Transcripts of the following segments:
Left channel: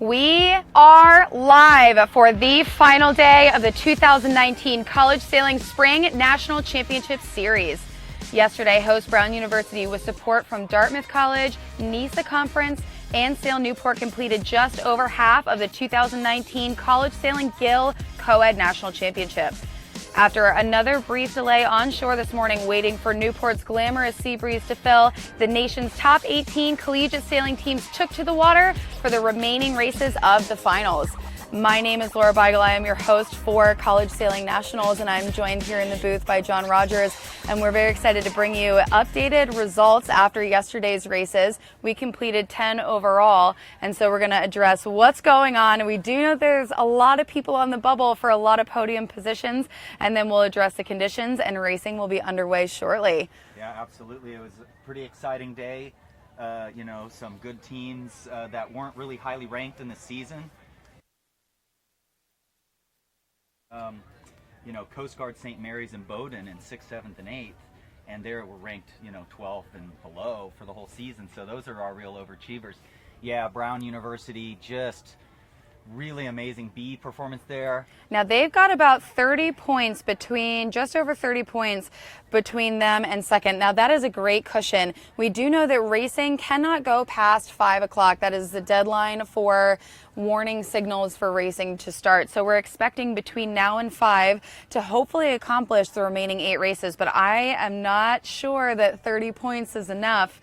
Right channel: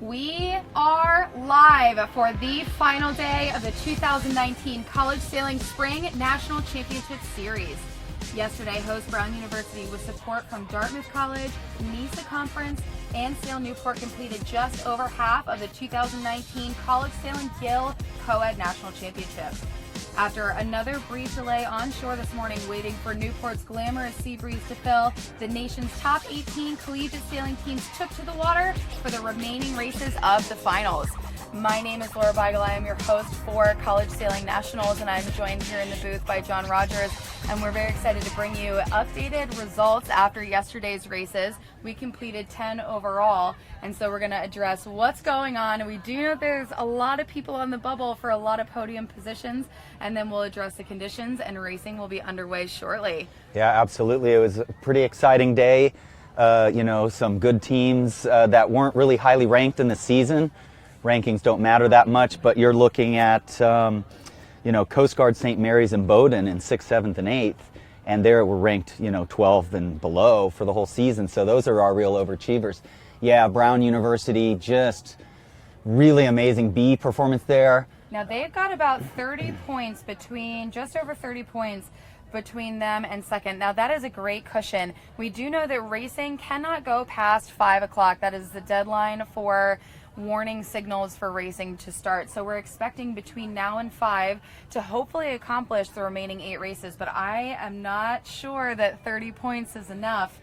We are live for the final day of the 2019 College Sailing Spring National Championship Series. Yesterday, host Brown University, with support from Dartmouth College, NISA Conference, and Sail Newport, completed just over half of the 2019 College Sailing Gill Coed National Championship. After another brief delay on shore this morning, waiting for Newport's glamorous sea breeze to fill, the nation's top 18 collegiate sailing teams took to the water for the remaining races of the finals. My name is Laura Beigel. I am your host for College Sailing Nationals, and I'm joined here in the booth by John Rogers, and we're very excited to bring you updated results after yesterday's races. We completed 10 overall, and so we're going to address what's going on. We do know there's a lot of people on the bubble for a lot of podium positions, and then we'll address the conditions, and racing will be underway shortly. Yeah, absolutely. It was a pretty exciting day. Some good teams that weren't really highly ranked in the season. Rankings don't matter that much, but you're looking at, Coast Guard, St. Mary's, and Bowdoin in 6th, 7th, and 8th, and there were ranked, 12th and below for the whole season. So those are our real overachievers. Yeah, Brown University, just really amazing B performance there. Now they've got about 30 points just over 30 points between them and second. Now that is a great cushion. We do know that racing cannot go past 5 o'clock. That is the deadline for warning signals for racing to start. So we're expecting between now and 5 to hopefully accomplish the remaining 8 races, but I am not sure that 30 points is enough.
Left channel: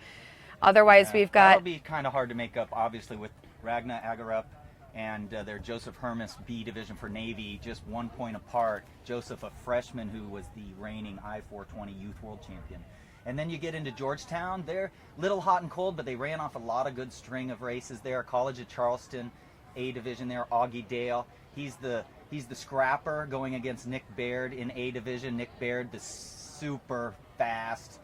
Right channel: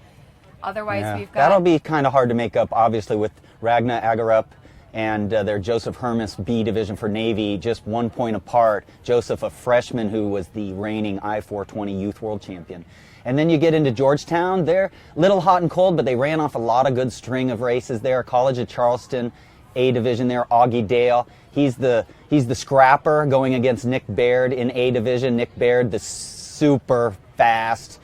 Otherwise, we've got... That'll be kind of hard to make up, obviously, with Ragna Agarup and their Joseph Hermes B division for Navy, just 1 point apart. Joseph, a freshman who was the reigning I-420 Youth World Champion. And then you get into Georgetown. They're a little hot and cold, but they ran off a lot of good string of races there. College of Charleston, A division there. Augie Dale, he's the scrapper going against Nick Baird in A division. Nick Baird, the super fast,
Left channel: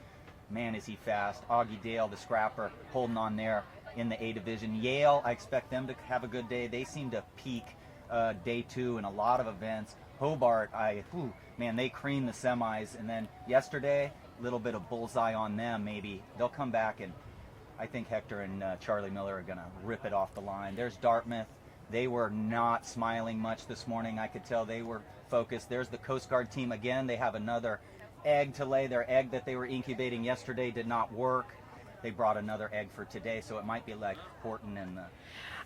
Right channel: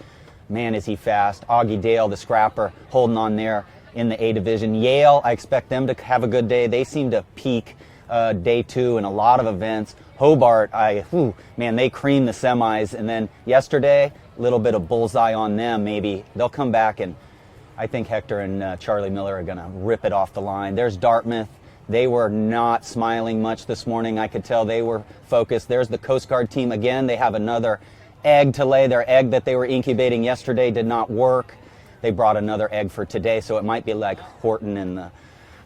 man is he fast. Augie Dale, the scrapper, holding on there in the A division. Yale, I expect them to have a good day. They seem to peak day 2 in a lot of events. Hobart, they creamed the semis, and then yesterday, a little bit of bullseye on them. Maybe they'll come back, and I think Hector and Charlie Miller are going to rip it off the line. There's Dartmouth. They were not smiling much this morning. I could tell they were focused. There's the Coast Guard team again. They have another egg to lay. Their egg that they were incubating yesterday did not work. They brought another egg for today, so it might be like Horton and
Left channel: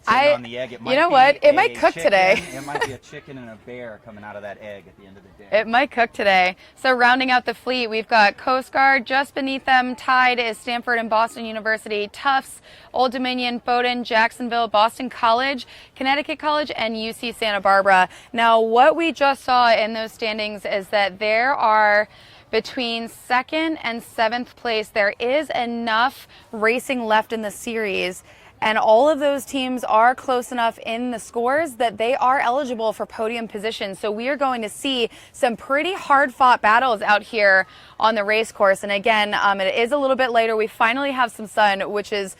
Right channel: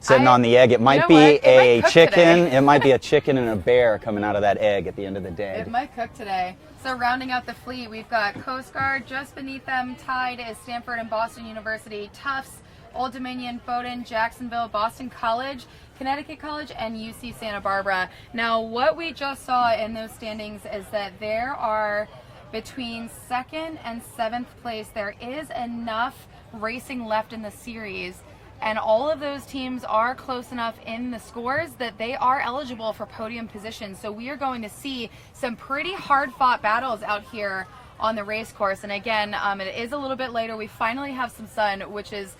sitting on the egg. It might be a chicken. It might be a chicken and a bear coming out of that egg at the end of the day. It might cook today. So rounding out the fleet, we've got Coast Guard. Just beneath them, tied, is Stanford and Boston University, Tufts, Old Dominion, Bowdoin, Jacksonville, Boston College, Connecticut College, and UC Santa Barbara. Now, what we just saw in those standings is that there are, between 2nd and 7th place, there is enough racing left in the series, and all of those teams are close enough in the scores that they are eligible for podium positions. So we are going to see some pretty hard-fought battles out here on the race course. And again, it is a little bit later. We finally have some sun, which is,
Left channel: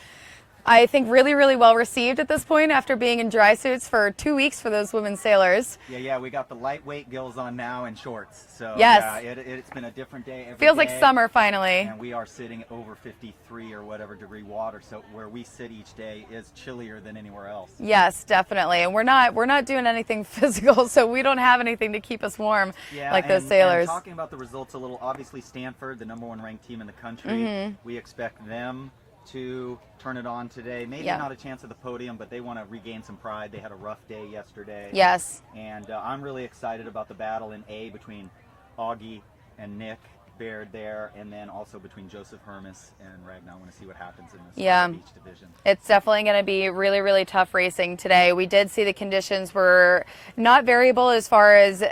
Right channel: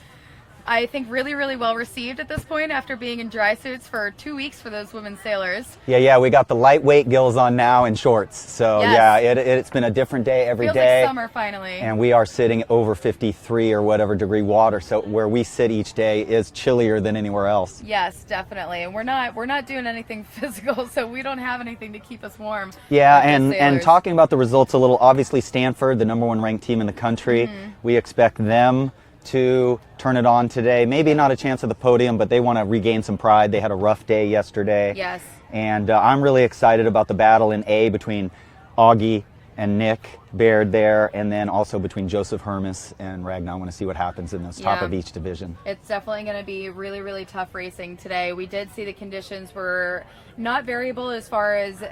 I think, really, really well received at this point after being in dry suits for 2 weeks for those women sailors. Yeah, we got the lightweight gills on now and shorts. So yes. Yeah, it's been a different day every day. Feels like summer finally. And we are sitting over 53 or whatever degree water. So where we sit each day is chillier than anywhere else. Yes, definitely. And we're not doing anything physical, so we don't have anything to keep us warm. Yeah, like and talking about the results a little, obviously Stanford, the #1 ranked team in the country, we expect them to turn it on today. Maybe not a chance at the podium, but they want to regain some pride. They had a rough day yesterday. Yes. And I'm really excited about the battle in A between Augie and Nick Baird there, and then also between Joseph Hermes and Ragnar. I want to see what happens in those top of each division. It's definitely going to be really, really tough racing today. We did see the conditions were not variable as far as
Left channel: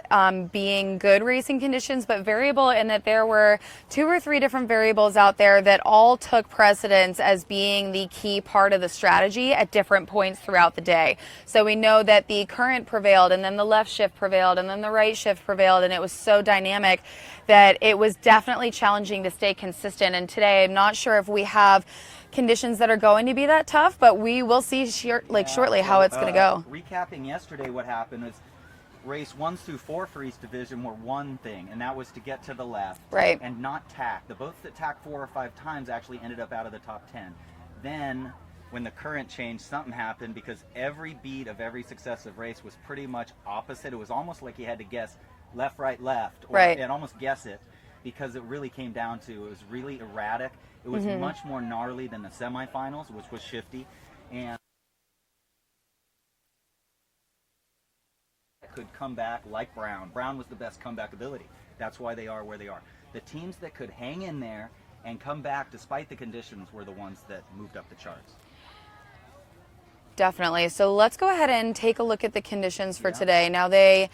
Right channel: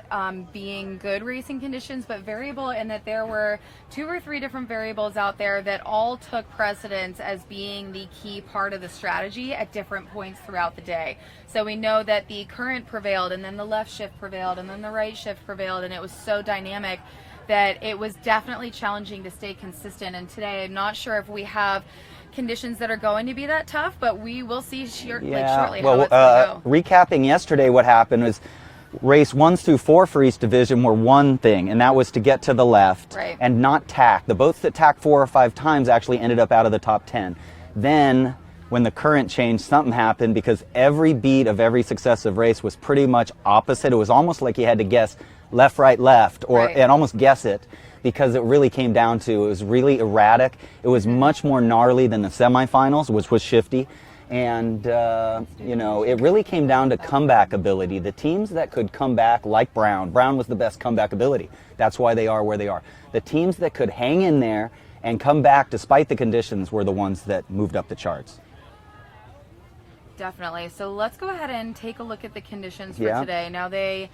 being good racing conditions, but variable in that there were 2 or 3 different variables out there that all took precedence as being the key part of the strategy at different points throughout the day. So we know that the current prevailed, and then the left shift prevailed, and then the right shift prevailed, and it was so dynamic that it was definitely challenging to stay consistent. And today, I'm not sure if we have conditions that are going to be that tough, but we will see shortly how it's going to go. Recapping yesterday, what happened was race 1 through 4 for each division were one thing, and that was to get to the left and not tack. The boats that tacked 4 or 5 times actually ended up out of the top 10. Then when the current changed, something happened because every beat of every successive race was pretty much opposite. It was almost like you had to guess left, right, left, or Right. and almost guess it, because it really came down to, it was really erratic. It was much more gnarly than the semifinals, which was shifty. And, you know, it really came down to comeback ability. The teams that could come back, like Brown was the best comeback ability. That's why they are where they are. The teams that could hang in there and come back despite the conditions were the ones that moved up the charts. Definitely. So let's go ahead and take a look at the conditions for Yeah. today. Now the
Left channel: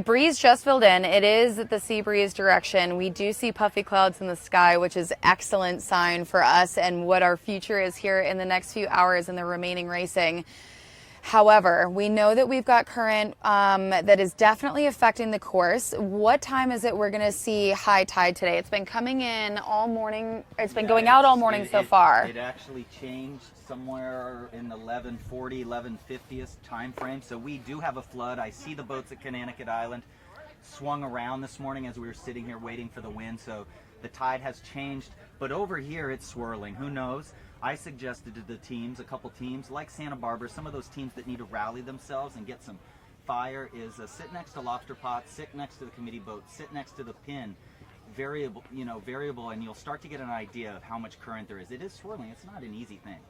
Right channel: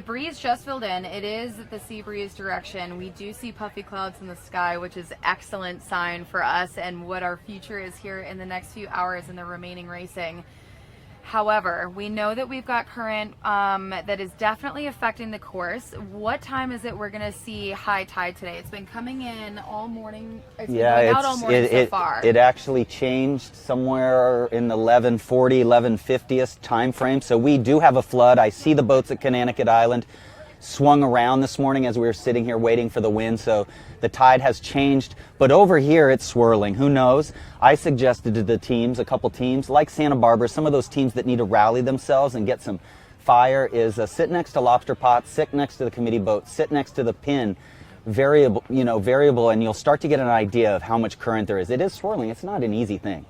breeze just filled in. It is the sea breeze direction. We do see puffy clouds in the sky, which is excellent sign for us and what our future is here in the next few hours in the remaining racing. However, we know that we've got current that is definitely affecting the course. What time is it we're going to see high tide today? It's been coming in all morning. It's been going out all morning so far. It actually changed somewhere in the 11:40, 11:50th time frame. So we do have a flood. I see the boats at Connecticut Island swung around this morning as we were sitting here waiting for the wind. So the tide has changed, but over here it's swirling. Who knows? I suggested to the teams, a couple teams like Santa Barbara, some of those teams that need to rally themselves and get some fire, is sit next to lobster pot, sit next to the committee boat, sit next to the pin, variable, and you'll start to get an idea of how much current there is. It is swirling. It's not an easy thing.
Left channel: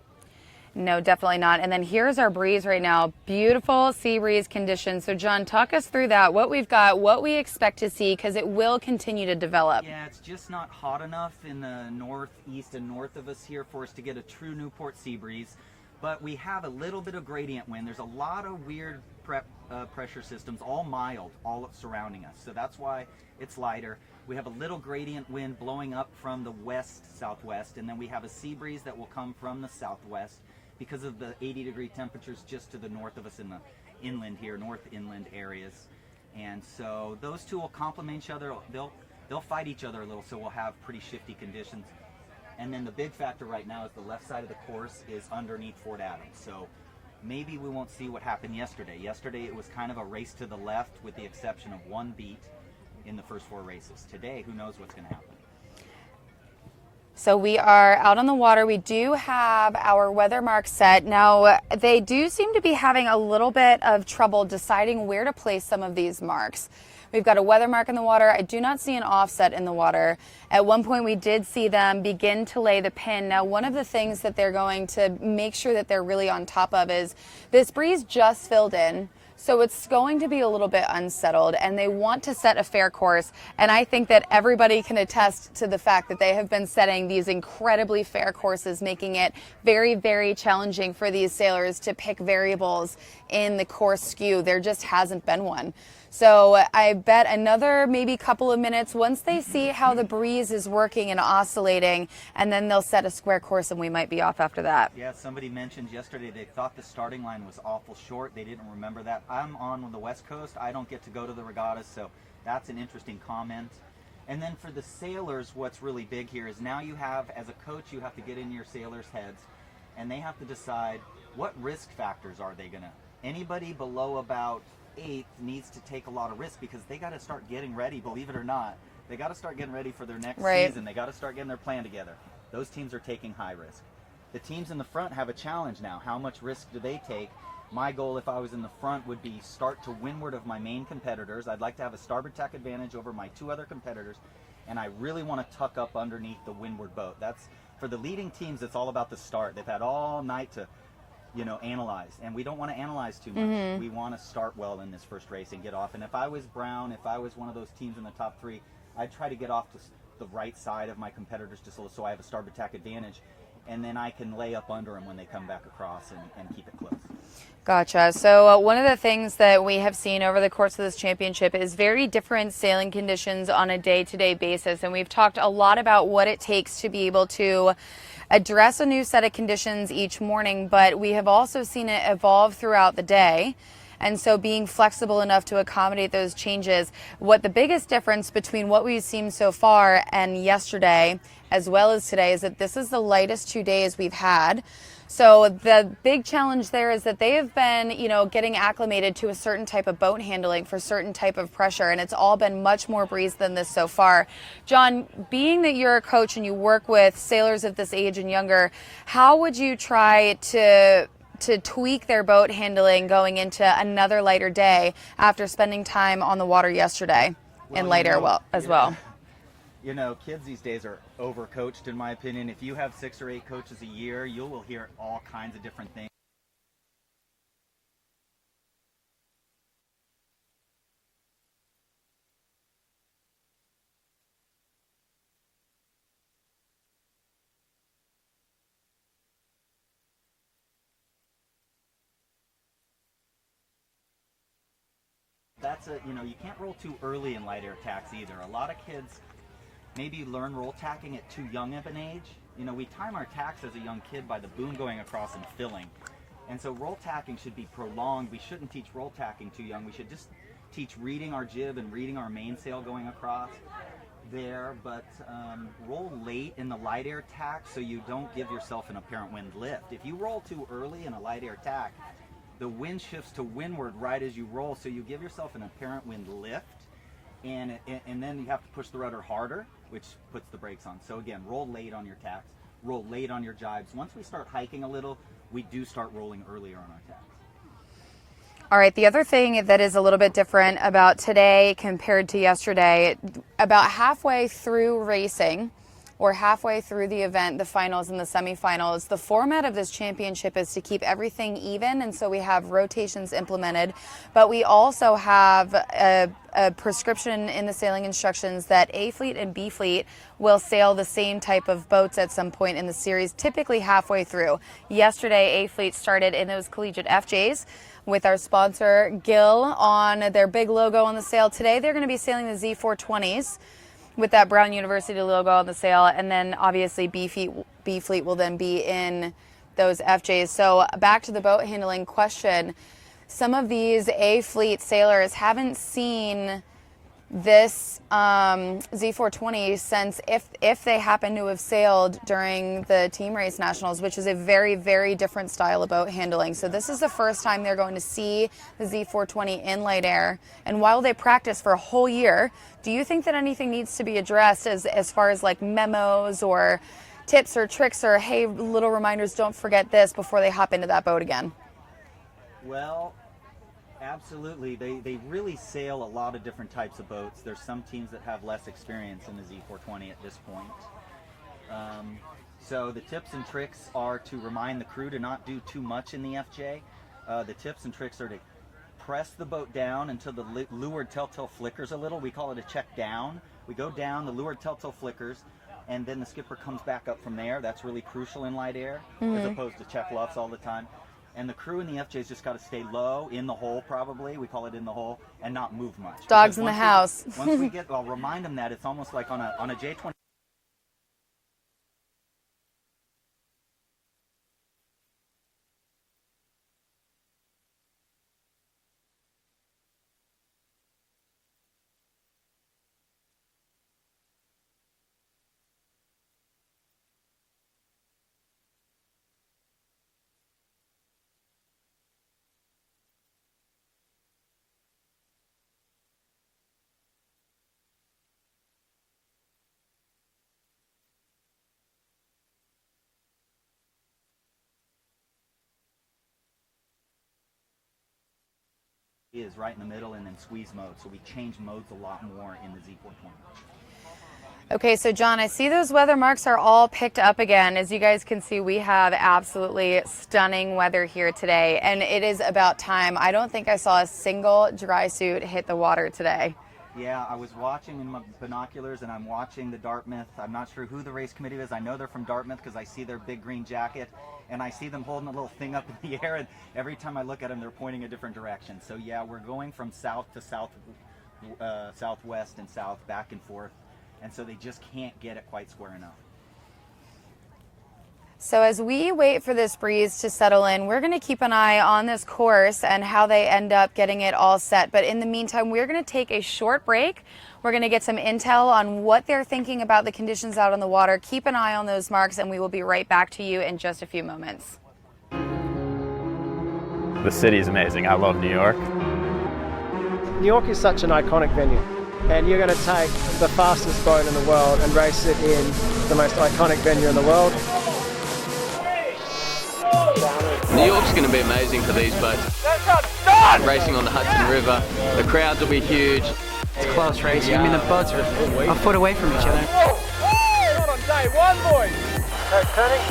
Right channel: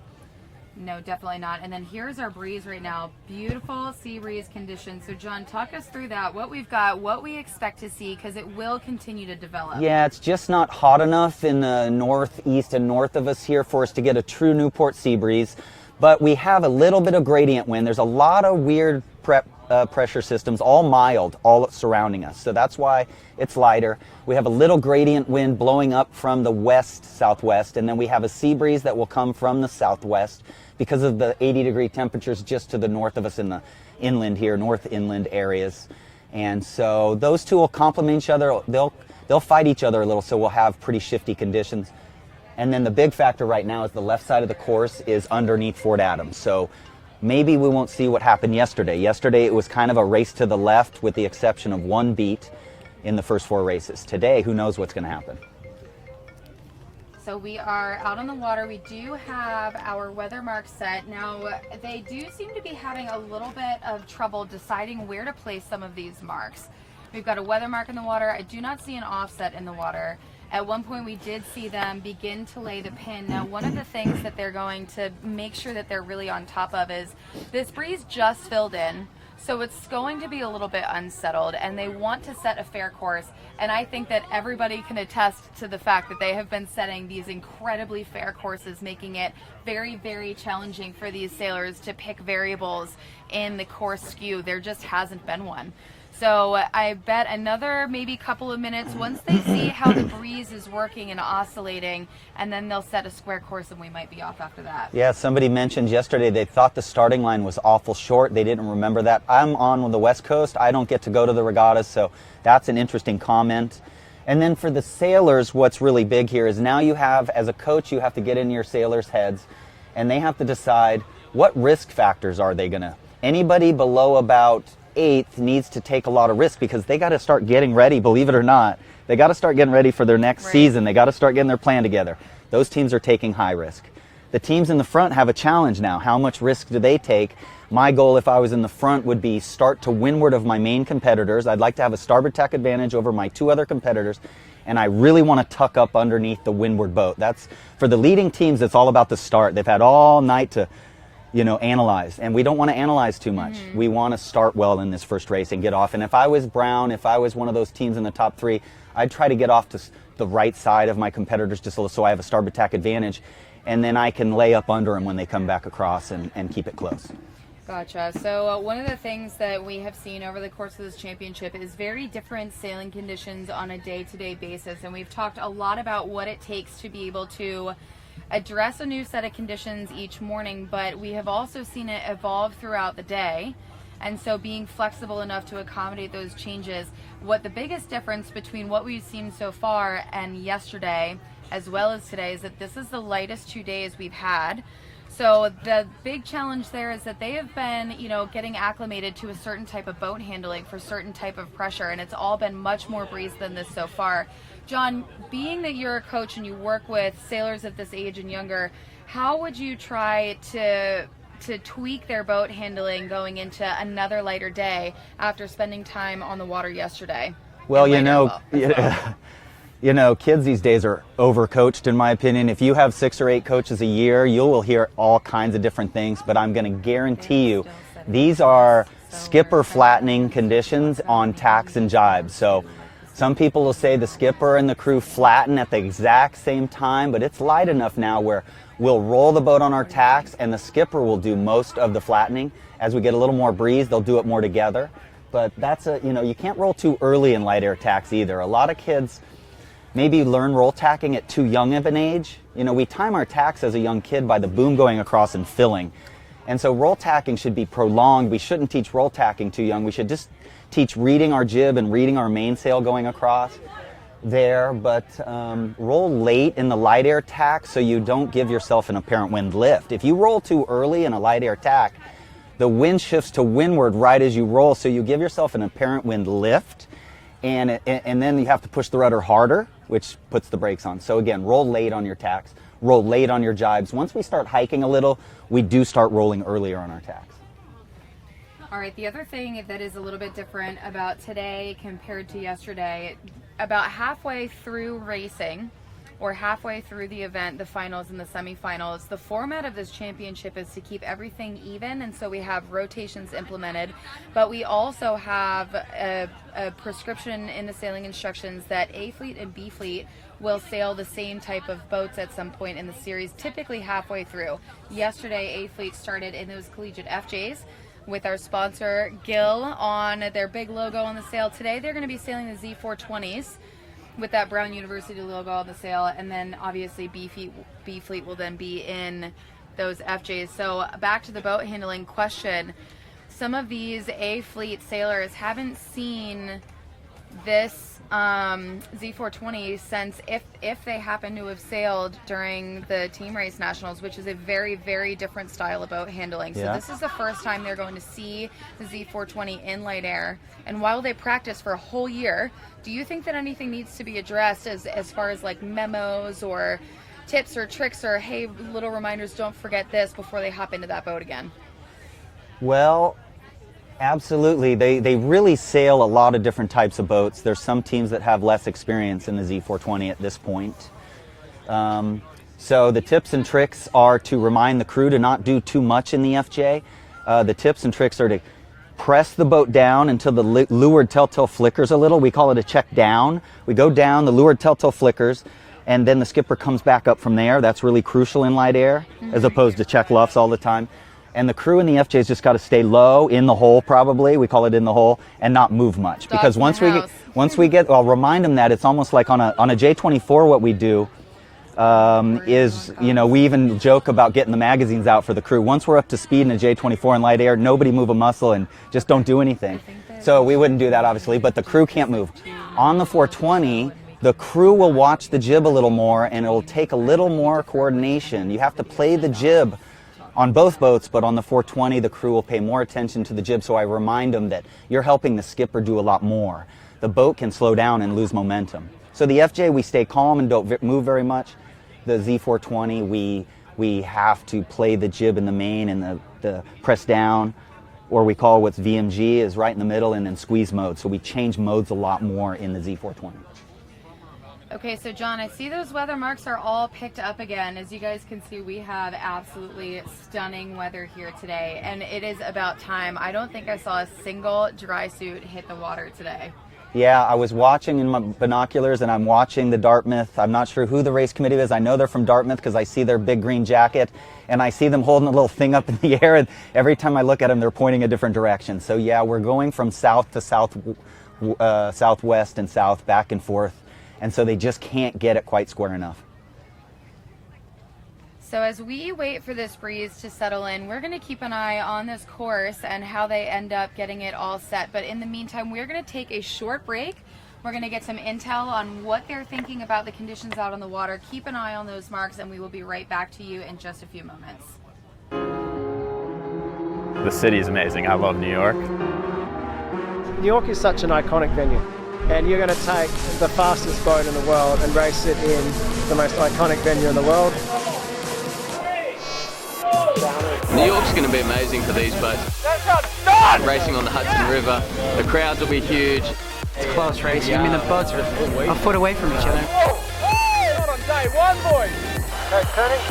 No, definitely not. And then here's our breeze right now. Beautiful sea breeze conditions. So John, talk us through that, what we've got, what we expect to see, because it will continue to develop. Yeah, it's just not hot enough in the northeast and north of us here for us to get a true Newport sea breeze. But we have a little bit of gradient wind. There's a lot of weird pressure systems, all mild, all surrounding us. So that's why it's lighter. We have a little gradient wind blowing up from the west-southwest, and then we have a sea breeze that will come from the southwest because of the 80-degree temperatures just to the north of us in the inland here, north inland areas. And so those two will complement each other. They'll fight each other a little, so we'll have pretty shifty conditions. And then the big factor right now is the left side of the course is underneath Fort Adams. So maybe we won't see what happened yesterday. Yesterday it was kind of a race to the left with the exception of one beat in the first four races. Today, who knows what's going to happen. So we are out on the water. We do have our weather mark set. Now, they do seem to be having a little bit of trouble deciding where to place some of these marks. We've got a weather mark in the water. I do not see an offset in the water. At one point, we did see them begin to lay the pin. Now, one of the things that they're going to make sure that they're really on top of is this breeze just filled in. So it's going to be a little bit unsettled, and they want to set a fair course. And I think that everybody can attest to the fact that they have been setting these incredibly fair courses, making it very, very challenging for these sailors to pick variables in the course skew. There just hasn't been one. So I bet another maybe couple of minutes once they see how the breeze is working and oscillating, and then they'll set a square course and we might be off after that. Yeah, somebody mentioned yesterday they thought the starting line was awful short. They didn't remember that. I'm on the West Coast. I don't get to go to the regattas, so that's an interesting comment. And then for the sailors, what's really big here is now you have, as a coach, you have to get in your sailors' heads, and they have to decide what risk factors are they going to. Anybody below about 8th needs to take a lot of risk because they got to start getting ready, believe it or not. They got to start getting ready for their next season. They got to start getting their plan together. Those teams are taking high risk. The teams in the front have a challenge now. How much risk do they take? My goal, if I was in the front, would be start to windward of my main competitors. I'd like to have a starboard tack advantage over my two other competitors, and I really want to tuck up underneath the windward boat. That's for the leading teams. It's all about the start. They've had all night to analyze, and we don't want to analyze too much. We want to start well in this first race and get off. And if I was Brown, if I was one of those teams in the top 3, I'd try to get off to the right side of my competitors just so I have a starboard tack advantage, and then I can lay up under them when they come back across and keep it close. Gotcha. So one of the things that we have seen over the course of this championship is very different sailing conditions on a day-to-day basis, and we've talked a lot about what it takes to be able to address a new set of conditions each morning, but we have also seen it evolve throughout the day. And so being flexible enough to accommodate those changes. What the biggest difference between what we've seen so far and yesterday as well as today is that this is the lightest 2 days we've had. So the big challenge there is that they have been, getting acclimated to a certain type of boat handling for certain type of pressure, and it's all been much more breeze than this so far. John, being that you're a coach and you work with sailors of this age and younger, how would you try to tweak their boat handling going into another lighter day after spending time on the water yesterday? Well, kids these days are overcoached, in my opinion. If you have 6 or 8 coaches a year, you will hear all kinds of different things, but I'm going to guarantee you these are skipper flattening conditions on tacks and jibes. So some people will say the skipper and the crew flatten at the exact same time, but it's light enough now where we'll roll the boat on our tacks and the skipper will do most of the flattening. As we get a little more breeze, they'll do it more together. But that's you can't roll too early in light air tacks either. A lot of kids maybe learn roll tacking at too young of an age. We time our tacks as a young kid by the boom going across and filling. And so roll tacking should be prolonged. We shouldn't teach roll tacking too young. We should just teach reading our jib and reading our mainsail going across there. But roll late in the light air tack so you don't give yourself an apparent wind lift. If you roll too early in a light air tack, the wind shifts to windward right as you roll, so you give yourself an apparent wind lift, and then you have to push the rudder harder, which puts the brakes on. So again, roll late on your tacks, roll late on your jibes. Once we start hiking a little, we do start rolling earlier on our tacks. All right, the other thing that is a little bit different about today compared to yesterday, about halfway through racing, or halfway through the event, the finals and the semifinals, the format of this championship is to keep everything even, and so we have rotations implemented, but we also have a prescription in the sailing instructions that A Fleet and B Fleet will sail the same type of boats at some point in the series, typically halfway through. Yesterday, A Fleet started in those collegiate FJs with our sponsor Gill on their big logo on the sail. Today they're going to be sailing the Z420s with that Brown University logo on the sail, and then obviously B Fleet will then be in those FJs. So back to the boat handling question. Some of these A Fleet sailors haven't seen this Z420 since if they happen to have sailed during the team race nationals, which is a very, very different style of boat handling. So this is the first time they're going to see the Z420 in light air. And while they practice for a whole year, do you think that anything needs to be addressed as far as like memos or tips or tricks or, hey, little reminders, don't forget this before they hop into that boat again? Well, absolutely. They really sail a lot of different types of boats. There's some teams that have less experience in the Z420 at this point. So the tips and tricks are to remind the crew to not do too much in the FJ. The tips and tricks are to press the boat down until the leeward telltale flickers a little. We call it a check down. We go down, the leeward telltale flickers, and then the skipper comes back up from there. That's really crucial in light air, as opposed to check luffs all the time. And the crew in the FJ's just got to stay low in the hole, probably. We call it in the hole, and not move much. Dogs because once we get, I'll remind them that it's almost like on a J24. What we do is, we even joke about getting the magazines out for the crew. Once we're up to speed in a J24 in light air, nobody move a muscle and just don't do anything. So we wouldn't do that, obviously, but the crew can't move. On the 420, the crew will watch the jib a little more, and it'll take a little more coordination. You have to play the jib on both boats, but on the 420, the crew will pay more attention to the jib, so I remind them that you're helping the skipper do a lot more. The boat can slow down and lose momentum. So the FJ, we stay calm and don't move very much. The Z420, we have to play the jib in the main and the press down, or we call what's VMG, is right in the middle, and then squeeze mode. So we change modes a lot more in the Z420. Okay, so John, I see those weather marks are all picked up again. As you guys can see, we have absolutely stunning weather here today, and it is about time. I don't think I saw a single dry suit hit the water today. Yeah, I was watching in my binoculars, and I'm watching the Dartmouth. I'm not sure who the race committee is. I know they're from Dartmouth because I see their big green jacket, and I see them holding a little thing up in the air, and every time I look at them, they're pointing a different direction. So yeah, we're going from south to southwest and south, back and forth. And so they just can't get it quite square enough. So as we wait for this breeze to settle in, we're going to keep an eye on this course and how they end up getting it all set. But in the meantime, we're going to take a short break. We're going to get some intel on what they're thinking about the conditions out on the water. Keep an eye on those marks, and we will be right back to you in just a few moments. The city's amazing. I love New York. New York is such an iconic venue, and you're going to take the fastest boat in the world and race it in the most iconic venue in the world. New York's going to be amazing for these boats. Racing on the Hudson River, the crowds will be huge. It's close racing. I mean, the boats are a foot away from each other. Not on day one, boys. Turning.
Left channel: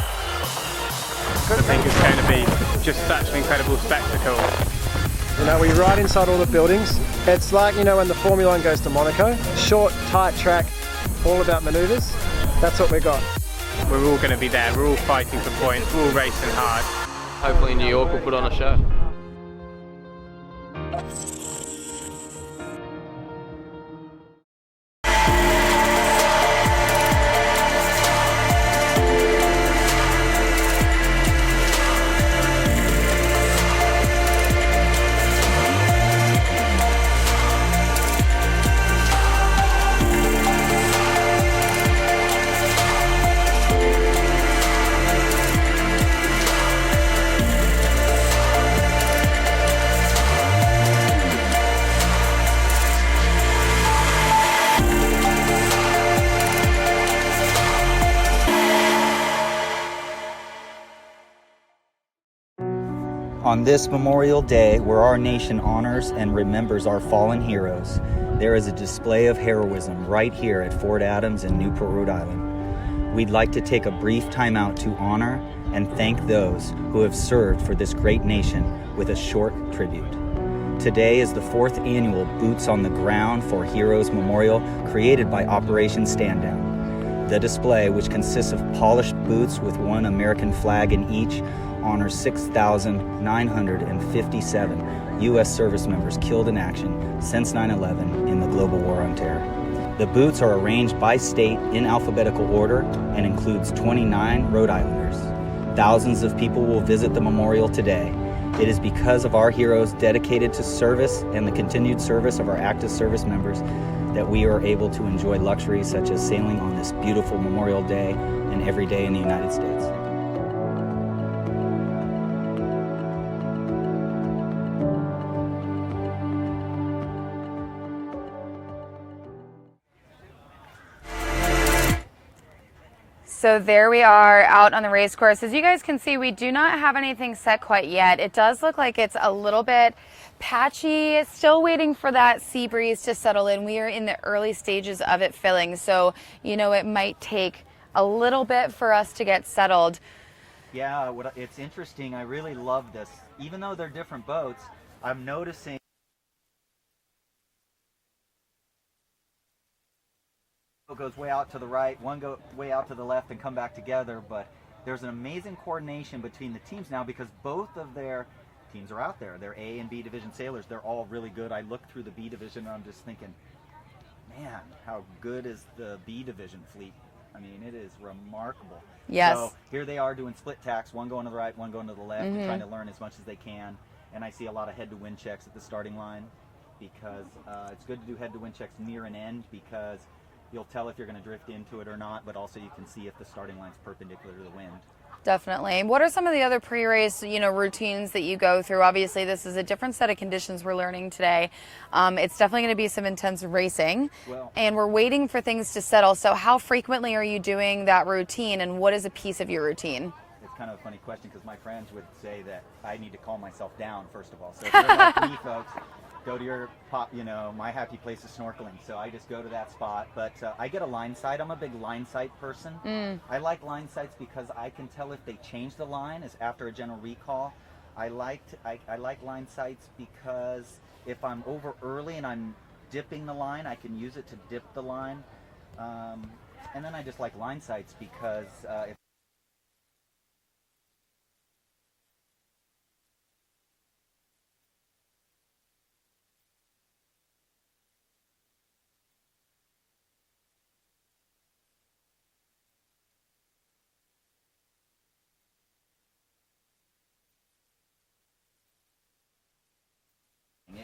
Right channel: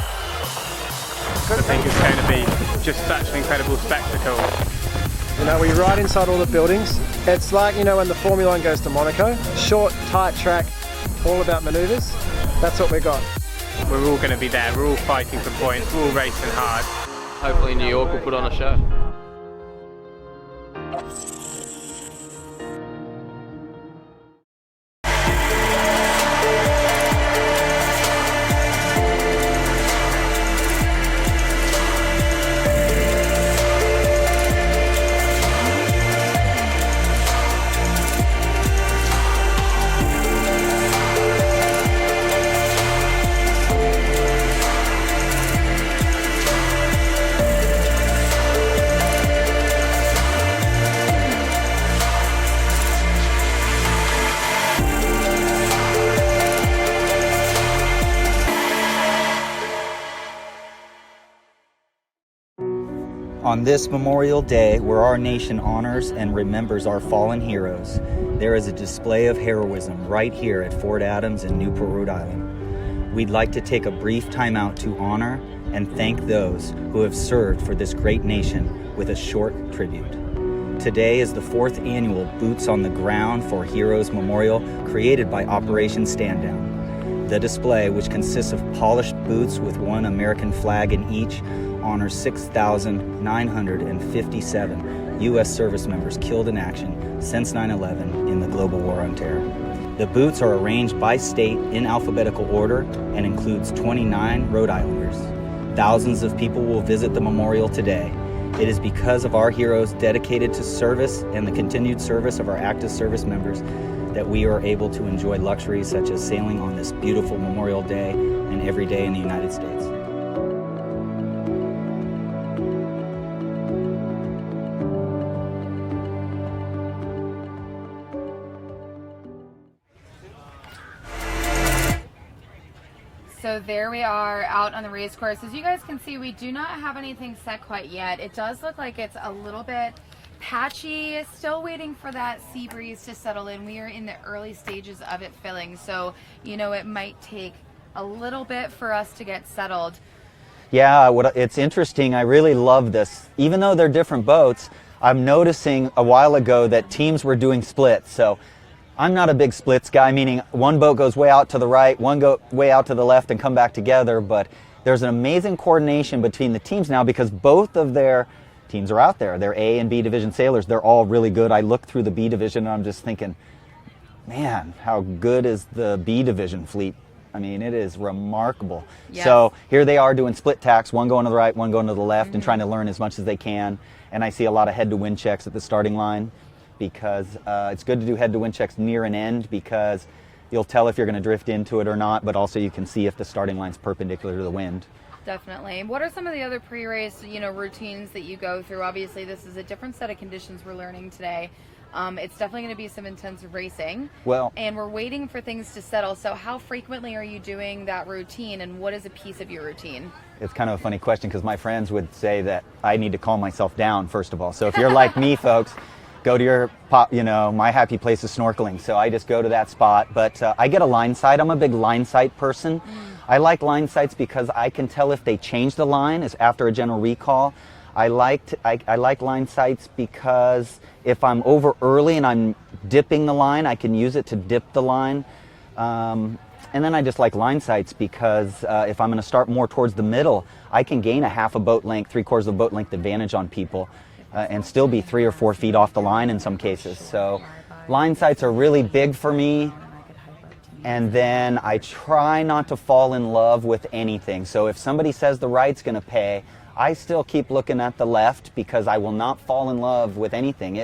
I think it's going to be just such an incredible spectacle. You know, we ride inside all the buildings. It's like, you know, when the Formula One goes to Monaco. Short, tight track, all about manoeuvres. That's what we got. We're all going to be there. We're all fighting for points. We're all racing hard. Hopefully New York will put on a show. On this Memorial Day, where our nation honors and remembers our fallen heroes, there is a display of heroism right here at Fort Adams in Newport, Rhode Island. We'd like to take a brief time out to honor and thank those who have served for this great nation with a short tribute. Today is the 4th annual Boots on the Ground for Heroes Memorial created by Operation Stand Down. The display, which consists of polished boots with one American flag in each, honors 6,957 U.S. service members killed in action since 9/11 in the global war on terror. The boots are arranged by state in alphabetical order and includes 29 Rhode Islanders. Thousands of people will visit the memorial today. It is because of our heroes dedicated to service and the continued service of our active service members that we are able to enjoy luxuries such as sailing on this beautiful Memorial Day and every day in the United States. So there we are out on the race course. As you guys can see, we do not have anything set quite yet. It does look like it's a little bit patchy, still waiting for that sea breeze to settle in. We are in the early stages of it filling, so you know it might take a little bit for us to get settled. Yeah, it's interesting. I really love this. Even though they're different boats, I'm noticing a while ago that teams were doing splits. So I'm not a big splits guy, meaning one boat goes way out to the right, one go way out to the left and come back together, but there's an amazing coordination between the teams now because both of their teams are out there. They're A and B division sailors. They're all really good. I look through the B division and I'm just thinking, man, how good is the B division fleet? I mean, it is remarkable. Yes. So here they are doing split tacks, one going to the right, one going to the left, and trying to learn as much as they can. And I see a lot of head-to-wind checks at the starting line because it's good to do head-to-wind checks near an end because you'll tell if you're going to drift into it or not, but also you can see if the starting line's perpendicular to the wind. Definitely. What are some of the other pre-race, routines that you go through? Obviously, this is a different set of conditions we're learning today. It's definitely going to be some intense racing. Well, and we're waiting for things to settle. So how frequently are you doing that routine, and what is a piece of your routine? it's kind of a funny question because my friends would say that I need to calm myself down, first of all. So if you're like me, folks, go to your, my happy place is snorkeling. So I just go to that spot. But I get a line sight. I'm a big line sight person. I like line sights because I can tell if they change the line is after a general recall. I like line sights because if I'm over early and I'm dipping the line, I can use it to dip the line. And then I just like line sights because if I'm going to start more towards the middle, I can gain a half a boat length, 3/4 of a boat length advantage on people and still be 3 or 4 feet off the line in some cases. So line sights are really big for me. And then I try not to fall in love with anything. So if somebody says the right's going to pay, I still keep looking at the left because I will not fall in love with anything.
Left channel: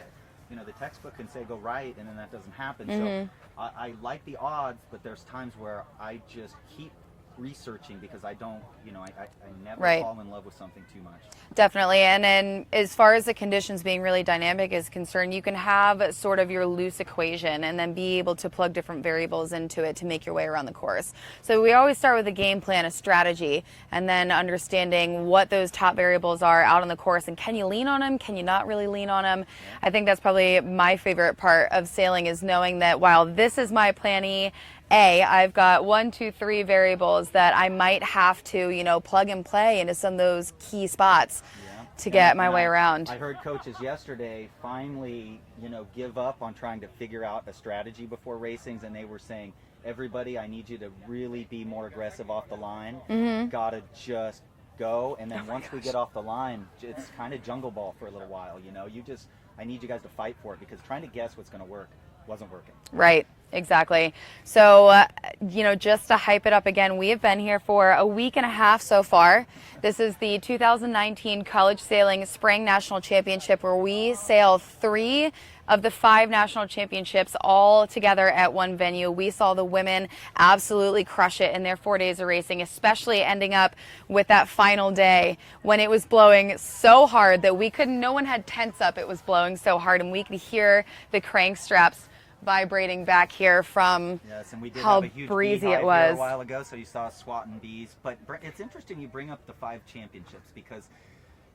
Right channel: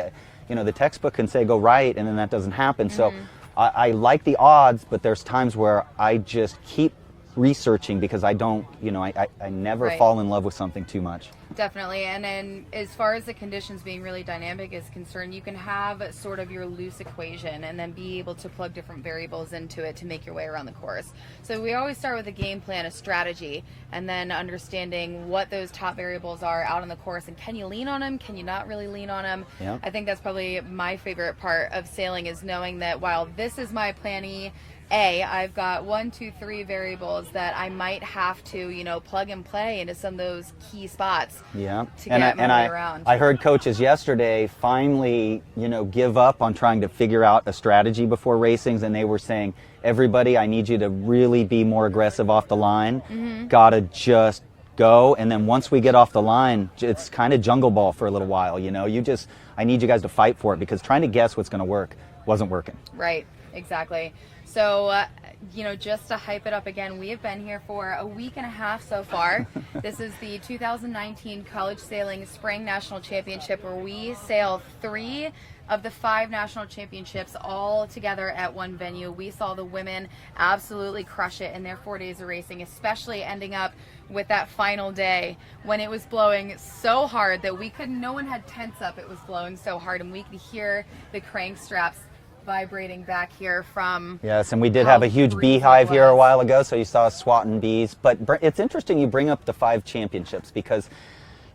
The textbook can say go right, and then that doesn't happen. So I like the odds, but there's times where I just keep researching because I don't, I never Right. fall in love with something too much. Definitely. And then as far as the conditions being really dynamic is concerned, you can have sort of your loose equation and then be able to plug different variables into it to make your way around the course. So we always start with a game plan, a strategy, and then understanding what those top variables are out on the course and can you lean on them? Can you not really lean on them? Yeah. I think that's probably my favorite part of sailing is knowing that while this is my plan A, I've got 1, 2, 3 variables that I might have to, plug and play into some of those key spots to get my way around. I heard coaches yesterday finally, give up on trying to figure out a strategy before racings, and they were saying, everybody, I need you to really be more aggressive off the line. Gotta just go, and then once we get off the line, it's kind of jungle ball for a little while, I need you guys to fight for it because trying to guess what's going to work wasn't working. Right. Exactly. So, just to hype it up again, we have been here for a week and a half so far. This is the 2019 College Sailing Spring National Championship where we sail 3 of the 5 national championships all together at one venue. We saw the women absolutely crush it in their 4 days of racing, especially ending up with that final day when it was blowing so hard that no one had tents up. It was blowing so hard and we could hear the crank straps vibrating back here from. Yes, and we did how have a huge breezy it beehive here a was. while ago, so you saw us swatting bees. But it's interesting you bring up the 5 championships because,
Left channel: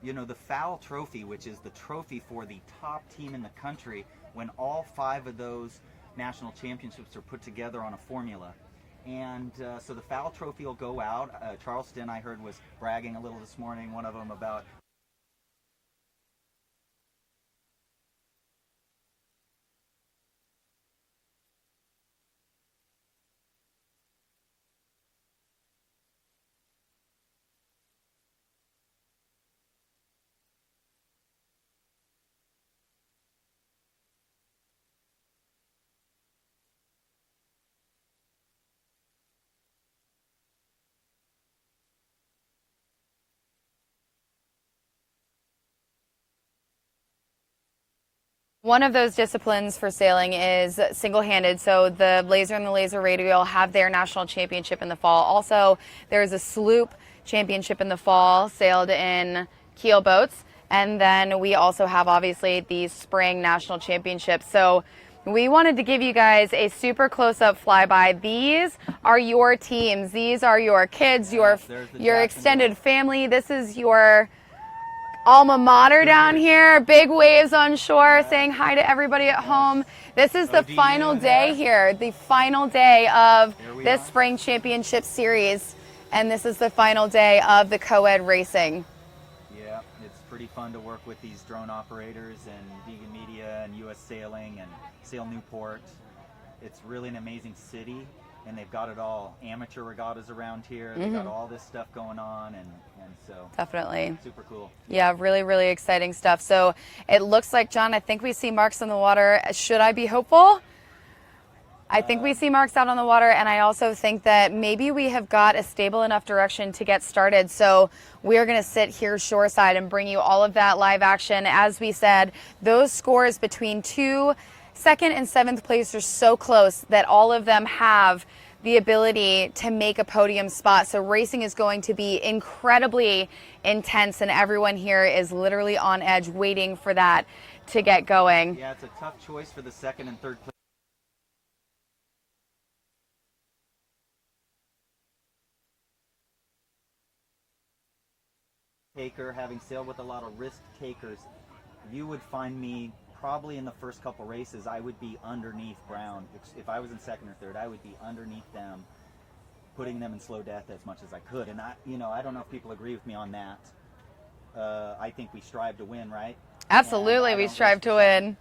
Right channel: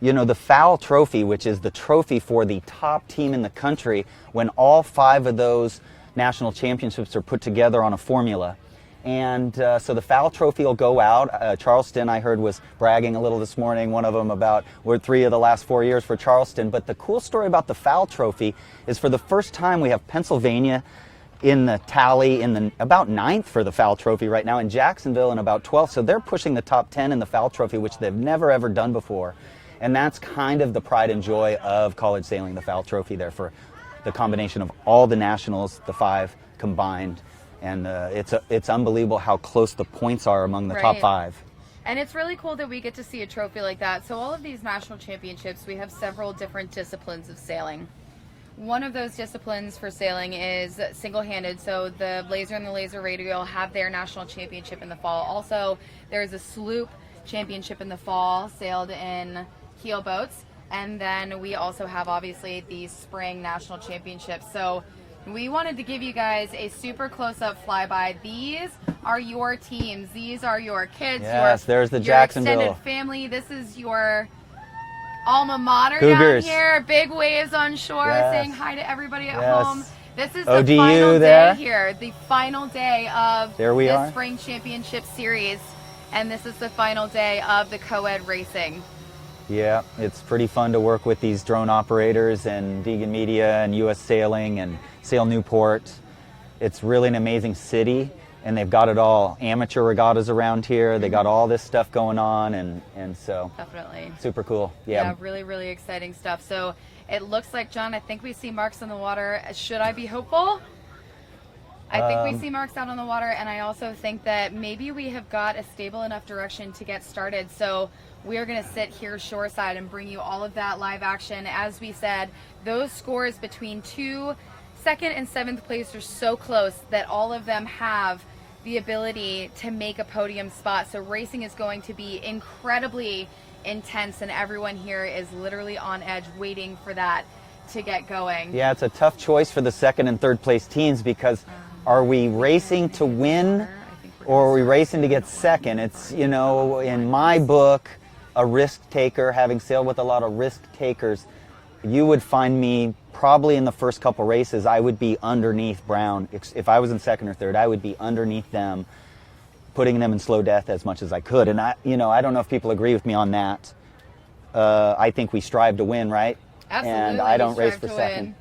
the FOWL trophy, which is the trophy for the top team in the country, when all 5 of those national championships are put together on a formula. And so the FOWL trophy will go out. Charleston, I heard, was bragging a little this morning, one of them about we're 3 of the last 4 years for Charleston. But the cool story about the FOWL trophy is for the first time we have Pennsylvania in the tally in about 9th for the FOWL trophy right now, and Jacksonville in about 12th. So they're pushing the top 10 in the FOWL trophy, which they've never ever done before. And that's kind of the pride and joy of college sailing, the FOWL trophy there for the combination of all the nationals, the 5 combined. And it's unbelievable how close the points are among the top 5. And it's really cool that we get to see a trophy like that. So all of these national championships, we have several different disciplines of sailing. One of those disciplines for sailing is single-handed. So the Laser and the Laser Radial have their national championship in the fall. Also, there's a sloop championship in the fall, sailed in keel boats. And then we also have, obviously, the spring national championships. So we wanted to give you guys a super close-up flyby. These are your teams. These are your kids, there's the your extended family. This is your alma mater down Cougars. here. Big waves on shore, Yes. saying hi to everybody at Yes. home. This is the ODU final there. day here, the final day of There we this are. spring championship series. And this is the final day of the Coed racing. Yeah, it's pretty fun to work with these drone operators and Degan Media and U.S. Sailing and Sail Newport. It's really an amazing city, and they've got it all. Amateur regattas around here. They got all this stuff going on, and so Definitely. super cool. Yeah, really, really exciting stuff. So it looks like, John, I think we see marks on the water. Should I be hopeful? I think we see marks out on the water, and I also think that maybe we have got a stable enough direction to get started. So we are going to sit here shoreside and bring you all of that live action. As we said, those scores between 2 second and 7th place are so close that all of them have the ability to make a podium spot. So racing is going to be incredibly intense, and everyone here is literally on edge waiting for that to get going. Yeah, it's a tough choice for the 2nd and 3rd place teams because are we racing to win or are we racing to get 2nd? It's, in my book, a risk taker, having sailed with a lot of risk takers, you would find me probably in the first couple races, I would be underneath Brown. If I was in 2nd or 3rd, I would be underneath them, putting them in slow death as much as I could. And I don't know if people agree with me on that. I think we strive to win, right? Absolutely, we strive to win.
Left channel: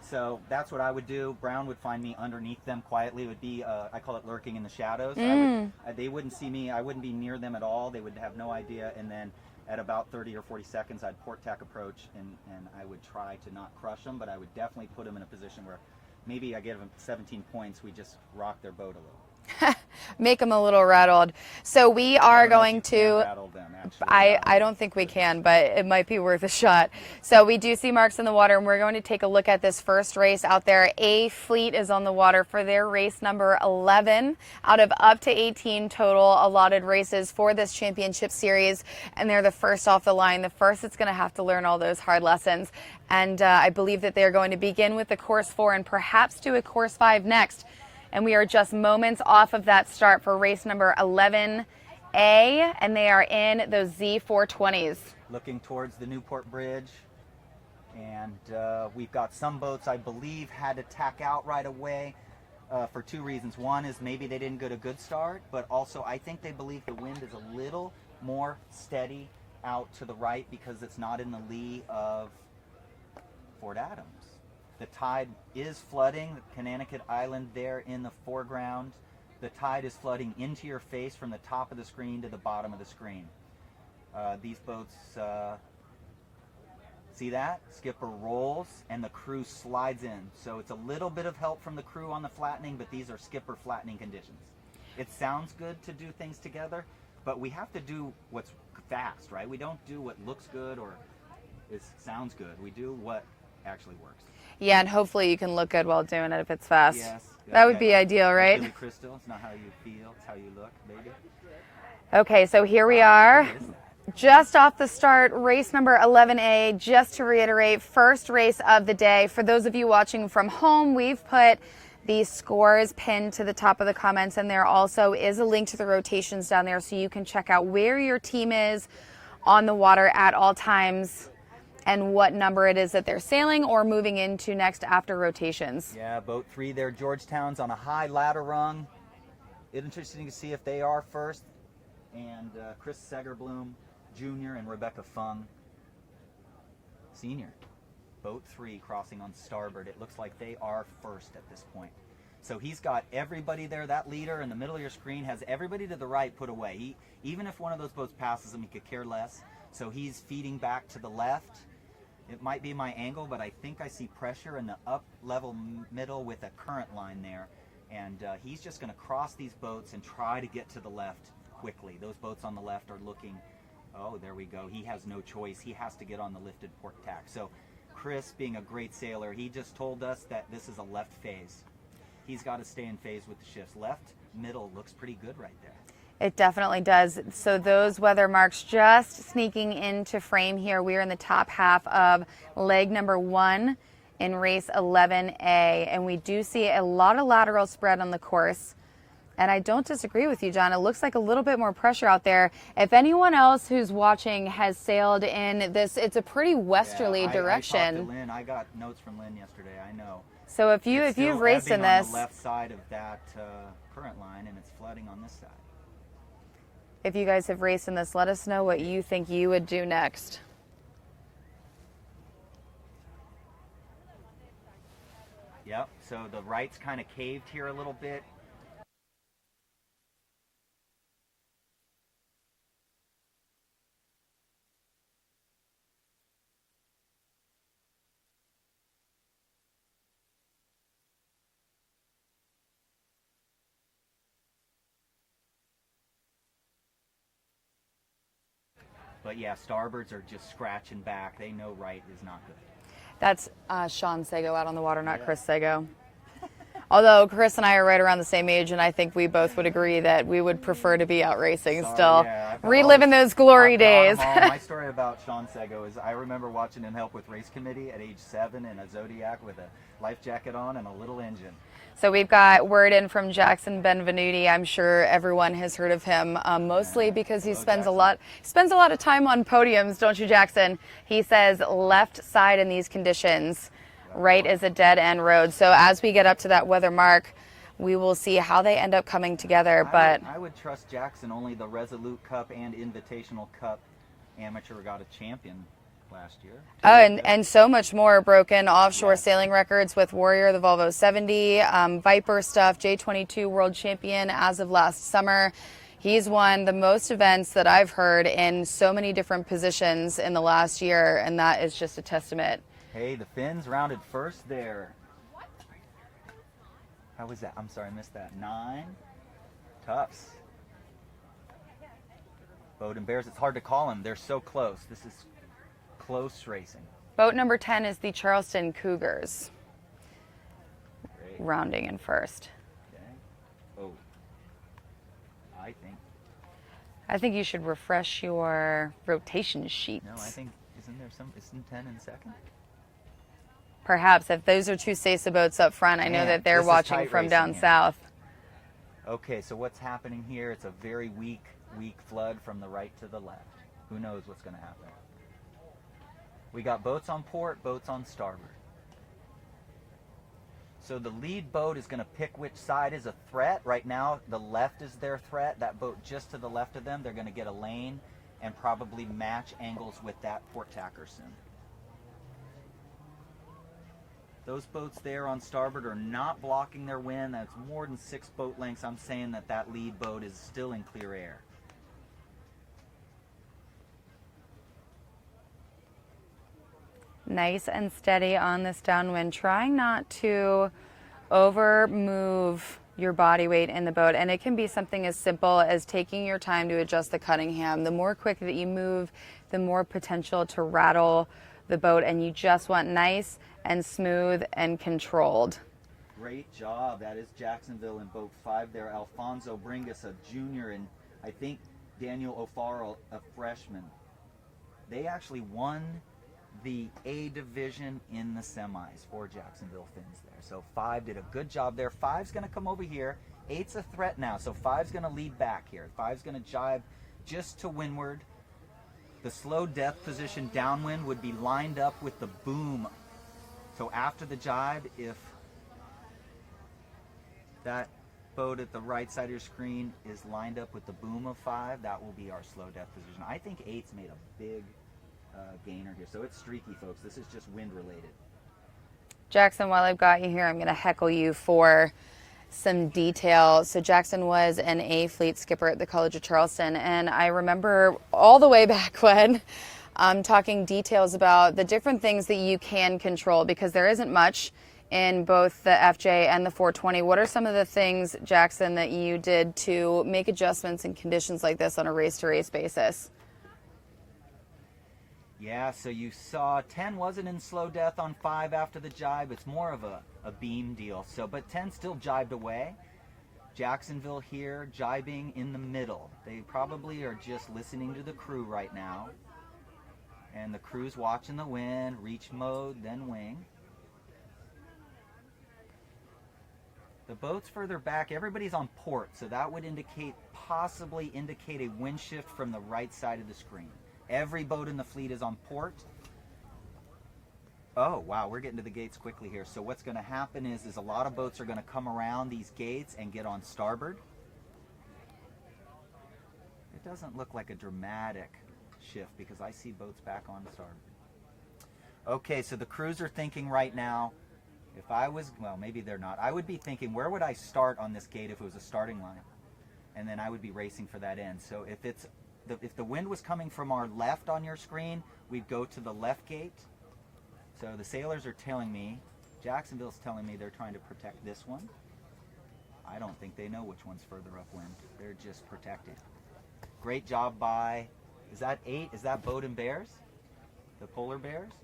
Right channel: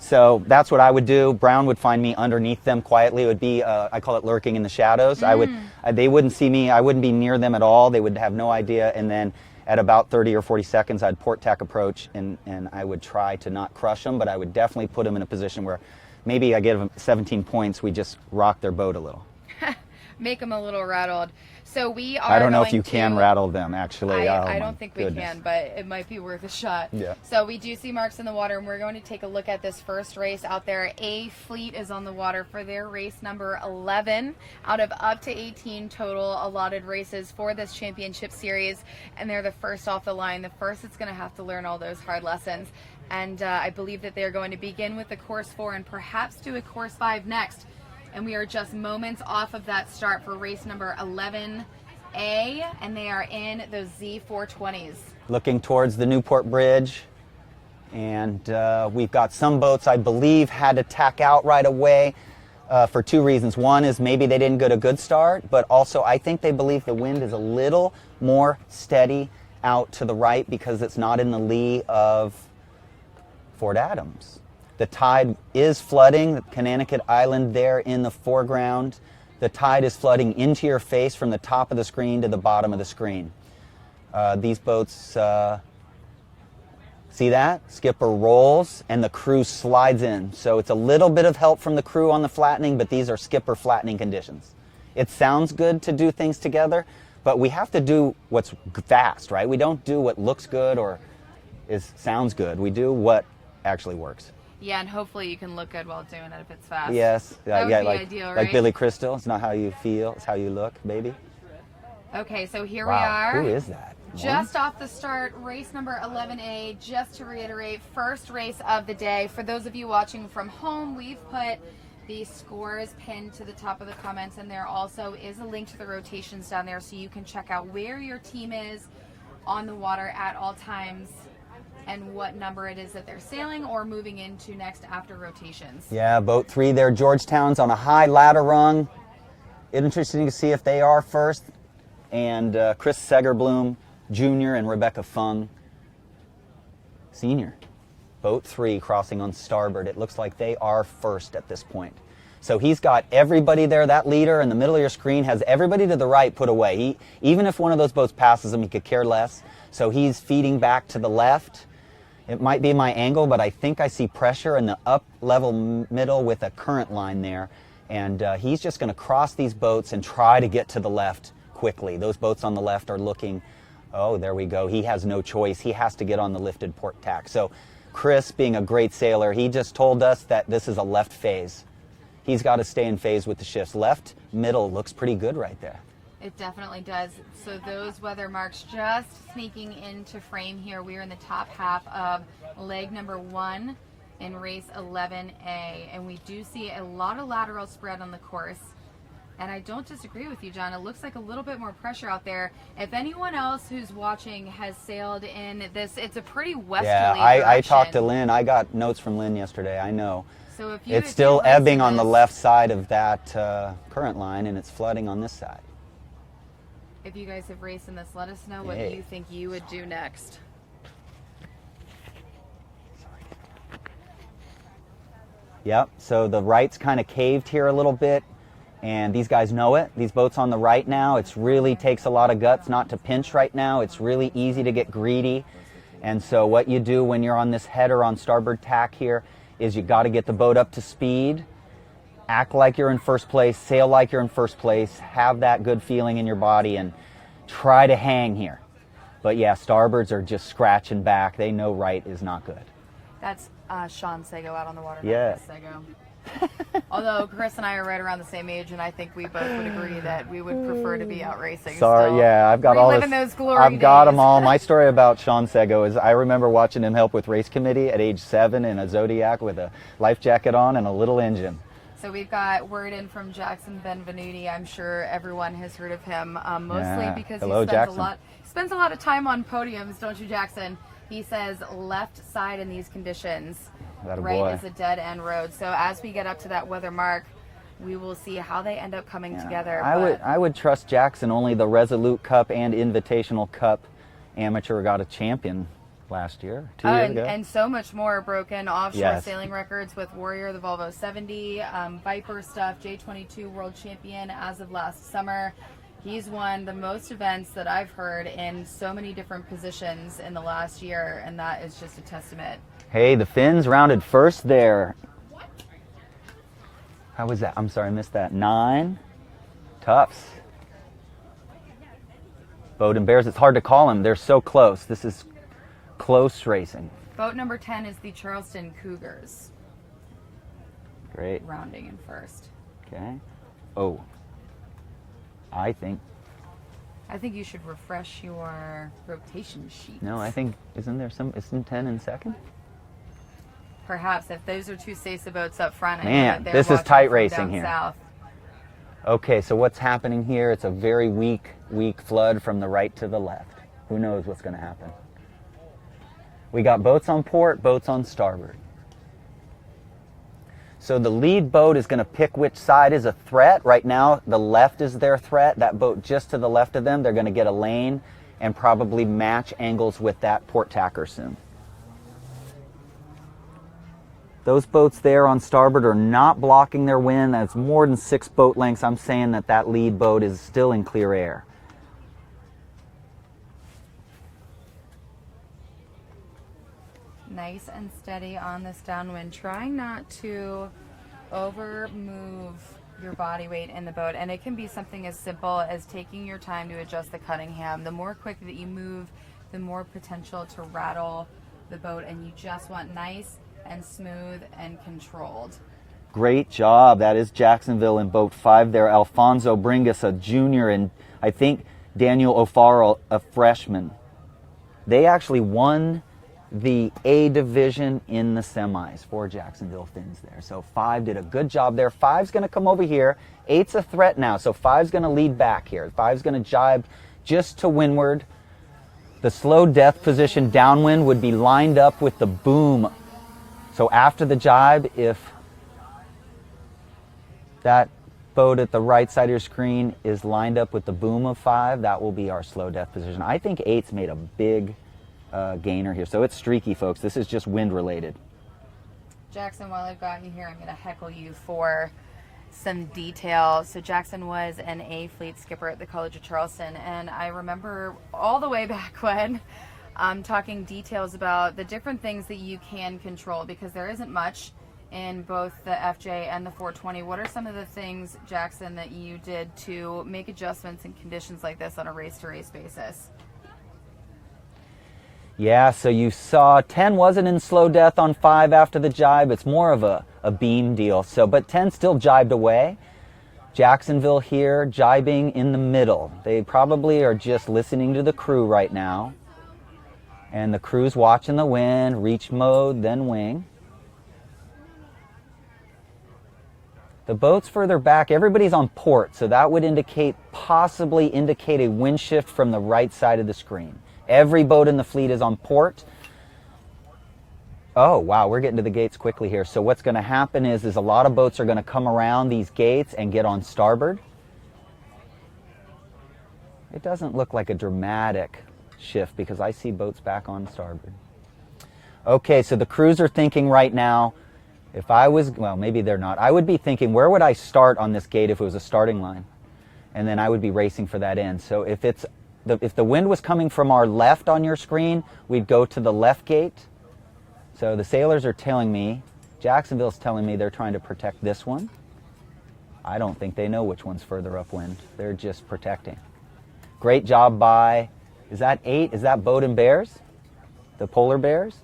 So that's what I would do. Brown would find me underneath them quietly. It would be, I call it lurking in the shadows. They wouldn't see me. I wouldn't be near them at all. They would have no idea. And then at about 30 or 40 seconds, I'd port tack approach, and I would try to not crush them, but I would definitely put them in a position where maybe I give them 17 points, we just rock their boat a little. make them a little rattled. So we are I don't know going if you to can rattle them, actually. I don't think we can, but it might be worth a shot. Yeah. So we do see marks in the water, and we're going to take a look at this first race out there. A Fleet is on the water for their race number 11 out of up to 18 total allotted races for this championship series, and they're the first off the line, the first that's going to have to learn all those hard lessons. And I believe that they're going to begin with the course 4 and perhaps do a course 5 next. And we are just moments off of that start for race number 11A, and they are in those Z420s. Looking towards the Newport Bridge, and we've got some boats, I believe, had to tack out right away for 2 reasons. One is maybe they didn't get a good start, but also I think they believe the wind is a little more steady out to the right because it's not in the lee of Fort Adams. The tide is flooding Connecticut Island there in the foreground. The tide is flooding into your face from the top of the screen to the bottom of the screen. These boats, see that? Skipper rolls and the crew slides in. So it's a little bit of help from the crew on the flattening, but these are skipper flattening conditions. It sounds good to do things together, but we have to do what's fast, right? We don't do what looks good or sounds good. We do what actually works. Yeah, and hopefully you can look good while doing it if it's fast. Yes. That would be like, ideal, right? Like Billy Crystal. It's not how you feel, it's how you look, baby. Okay, so here we Wow, are. Who is that? Just off the start, race number 11A, just to reiterate, first race of the day. For those of you watching from home, we've put the scores pinned to the top of the comments, and there also is a link to the rotations down there so you can check out where your team is on the water at all times and what number it is that they're sailing or moving into next after rotations. Yeah, boat 3 there, Georgetown's on a high ladder rung. Interesting to see if they are first. And Chris Segerblum Jr. and Rebecca Fung Sr. Boat 3 crossing on starboard. It looks like they are first at this point. So he's got everybody there. That leader in the middle of your screen has everybody to the right put away. Even if one of those boats passes him, he could care less. So he's feeding back to the left. It might be my angle, but I think I see pressure in the up level middle with a current line there. And he's just going to cross these boats and try to get to the left quickly. Those boats on the left are looking, oh, there we go. He has no choice. He has to get on the lifted port tack. So Chris, being a great sailor, he just told us that this is a left phase. He's got to stay in phase with the shifts. Left, middle looks pretty good right there. It definitely does. So those weather marks just sneaking into frame here. We are in the top half of leg number 1 in race 11A, and we do see a lot of lateral spread on the course. And I don't disagree with you, John. It looks like a little bit more pressure out there. If anyone else who's watching has sailed in this, it's a pretty westerly direction. I talked to Lynn. I got notes from Lynn yesterday. I know. So if you it's still raced ebbing in on the this, left side of that current line, and it's flooding on this side. if you guys have raced in this, let us know what you think you would do next. Yep, so the right's kind of caved here a little bit, and these guys know it. These boats on the right now, it really takes a lot of guts not to pinch right now. It's really easy to get greedy. And so what you do when you're on this header on starboard tack here is you got to get the boat up to speed, act like you're in first place, sail like you're in first place, have that good feeling in your body, and try to hang here. But yeah, starboards are just scratching back. They know right is not good. That's Sean Sego out on the water, not Yeah. Chris Sego. Although Chris and I are right around the same age, and I think we both would agree that we would prefer to be out racing still. Yeah, I've got reliving those glory I've days. got them all. My story about Sean Sego is I remember watching him help with race committee at age 7 in a Zodiac with a life jacket on and a little engine. So we've got word in from Jackson Benvenuti. I'm sure everyone has heard of him, mostly because Hello, he spends a lot of time on podiums, don't you, Jackson? He says left side in these conditions, right is a dead end road. So as we get up to that weather mark, we will see how they end up coming together. I would trust Jackson. Only the Resolute Cup and Invitational Cup amateur regatta champion last year. And so much more broken offshore Yes. sailing records with Warrior, the Volvo 70, Viper stuff, J22 world champion as of last summer. He's won the most events that I've heard in so many different positions in the last year, and that is just a testament. Hey, the Finns rounded first there. How was that? I'm sorry, I missed that. 9 Toughs. Boat and Bears, it's hard to call them. They're so close. This is close racing. Boat number 10 is the Charleston Cougars. Great. Rounding in first. Okay. Oh. I think you should refresh your rotation sheet. No, I think, isn't 10 in second? Perhaps if those are two ICSA boats up front, I know Man, that they're this is watching tight from racing down here. south. Okay, so what's happening here? It's a very weak flood from the right to the left. Who knows what's going to happen? We got boats on port, boats on starboard. So the lead boat is going to pick which side is a threat. Right now, the left is their threat. That boat just to the left of them, they're going to get a lane and probably match angles with that port tacker soon. Those boats there on starboard are not blocking their wind. That's more than 6 boat lengths. I'm saying that that lead boat is still in clear air. Nice and steady on this downwind, trying not to over move your body weight in the boat. And it can be something as simple as taking your time to adjust the Cunningham. The more quick that you move, the more potential to rattle the boat, and you just want nice and smooth and controlled. Great job. That is Jacksonville in boat 5 there. Alfonso Bringas, a junior, and I think Daniel O'Farrell, a freshman. They actually won the A division in the semis for Jacksonville Finns there. So 5 did a good job there. 5's going to come over here. 8's a threat now, so 5's going to lead back here. 5's going to jibe just to windward. The slow death position downwind would be lined up with the boom. So after the jibe, if that boat at the right side of your screen is lined up with the boom of 5, that will be our slow death position. I think 8's made a big gainer here. So it's streaky, folks. This is just wind related. Jackson, while I've got you here, I'm going to heckle you for some detail. So Jackson was an A fleet skipper at the College of Charleston, and I remember all the way back when talking details about the different things that you can control, because there isn't much in both the FJ and the 420. What are some of the things, Jackson, that you did to make adjustments in conditions like this on a race-to-race basis? Yeah, so you saw 10 wasn't in slow death on 5 after the jibe. It's more of a beam deal. So, but 10 still jibed away. Jacksonville here jibing in the middle. They probably are just listening to the crew right now. And the crew's watching the wind, reach mode, then wing. The boat's further back. Everybody's on port, so that would possibly indicate a wind shift from the right side of the screen. Every boat in the fleet is on port. Oh, wow, we're getting to the gates quickly here. So what's going to happen is a lot of boats are going to come around these gates and get on starboard. It doesn't look like a dramatic shift because I see boats back on starboard. Okay, so the crews are thinking right now, if I was, well, maybe they're not. I would be thinking, where would I start on this gate if it was a starting line? And then I would be racing for that end. So if the wind was coming from our left on your screen, we'd go to the left gate. So the sailors are telling me, Jacksonville's telling me they're trying to protect this one. I don't think they know which one's further upwind. They're just protecting. Great job by, is that 8? Is that Boat and Bears? The Polar Bears?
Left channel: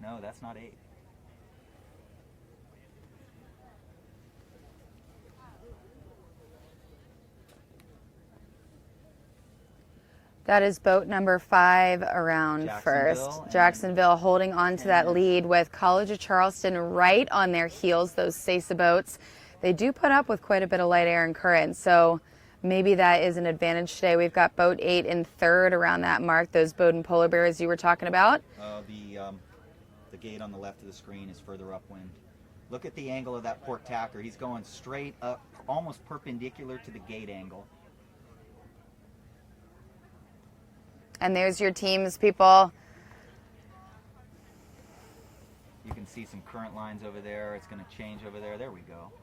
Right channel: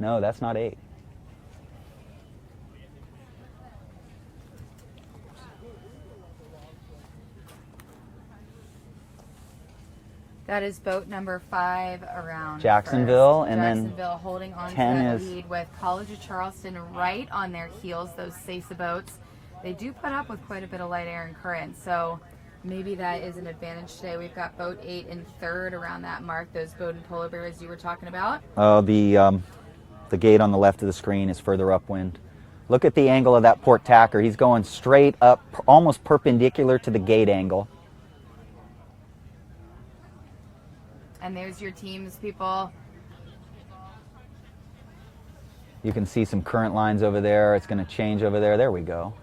No, that's not 8. That is boat number 5 around Jacksonville, first. and Jacksonville holding on to 10 that is- lead with College of Charleston right on their heels, those ICSA boats. They do put up with quite a bit of light air and current, so maybe that is an advantage today. We've got boat 8 in third around that mark, those Boat and Polar Bears you were talking about. The gate on the left of the screen is further upwind. Look at the angle of that port tacker. He's going straight up, almost perpendicular to the gate angle. And there's your teams, people. You can see some current lines over there. It's going to change over there. There we go.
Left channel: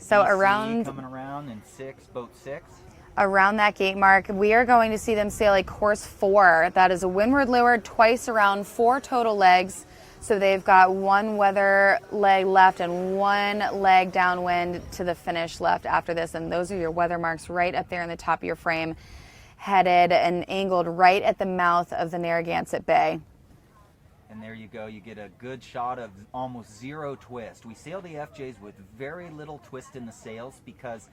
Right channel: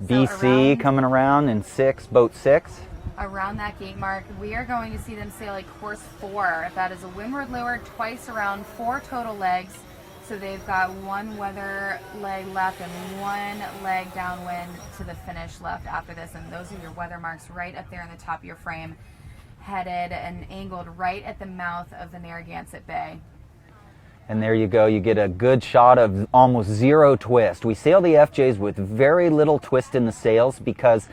So BC coming around in 6, boat 6. Around that gate mark, we are going to see them sail a course 4. That is a windward leeward, twice around, 4 total legs. So they've got one weather leg left and one leg downwind to the finish left after this. And those are your weather marks right up there in the top of your frame, headed and angled right at the mouth of the Narragansett Bay. And there you go, you get a good shot of almost zero twist. We sail the FJs with very little twist in the sails because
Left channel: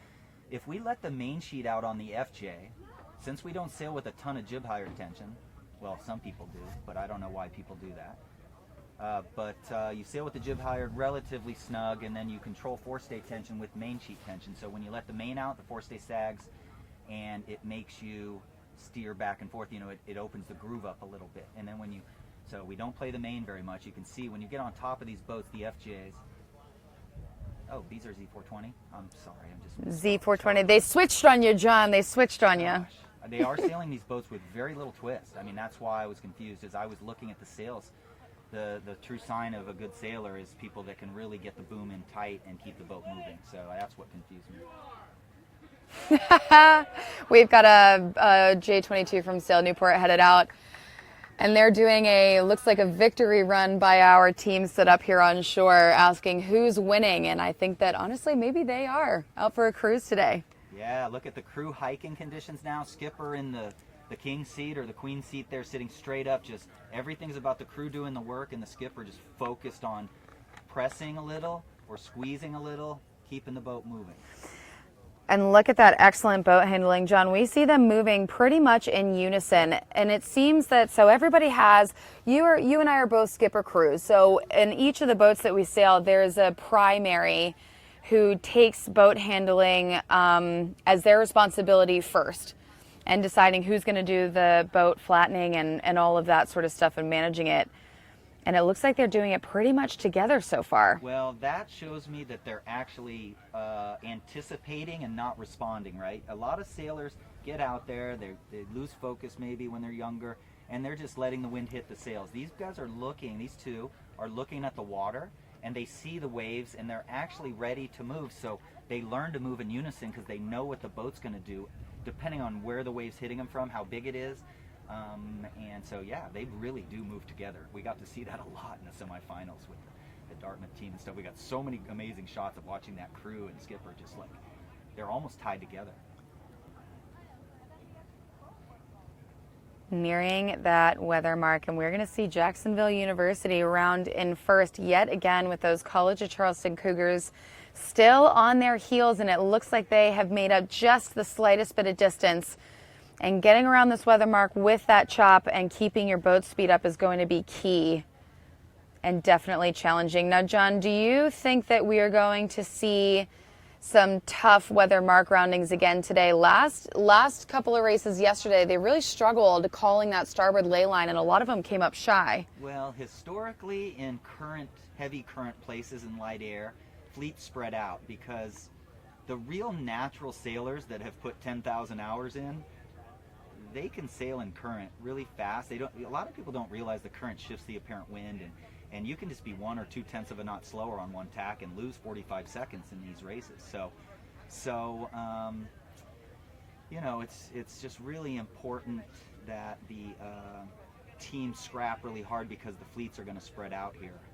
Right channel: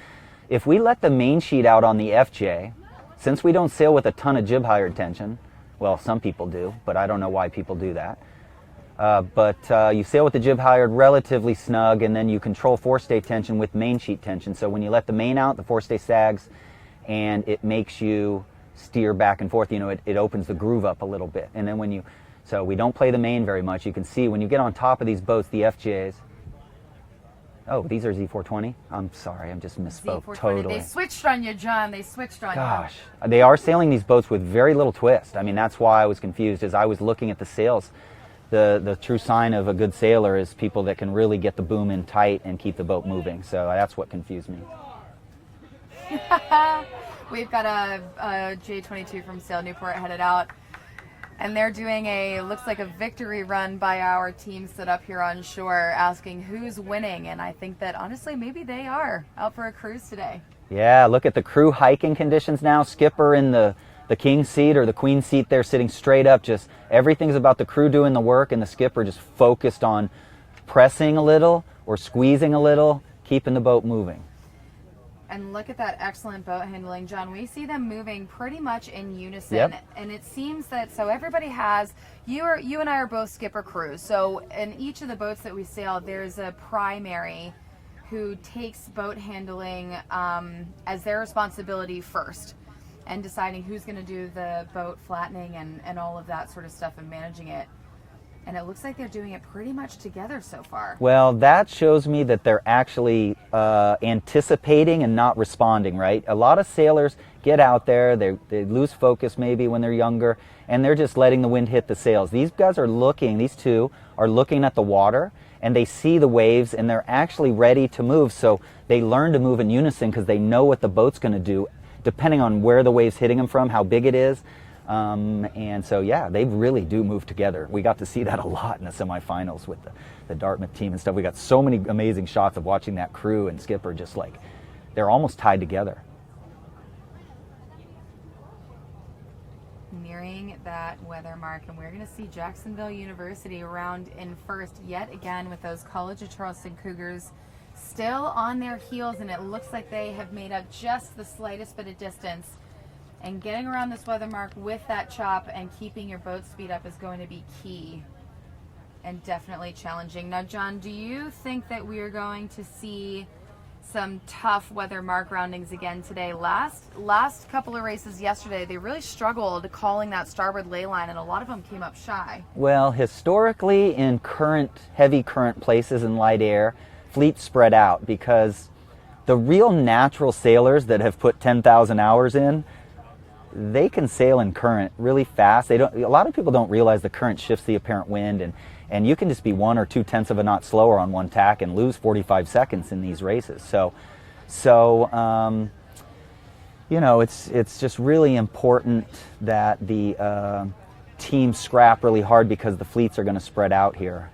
if we let the main sheet out on the FJ, since we don't sail with a ton of jib halyard tension, well, some people do, but I don't know why people do that. You sail with the jib halyard relatively snug, and then you control forestay tension with main sheet tension. So when you let the main out, the forestay sags, and it makes you steer back and forth. You know, it opens the groove up a little bit. And then so we don't play the main very much. You can see when you get on top of these boats, the FJs. Oh, these are Z420? I'm sorry, I'm just misspoke. Z420. Totally. They switched on you, John. They switched on Gosh. They are sailing these boats with very little twist. I mean, that's why I was confused as I was looking at the sails. The true sign of a good sailor is people that can really get the boom in tight and keep the boat moving. So that's what confused me. We've got a J22 from Sail Newport headed out. And they're doing looks like a victory run by our team set up here on shore, asking who's winning. And I think that honestly, maybe they are out for a cruise today. Yeah, look at the crew hiking conditions now. Skipper in the king seat or the queen seat there sitting straight up. Just everything's about the crew doing the work and the skipper just focused on pressing a little or squeezing a little, keeping the boat moving. And look at that excellent boat handling, John. We see them moving pretty much in unison. Yep. And it seems that, so everybody has, you and I are both skipper crews. So in each of the boats that we sail, there's a primary who takes boat handling as their responsibility first, and deciding who's going to do the boat flattening and all of that sort of stuff and managing it. And it looks like they're doing it pretty much together so far. Well, that shows me that they're actually anticipating and not responding, right? A lot of sailors get out there, they lose focus maybe when they're younger, and they're just letting the wind hit the sails. These guys are looking, these two are looking at the water, and they see the waves, and they're actually ready to move. So they learn to move in unison because they know what the boat's going to do, depending on where the wave's hitting them from, how big it is. And so, yeah, they really do move together. We got to see that a lot in the semifinals with the Dartmouth team and stuff. We got so many amazing shots of watching that crew and skipper just like, they're almost tied together. Nearing that weather mark, and we're going to see Jacksonville University round in first yet again with those College of Charleston Cougars still on their heels, and it looks like they have made up just the slightest bit of distance. And getting around this weather mark with that chop and keeping your boat speed up is going to be key and definitely challenging. Now, John, do you think that we are going to see some tough weather mark roundings again today? Last couple of races yesterday, they really struggled calling that starboard ley line, and a lot of them came up shy. Well, historically in heavy current places in light air, fleets spread out because the real natural sailors that have put 10,000 hours in, they can sail in current really fast. A lot of people don't realize the current shifts the apparent wind, and you can just be 1 or 2/10 of a knot slower on one tack and lose 45 seconds in these races. So you know, it's just really important that the teams scrap really hard because the fleets are going to spread out here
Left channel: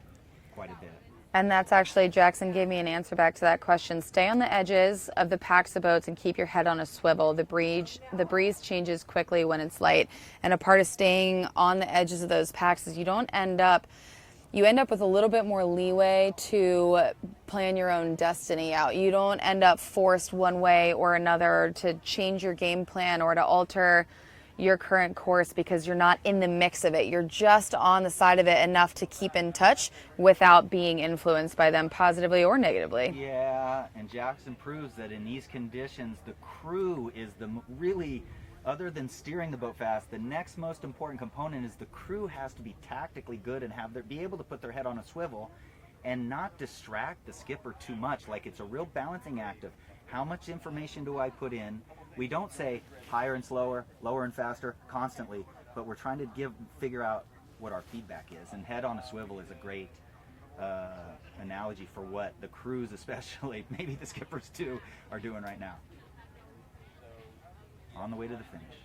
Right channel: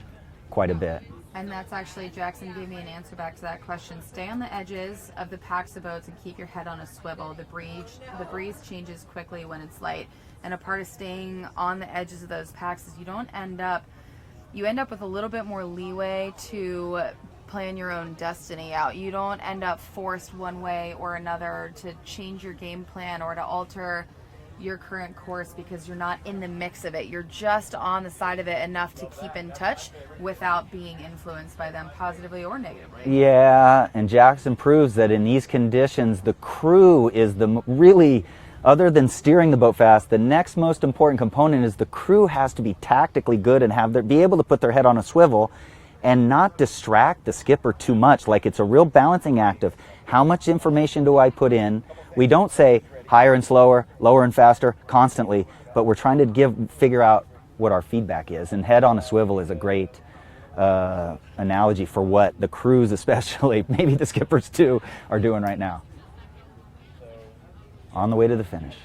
quite a bit. And that's actually, Jackson gave me an answer back to that question. Stay on the edges of the packs of boats and keep your head on a swivel. The breeze changes quickly when it's light. And a part of staying on the edges of those packs is you end up with a little bit more leeway to plan your own destiny out. You don't end up forced one way or another to change your game plan or to alter your current course because you're not in the mix of it. You're just on the side of it enough to keep in touch without being influenced by them positively or negatively. Yeah, and Jackson proves that in these conditions, the crew is really, other than steering the boat fast, the next most important component is the crew has to be tactically good and be able to put their head on a swivel and not distract the skipper too much. Like, it's a real balancing act of how much information do I put in. We don't say higher and slower, lower and faster constantly, but we're trying to figure out what our feedback is. And head on a swivel is a great analogy for what the crews, especially, maybe the skippers too, are doing right now. On the way to the finish.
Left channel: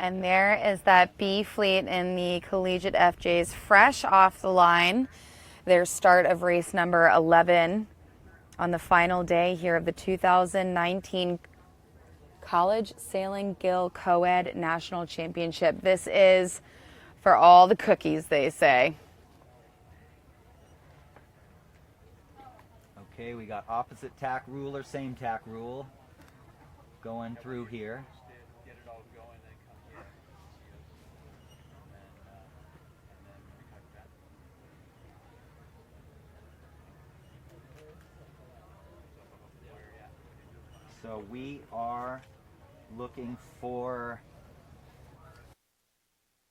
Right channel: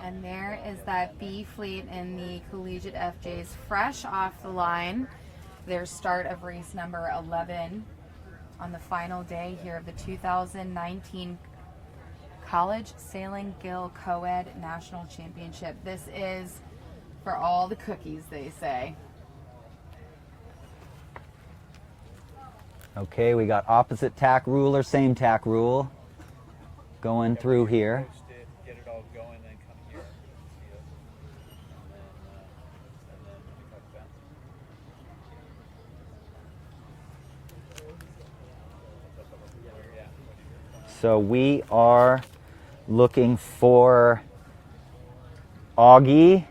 And there is that B fleet in the collegiate FJs fresh off the line. Their start of race number 11 on the final day here of the 2019 College Sailing Gill Coed National Championship. This is for all the cookies, they say. Okay, we got opposite tack rule or same tack rule going through here. So we are looking for Augie.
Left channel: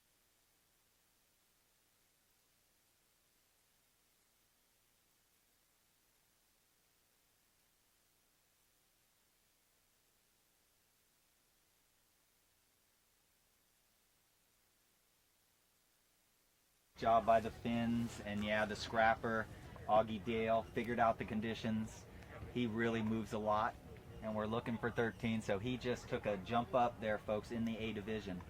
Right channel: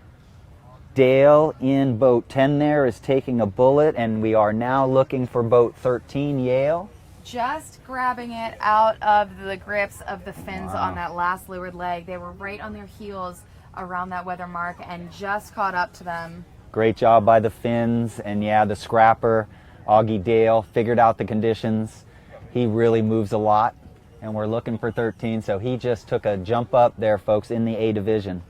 Dale in boat 10 there is taking a bullet, and we are now looking for boat 13, Yale. Just grabbing it out of the grips of the fins on that last leeward leg. They were right on their heels around that weather mark and just caught up to them. Great job by the fins, and yeah, the scrapper, Augie Dale, figured out the conditions. He really moves a lot, and we're looking for 13, so he just took a jump up there, folks, in the A division.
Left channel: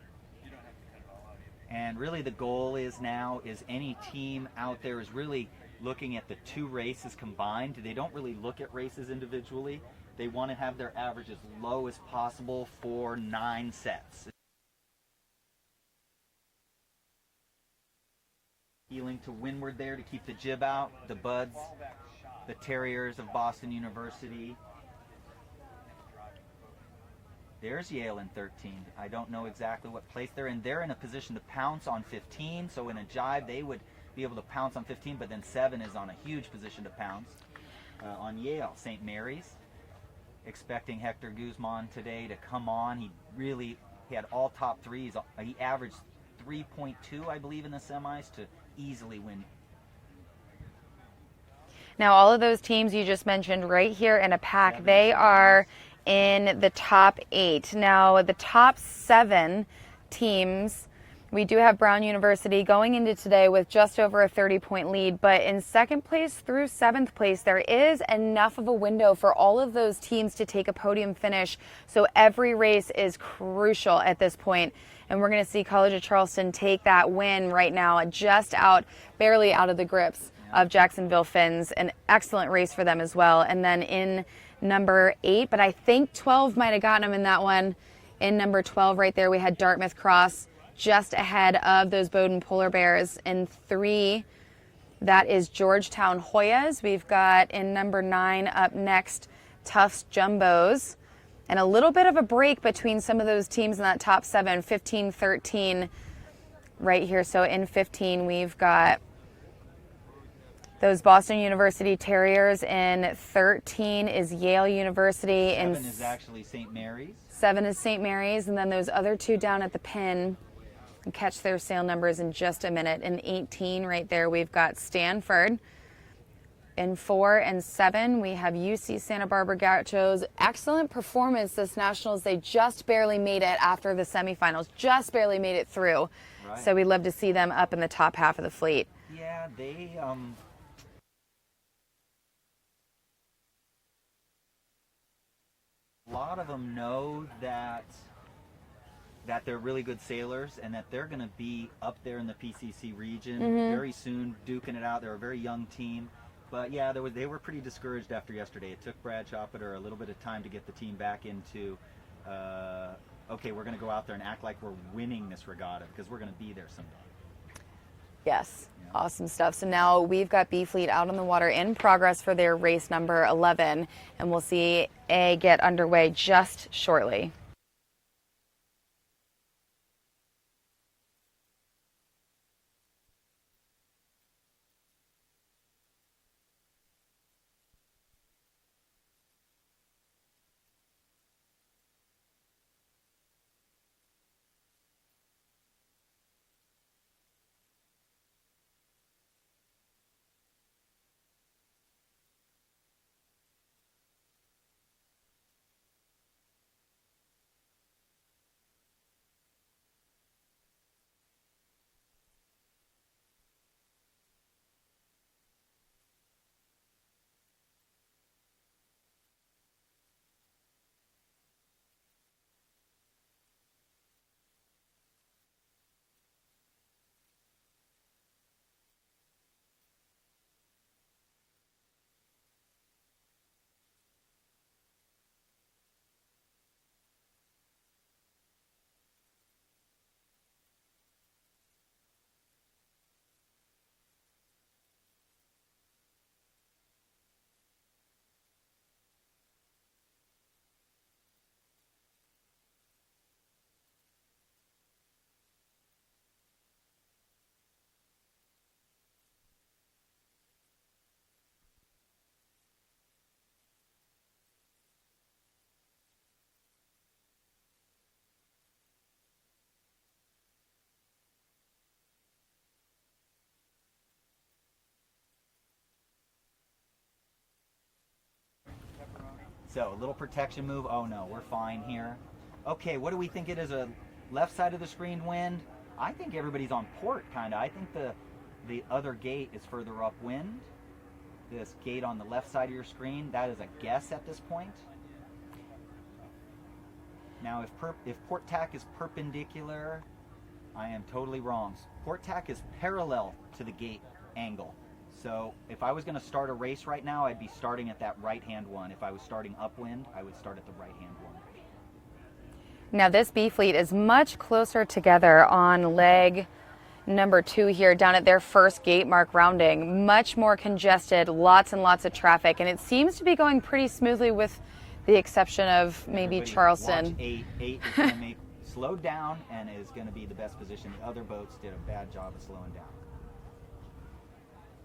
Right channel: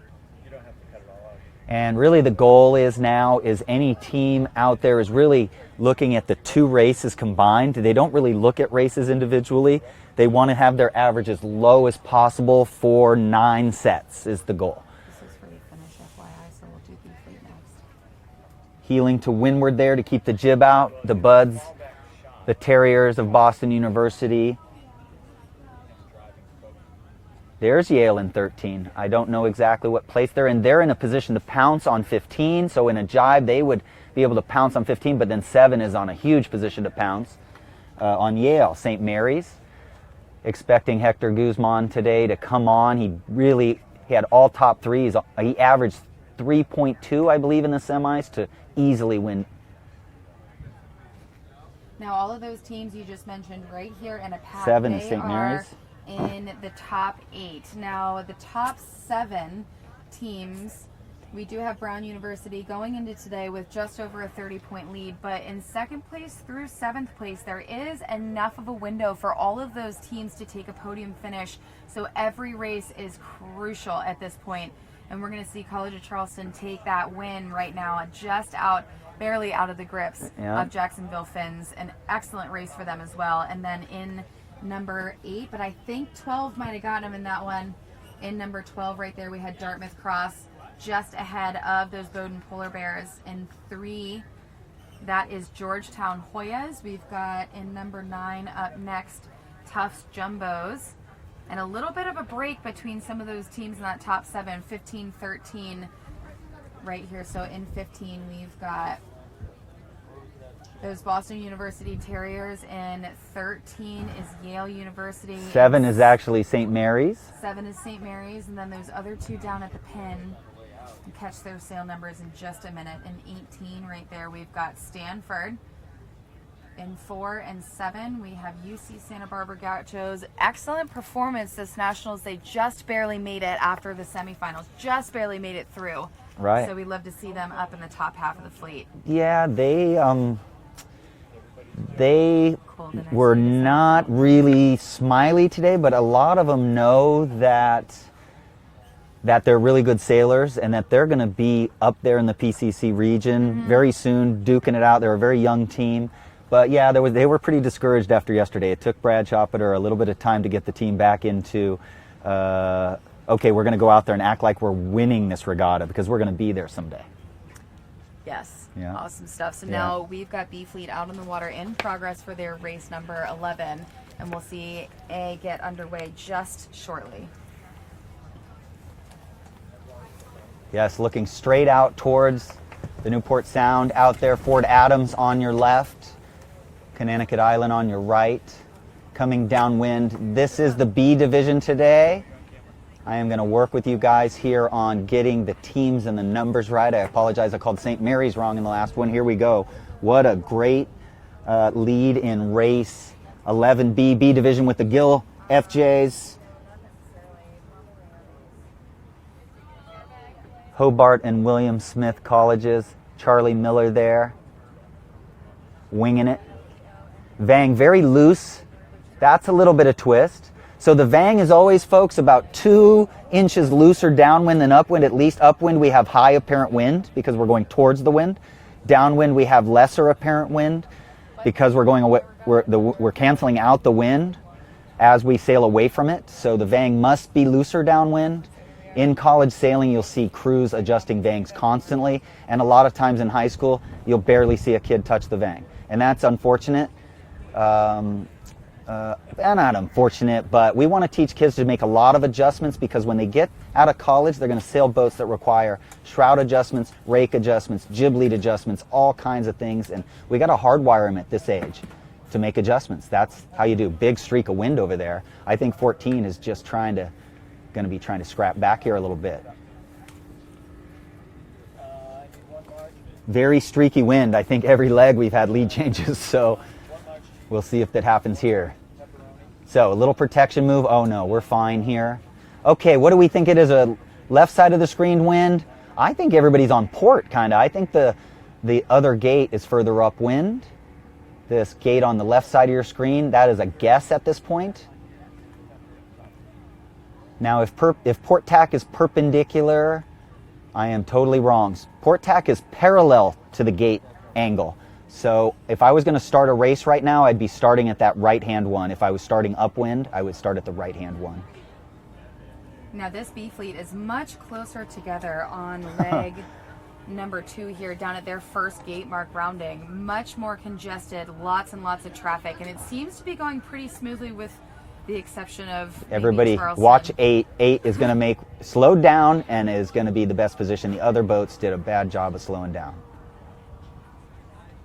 And really the goal is now is any team out there is really looking at the two races combined. They don't really look at races individually. They want to have their average as low as possible for 9 sets is the goal. This is for the finish, FYI, so we'll do B fleet next. Heeling to windward there to keep the jib out. The Buds, the Terriers of Boston University. There's Yale in 13. I don't know exactly what place they're in. They're in a position to pounce on 15, so in a jibe they would be able to pounce on 15, but then 7 is on a huge position to pounce on Yale. St. Mary's, expecting Hector Guzman today to come on. He had all top threes. He averaged 3.2, I believe, in the semis to easily win. Now all of those teams you just mentioned right here in a pack, 7 they St. are Mary's in the top 8. Now the top 7 teams, we do have Brown University going into today with just over a 30-point lead, but in 2nd place through 7th place, there is enough of a window for all of those teams to take a podium finish. So every race is crucial at this point. And we're going to see College of Charleston take that win right now, just barely out of the grips of Jacksonville Finns. An excellent race for them as well. And then in number 8, but I think 12 might have gotten them in that one. In number 12 right there, we had Dartmouth Cross just ahead of those Bowdoin Polar Bears. In 3, that is Georgetown Hoyas. We've got in number 9 up next, Tufts Jumbos. And a little bit of a break between some of those teams in that top 7, 15, 13 right here. So in 15, we've got those Boston University Terriers. In 13 is Yale University. 7 is actually St. Mary's. 7 is St. Mary's, and then those other 2 down at the pin. We'll catch their sail numbers in just a minute. In 18 right there, we've got Stanford. In 4 and 7, we have UC Santa Barbara Gauchos. Excellent performance this Nationals. They just barely made it after the semifinals, just barely made it through. Right. So we'd love to see them up in the top half of the fleet. Yeah, they were not really smiley today, but a lot of them know that they're really good sailors and that they're going to be up there in the PCC region very soon, duking it out. They're a very young team. But yeah, they were pretty discouraged after yesterday. It took Brad Choppeter a little bit of time to get the team back into, okay, we're going to go out there and act like we're winning this regatta because we're going to be there someday. Yes, Yeah. Awesome stuff. So now we've got B Fleet out on the water in progress for their race number 11, and we'll see A get underway just shortly. Yes, looking straight out towards the Newport Sound out there. Fort Adams on your left. Connecticut Island on your right. Coming downwind. This is the B division today. I am going to work with you guys here on getting the teams and the numbers right. I apologize, I called St. Mary's wrong in the last one. Here we go. What a great lead in race 11B, B division with the Gill FJs. Hobart and William Smith colleges. Charlie Miller there, winging it. Vang very loose. That's a little bit of twist. So the vang is always, folks, about 2 inches looser downwind than upwind. At least upwind we have high apparent wind because we're going towards the wind. Downwind we have lesser apparent wind because we're going away, we're canceling out the wind as we sail away from it. So the vang must be looser downwind. In college sailing, you'll see crews adjusting vangs constantly, and a lot of times in high school, you'll barely see a kid touch the vang. And that's unfortunate. Not unfortunate, but we want to teach kids to make a lot of adjustments, because when they get out of college, they're going to sail boats that require shroud adjustments, rake adjustments, jib lead adjustments, all kinds of things, and we got to hardwire them at this age to make adjustments. That's how you do. Big streak of wind over there. I think 14 is just going to be trying to scrap back here a little bit. Very streaky wind. I think every leg we've had lead changes, so we'll see if that happens here. So a little protection move. Oh no, we're fine here. Okay, what do we think it is? A left side of the screened wind? I think everybody's on port, kind of. I think the other gate is further upwind. This gate on the left side of your screen, that is a guess at this point. Now, if port tack is perpendicular, I am totally wrong. Port tack is parallel to the gate angle. So if I was going to start a race right now, I'd be starting at that right-hand one. If I was starting upwind, I would start at the right-hand one. Now this B fleet is much closer together on leg number 2 here, down at their first gate mark rounding. Much more congested, lots and lots of traffic, and it seems to be going pretty smoothly with the exception of maybe everybody Charleston. Watch 8. 8 is going to make slow down and is going to be the best position. The other boats did a bad job of slowing down.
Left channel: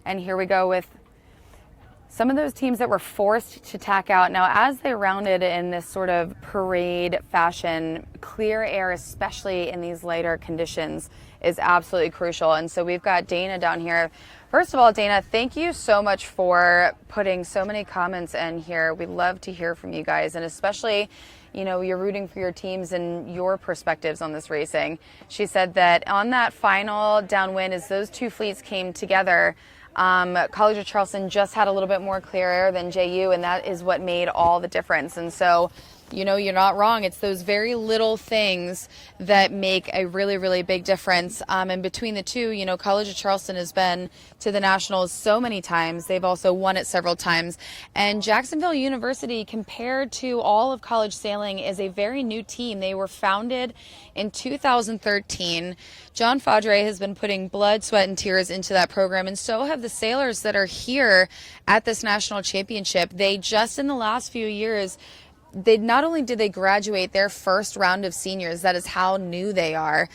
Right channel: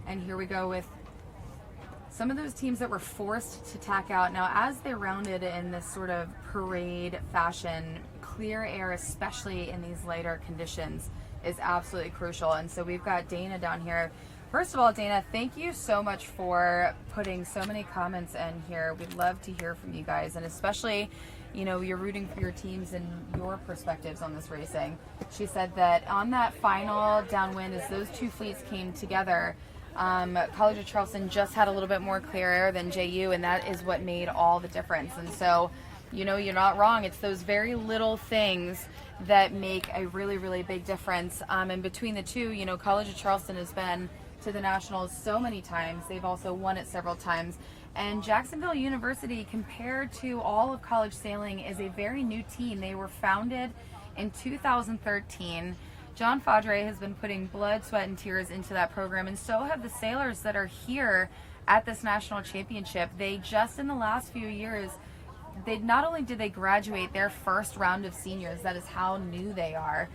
And here we go with some of those teams that were forced to tack out. Now, as they rounded in this sort of parade fashion, clear air, especially in these lighter conditions, is absolutely crucial. And so we've got Dana down here. First of all, Dana, thank you so much for putting so many comments in here. We'd love to hear from you guys, and especially, you know, you're rooting for your teams and your perspectives on this racing. She said that on that final downwind, as those two fleets came together, College of Charleston just had a little bit more clear air than JU, and that is what made all the difference. And so, you know, you're not wrong. It's those very little things that make a really, really big difference. And between the two, you know, College of Charleston has been to the Nationals so many times. They've also won it several times. And Jacksonville University, compared to all of college sailing, is a very new team. They were founded in 2013. John Fadre has been putting blood, sweat, and tears into that program, and so have the sailors that are here at this national championship. They just, in the last few years, they not only did they graduate their first round of seniors, that is how new they are,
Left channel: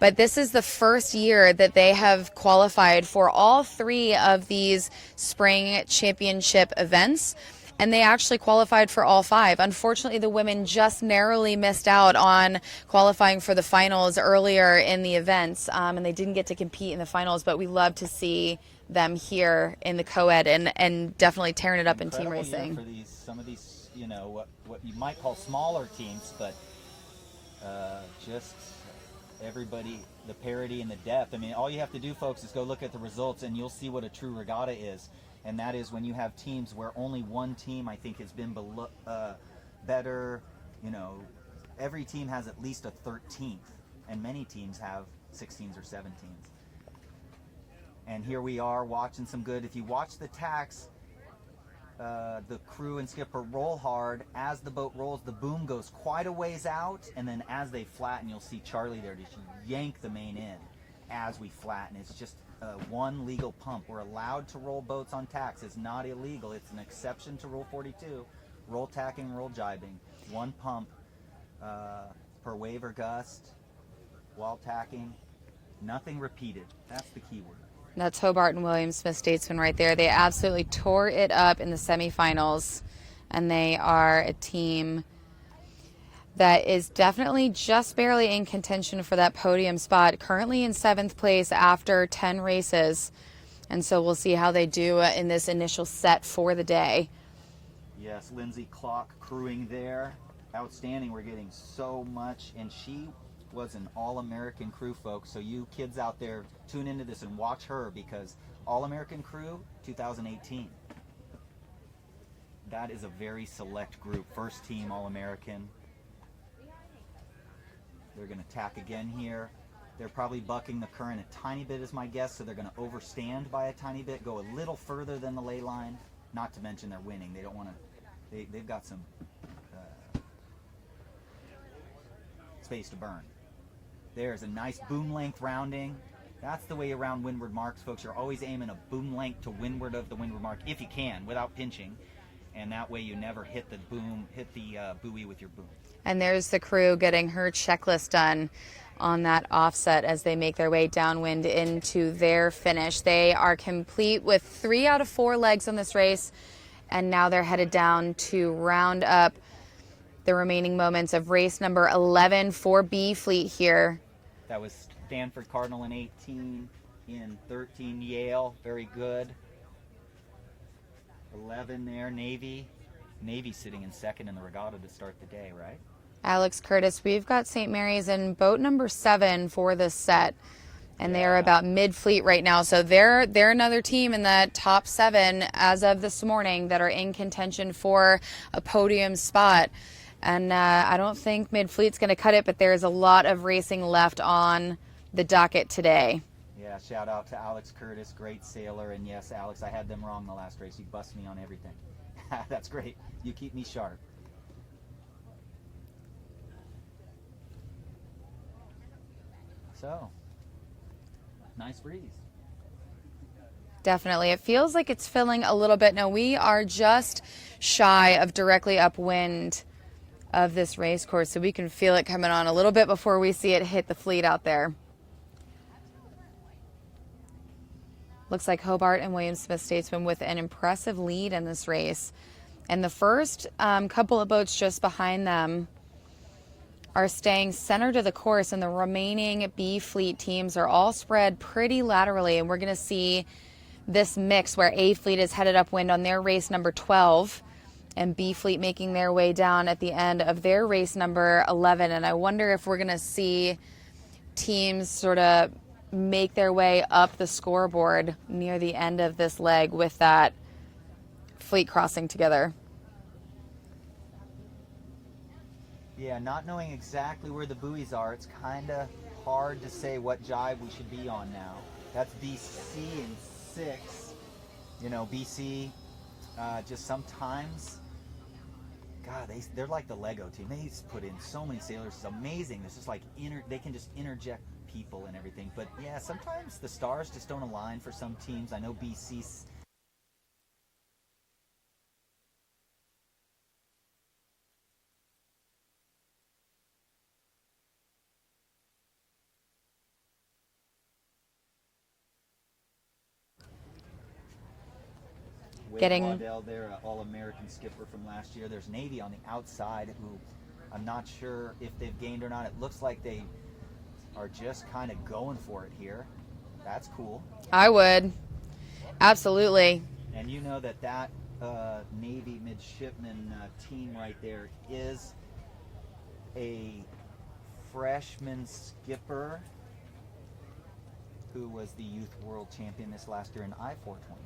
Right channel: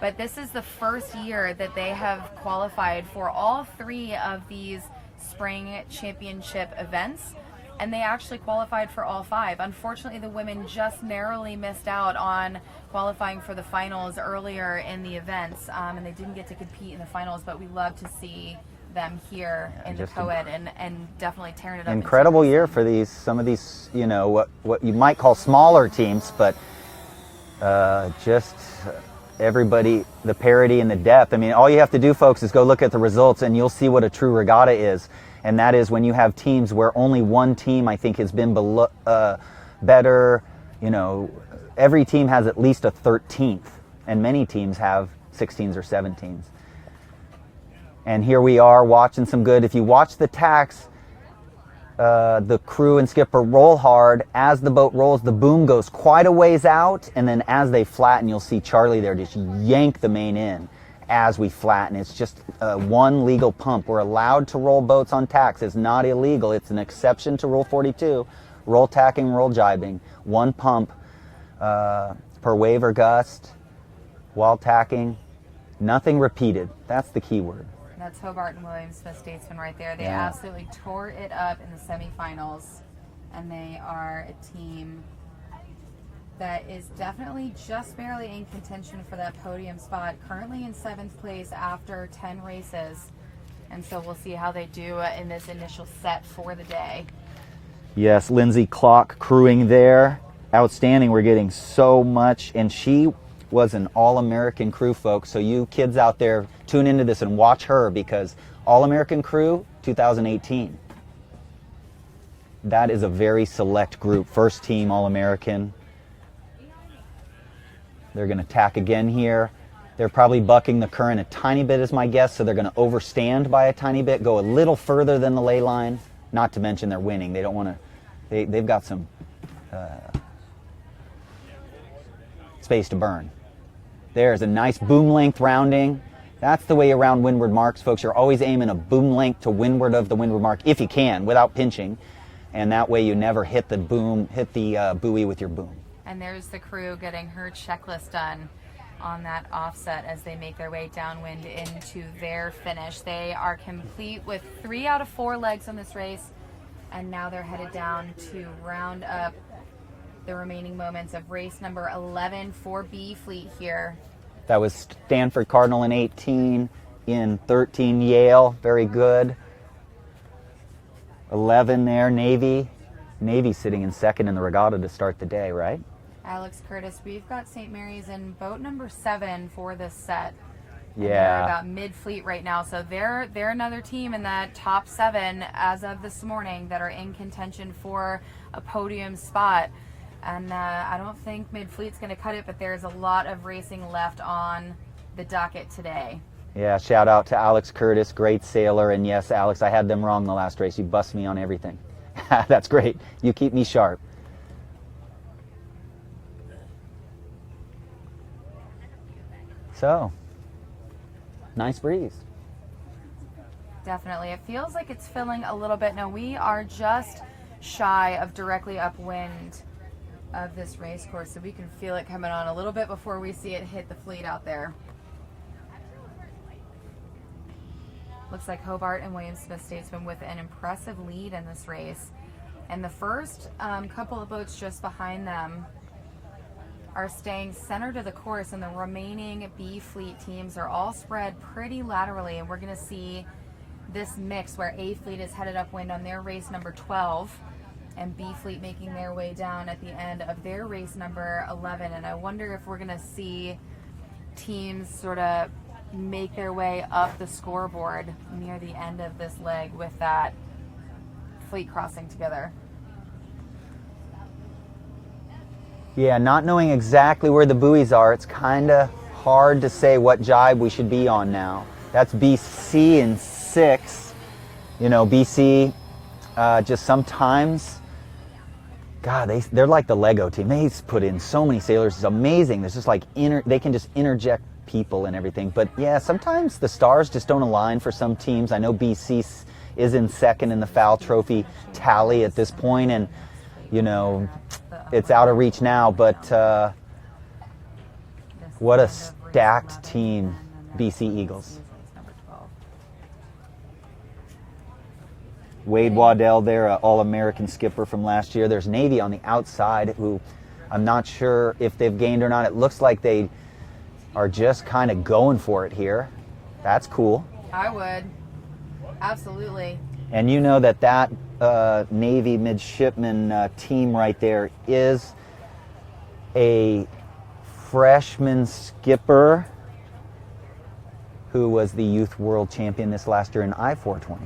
but this is the first year that they have qualified for all 3 of these spring championship events. And they actually qualified for all 5. Unfortunately, the women just narrowly missed out on qualifying for the finals earlier in the events, and they didn't get to compete in the finals, but we love to see them here in the Coed and definitely tearing it up. Incredible year for some of these, you know, what you might call smaller teams, but just everybody, the parity and the depth. I mean, all you have to do, folks, is go look at the results and you'll see what a true regatta is. And that is when you have teams where only one team, I think, has been better. You know, every team has at least a 13th, and many teams have 16s or 17s. And here we are watching some good. If you watch the tacks, the crew and skipper roll hard. As the boat rolls, the boom goes quite a ways out, and then as they flatten, you'll see Charlie there just yank the main in as we flatten. It's just one legal pump. We're allowed to roll boats on tacks. It's not illegal. It's an exception to Rule 42. Roll tacking, roll jibing. One pump per wave or gust while tacking. Nothing repeated. That's the key word. That's Hobart and William Smith Statesman right there. They absolutely tore it up in the semifinals, and they are a team that is definitely just barely in contention for that podium spot, currently in 7th place after 10 races. And so we'll see how they do in this initial set for the day. Yes, Lindsay Clock crewing there. Outstanding. We're getting so much. And she was an All-American crew, folks. So you kids out there, tune into this and watch her, because All-American crew 2018. that is a very select group. First team All-American. They're going to tack again here. They're probably bucking the current a tiny bit is my guess, so they're going to overstand by a tiny bit, go a little further than the lay line, not to mention they're winning. They don't want to, they've got some space to burn. There's a nice boom length rounding. That's the way around windward marks, folks. You're always aiming a boom length to windward of the windward mark, if you can, without pinching. And that way you never hit the buoy with your boom. And there's the crew getting her checklist done on that offset as they make their way downwind into their finish. They are complete with 3 out of 4 legs on this race, and now they're headed down to round up the remaining moments of race number 11 for B Fleet here. That was Stanford Cardinal in 18, in 13 Yale, very good. 11 there, Navy. Navy sitting in second in the regatta to start the day, right? Alex Curtis, we've got St. Mary's in boat number 7 for this set. And Yeah. they're about mid-fleet right now. So they're another team in that top 7 as of this morning that are in contention for a podium spot. And I don't think mid-fleet's going to cut it, but there's a lot of racing left on the docket today. Yeah, shout out to Alex Curtis, great sailor. And yes, Alex, I had them wrong the last race. You bust me on everything. That's great. You keep me sharp. So, nice breeze. Definitely. It feels like it's filling a little bit. Now, we are just shy of directly upwind of this race course, so we can feel it coming on a little bit before we see it hit the fleet out there. Looks like Hobart and William Smith Statesman with an impressive lead in this race. And the first couple of boats just behind them are staying center to the course, and the remaining B Fleet teams are all spread pretty laterally. And we're going to see this mix where A Fleet is headed upwind on their race number 12, and B Fleet making their way down at the end of their race number 11. And I wonder if we're going to see teams sort of make their way up the scoreboard near the end of this leg with that fleet crossing together. Yeah, not knowing exactly where the buoys are, it's kind of hard to say what jibe we should be on now. That's BC in 6. You know, BC just sometimes, God, they're like the Lego team. They put in so many sailors. It's amazing. There's just like, they can just interject people and everything. But yeah, sometimes the stars just don't align for some teams. I know BC is in second in the FAL Trophy tally at this point, and you know, it's out of reach now, but what a stacked team, BC Eagles. Wade Waddell there, an All-American skipper from last year. There's Navy on the outside, who I'm not sure if they've gained or not. It looks like they are just kind of going for it here. That's cool. I would. Absolutely. And you know that Navy midshipman team right there is a freshman skipper who was the youth world champion this last year in I-420s.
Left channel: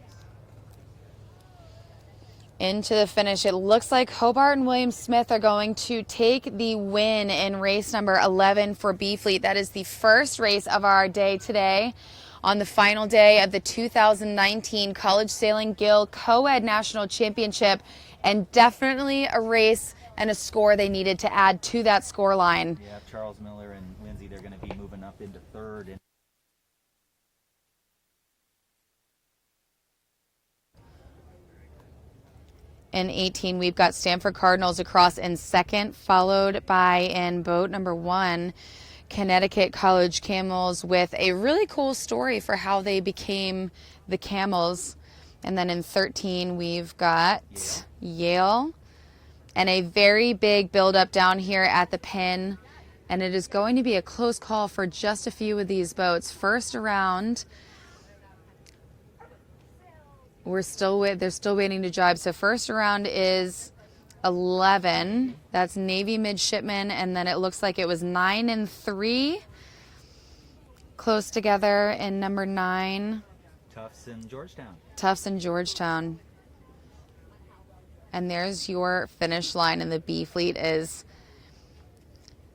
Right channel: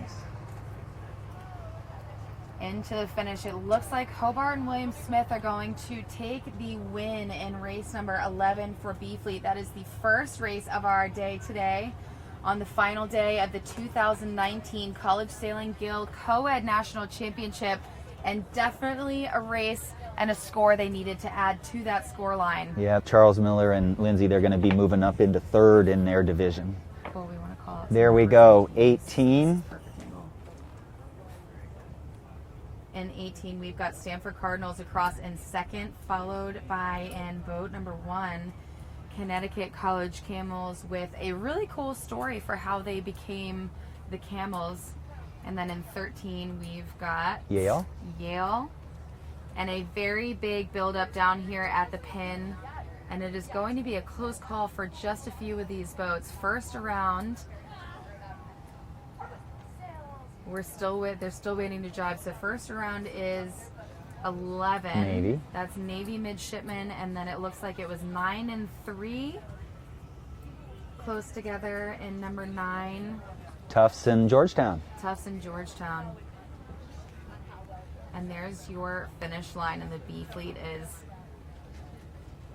Into the finish, it looks like Hobart and William Smith are going to take the win in race number 11 for B Fleet. That is the first race of our day today, on the final day of the 2019 College Sailing Gill Coed National Championship, and definitely a race and a score they needed to add to that score line. Yeah, Charles Miller and Lindsay, they're going to be moving up into third in their division. There we go, 18. In 18, we've got Stanford Cardinals across in second, followed by, in boat number 1, Connecticut College Camels, with a really cool story for how they became the Camels. And then in 13, we've got Yale, and a very big build-up down here at the pin. And it is going to be a close call for just a few of these boats. First around, they're still waiting to jibe. So first around is 11. Navy. That's Navy midshipmen, and then it looks like it was 9 and 3 close together in number 9. Tufts and Georgetown. Tufts and Georgetown. And there's your finish line, and the B fleet is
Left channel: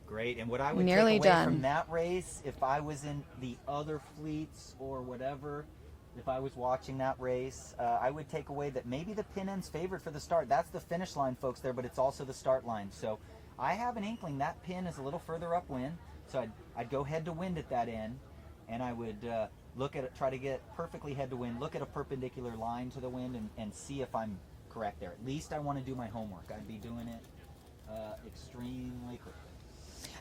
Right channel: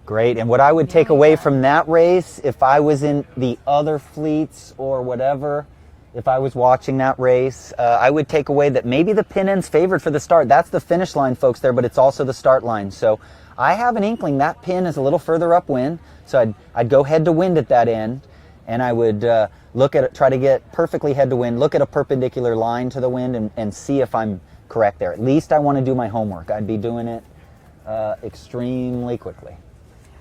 great. And what I would take nearly away done. from that race, if I was in the other fleets or whatever, if I was watching that race, I would take away that maybe the pin end's favored for the start. That's the finish line, folks, there, but it's also the start line. So I have an inkling that pin is a little further upwind. So I'd go head to wind at that end, and I would look at it, try to get perfectly head to wind, look at a perpendicular line to the wind, and see if I'm correct there. At least I want to do my homework. I'd be doing it extremely quickly.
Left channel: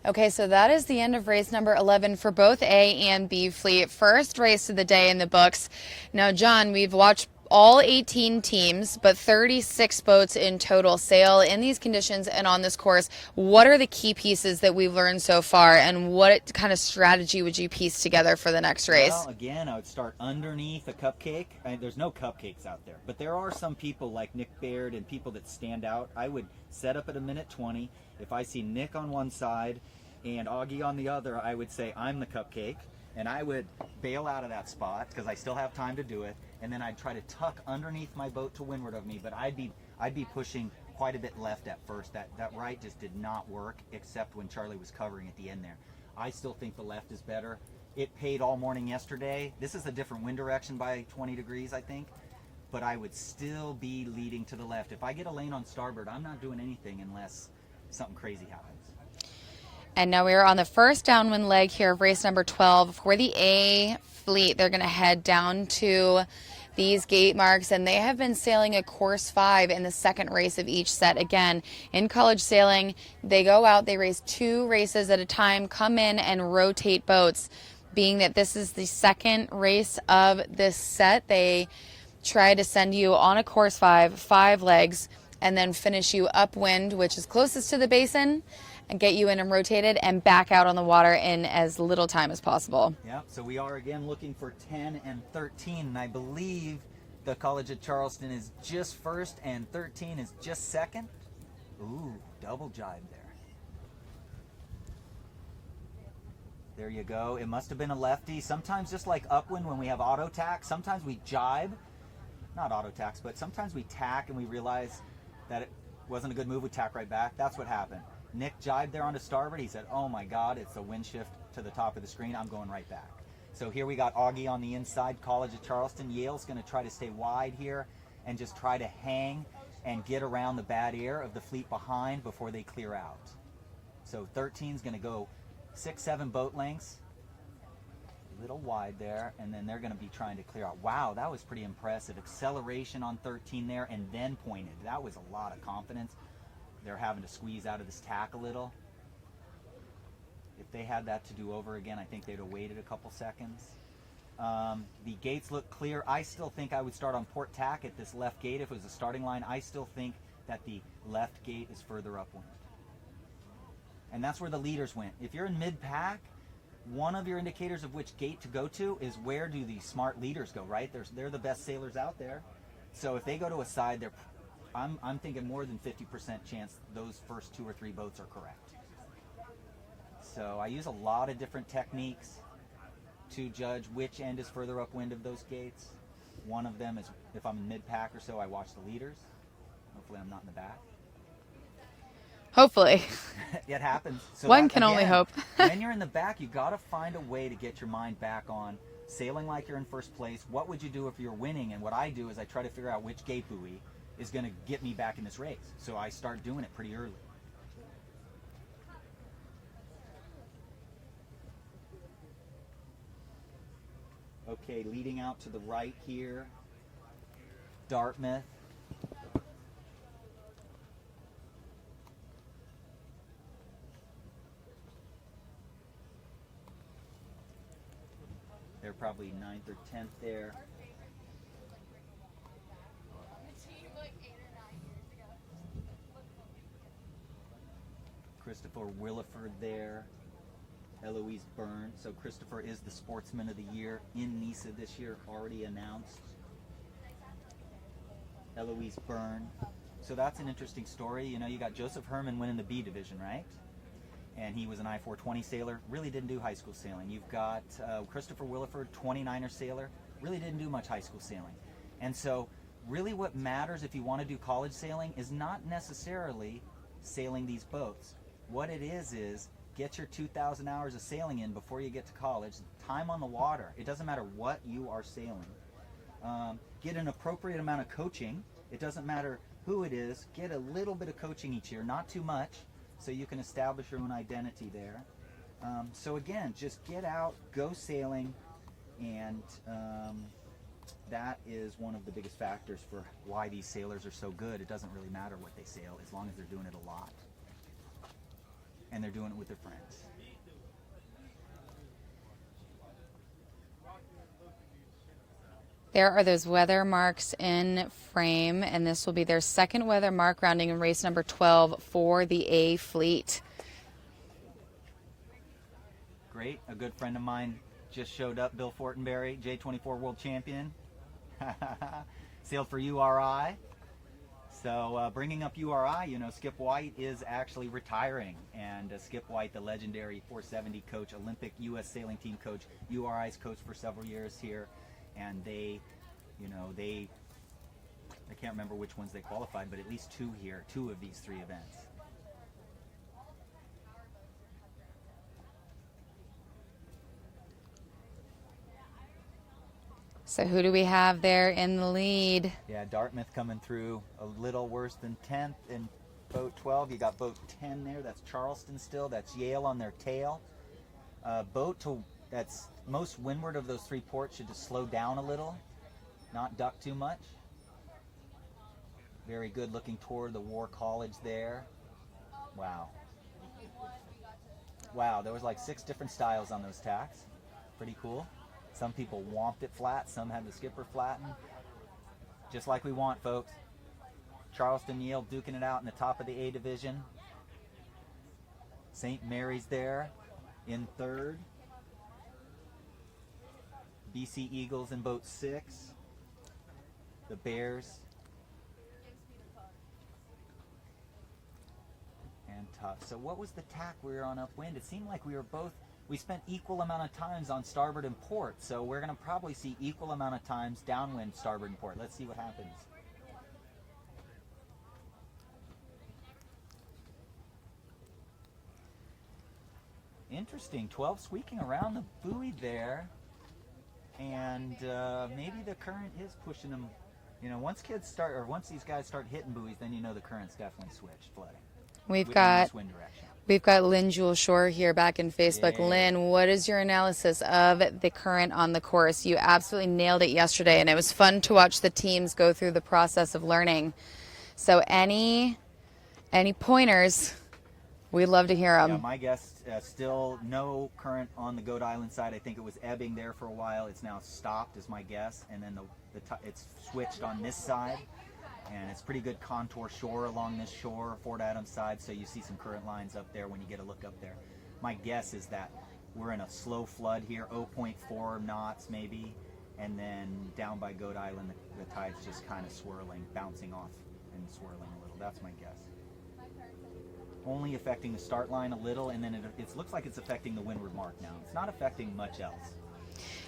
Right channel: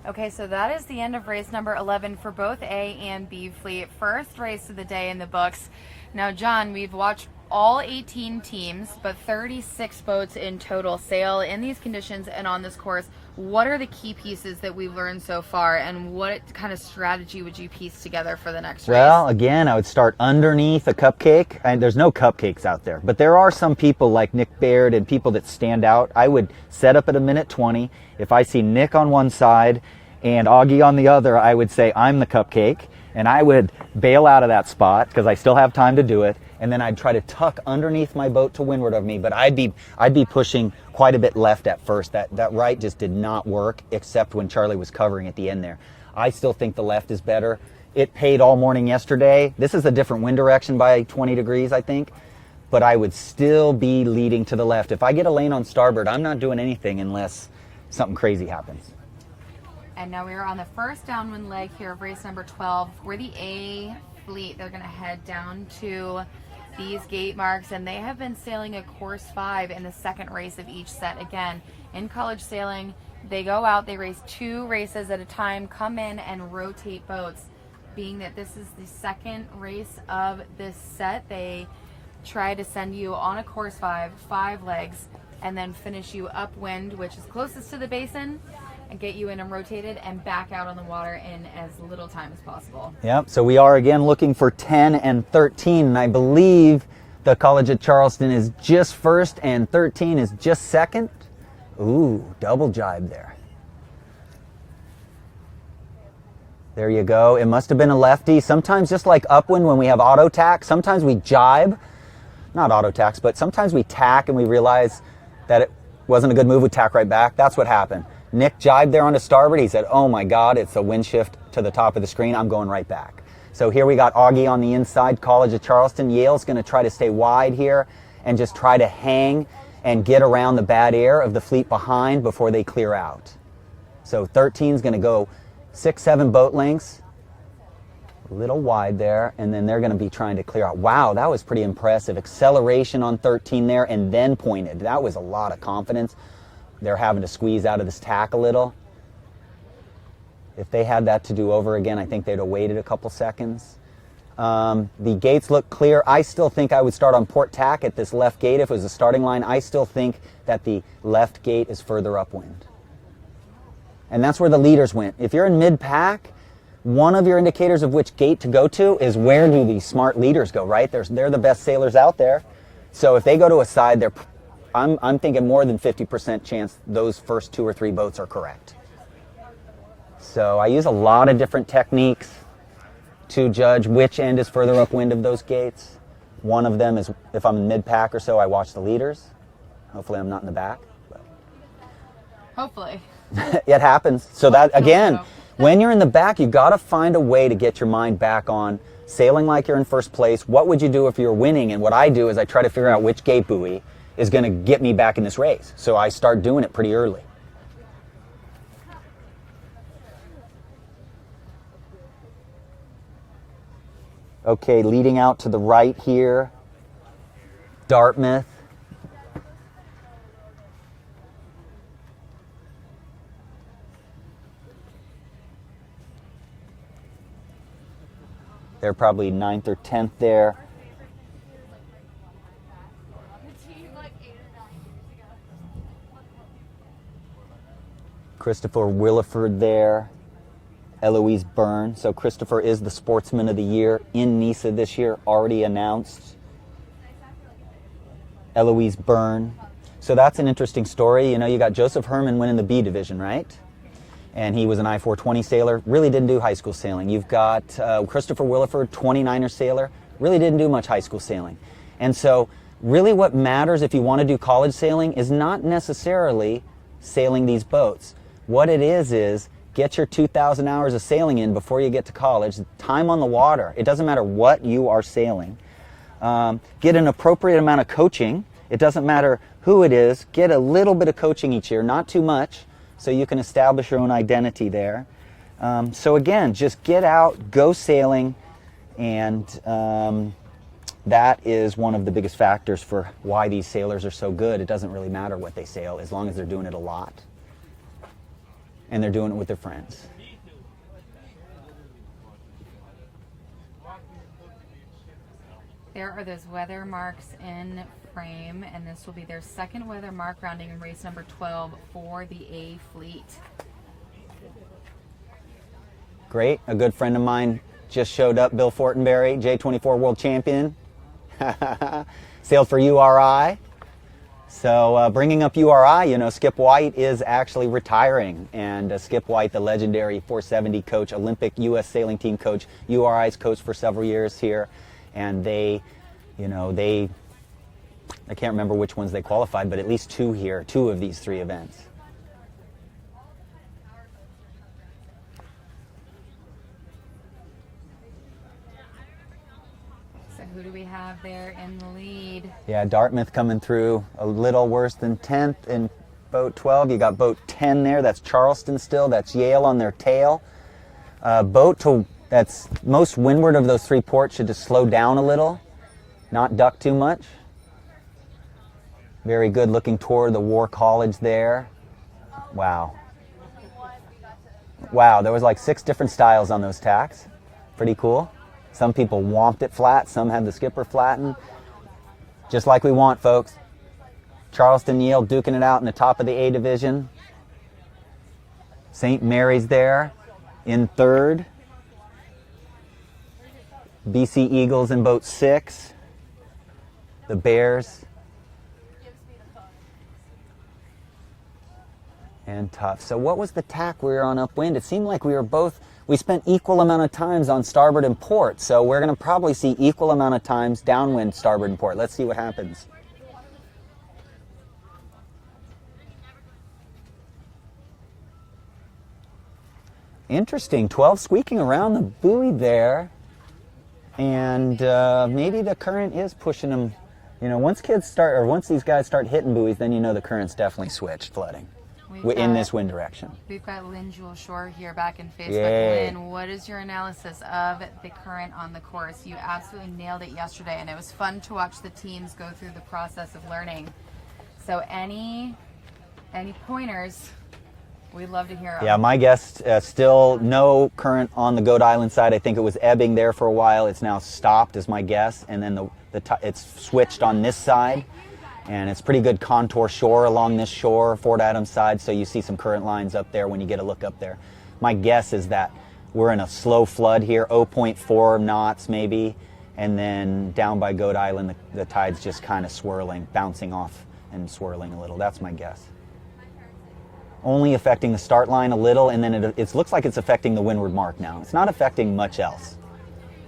Okay, so that is the end of race number 11 for both A and B fleet. First race of the day in the books. Now, John, we've watched all 18 teams, but 36 boats in total sail in these conditions and on this course. What are the key pieces that we've learned so far, and what kind of strategy would you piece together for the next race? Well, again, I would start underneath a cupcake. There's no cupcakes out there, but there are some people like Nick Baird and people that stand out. I would set up at a minute 20. If I see Nick on one side and Augie on the other, I would say I'm the cupcake, and I would bail out of that spot because I still have time to do it. And then I'd try to tuck underneath my boat to windward of me, but I'd be pushing quite a bit left at first. That right just did not work, except when Charlie was covering at the end there. I still think the left is better. It paid all morning yesterday. This is a different wind direction by 20 degrees, I think, but I would still be leading to the left. If I get a lane on starboard, I'm not doing anything unless something crazy happens. And now we are on the first downwind leg here of race number 12 for the A fleet. They're going to head down to these gate marks, and they have been sailing a course 5 in the second race of each set. Again, in college sailing, they go out, they race 2 races at a time, come in and rotate boats. Being that this is the second race of this set, they try to send you on a course 5 legs, and then finish you upwind, which is closest to the basin, and get you in and rotated and back out on the water in as little time as possible. Yep, so we are again looking for 10 and 13, and I believe the College at Charleston is just first and 13 is just second. Ooh, double jibe there. There you go. It must have been a lefty. Sometimes, just like upwind when we have auto tack, sometimes we jibe, not auto tacks, but sometimes we tack and we realize that it wasn't a good move, we tack right back. That's what happened. Nick jibed there on the starboard. He said, oh my God, it's a wind shift to the top of the screen. I'm going right back. So here we got Augie on the inside, College of Charleston. Yale's going to try to stay wide here and just try to hang and get around the bad air of the fleet behind before they clear out. So 13 is going to go 6-7 boat lengths, a little wide there, and then they're going to be trying to clear out. Wow, that was pretty impressive. Acceleration on 13 there and then pointed. That was a lot of confidence. They're having to squeeze out of this tack a little. If they had that to do over again, I think they'd have waited a couple seconds. The gates look clear. I still think I would start on port tack at this left gate if it was a starting line. I still think that the left gate is further upwind. And that's where the leaders went. If you're in mid-pack, one of your indicators of which gate to go to is where do these smart leaders go, right? They're the best sailors out there. So if they go to a side, I'm thinking more than 50% chance those first 2 or 3 boats are correct. So I use a lot of different techniques to judge which end is further upwind of those gates. One of them is if I'm in mid-pack or so, I watch the leaders. Hopefully I'm not in the back. But Hopefully. It happens. So One that, can only again, hope. when you're in the back, you got to find a way to get your mind back on sailing like you're in first place. What would you do if you're winning? And what I do is I try to figure out which gate buoy is going to get me back in this race. So I start doing it pretty early. Okay, leading out to the right here, Dartmouth. They're probably 9th or 10th there. Christopher Williford there, Eloise Byrne. So Christopher is the Sportsman of the Year in NISA this year, already announced. Eloise Byrne. So that's an interesting story. You know, you got Joseph Herman winning the B division, right? And he was an I-420 sailor, really didn't do high school sailing. You've got Christopher Williford, 29er sailor, really didn't do much high school sailing. And so really what matters if you want to do college sailing is not necessarily sailing these boats. What it is get your 2,000 hours of sailing in before you get to college, time on the water. It doesn't matter what you are sailing. Get an appropriate amount of coaching. It doesn't matter who it is. Get a little bit of coaching each year, not too much, so you can establish your own identity there. So again, just get out, go sailing, and that is one of the biggest factors for why these sailors are so good. It doesn't really matter what they sail as long as they're doing it a lot and they're doing it with their friends. There are those weather marks in frame, and this will be their second weather mark, rounding in race number 12 for the A fleet. Great. A good friend of mine just showed up, Bill Fortenberry, J24 world champion. Sailed for URI. So bringing up URI, you know, Skip White is actually retiring, and Skip White, the legendary 470 coach, Olympic U.S. sailing team coach, URI's coach for several years here, and they, you know, I can't remember which ones they qualified, but at least two of these 3 events. So who do we have there in the lead? Yeah, Dartmouth coming through a little worse than 10th in boat 12. You got boat 10 there. That's Charleston still. That's Yale on their tail. That's most windward of those 3 ports should just slow down a little, not duck too much. Very good looking toward the War College there. Wow. Wow, there was like 6 different styles on those tacks. Pretty cool. Some people womped it flat, some had the skipper flattened. Just like we want, folks. Charleston, Yale duking it out in the top of the A division. St. Mary's there in 3rd. BC Eagles in boat 6. The Bears. And Tough. So what was the tack we were on upwind? It seemed like we spent equal amount of times on starboard and port, so we're going to probably see equal amount of times downwind, starboard, and port. Let's see what happens. Interesting, 12 squeaking around the buoy there, and maybe the current is pushing them. You know, once these guys start hitting buoys, then you know the current's definitely switched, flooding. In this wind direction. We've got Lynn Jewel Shore here back in Facebook. Yay. Lynn, what is your analysis of the current on the course? You absolutely nailed it yesterday, and it was fun to watch the teams go through the process of learning. So any pointers, we'd love to hear them. Yeah, my guess, still no current on the Goat Island side. I think it was ebbing there for a while. It's now stopped is my guess, and then it's switched on this side. And it's pretty good contour shore along this shore, Fort Adams side, so you see some current lines up there when you get a look up there. My guess is that we're in a slow flood here, 0.4 knots maybe, and then down by Goat Island, the tide's just kind of swirling, bouncing off and swirling a little. That's my guess. Only affecting the start line a little, and then it looks like it's affecting the windward mark now. It's not affecting much else.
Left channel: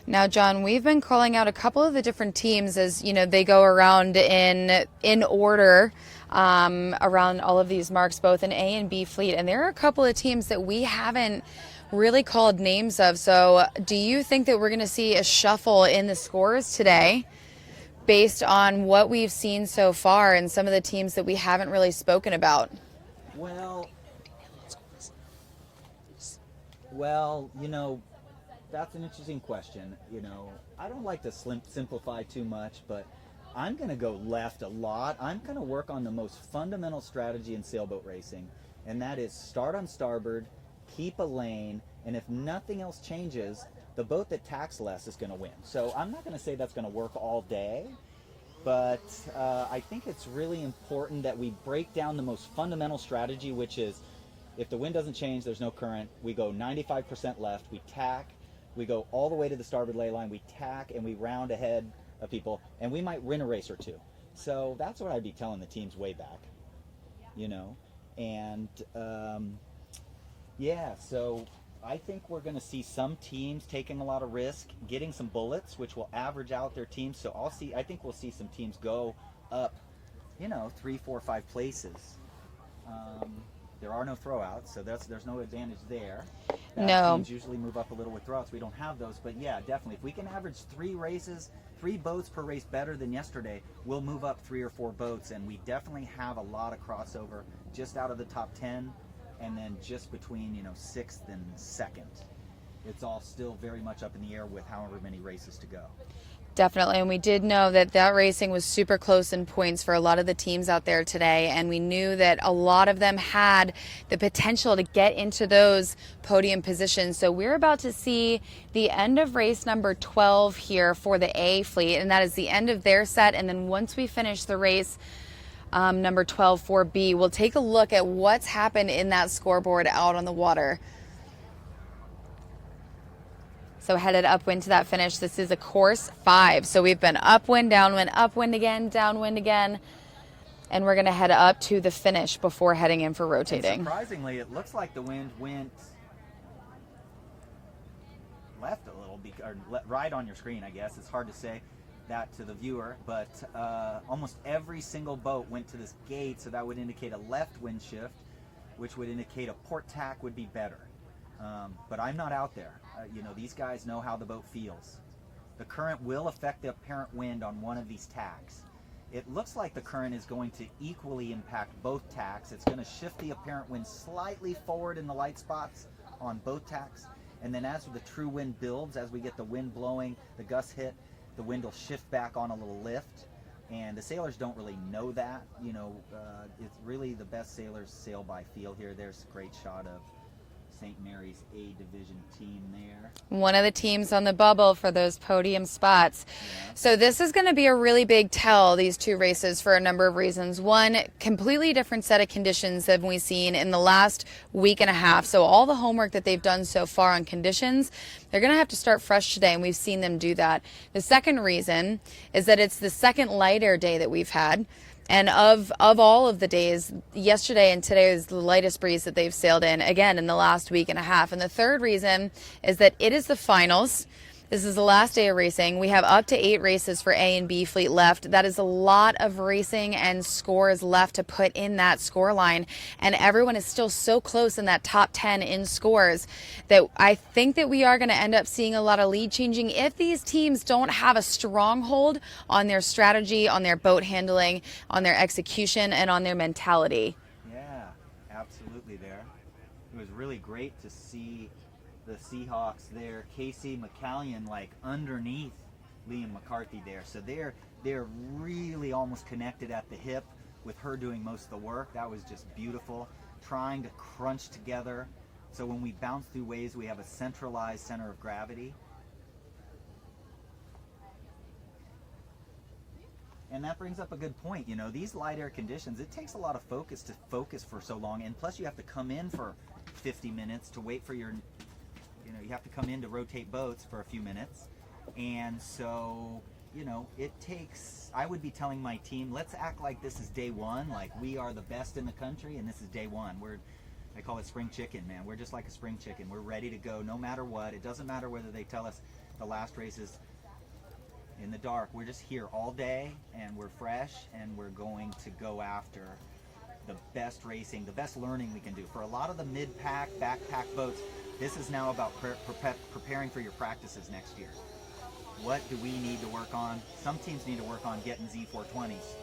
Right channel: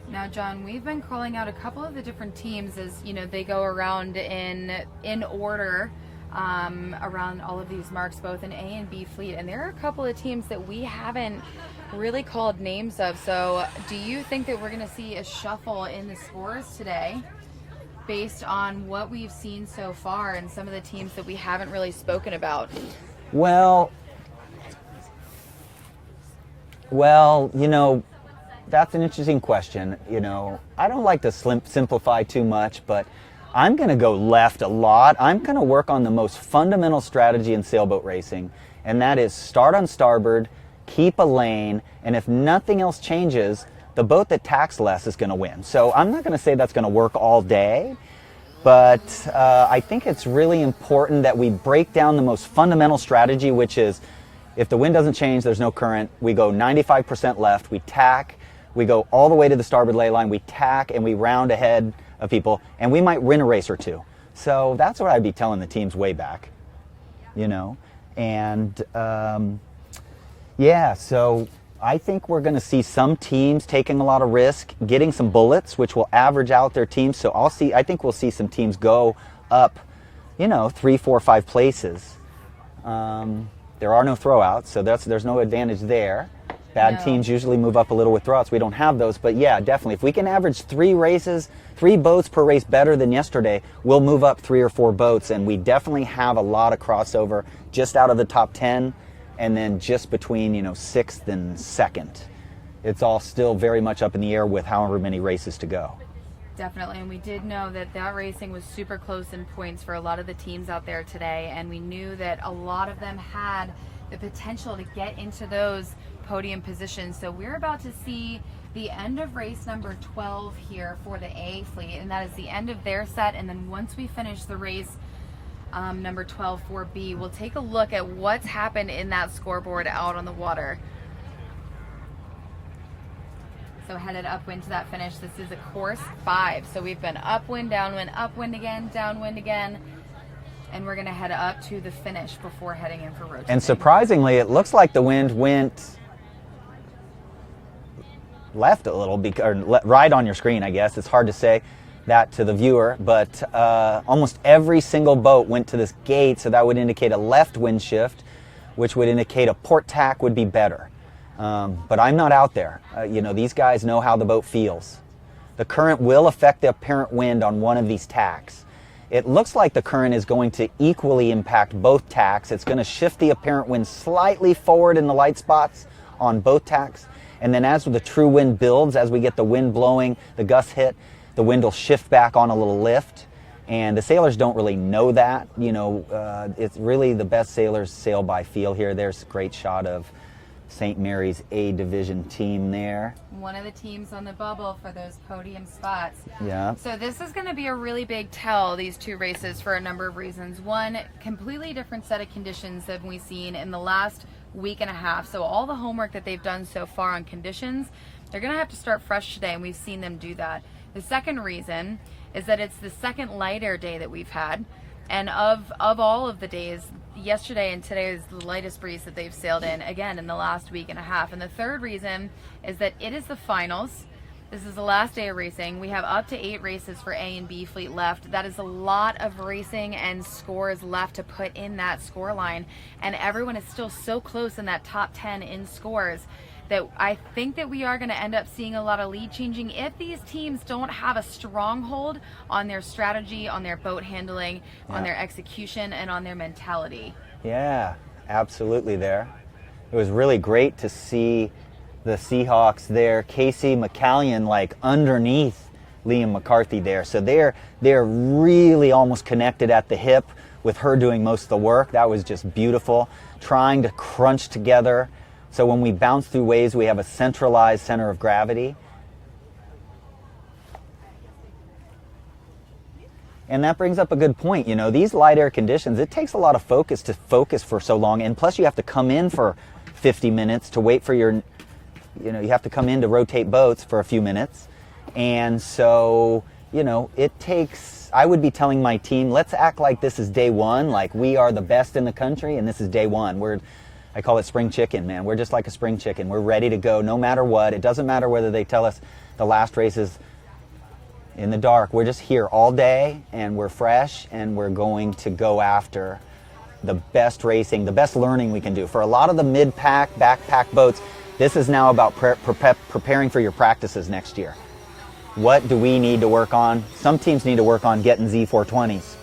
Now, John, we've been calling out a couple of the different teams as, you know, they go around in order around all of these marks, both in A and B fleet. And there are a couple of teams that we haven't really called names of. So do you think that we're going to see a shuffle in the scores today based on what we've seen so far and some of the teams that we haven't really spoken about? Well, you know, that's an interesting question. You know, I don't like to simplify too much, but I'm going to go left a lot. I'm going to work on the most fundamental strategy in sailboat racing, and that is start on starboard, keep a lane, and if nothing else changes, the boat that tacks less is going to win. So I'm not going to say that's going to work all day, but I think it's really important that we break down the most fundamental strategy, which is if the wind doesn't change, there's no current, we go 95% left, we tack, we go all the way to the starboard ley line, we tack, and we round ahead of people, and we might win a race or two. So that's what I'd be telling the teams way back, you know. And yeah, so I think we're going to see some teams taking a lot of risk, getting some bullets, which will average out their teams. So I think we'll see some teams go up, 3, 4, 5 places. There are no throwouts, so there's no advantage there. Bad teams usually move up a little with throwouts. We don't have those, but yeah, definitely. If we can average 3 boats per race better than yesterday, we'll move up 3 or 4 boats, and we definitely have a lot of crossover just out of the top 10, and then just between 6th and 2nd. It's all still very much up in the air with however many races to go. Definitely, and we did know that racing was super close in points for a lot of the teams out there today, and we knew that a lot of them had the potential to get into those podium positions. So we're about to see the end of race number 12 here for the A fleet, and that is the end of their set. And then once we finish the race number 12 for B, we'll take a look at what's happened in that scoreboard out on the water. So headed upwind to that finish. This is a course 5. So we've been upwind, upwind again, downwind again. And we're going to head up to the finish before heading in for rotating. And surprisingly, it looks like the wind went left a little, right on your screen, I guess. It's hard to say that to the viewer, but almost every single boat went to this gate, so that would indicate a left wind shift, which would indicate a port tack would be better. But I'm not out there. These guys know how the boat feels. The current will affect the apparent wind on one of these tacks. It looks like the current is going to equally impact both tacks. It's going to shift the apparent wind slightly forward in the light spots on both tacks. And then as the true wind builds, as we get the wind blowing, the gusts hit, the wind will shift back on a little lift. And the sailors don't really know that. It's really the best sailors sail by feel here. There's a great shot of St. Mary's A Division team there. One of the teams on the bubble for those podium spots. Yeah. So this is going to be a really big tell, these 2 races, for a number of reasons. One, completely different set of conditions than we've seen in the last week and a half. So all the homework that they've done so far on conditions, they're going to have to start fresh today, and we've seen them do that. The second reason is that it's the second light air day that we've had. And of all of the days, yesterday and today is the lightest breeze that they've sailed in, again, in the last week and a half. And the third reason is that it is the finals. This is the last day of racing. We have up to 8 races for A and B fleet left. That is a lot of racing and scores left to put in that score line. And everyone is still so close in that top 10 in scores that I think that we are going to end up seeing a lot of lead changing if these teams don't have a stronghold on their strategy, on their boat handling, on their execution, and on their mentality. Yeah, absolutely there. It was really great to see the Seahawks there, Casey McCallion underneath Liam McCarthy there. So they're really almost connected at the hip with her doing most of the work. That was just beautiful. Trying to crunch together. So when we bounce through waves, we have a centralized center of gravity. And that brings up a good point. These light air conditions, it takes a lot of focus to focus for so long. And plus you have to come in for 50 minutes to wait for your you have to come in to rotate boats for a few minutes. And so, it takes, I would be telling my team, let's act like this is day 1, like we are the best in the country and this is day 1. I call it spring chicken, man. We're just like a spring chicken. We're ready to go no matter what. It doesn't matter whether they tell us the last race is in the dark. We're just here all day and we're fresh and we're going to go after the best racing, the best learning we can do. For a lot of the mid-pack, backpack boats, this is now about preparing for your practices next year. What do we need to work on? Some teams need to work on getting Z420s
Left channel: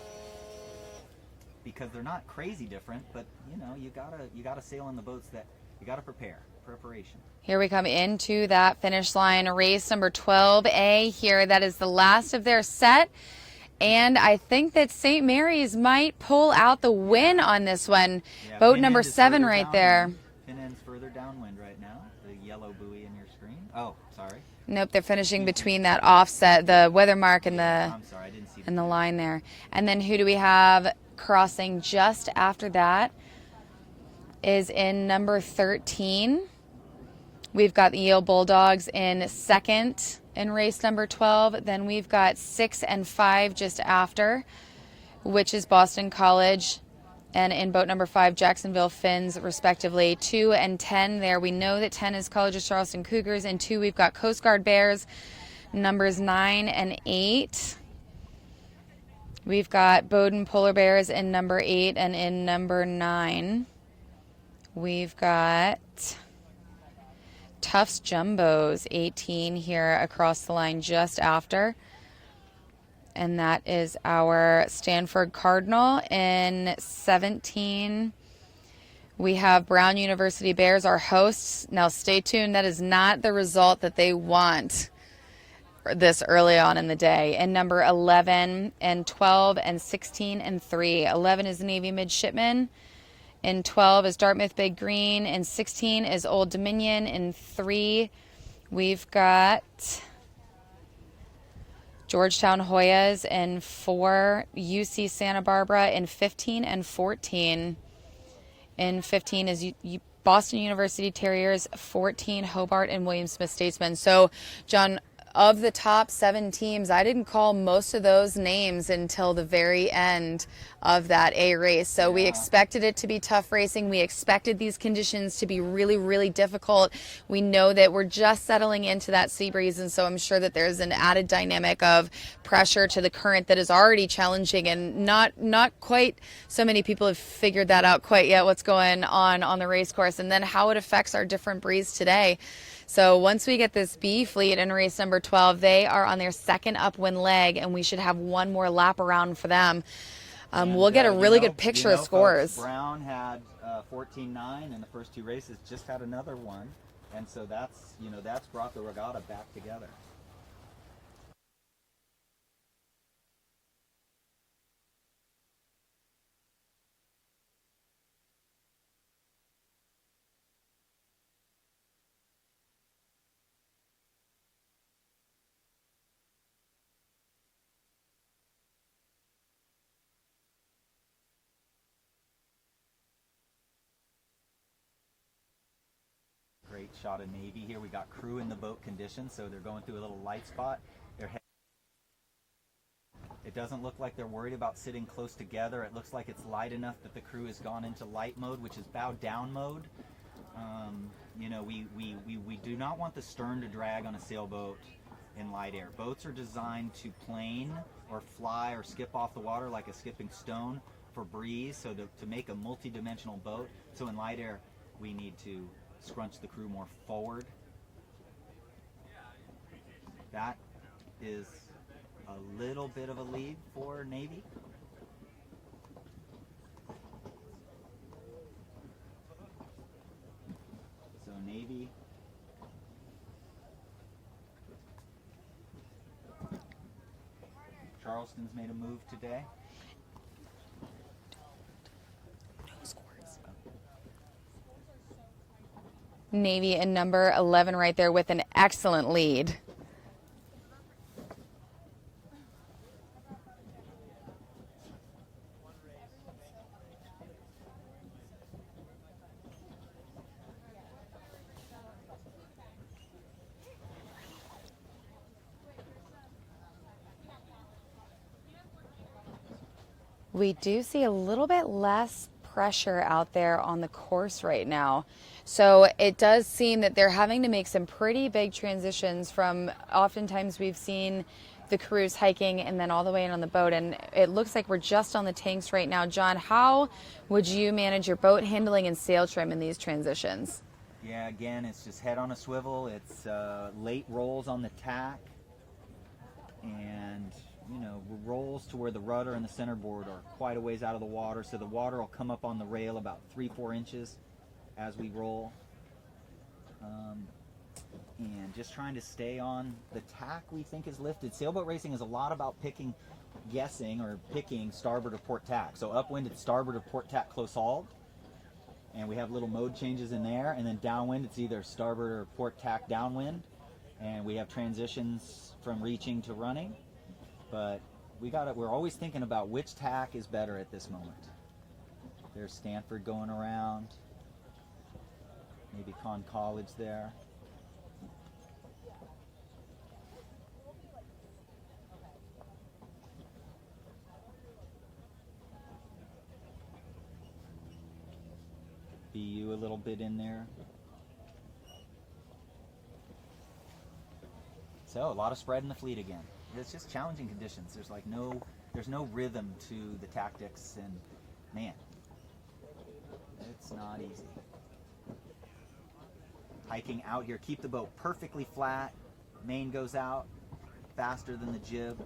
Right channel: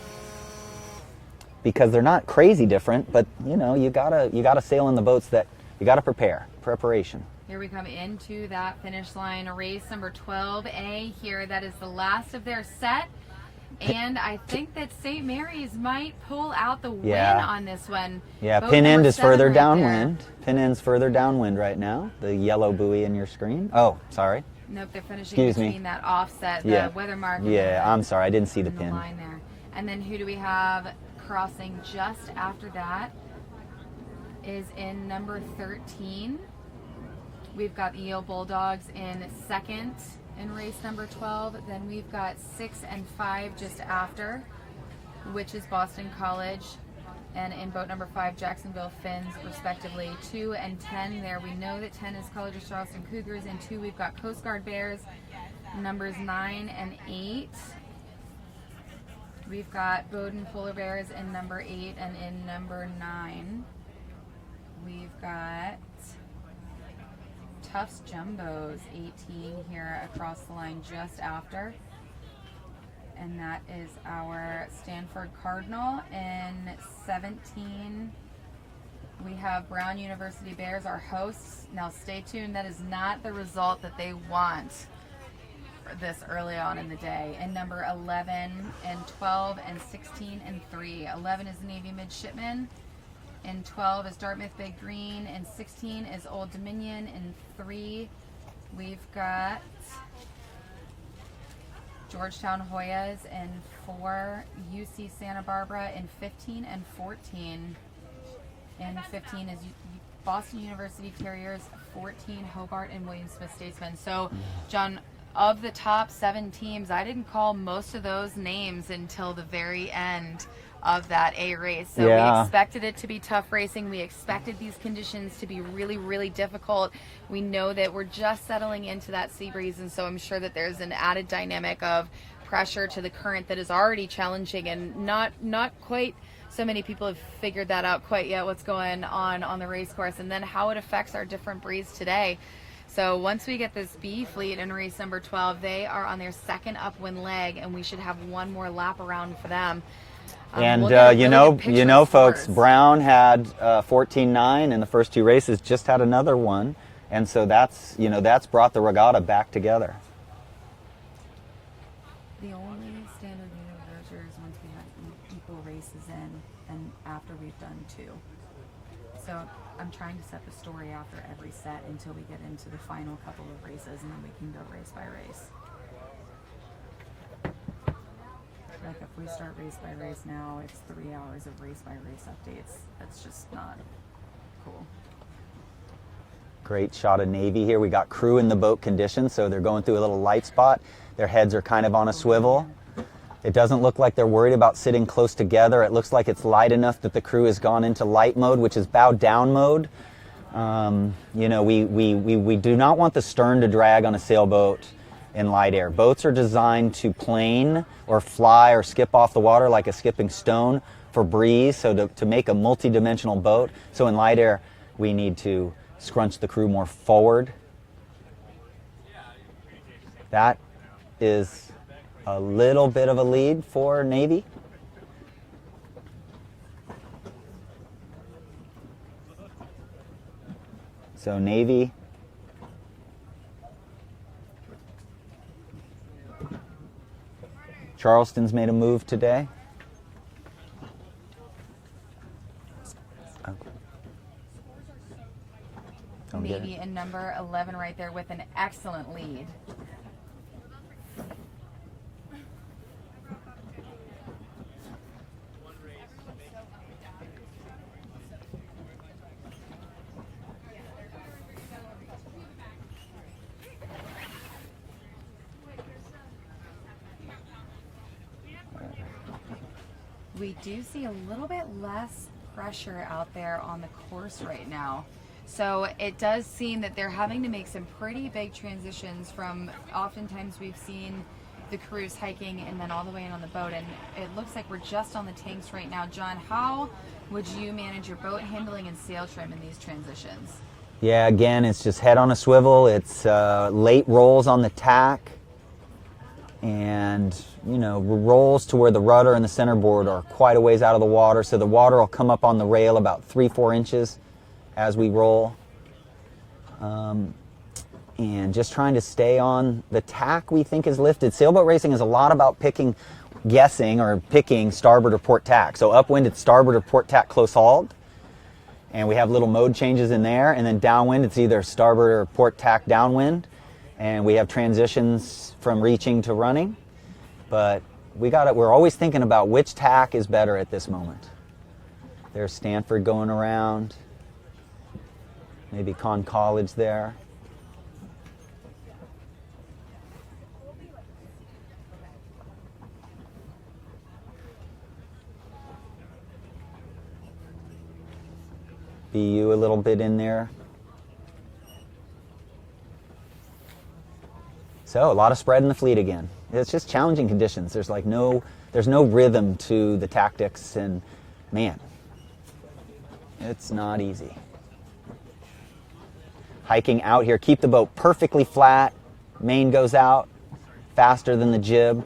because they're not crazy different, but you gotta sail in the boats that you gotta preparation. Here we come into that finish line, race number 12A here. That is the last of their set. And I think that St. Mary's might pull out the win on this one. Yeah, boat pin number end is 7 further right downwind. there. Pin end's further downwind right now. The yellow buoy in your screen. Oh, sorry. Nope, they're finishing Excuse me. between that offset, the weather mark and I'm sorry, I didn't see the the pin. line there. And then who do we have crossing just after that is in number 13. We've got the Yale Bulldogs in second in race number 12. Then we've got 6 and 5 just after, which is Boston College And in boat number 5, Jacksonville Finns, respectively. 2 and 10 there. We know that 10 is College of Charleston Cougars. And 2, we've got Coast Guard Bears, numbers 9 and 8. We've got Bowdoin Polar Bears in number 8 and in number 9. We've got Tufts Jumbos, 18 here across the line just after. And that is our Stanford Cardinal. In 17, we have Brown University Bears, our hosts. Now stay tuned. That is not the result that they want this early on in the day. And number 11 and 12 and 16 and 3. 11 is Navy Midshipman. In 12 is Dartmouth Big Green. In 16 is Old Dominion. In 3, we've got Georgetown Hoyas. In 4, UC Santa Barbara. In 15 and 14. In 15 is Boston University Terriers. 14, Hobart and William Smith Statesmen. So, John, of the top 7 teams, I didn't call most of those names until the very end of that A race. So we expected it to be tough racing. We expected these conditions to be really, really difficult. We know that we're just settling into that sea breeze, and so I'm sure that there's an added dynamic of pressure to the current that is already challenging, and not quite so many people have figured that out quite yet, what's going on the race course, and then how it affects our different breeze today. So once we get this B fleet in race number 12, they are on their second upwind leg, and we should have one more lap around for them. And we'll get a really good picture of folks, scores. Brown had 14-9 in the first 2 races, just had another one, and so that's brought the regatta back together. The only standard universal is once we have equal races in, and after we've done 2. So I'm trying to set the story after every set until we get into the final couple of races, and then we can go race by race. Like if we start race by race now, it's 3 hours of race by race updates. That's just not cool. Great shot of Navy here. We got crew in the boat condition, so they're going through a little light spot. Their heads are kind of on a swivel. It doesn't look like they're worried about sitting close together. It looks like it's light enough that the crew has gone into light mode, which is bow down mode. We do not want the stern to drag on a sailboat in light air. Boats are designed to plane or fly or skip off the water like a skipping stone for breeze, so to make a multi-dimensional boat. So in light air, we need to scrunch the crew more forward. That is a little bit of a lead for Navy. So Navy Charleston's made a move today. Navy in number 11 right there with an excellent lead. We do see a little bit less pressure out there on the course right now. So it does seem that they're having to make some pretty big transitions from, oftentimes we've seen the crews hiking and then all the way in on the boat, and it looks like we're just on the tanks right now. John, how would you manage your boat handling and sail trim in these transitions? Yeah, again, it's just head on a swivel. It's late rolls on the tack, and rolls to where the rudder and the centerboard are quite a ways out of the water, so the water will come up on the rail about 3-4 inches as we roll. And just trying to stay on the tack we think is lifted. Sailboat racing is a lot about picking starboard or port tack. So upwind it's starboard or port tack close hauled, and we have little mode changes in there, and then downwind it's either starboard or port tack downwind, and we have transitions from reaching to running. But we're always thinking about which tack is better at this moment. There's Stanford going around, maybe Conn College there. BU a little bit in there. So a lot of spread in the fleet again. It's just challenging conditions. There's no rhythm to the tactics, and man, it's not easy. Hiking out here, keep the boat perfectly flat. Main goes out faster than the jib.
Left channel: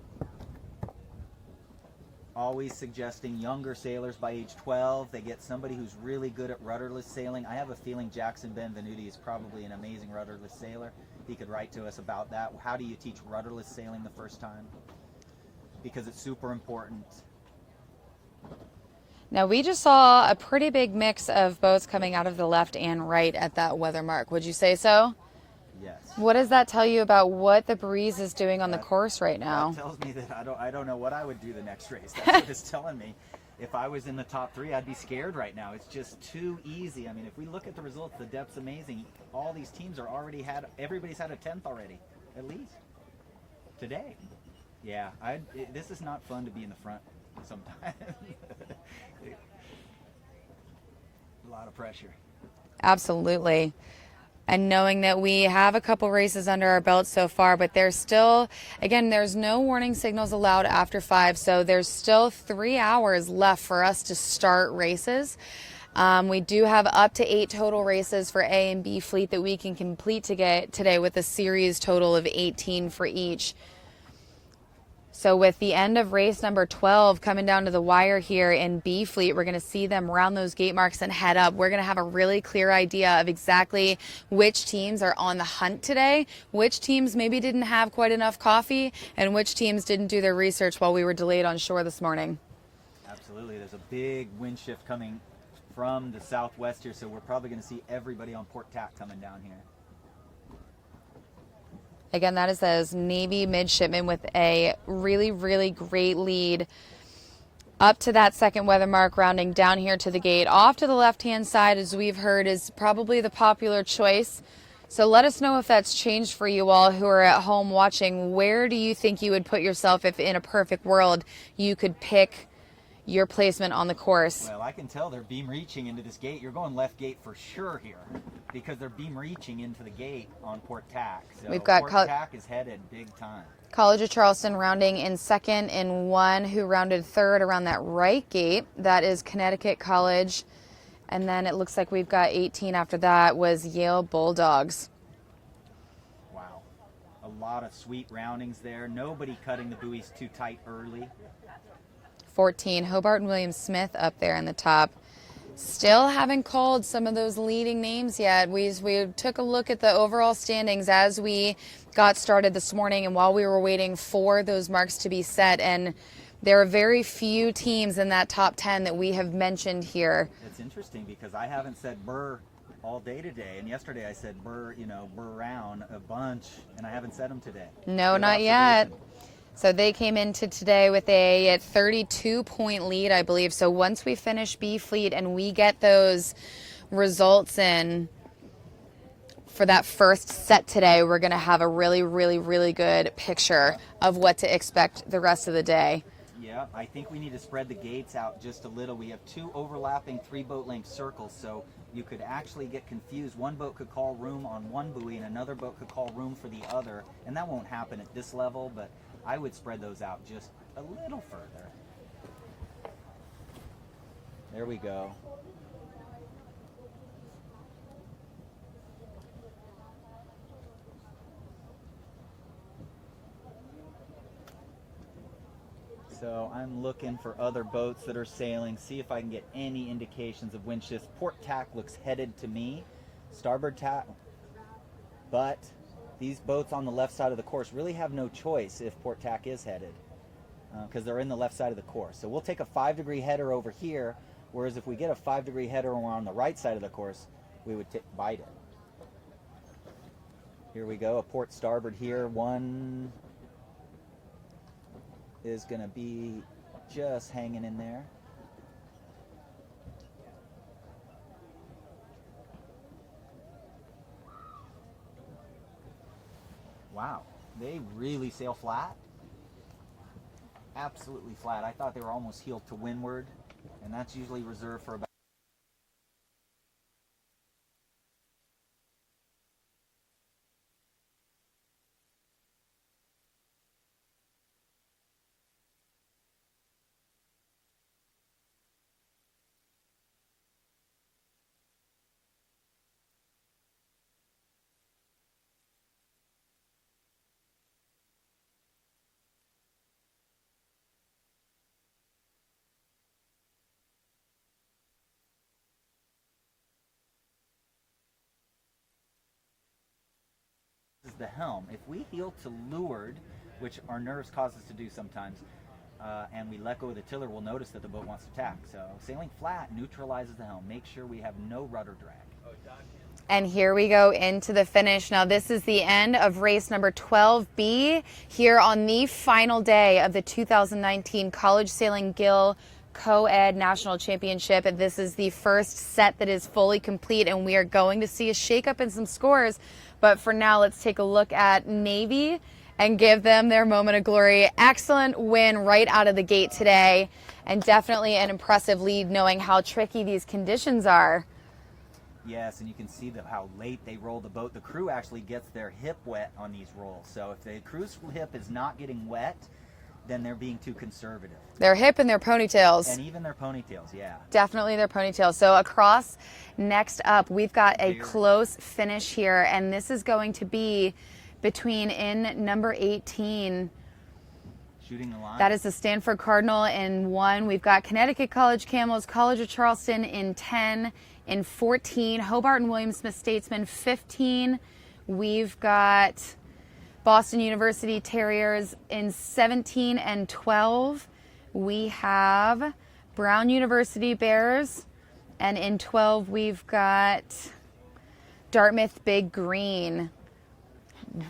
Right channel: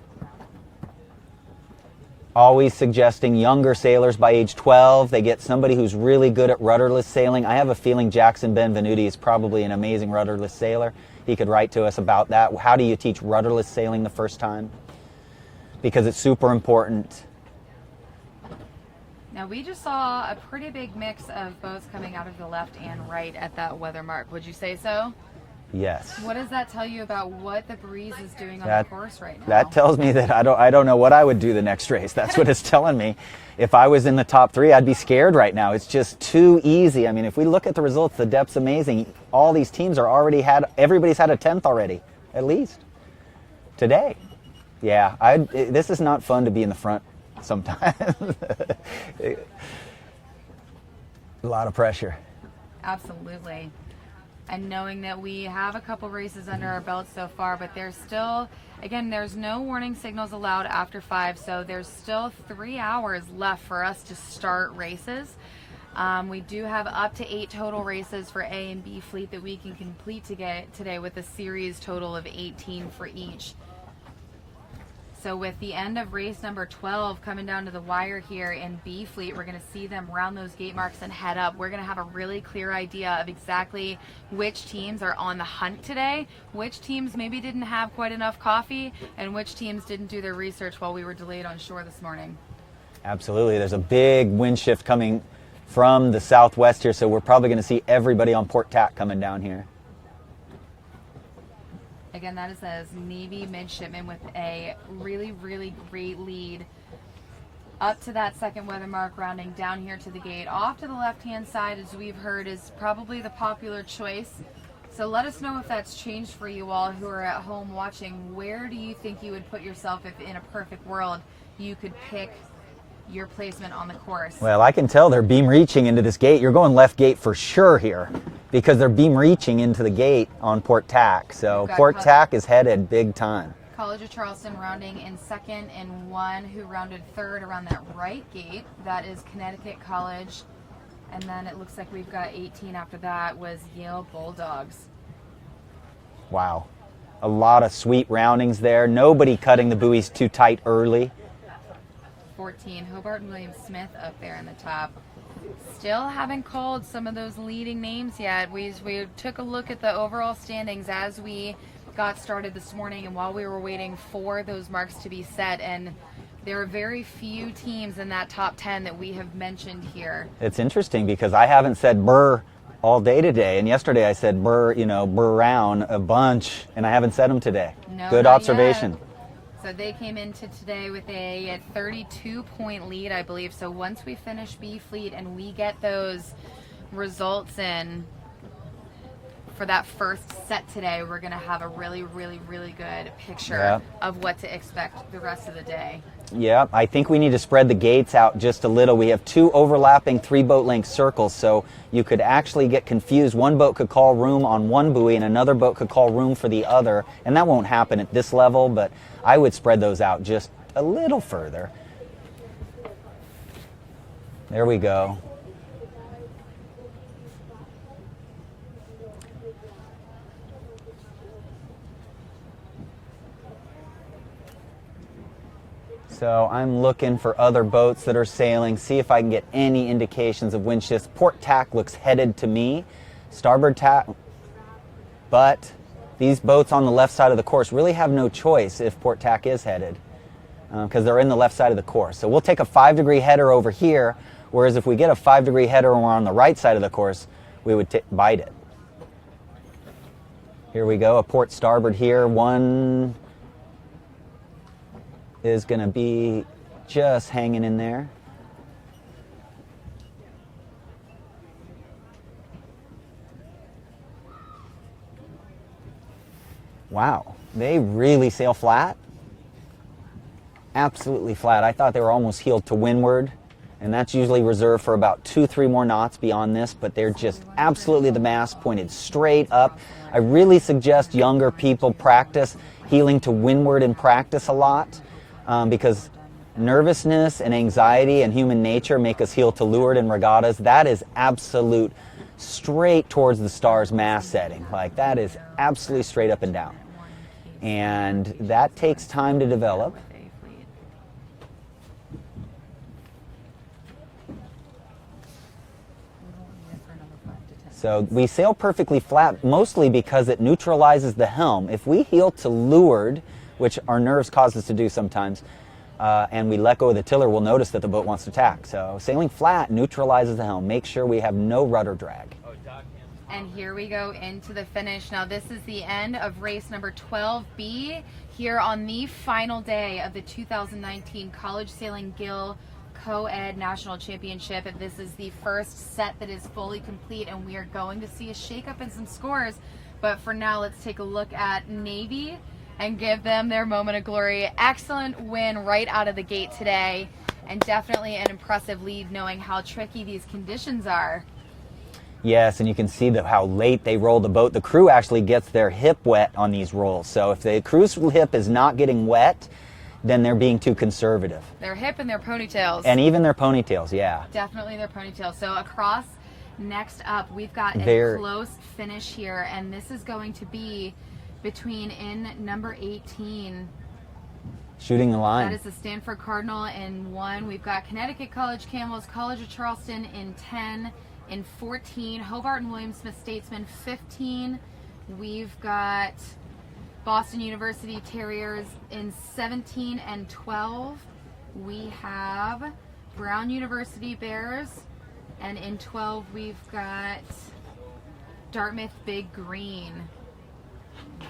Always suggesting younger sailors by age 12, they get somebody who's really good at rudderless sailing. I have a feeling Jackson Benvenuti is probably an amazing rudderless sailor. He could write to us about that. How do you teach rudderless sailing the first time? Because it's super important. Now, we just saw a pretty big mix of boats coming out of the left and right at that weather mark. Would you say so? Yes. What does that tell you about what the breeze is doing on the course right now? That tells me that I don't know what I would do the next race. That's what it's telling me. If I was in the top 3, I'd be scared right now. It's just too easy. I mean, if we look at the results, the depth's amazing. All these teams are everybody's had a 10th already, at least, today. Yeah, this is not fun to be in the front sometimes. A lot of pressure. Absolutely. And knowing that we have a couple races under our belt so far, but there's still, again, there's no warning signals allowed after 5, so there's still 3 hours left for us to start races. We do have up to 8 total races for A and B fleet that we can complete today with a series total of 18 for each. So with the end of race number 12 coming down to the wire here in B fleet, we're going to see them round those gate marks and head up. We're going to have a really clear idea of exactly which teams are on the hunt today, which teams maybe didn't have quite enough coffee, and which teams didn't do their research while we were delayed on shore this morning. Absolutely. There's a big wind shift coming from the southwest here, so we're probably going to see everybody on port tack coming down here. Again, that is those Navy midshipmen with a really, really great lead up to that second weather mark, rounding down here to the gate. Off to the left-hand side, as we've heard, is probably the popular choice. So let us know if that's changed for you all who are at home watching. Where do you think you would put yourself if in a perfect world you could pick your placement on the course? Well, I can tell they're beam reaching into this gate. You're going left gate for sure here, because they're beam reaching into the gate on port tack. So port tack is headed big time. College of Charleston rounding in second, and one who rounded third around that right gate. That is Connecticut College. And then it looks like we've got 18 after that was Yale Bulldogs. Wow. A lot of sweet roundings there. Nobody cutting the buoys too tight early. 14, Hobart and William Smith up there in the top. Still haven't called some of those leading names yet. We took a look at the overall standings as we got started this morning and while we were waiting for those marks to be set, and there are very few teams in that top 10 that we have mentioned here. It's interesting because I haven't said Burr all day today, and yesterday I said Burr round a bunch, and I haven't said them today. No, good not observation. Yet. So they came into today with a 32-point lead, I believe. So once we finish B fleet and we get those results in for that first set today, we're going to have a really, really, really good picture of what to expect the rest of the day. Yeah, I think we need to spread the gates out just a little. We have 2 overlapping 3-boat length circles, so you could actually get confused. One boat could call room on one buoy and another boat could call room for the other, and that won't happen at this level, but I would spread those out just a little further. There we go. So I'm looking for other boats that are sailing, see if I can get any indications of wind shifts. Port tack looks headed to me, starboard tack, but these boats on the left side of the course really have no choice if port tack is headed, because they're in the left side of the course. So we'll take a 5-degree header over here, whereas if we get a 5-degree header and we're on the right side of the course, we would bite it. Here we go, a port starboard here. One is going to be just hanging in there. Wow, they really sail flat. Absolutely flat. I thought they were almost heeled to windward, And that's usually reserved for about 2-3 more knots beyond this, but they're just absolutely the mast pointed straight up. I really suggest younger people practice heeling to windward in practice a lot, because nervousness and anxiety and human nature make us heel to leeward in regattas. That is absolute straight towards the star's mast setting. Like, that is absolutely straight up and down. And that takes time to develop. So we sail perfectly flat mostly because it neutralizes the helm. If we heel to leeward, which our nerves cause us to do sometimes, and we let go of the tiller, we'll notice that the boat wants to tack. So sailing flat neutralizes the helm. Make sure we have no rudder drag. And here we go into the finish. Now this is the end of race number 12B here on the final day of the 2019 College Sailing Gill Coed National Championship. And this is the first set that is fully complete, and we are going to see a shakeup in some scores. But for now, let's take a look at Navy and give them their moment of glory. Excellent win right out of the gate today, and definitely an impressive lead knowing how tricky these conditions are. Yes, and you can see how late they roll the boat. The crew actually gets their hip wet on these rolls. So if the crew's hip is not getting wet, then they're being too conservative. Their hip and their ponytails. And even their ponytails, yeah. Definitely their ponytails. So across, next up, we've got a close finish here, and this is going to be between in number 18. Shooting the line. That is the Stanford Cardinal in 1. We've got Connecticut College Camels, College of Charleston in 10. In 14, Hobart and William Smith Statesman 15. We've got Boston University Terriers in 17 and 12. We have Brown University Bears, and in 12 we've got Dartmouth Big Green.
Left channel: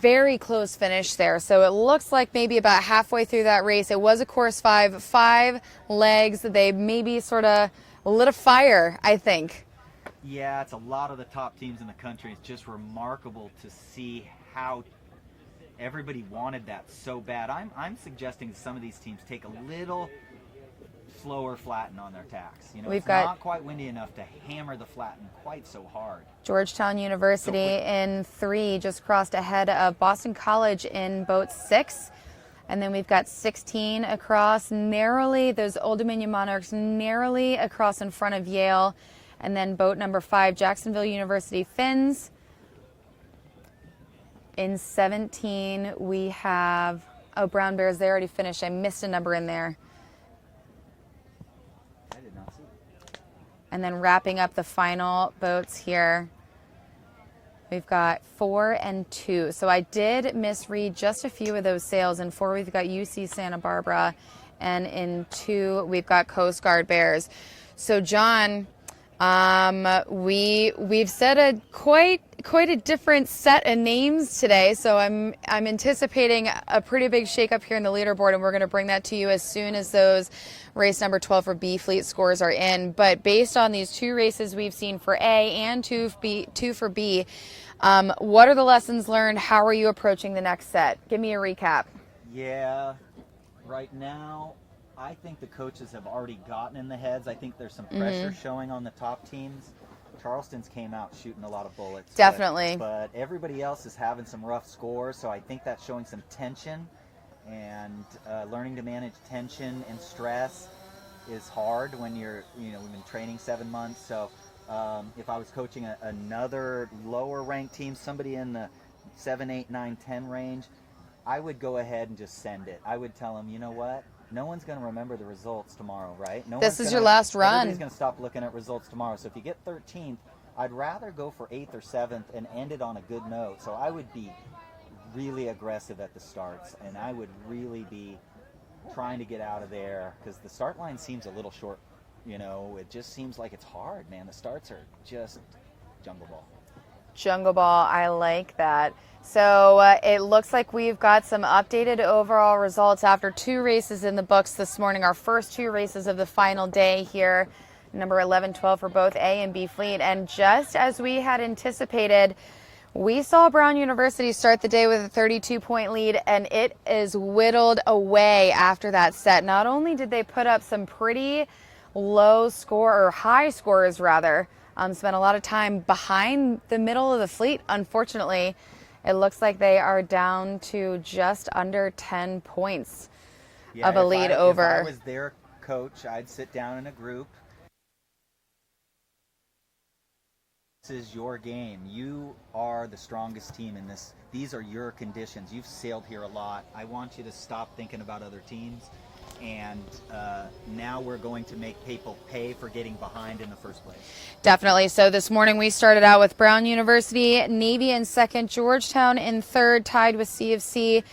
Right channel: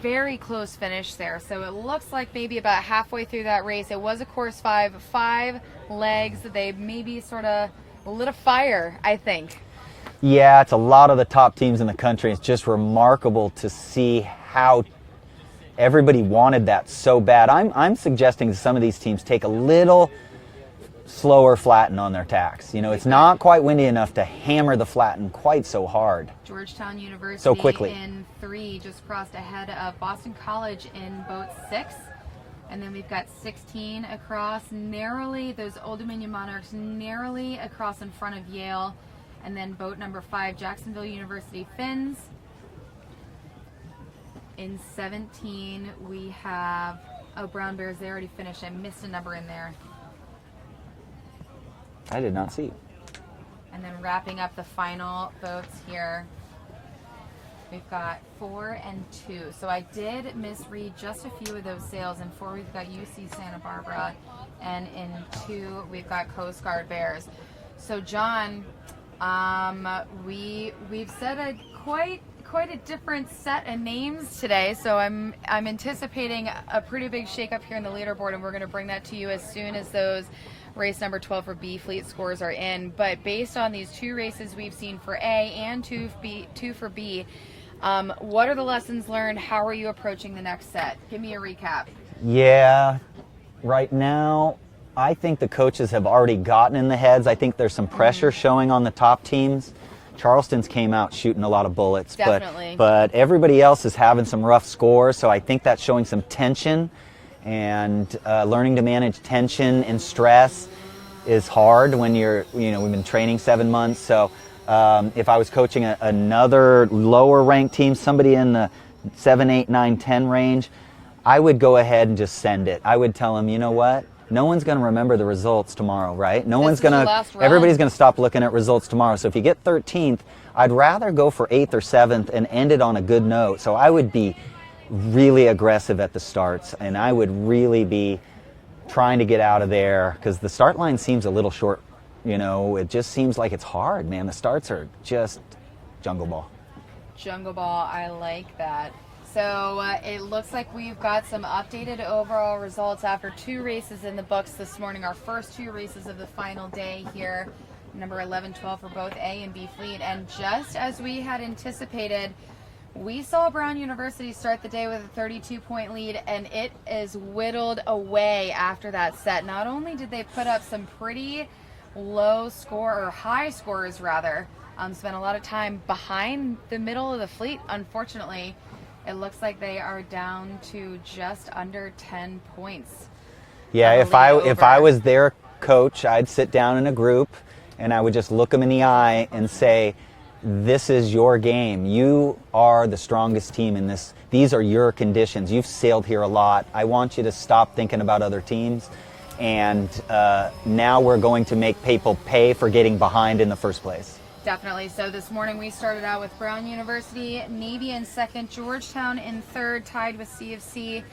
Very close finish there. So it looks like maybe about halfway through that race. It was a course 5 legs. They maybe sort of lit a fire, I think. Yeah, it's a lot of the top teams in the country. It's just remarkable to see how everybody wanted that so bad. I'm suggesting that some of these teams take a little slower flatten on their tacks. You know, it's not quite windy enough to hammer the flatten quite so hard. Georgetown University in 3 just crossed ahead of Boston College in boat 6. And then we've got 16 across narrowly, those Old Dominion Monarchs narrowly across in front of Yale. And then boat number 5, Jacksonville University Finns. In 17, we have, Brown Bears, they already finished. I missed a number in there. I did not see. And then wrapping up the final boats here, we've got 4 and 2. So I did misread just a few of those sails. In 4, we've got UC Santa Barbara. And in 2, we've got Coast Guard Bears. So, John, we've said quite a different set of names today, so I'm anticipating a pretty big shakeup here in the leaderboard, and we're going to bring that to you as soon as those race number 12 for B fleet scores are in. But based on these 2 races we've seen for A and 2 for B, what are the lessons learned? How are you approaching the next set? Give me a recap. Yeah, right now I think the coaches have already gotten in the heads. I think there's some pressure showing on the top teams. Charleston's came out shooting a lot of bullets. Definitely. But everybody else is having some rough scores, so I think that's showing some tension. And learning to manage tension and stress is hard when we've been training 7 months. So if I was coaching another lower ranked team, somebody in the 7, 8, 9, 10 range, I would go ahead and just send it. I would tell them, you know what? No one's going to remember the results tomorrow, right? Everybody's going to stop looking at results tomorrow. So if you get 13th, I'd rather go for 8th or 7th and end it on a good note. So I would be really aggressive at the starts, and I would really be trying to get out of there because the start line seems a little short. You know, it just seems like it's hard, man. The starts are just jungle ball. Jungle ball, I like that. So it looks like we've got some updated overall results after 2 races in the books this morning. Our first 2 races of the final day here, number 11, 12 for both A and B fleet. And just as we had anticipated, we saw Brown University start the day with a 32-point lead, and it is whittled away after that set. Not only did they put up some pretty low score, or high scorers rather, spent a lot of time behind the middle of the fleet. Unfortunately, it looks like they are down to just under 10 points. Yeah, if I was their coach, I'd sit down in a group and I would just look them in the eye and say, this is your game. You are the strongest team in this. These are your conditions. You've sailed here a lot. I want you to stop thinking about other teams. And now we're going to make people pay for getting behind in the first place. Definitely. So this morning we started out with Brown University, Navy in second, Georgetown in third, tied with CFC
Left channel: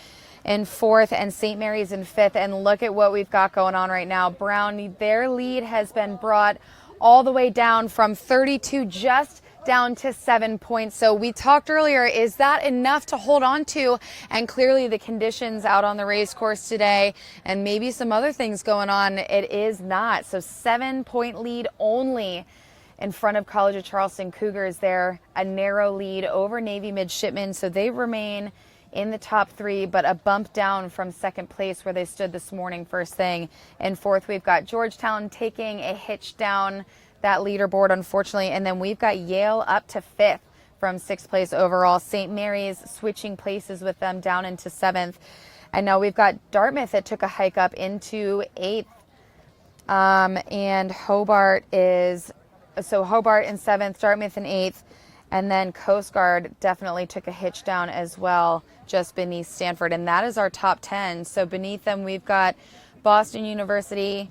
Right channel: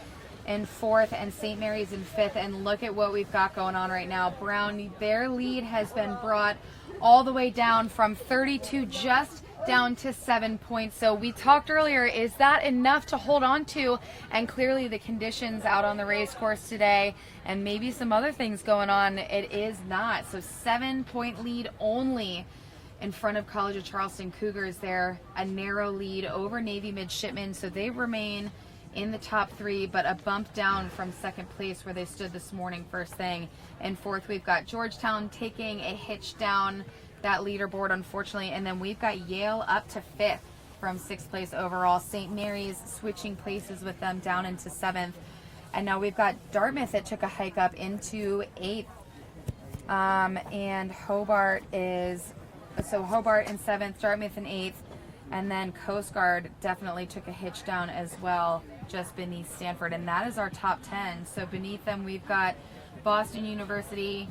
in fourth, and St. Mary's in fifth. And look at what we've got going on right now. Brown, their lead has been brought all the way down from 32 just down to 7 points. So we talked earlier, is that enough to hold on to? And clearly the conditions out on the race course today and maybe some other things going on, it is not. So 7 point lead only in front of College of Charleston Cougars there, a narrow lead over Navy Midshipmen. So they remain in the top three, but a bump down from second place where they stood this morning first thing. In fourth, we've got Georgetown taking a hitch down that leaderboard, unfortunately. And then we've got Yale up to fifth from sixth place overall. St. Mary's switching places with them down into seventh. And now we've got Dartmouth that took a hike up into eighth. And Hobart in seventh, Dartmouth in eighth. And then Coast Guard definitely took a hitch down as well, just beneath Stanford. And that is our top 10. So beneath them, we've got Boston University,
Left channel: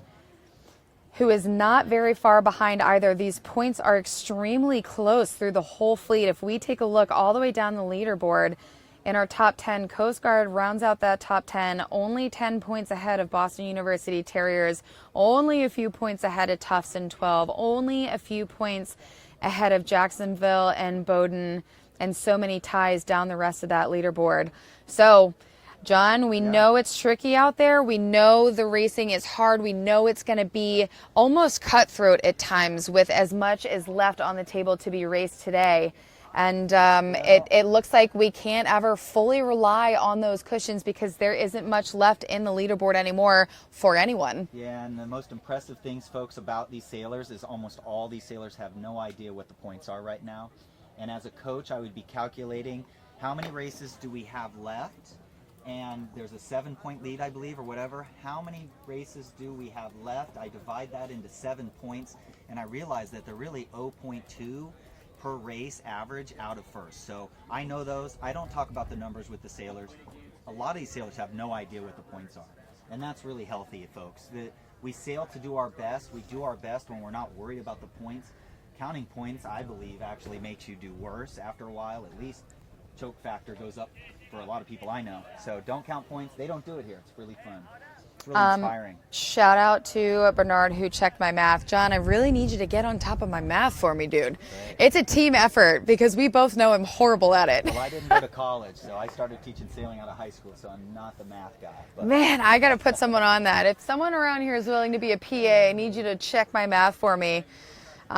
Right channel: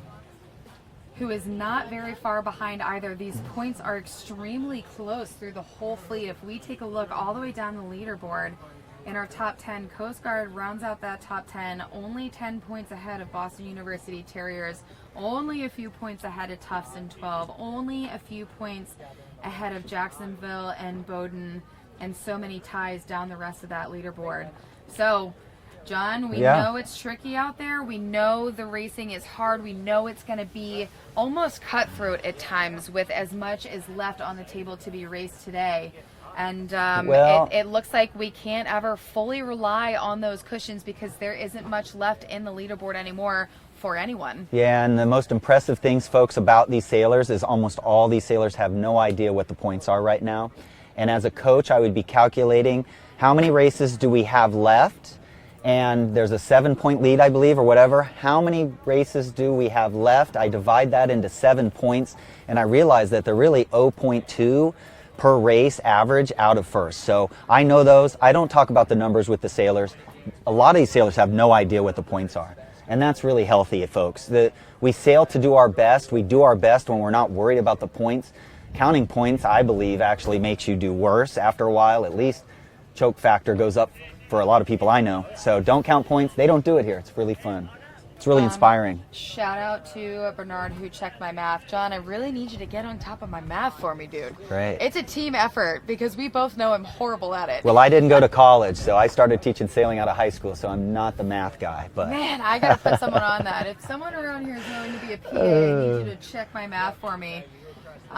who is not very far behind either. These points are extremely close through the whole fleet. If we take a look all the way down the leaderboard, in our top 10, Coast Guard rounds out that top 10, only 10 points ahead of Boston University Terriers, only a few points ahead of Tufts in 12, only a few points ahead of Jacksonville and Bowdoin, and so many ties down the rest of that leaderboard. So, John, we know it's tricky out there. We know the racing is hard. We know it's going to be almost cutthroat at times with as much as left on the table to be raced today. And it looks like we can't ever fully rely on those cushions because there isn't much left in the leaderboard anymore for anyone. Yeah, and the most impressive things, folks, about these sailors is almost all these sailors have no idea what the points are right now. And as a coach, I would be calculating how many races do we have left? And there's a 7 point lead, I believe, or whatever. How many races do we have left? I divide that into 7 points, and I realize that they're really 0.2 per race average out of first. So I know those. I don't talk about the numbers with the sailors. A lot of these sailors have no idea what the points are. And that's really healthy, folks. We sail to do our best. We do our best when we're not worried about the points. Counting points, I believe, actually makes you do worse after a while. At least choke factor goes up for a lot of people I know. So don't count points. They don't do it here. It's really fun. It's really inspiring. Shout out to Bernard who checked my math. John, I really need you to get on top of my math for me, dude. Great. It's a team effort because we both know I'm horrible at it. Well, I didn't go to college, so I started teaching sailing out of high school, so I'm not the math guy. But man, I got to put someone on that. If someone around here is willing to be a PA, I need you to check my math for me.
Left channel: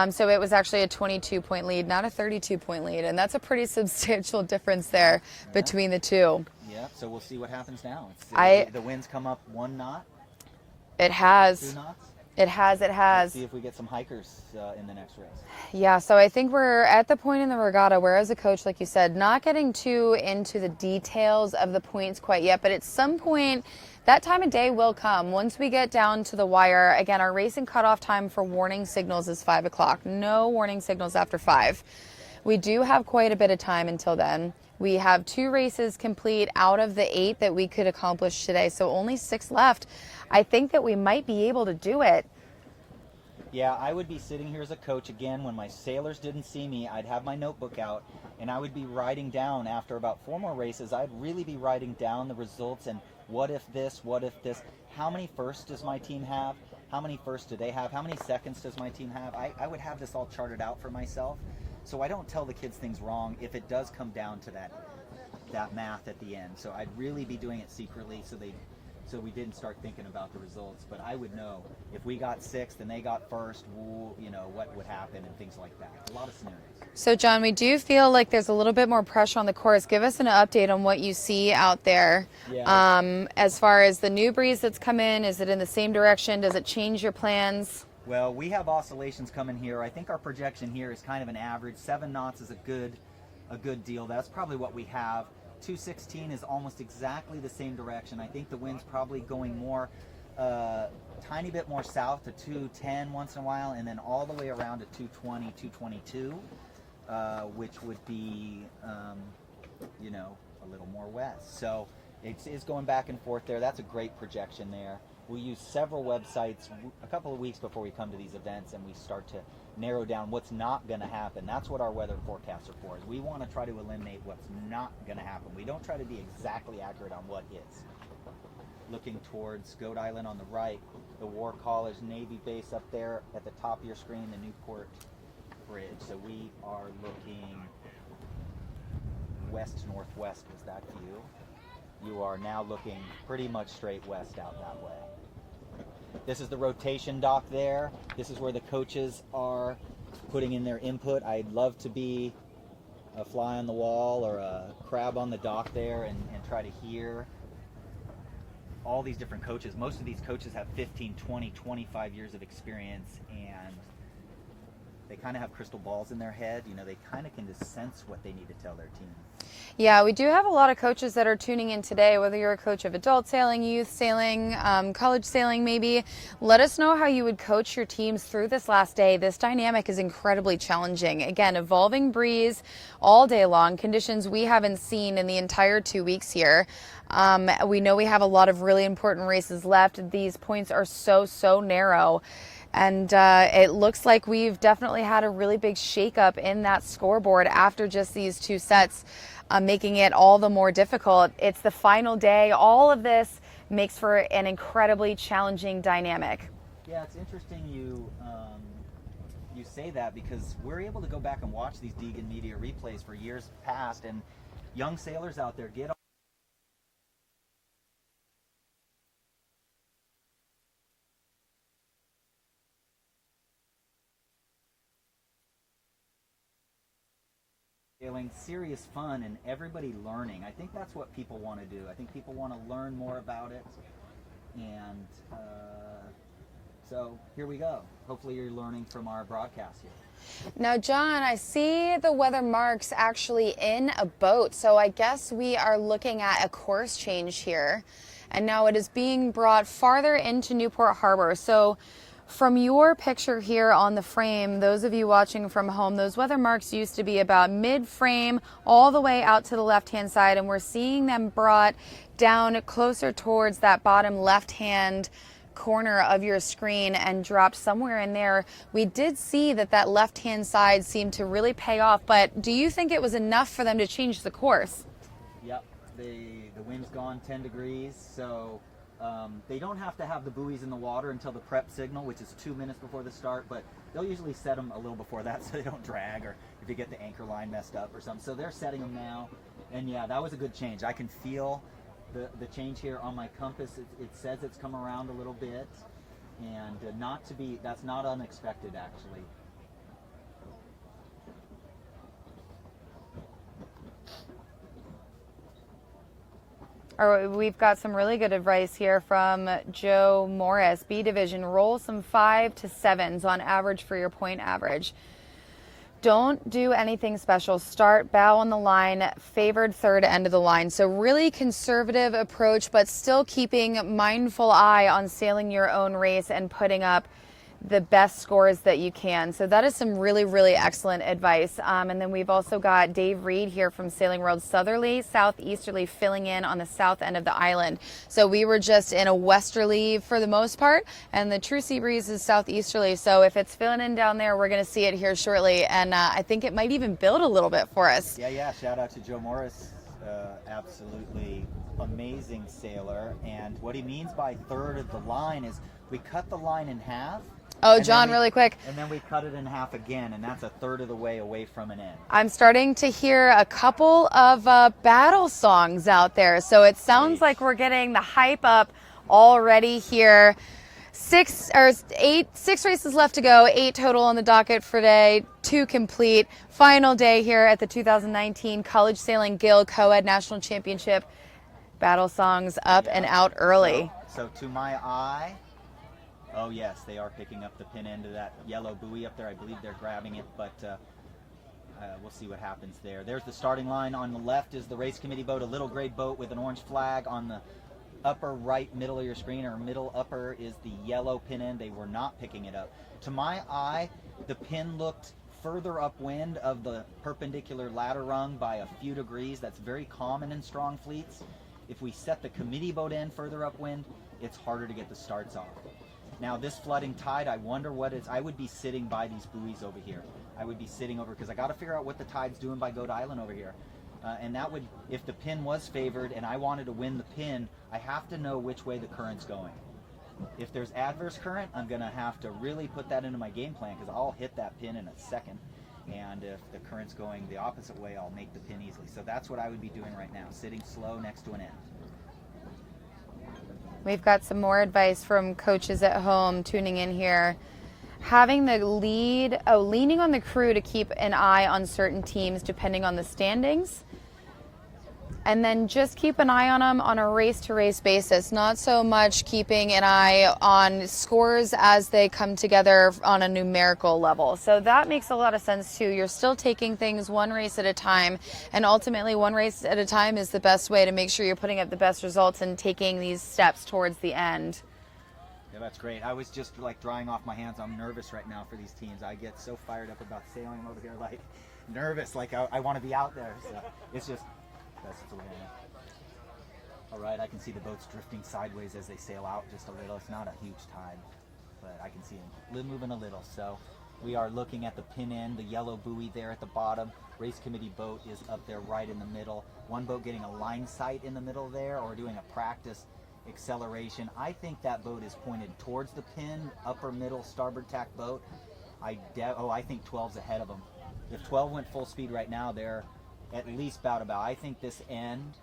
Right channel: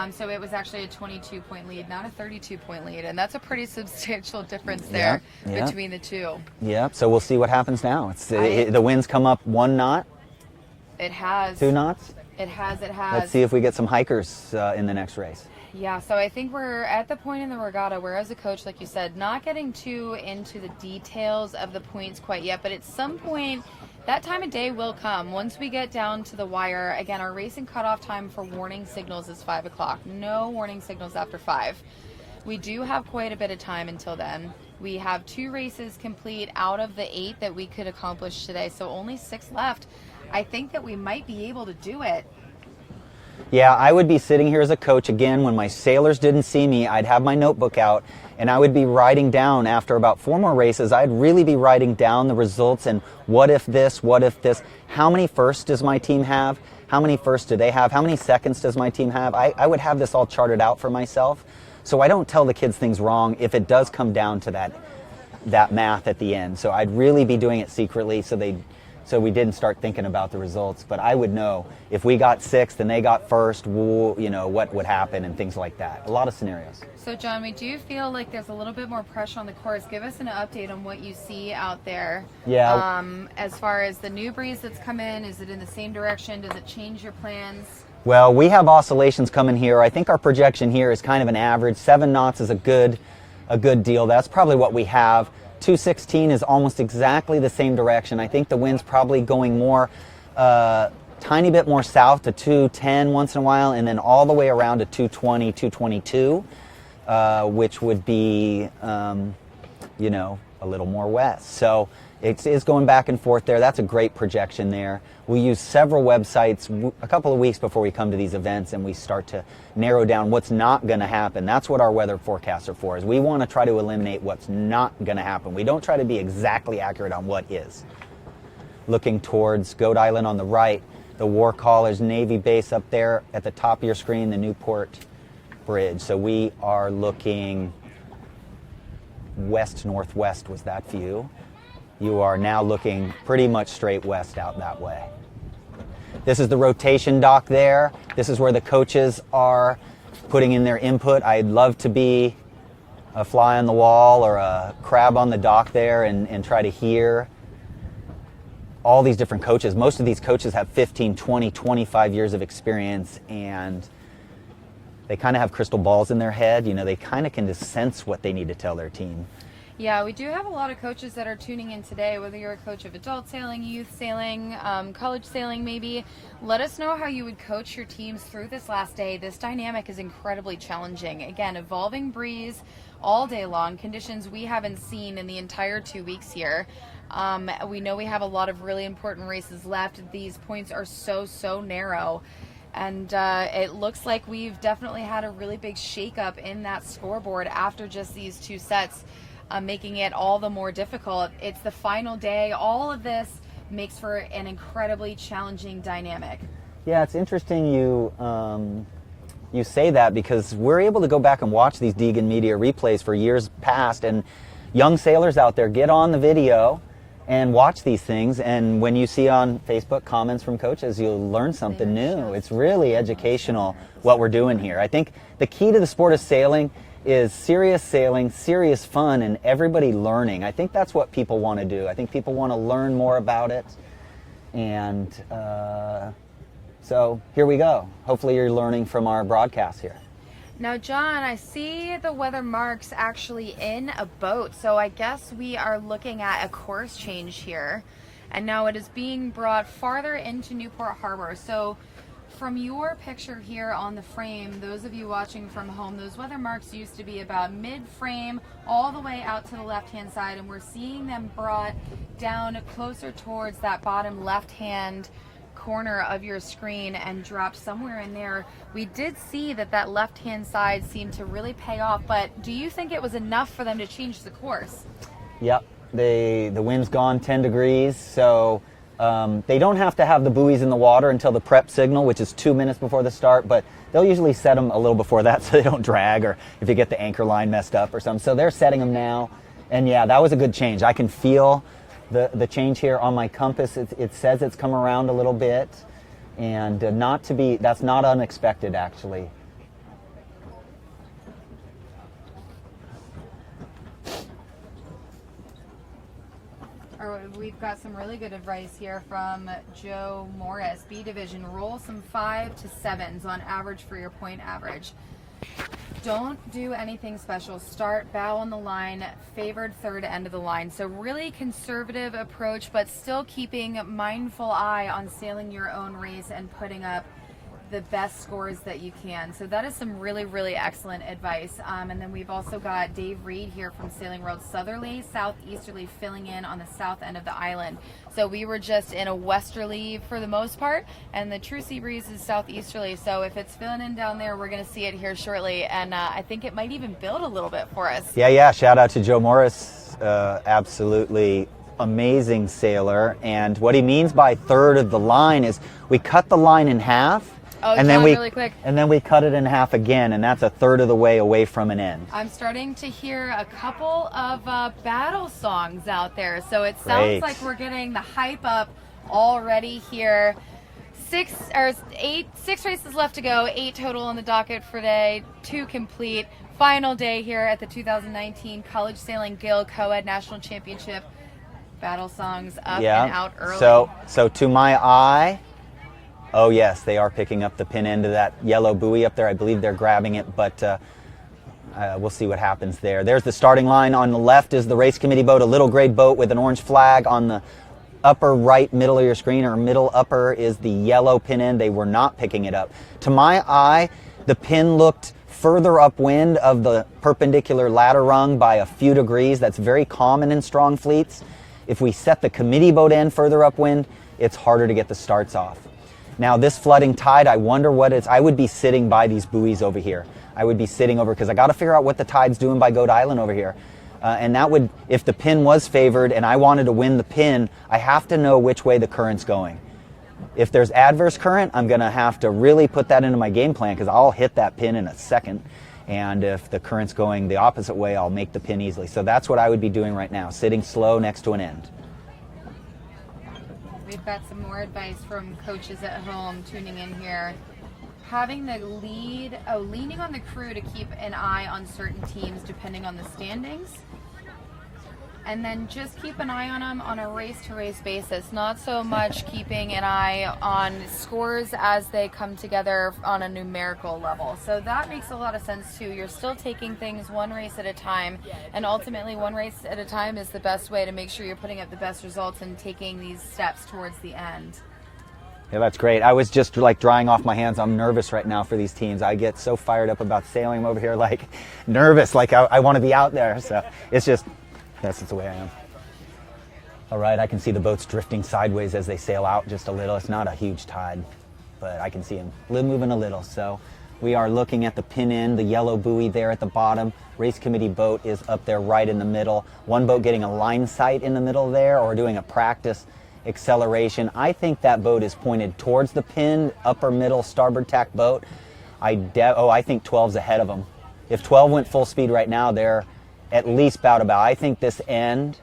So it was actually a 22-point lead, not a 32-point lead, and that's a pretty substantial difference there between the two. Yeah, so we'll see what happens now. The wind's come up 1 knot. It has. 2 knots. It has. Let's see if we get some hikers in the next race. Yeah, so I think we're at the point in the regatta where, as a coach, like you said, not getting too into the details of the points quite yet, but at some point, that time of day will come. Once we get down to the wire, again, our racing cutoff time for warning signals is 5 o'clock. No warning signals after 5. We do have quite a bit of time until then. We have 2 races complete out of the 8 that we could accomplish today, so only 6 left. I think that we might be able to do it. Yeah, I would be sitting here as a coach again. When my sailors didn't see me, I'd have my notebook out and I would be writing down after about 4 more races. I'd really be writing down the results and what if this, how many firsts does my team have? How many firsts do they have? How many seconds does my team have? I would have this all charted out for myself so I don't tell the kids things wrong if it does come down to that math at the end. So I'd really be doing it secretly so we didn't start thinking about the results. But I would know if we got 6th and they got 1st, what would happen and things like that. A lot of scenarios. So, John, we do feel like there's a little bit more pressure on the course. Give us an update on what you see out there. Yeah. As far as the new breeze that's come in, is it in the same direction? Does it change your plans? Well, we have oscillations coming here. I think our projection here is kind of an average. 7 knots is a good deal. That's probably what we have. 216 is almost exactly the same direction. I think the wind's probably going more, tiny bit more south to 210 once in a while, and then all the way around to 220, 222, which would be, you know, a little more west. So it is going back and forth there. That's a great projection there. We use several websites a couple of weeks before we come to these events, and we start to narrow down what's not going to happen. That's what our weather forecasts are for, is we want to try to eliminate what's not going to happen. We don't try to be exactly accurate on what is. Looking towards Goat Island on the right, the War College Navy base up there at the top of your screen, the Newport Bridge. So we are looking west-northwest was that view. You are now looking pretty much straight west out that way. This is the rotation dock there. This is where the coaches are putting in their input. I'd love to be a fly on the wall or a crab on the dock there and try to hear all these different coaches. Most of these coaches have 15, 20, 25 years of experience, and they kind of have crystal balls in their head. You know, they kind of can just sense what they need to tell their team. Yeah, we do have a lot of coaches that are tuning in today, whether you're a coach of adult sailing, youth sailing, college sailing maybe. Let us know how you would coach your teams through this last day. This dynamic is incredibly challenging. Again, evolving breeze all day long, conditions we haven't seen in the entire 2 weeks here. We know we have a lot of really important races left. These points are so narrow. And it looks like we've definitely had a really big shakeup in that scoreboard after just these 2 sets. Making it all the more difficult. It's the final day. All of this makes for an incredibly challenging dynamic. Yeah, it's interesting you say that, because we're able to go back and watch these Degan media replays for years past, and young sailors out there, get on the video and watch these things, and when you see on Facebook comments from coaches, you'll learn something new. It's really educational what we're doing here. I think the key to the sport of sailing is serious sailing, serious fun, and everybody learning. I think that's what people want to do. I think people want to learn more about it. And so here we go. Hopefully you're learning from our broadcast here. Now, John, I see the weather marks actually in a boat. So I guess we are looking at a course change here. And now it is being brought farther into Newport Harbor. So from your picture here on the frame, those of you watching from home, those weather marks used to be about mid-frame all the way out to the left-hand side, and we're seeing them brought down closer towards that bottom left-hand corner of your screen and dropped somewhere in there. We did see that left-hand side seemed to really pay off, but do you think it was enough for them to change the course? Yep, the wind's gone 10 degrees, so they don't have to have the buoys in the water until the prep signal, which is 2 minutes before the start, but they'll usually set them a little before that so they don't drag, or if you get the anchor line messed up or something. So they're setting them now, and yeah, that was a good change. I can feel the change here on my compass. It says it's come around a little bit, and that's not unexpected, actually. We've got some really good advice here from Joe Morris. B division, roll some 5 to 7s on average for your point average. Don't do anything special. Start bow on the line, favored third end of the line. So really conservative approach, but still keeping mindful eye on sailing your own race and putting up the best scores that you can. So that is some really excellent advice. And then we've also got Dave Reed here from Sailing World, southerly, southeasterly, filling in on the south end of the island. So we were just in a westerly for the most part, and the true sea breeze is southeasterly. So if it's filling in down there, we're going to see it here shortly, and I think it might even build a little bit for us. Yeah, shout out to Joe Morris, absolutely amazing sailor. And what he means by third of the line is we cut the line in half. Oh, and John, then really quick. And then we cut it in half again, and that's a third of the way away from an end. I'm starting to hear a couple of battle songs out there, so it sounds like we're getting the hype up already here. 6 races left to go, 8 total on the docket for day, 2 complete. Final day here at the 2019 College Sailing Gill Coed National Championship. Battle songs up and out early. So to my eye, Oh yes, they are picking up the pin end of that yellow buoy up there. I believe they're grabbing it, but we'll see what happens there. There's the starting line. On the left is the race committee boat, a little gray boat with an orange flag. On the upper right middle of your screen, or middle upper, is the yellow pin end. They were not picking it up. To my eye, the pin looked further upwind of the perpendicular ladder rung by a few degrees. That's very common in strong fleets. If we set the committee boat end further upwind, it's harder to get the starts off. Now this flooding tide, I wonder what it's, I would be sitting by these buoys over here. I would be sitting over, because I got to figure out what the tide's doing by Coed Island over here. And that would, if the pin was favored and I wanted to win the pin, I have to know which way the current's going. If there's adverse current, I'm going to have to really put that into my game plan, because I'll hit that pin in a second. And if the current's going the opposite way, I'll make the pin easily. So that's what I would be doing right now, sitting slow next to an end. We've got some more advice from coaches at home tuning in here. Having the lead, leaning on the crew to keep an eye on certain teams depending on the standings. And then just keep an eye on them on a race-to-race basis, not so much keeping an eye on scores as they come together on a numerical level. So that makes a lot of sense too. You're still taking things one race at a time, and ultimately one race at a time is the best way to make sure you're putting up the best results and taking these steps towards the end. Yeah, that's great. I was just like drying off my hands. I'm nervous right now for these teams. I get so fired up about sailing. I'm over here like nervous, like I want to be out there. So it's just, that's the way I am. All right, I can see the boats drifting sideways as they sail out just a little. It's not a huge tide, but I can see them moving a little. So we are looking at the pin end, the yellow buoy there at the bottom. Race committee boat is up there right in the middle. One boat getting a line sight in the middle there, or doing a practice acceleration. I think that boat is pointed towards the pin, upper middle starboard tack boat. I think 12's ahead of them. If 12 went full speed right now, they're at least about. I think this end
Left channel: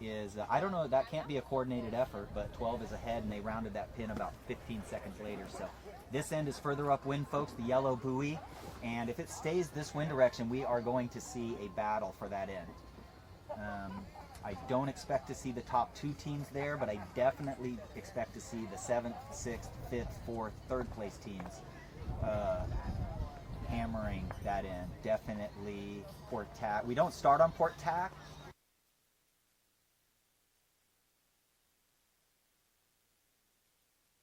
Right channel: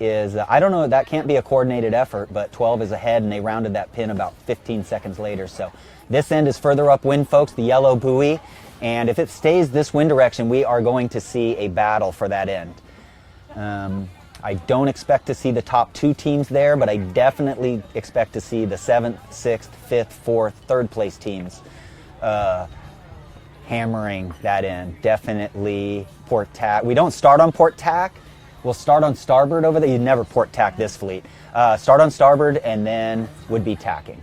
is, I don't know, that can't be a coordinated effort, but 12 is ahead, and they rounded that pin about 15 seconds later. So this end is further upwind, folks, the yellow buoy, and if it stays this wind direction, we are going to see a battle for that end. I don't expect to see the top two teams there, but I definitely expect to see the 7th, 6th, 5th, 4th, 3rd place teams hammering that end. Definitely port tack. We don't start on port tack. We'll start on starboard over there. You never port tack this fleet. Start on starboard and then would be tacking.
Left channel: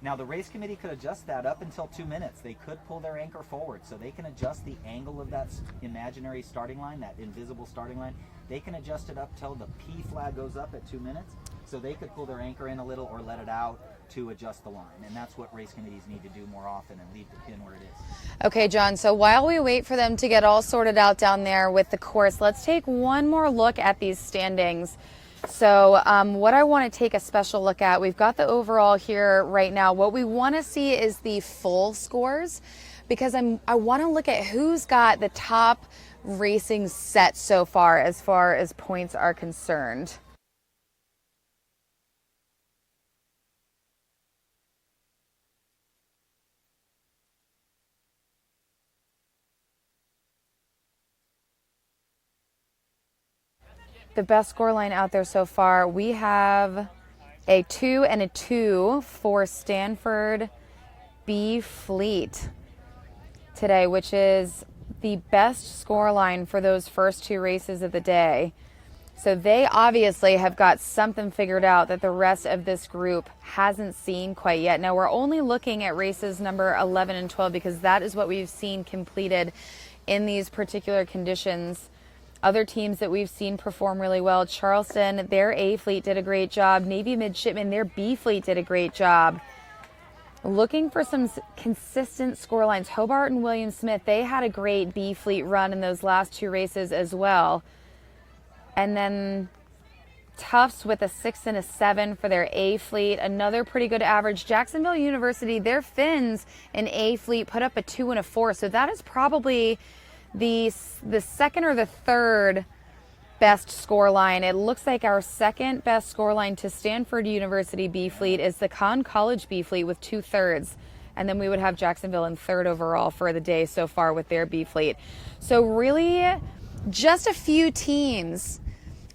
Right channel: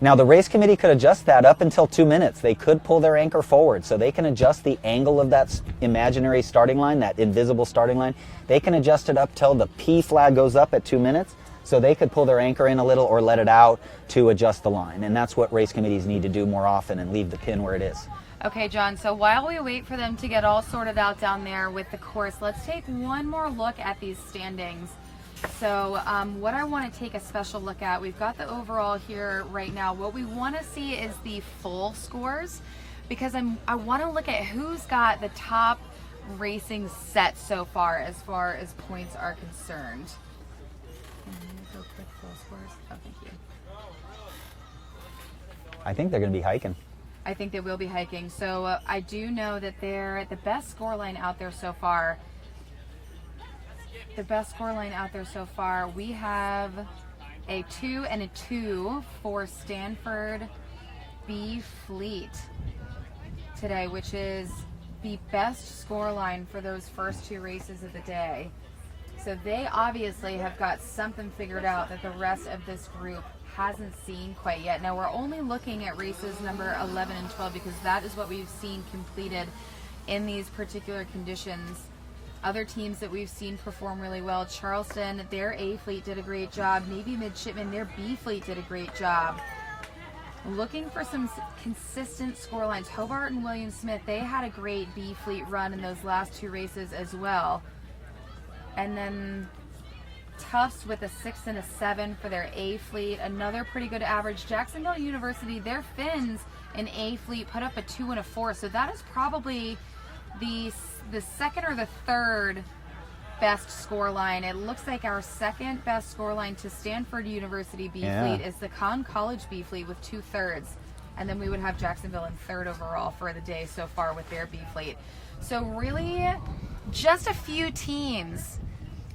Now the race committee could adjust that up until 2 minutes. They could pull their anchor forward, so they can adjust the angle of that imaginary starting line, that invisible starting line. They can adjust it up till the P flag goes up at 2 minutes, so they could pull their anchor in a little or let it out to adjust the line. And that's what race committees need to do more often, and leave the pin where it is. Okay, John, so while we wait for them to get all sorted out down there with the course, let's take one more look at these standings. So what I want to take a special look at, we've got the overall here right now. What we want to see is the full scores, because I want to look at who's got the top racing set so far as points are concerned. I think they're going to be hiking. I think they will be hiking. So I do know that they're the best scoreline out there so far. The best scoreline out there so far, we have a 2 and a 2 for Stanford B Fleet today, which is the best scoreline for those first 2 races of the day. So they obviously have got something figured out that the rest of this group hasn't seen quite yet. Now we're only looking at races number 11 and 12 because that is what we've seen completed in these particular conditions. Other teams that we've seen perform really well, Charleston, their A fleet did a great job. Navy Midshipmen, their B fleet did a great job. Looking for some consistent scorelines. Hobart and William Smith, they had a great B fleet run in those last 2 races as well. And then Tufts with a 6 and a 7 for their A fleet, another pretty good average. Jacksonville University, their Finns in A fleet put up a 2 and a 4. So that is probably the second or the third best score line. It looks like our second best score line to Stanford University B fleet is the Conn College B fleet with 2/3, and then we would have Jacksonville in 3rd overall for the day so far with their B fleet. So really just a few teams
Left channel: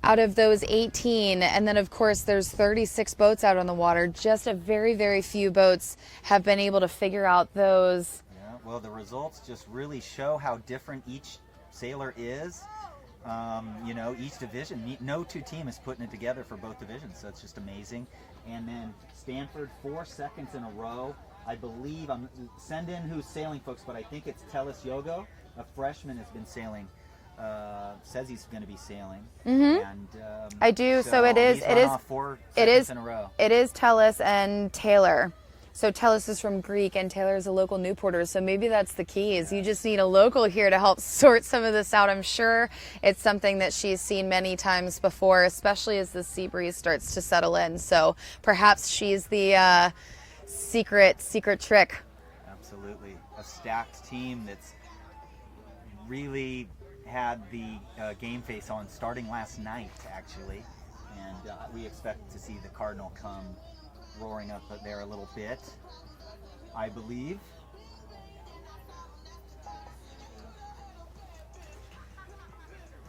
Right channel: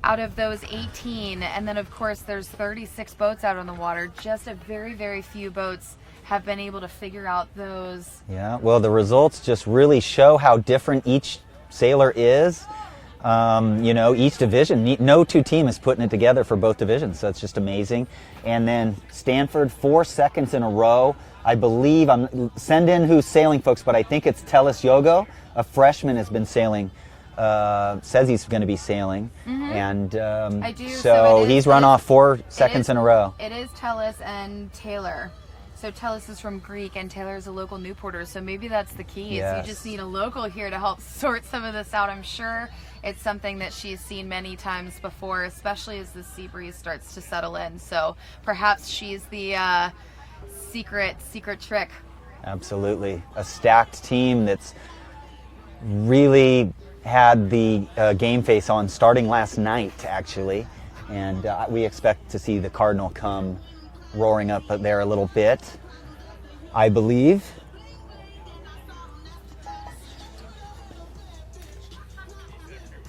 out of those 18, and then of course there's 36 boats out on the water. Just a very, very few boats have been able to figure out those. Yeah, well, the results just really show how different each sailor is. You know, each division, no two team is putting it together for both divisions, so it's just amazing. And then Stanford, 4 seconds in a row. I believe, send in who's sailing, folks, but I think it's Telis Yogo, a freshman, has been sailing. Says he's going to be sailing, and I do. So, he's run off 4 seconds in a row. It is Telis and Taylor. So Telis is from Greek, and Taylor is a local Newporter. So maybe that's the key. Is you just need a local here to help sort some of this out. I'm sure it's something that she's seen many times before, especially as the sea breeze starts to settle in. So perhaps she's the secret trick. Absolutely, a stacked team that's really had the game face on starting last night, actually, and we expect to see the Cardinal come roaring up there a little bit, I believe.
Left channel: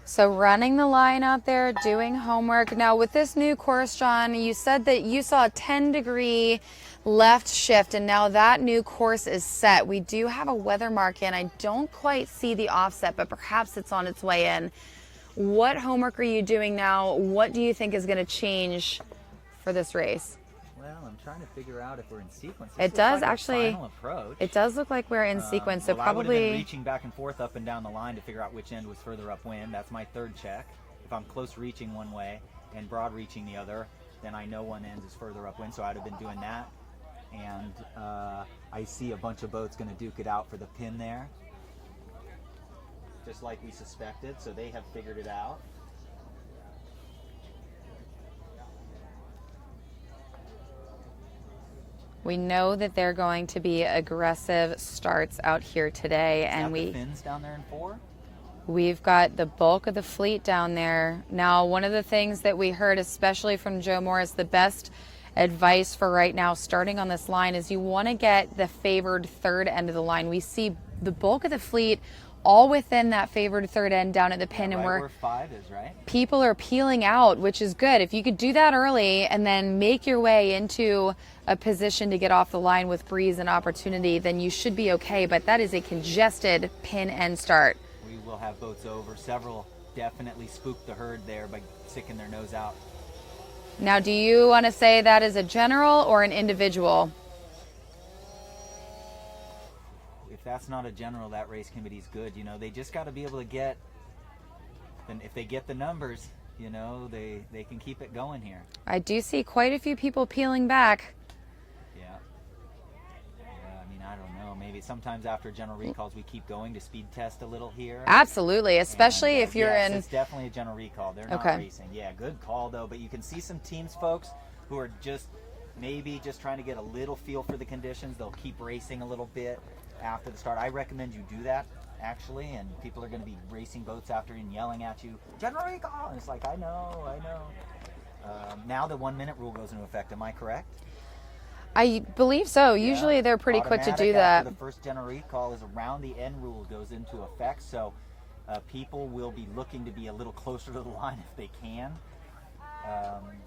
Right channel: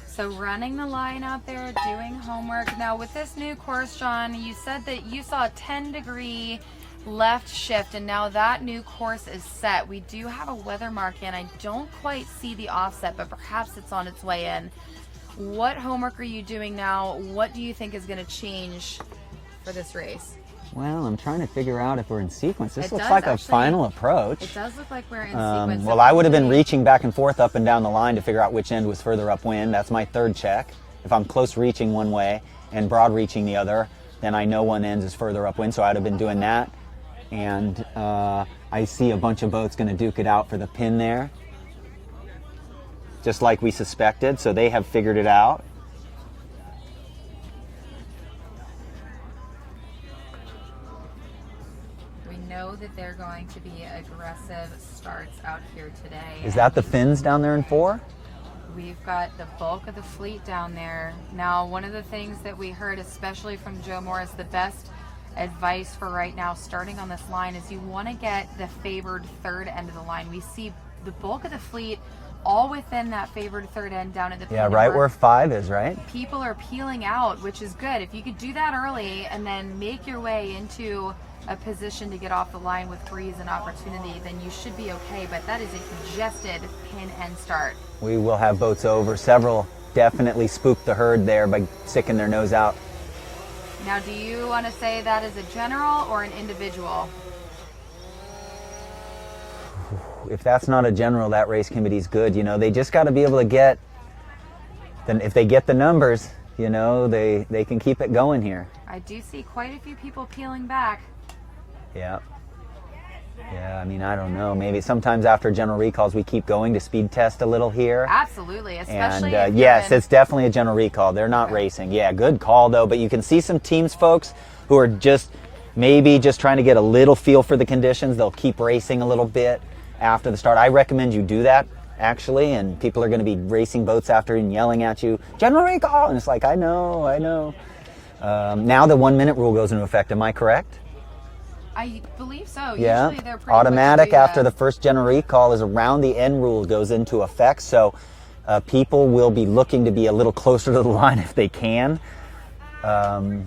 So running the line out there, doing homework. Now with this new course, John, you said that you saw a 10-degree left shift, and now that new course is set. We do have a weather mark in. I don't quite see the offset, but perhaps it's on its way in. What homework are you doing now? What do you think is going to change for this race? Well, I'm trying to figure out if we're in sequence. This It looks does like actually- a final approach. It does look like we're in sequence. Well, I would have been reaching back and forth up and down the line to figure out which end was further upwind. That's my third check. If I'm close reaching one way and broad reaching the other, then I know one end is further upwind, so I'd have been doing that. And I see a bunch of boats going to duke it out for the pin there, just like we suspected, so they have figured it out. We know that they're going to be aggressive starts out here today. Is that the fins down there in 4? We've got the bulk of the fleet down there. Now, one of the things that we heard, especially from Joe Morris, the best advice for right now starting on this line is you want to get the favored third end of the line. We see the bulk of the fleet all within that favored third end down at the pin. Yeah, right where 5 is, right? People are peeling out, which is good. If you could do that early and then make your way into a position to get off the line with breeze and opportunity, then you should be okay. But that is a congested pin end start. We will have boats over. Several definitely spooked the herd there by sticking their nose out. Now, do you want to say that is a general or an individual? If that's not a general, that race committee's good. You know, they just got to be able to get, then if they get the numbers, you know, they can keep it going here. I do see quite a few people peeling back. Yeah. Yeah, I mean, I don't know. Maybe sometimes after general recalls, we keep going to speed test a little here. Absolutely, especially And, if you're yes, it's definitely a general recall. They're not racing. Yeah, good call, though. But you can see some teams, folks, who are just maybe just trying to get a little feel for the conditions. They'll keep racing a little bit after the start. I recommend you do that, actually, and people are going to be racing boats after and yelling at you, general recall, and it's like, I know. Now the 1 minute rule goes into effect. Am I correct? I believe so. Yeah. Usually they're pretty automatic quick to do after that. the first general recall is around the end rule goes into effect. So people will be looking to be a little closer to the line if they can. No,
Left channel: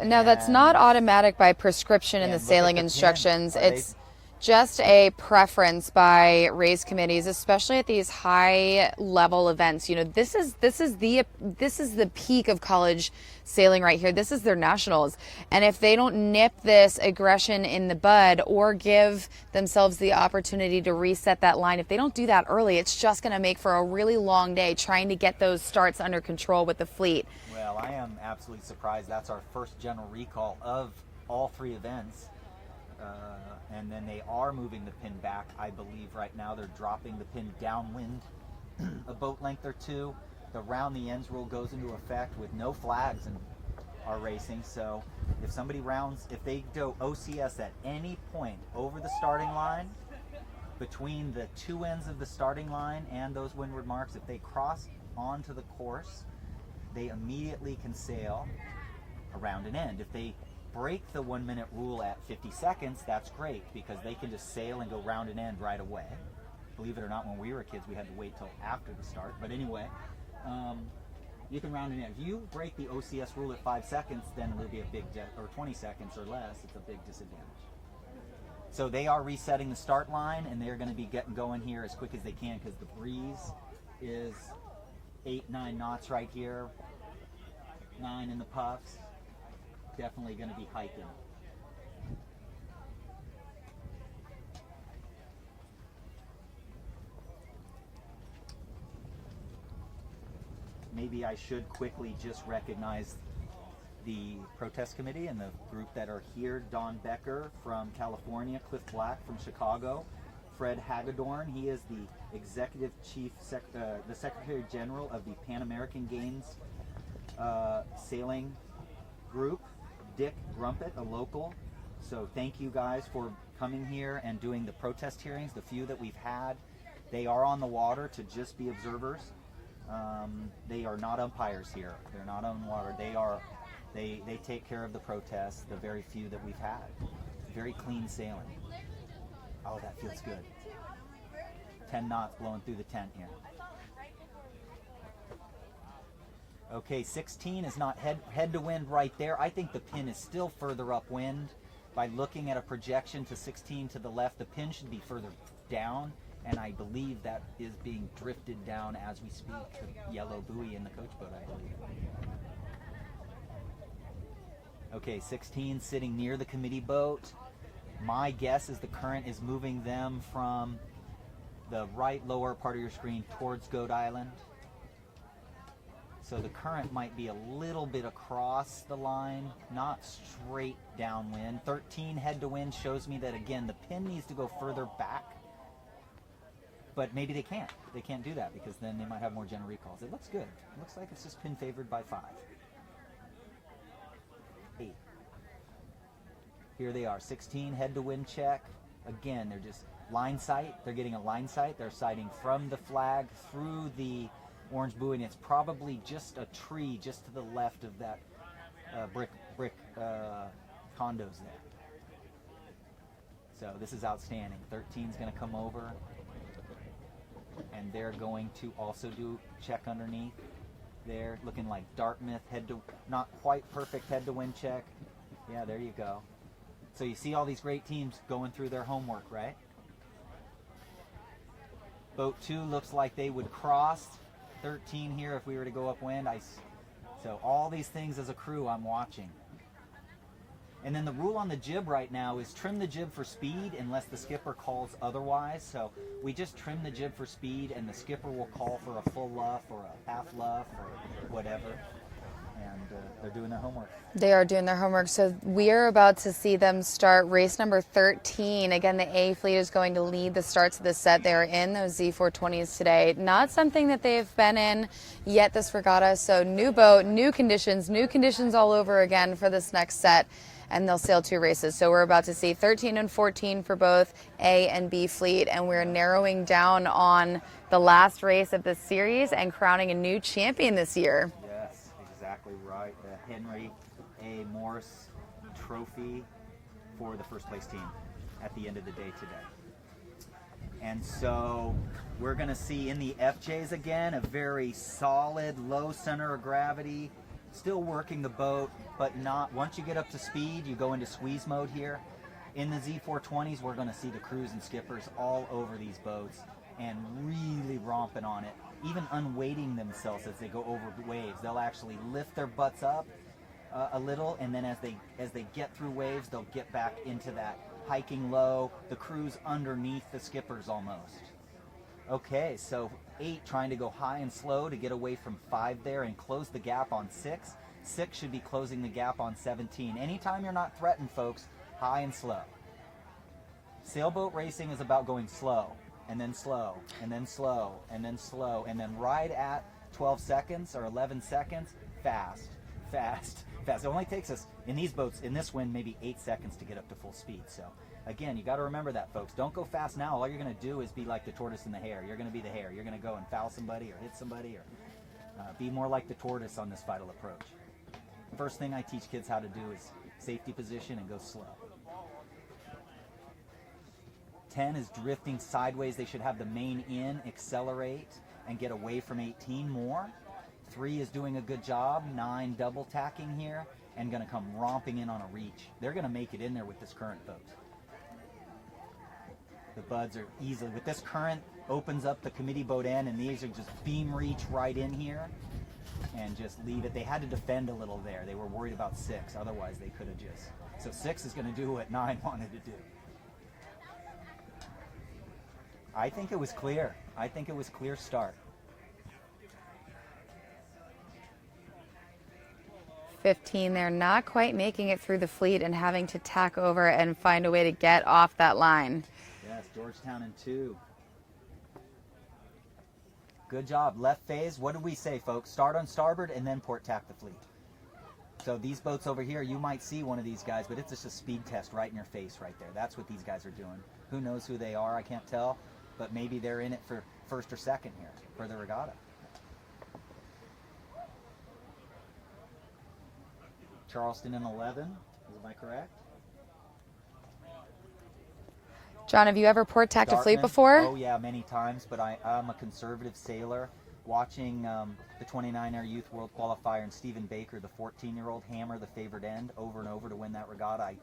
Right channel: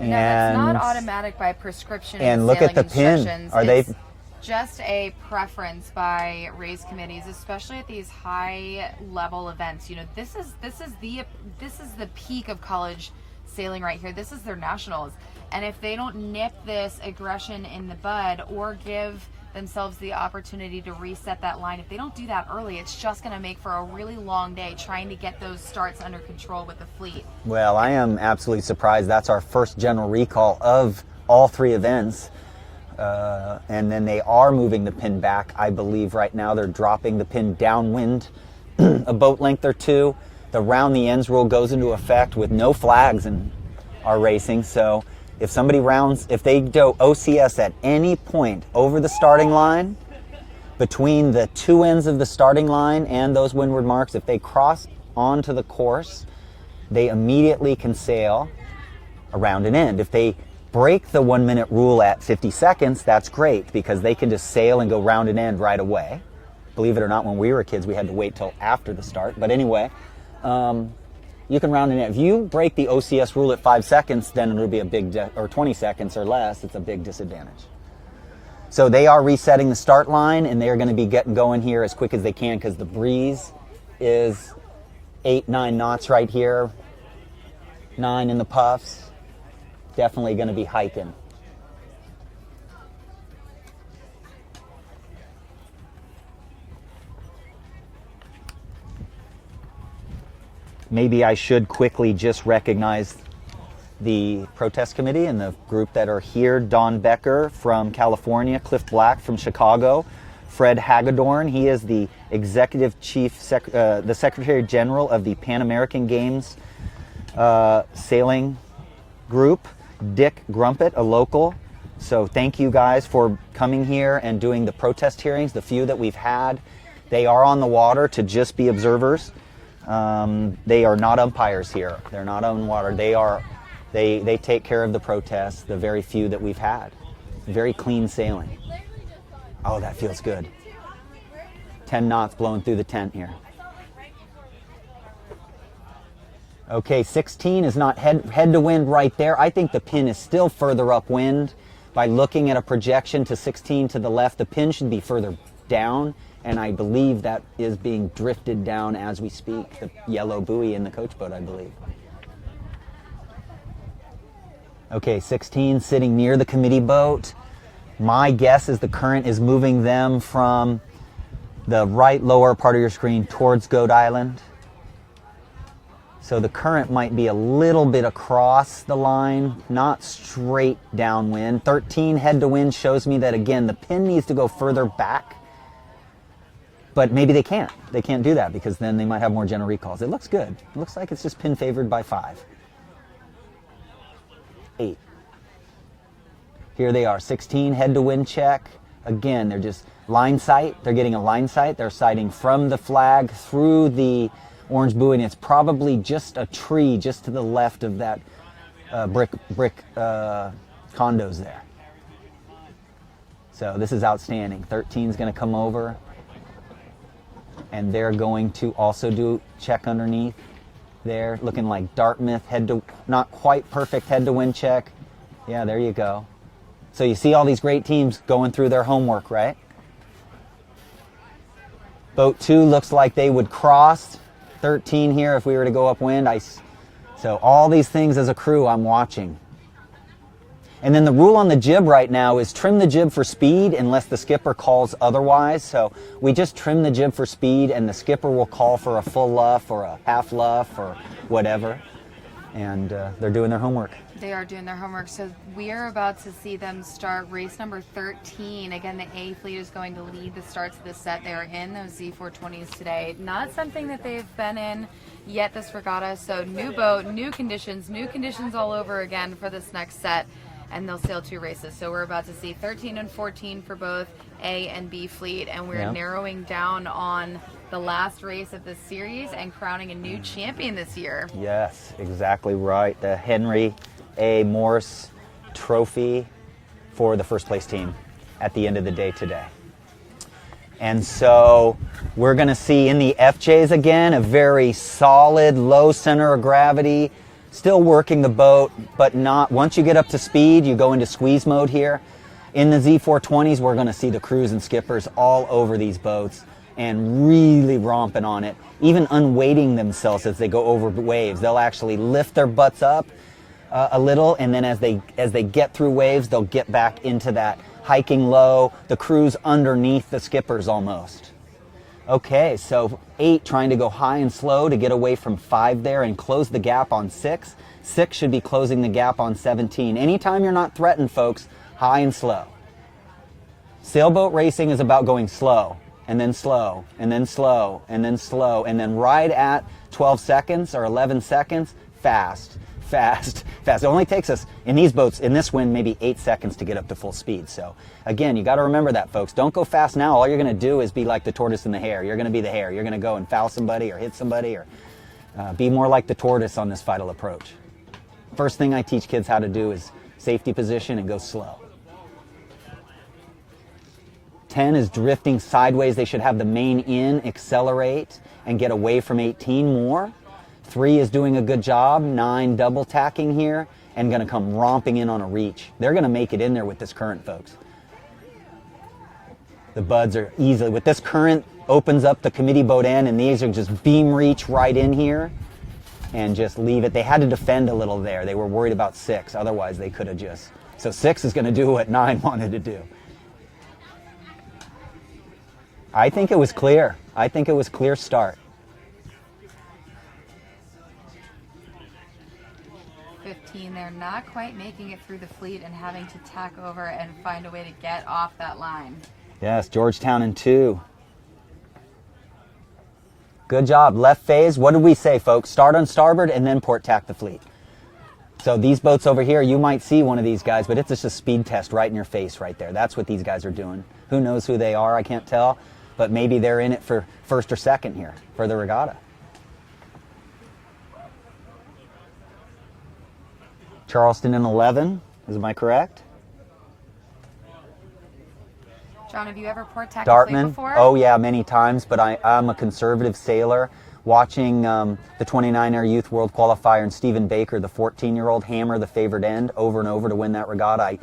that's not automatic by prescription in the look at sailing the pin. instructions. Are It's they- just a preference by race committees, especially at these high level events. You know, this is the peak of college sailing right here. This is their nationals. And if they don't nip this aggression in the bud or give themselves the opportunity to reset that line, if they don't do that early, it's just going to make for a really long day trying to get those starts under control with the fleet. Well, I am absolutely surprised. That's our first general recall of all 3 events. And then they are moving the pin back. I believe right now they're dropping the pin downwind a boat length or 2. The round the ends rule goes into effect with no flags in our racing. So if somebody if they do OCS at any point over the starting line, between the 2 ends of the starting line and those windward marks, if they cross onto the course, they immediately can sail around an end. If they break the 1 minute rule at 50 seconds, that's great because they can just sail and go round an end right away. Believe it or not, when we were kids, we had to wait till after the start. But anyway, You can round it in. If you break the OCS rule at 5 seconds, then it'll be a big, or 20 seconds or less, it's a big disadvantage. So they are resetting the start line, and they're going to be getting going here as quick as they can because the breeze is 8-9 knots right here, 9 in the puffs. Definitely going to be hiking. Maybe I should quickly just recognize the protest committee and the group that are here. Don Becker from California, Cliff Black from Chicago, Fred Hagedorn, he is the executive chief, the secretary general of the Pan American Games sailing group, Dick Grumpet, a local. So thank you guys for coming here and doing the protest hearings, the few that we've had. They are on the water to just be observers. They are not umpires here. They're not on water. They take care of the protests, the very few that we've had. Very clean sailing. Oh, that feels good. 10 knots blowing through the tent here. Okay, 16 is not head to wind right there. I think the pin is still further upwind. By looking at a projection to 16 to the left, the pin should be further down, and I believe that is being drifted down as we speak. The yellow buoy in the coach boat, I believe. Okay, 16 sitting near the committee boat. My guess is the current is moving them from the right lower part of your screen towards Coed Island. So the current might be a little bit across the line, not straight downwind. 13 head to wind shows me that, again, the pin needs to go further back. But maybe they can't. They can't do that because then they might have more general recalls. It looks good. It looks like it's just pin favored by 5. 8. Here they are, 16 head to wind check. Again, they're just line sight. They're getting a line sight. They're sighting from the flag through the orange buoy, and it's probably just a tree just to the left of that brick condos there. So this is outstanding. 13 is going to come over, and they're going to also do check underneath there, looking like Dartmouth head to, not quite perfect head to wind check. Yeah, there you go. So you see all these great teams going through their homework, right? Boat 2 looks like they would cross 13 here if we were to go upwind. So all these things as a crew I'm watching. And then the rule on the jib right now is trim the jib for speed unless the skipper calls otherwise. So we just trim the jib for speed, and the skipper will call for a full luff or a half luff or whatever. And they're doing their homework. They are doing their homework. So we are about to see them start race number 13. Again, the A fleet is going to lead the starts of the set. They're in those Z420s today. Not something that they've been in yet this regatta. So new boat, new conditions all over again for this next set. And they'll sail 2 races. So we're about to see 13 and 14 for both A and B fleet. And we're narrowing down on the last race of this series and crowning a new champion this year. Yes, exactly right. The Henry A. Morse Trophy for the first place team at the end of the day today. And so we're going to see in the FJs again a very solid low center of gravity, still working the boat, but not, once you get up to speed, you go into squeeze mode here. In the Z420s, we're going to see the crews and skippers all over these boats and really romping on it, even unweighting themselves as they go over waves. They'll actually lift their butts up a little, and then as they get through waves, they'll get back into that hiking low, the crews underneath the skippers almost. Okay, so 8 trying to go high and slow to get away from 5 there and close the gap on 6. 6 should be closing the gap on 17. Anytime you're not threatened, folks, high and slow. Sailboat racing is about going slow, and then slow, and then slow, and then slow, and then right at 12 seconds or 11 seconds, fast, fast, fast. It only takes us, in these boats, in this wind, maybe 8 seconds to get up to full speed. So again, you got to remember that, folks. Don't go fast now. All you're going to do is be like the tortoise and the hare. You're going to be the hare. You're going to go and foul somebody or hit somebody, or be more like the tortoise on this vital approach. First thing I teach kids how to do is safety position and go slow. 10 is drifting sideways. They should have the main in, accelerate, and get away from 18 more. 3 is doing a good job, 9 double tacking here, and going to come romping in on a reach. They're going to make it in there with this current, folks. The buds are easily, with this current, opens up the committee boat end, and these are just beam reach right in here and just leave it. They had to defend a little there. They were worried about 6. Otherwise, they could have just. So 6 is going to do what 9 wanted to do. I think it was clear. I think it was clear start. 15, they're not quite making it through the fleet and having to tack over and find a way to get off that line. Yes, Georgetown in 2. Good job. Left phase. What did we say, folks? Start on starboard and then port tack the fleet. So these boats over here, you might see one of these guys, but it's just a speed test right in your face right there. That's what these guys are doing. Who knows who they are? I can't tell. But maybe they're in it for first or second here for the regatta. Charleston in 11. Am I correct? John, have you ever port tacked a fleet before? Oh yeah, many times, but I'm a conservative sailor. Watching the 29-air Youth World Qualifier and Stephen Baker, the 14-year-old, hammer the favored end over and over to win that regatta.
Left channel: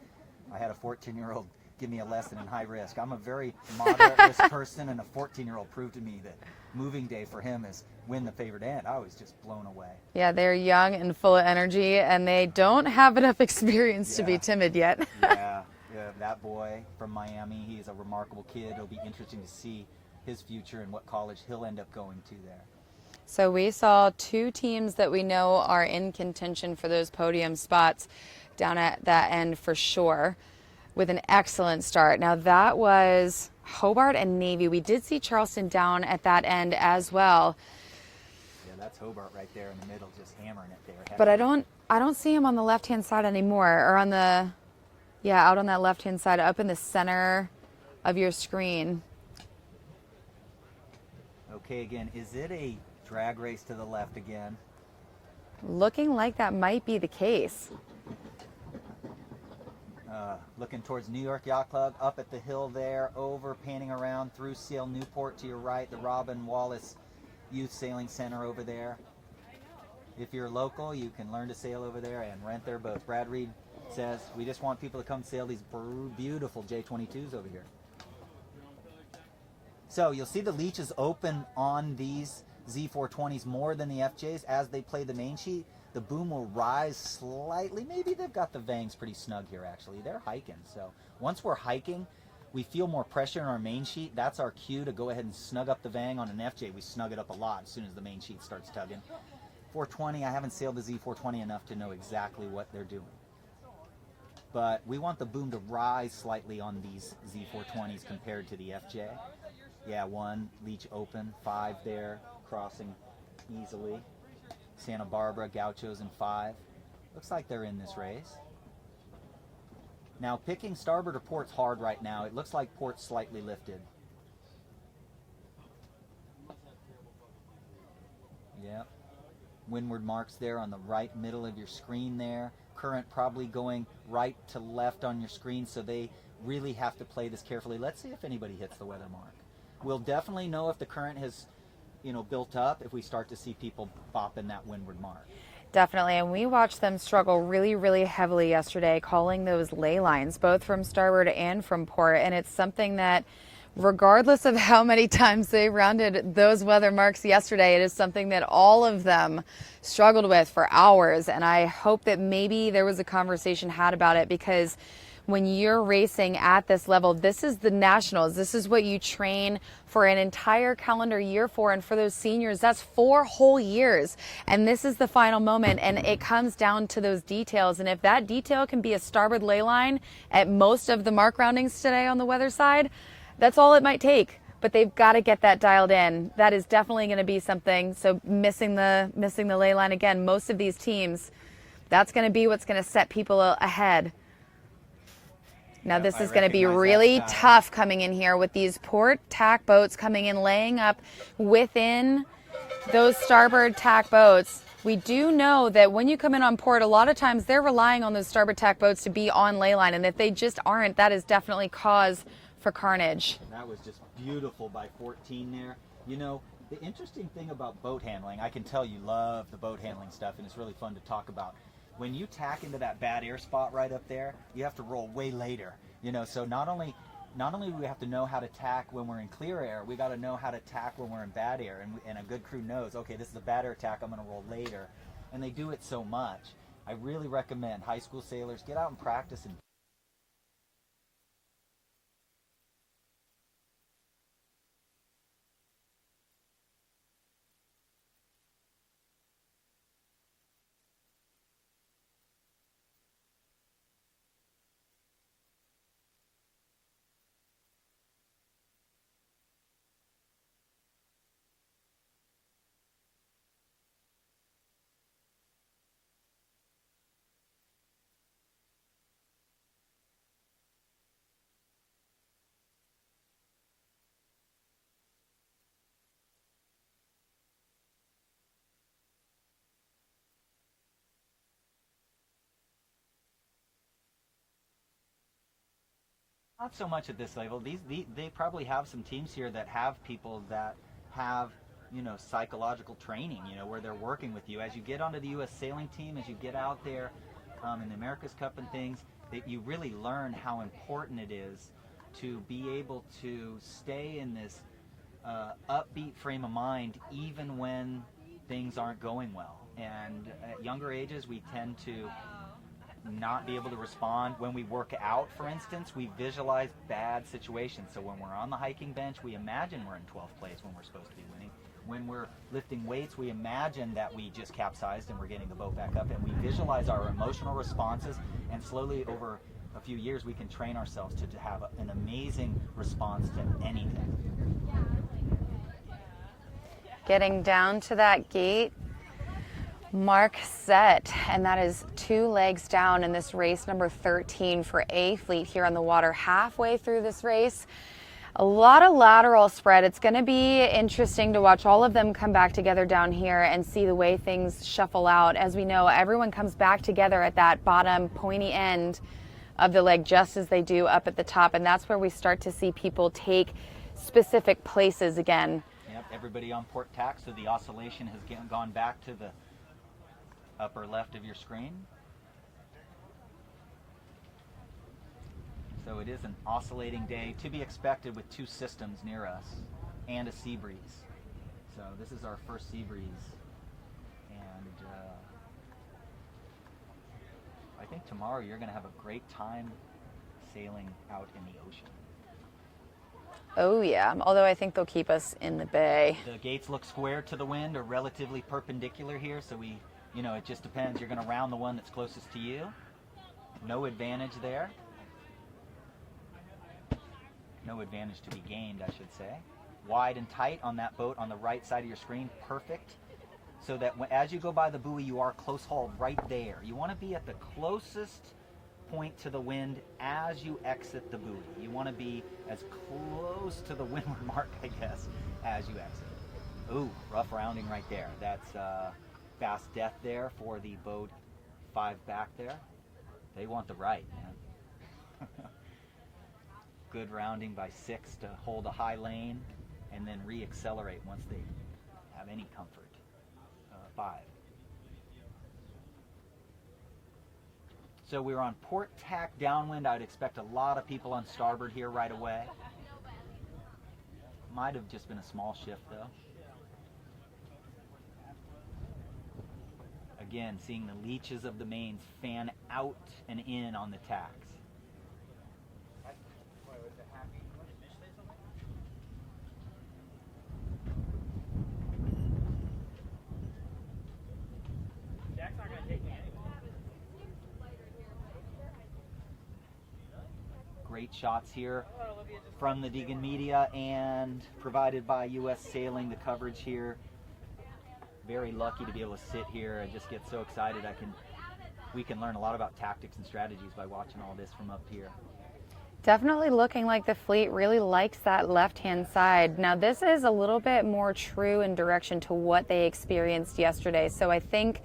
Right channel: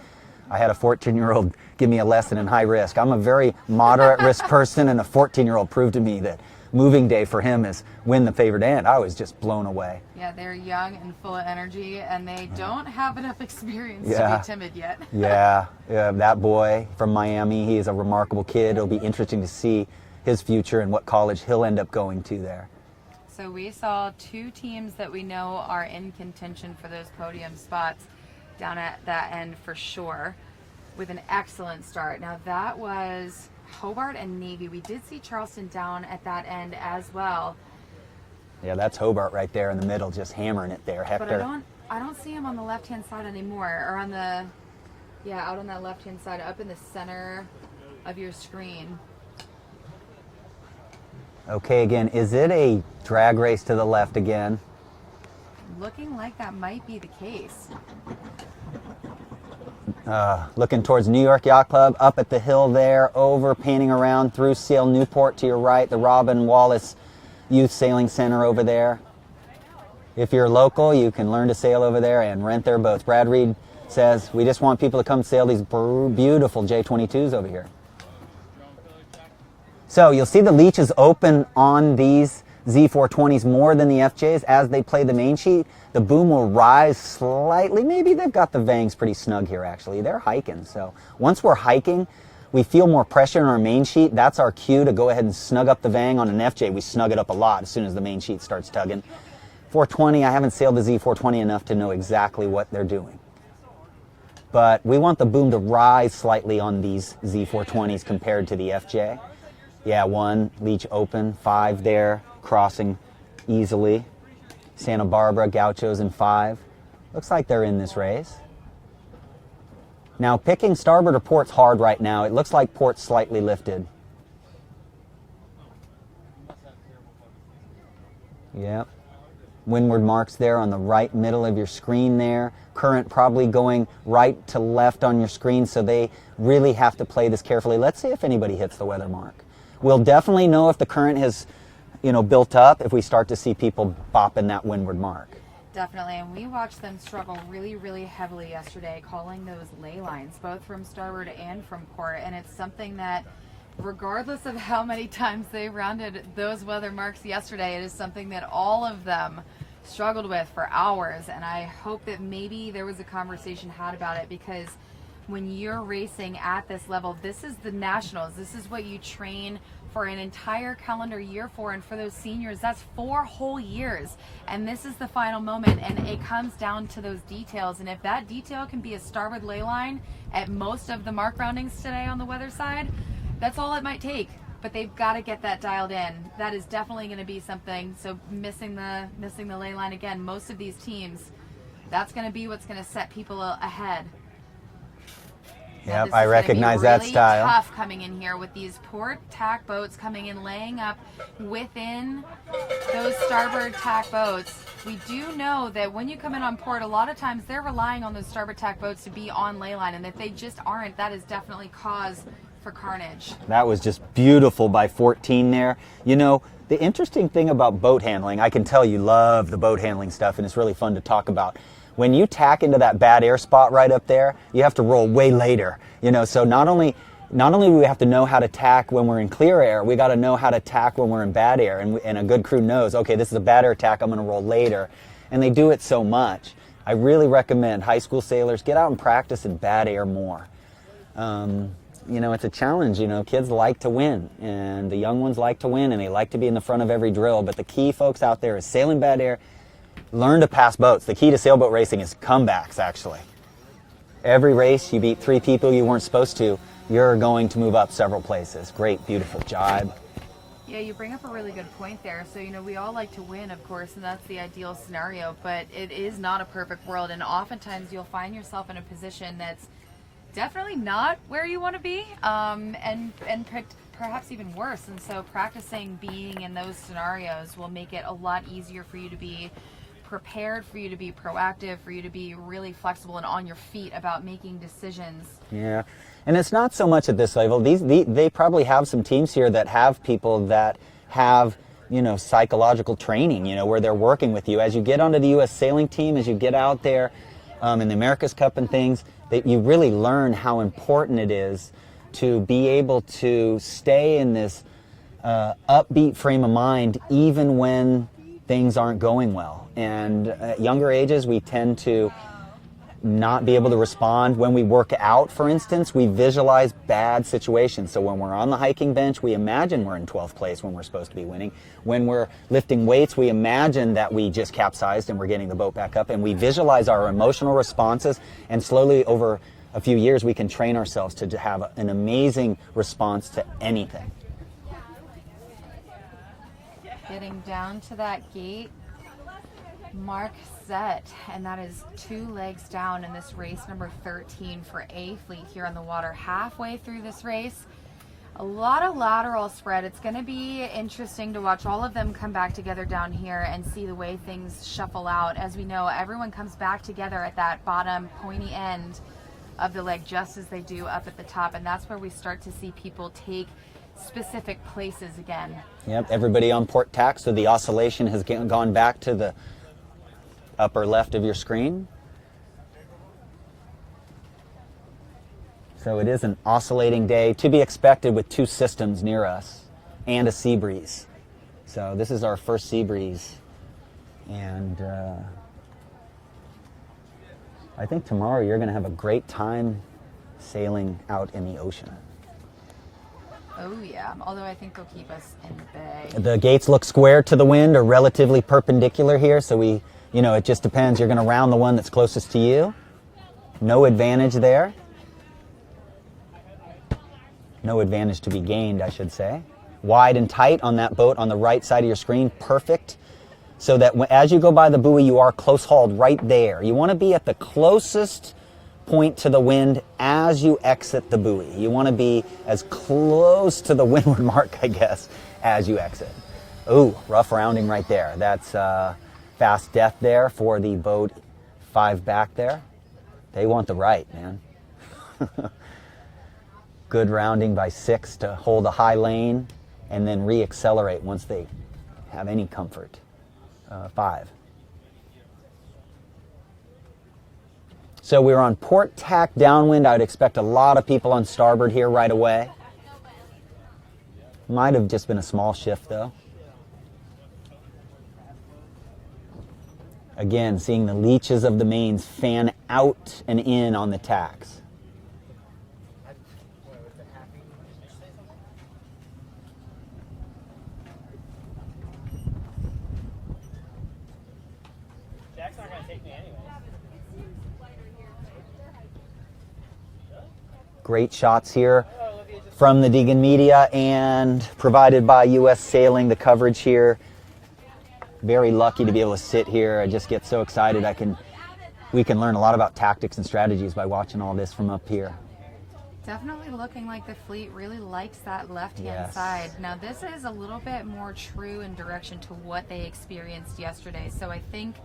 I had a 14-year-old give me a lesson in high risk. I'm a very moderate risk person, and a 14-year-old proved to me that moving day for him is win the favored end. I was just blown away. Yeah, they're young and full of energy, and they don't have enough experience to be timid yet. Yeah, that boy from Miami, he is a remarkable kid. It'll be interesting to see his future and what college he'll end up going to there. So we saw 2 teams that we know are in contention for those podium spots down at that end for sure, with an excellent start. Now that was Hobart and Navy. We did see Charleston down at that end as well. Yeah, that's Hobart right there in the middle, just hammering it there. Hector. But I don't see him on the left-hand side anymore, or on the, yeah, out on that left-hand side, up in the center of your screen. Okay, again, is it a drag race to the left again? Looking like that might be the case. Looking towards New York Yacht Club, up at the hill there, over, panning around through Sail Newport to your right, the Robin Wallace Youth Sailing Center over there. If you're local, you can learn to sail over there and rent their boats. Brad Reed says, we just want people to come sail these beautiful J22s over here. So you'll see the leeches open on these Z420s more than the FJs as they play the main sheet. The boom will rise slightly. Maybe they've got the vangs pretty snug here, actually. They're hiking. So once we're hiking, we feel more pressure in our main sheet. That's our cue to go ahead and snug up the vang. On an FJ, we snug it up a lot as soon as the main sheet starts tugging. 420, I haven't sailed the Z420 enough to know exactly what they're doing. But we want the boom to rise slightly on these Z420s compared to the FJ. Yeah, 1 leech open, 5 there, crossing easily. Santa Barbara, Gauchos in 5. Looks like they're in this race. Now, picking starboard or port's hard right now. It looks like port's slightly lifted. Yep. Windward marks there on the right middle of your screen there. Current probably going right to left on your screen, so they really have to play this carefully. Let's see if anybody hits the weather mark. We'll definitely know if the current has, built up if we start to see people bopping that windward mark. Definitely, and we watched them struggle really, really heavily yesterday, calling those ley lines, both from starboard and from port, and it's something that, regardless of how many times they rounded those weather marks yesterday, it is something that all of them struggled with for hours, and I hope that maybe there was a conversation had about it, because when you're racing at this level, this is the nationals, this is what you train for an entire calendar year for, and for those seniors, that's 4 whole years, and this is the final moment, and it comes down to those details, and if that detail can be a starboard ley line at most of the mark roundings today on the weather side, that's all it might take, but they've got to get that dialed in. That is definitely going to be something. So missing the ley line again, most of these teams, that's going to be what's going to set people ahead. Now this is going to be really tough coming in here with these port tack boats coming in, laying up within those starboard tack boats. We do know that when you come in on port, a lot of times they're relying on those starboard tack boats to be on ley line, and if they just aren't, that is definitely cause for carnage. That was just beautiful by 14 there. The interesting thing about boat handling, I can tell you love the boat handling stuff, and it's really fun to talk about. When you tack into that bad air spot right up there, you have to roll way later. So not only do we have to know how to tack when we're in clear air, we got to know how to tack when we're in bad air. And a good crew knows, okay, this is a bad air tack, I'm going to roll later. And they do it so much. I really recommend high school sailors get out and practice in bad air more. It's a challenge. Kids like to win, and the young ones like to win, and they like to be in the front of every drill. But the key, folks out there, is sailing bad air. Learn to pass boats. The key to sailboat racing is comebacks, actually. Every race, you beat 3 people you weren't supposed to, you're going to move up several places. Great, beautiful jibe. Yeah, you bring up a really good point there. So, we all like to win, of course, and that's the ideal scenario, but it is not a perfect world, and oftentimes you'll find yourself in a position that's definitely not where you want to be, and perhaps even worse. And so practicing being in those scenarios will make it a lot easier for you to be prepared, for you to be proactive, for you to be really flexible and on your feet about making decisions. Yeah, and it's not so much at this level. They probably have some teams here that have people that have psychological training, where they're working with you. As you get onto the U.S. sailing team, as you get out there in the America's Cup and things, that you really learn how important it is to be able to stay in this upbeat frame of mind even when things aren't going well. And at younger ages, we tend to not be able to respond. When we work out, for instance, we visualize bad situations. So when we're on the hiking bench, we imagine we're in 12th place when we're supposed to be winning. When we're lifting weights, we imagine that we just capsized and we're getting the boat back up, and we visualize our emotional responses, and slowly over a few years we can train ourselves to have an amazing response to anything. Getting down to that gate, mark set, and that is 2 legs down in this race number 13 for A Fleet here on the water. Halfway through this race, a lot of lateral spread. It's going to be interesting to watch all of them come back together down here and see the way things shuffle out. As we know, everyone comes back together at that bottom pointy end of the leg just as they do up at the top, and that's where we start to see people take specific places again. Yep, everybody on port tack, so the oscillation has gone back to the upper left of your screen. So it is an oscillating day, to be expected with 2 systems near us and a sea breeze. So this is our first sea breeze, and I think tomorrow you're going to have a great time sailing out in the ocean. Oh yeah, although I think they'll keep us in the bay. The gates look square to the wind or relatively perpendicular here, so it just depends. You're going to round the one that's closest to you. No advantage there. No advantage to be gained, I should say. Wide and tight on that boat on the right side of your screen, perfect. So that as you go by the buoy, you are close hauled right there. You want to be at the closest point to the wind as you exit the buoy. You want to be as close to the windward mark, I guess, as you exit. Ooh, rough rounding right there. That's fast death there for the boat 5 back there. They want the right, man. Good rounding by 6 to hold a high lane and then re-accelerate once they have any comfort. 5. So we're on port tack downwind. I would expect a lot of people on starboard here right away. Might have just been a small shift though. Again, seeing the leeches of the mains fan out and in on the tacks. Great shots here from the Degan media and provided by U.S. Sailing, the coverage here. Very lucky to be able to sit here. I just get so excited. We can learn a lot about tactics and strategies by watching all this from up here. Definitely looking like the fleet really likes that left-hand side. Now this is a little bit more true in direction to what they experienced yesterday. So I think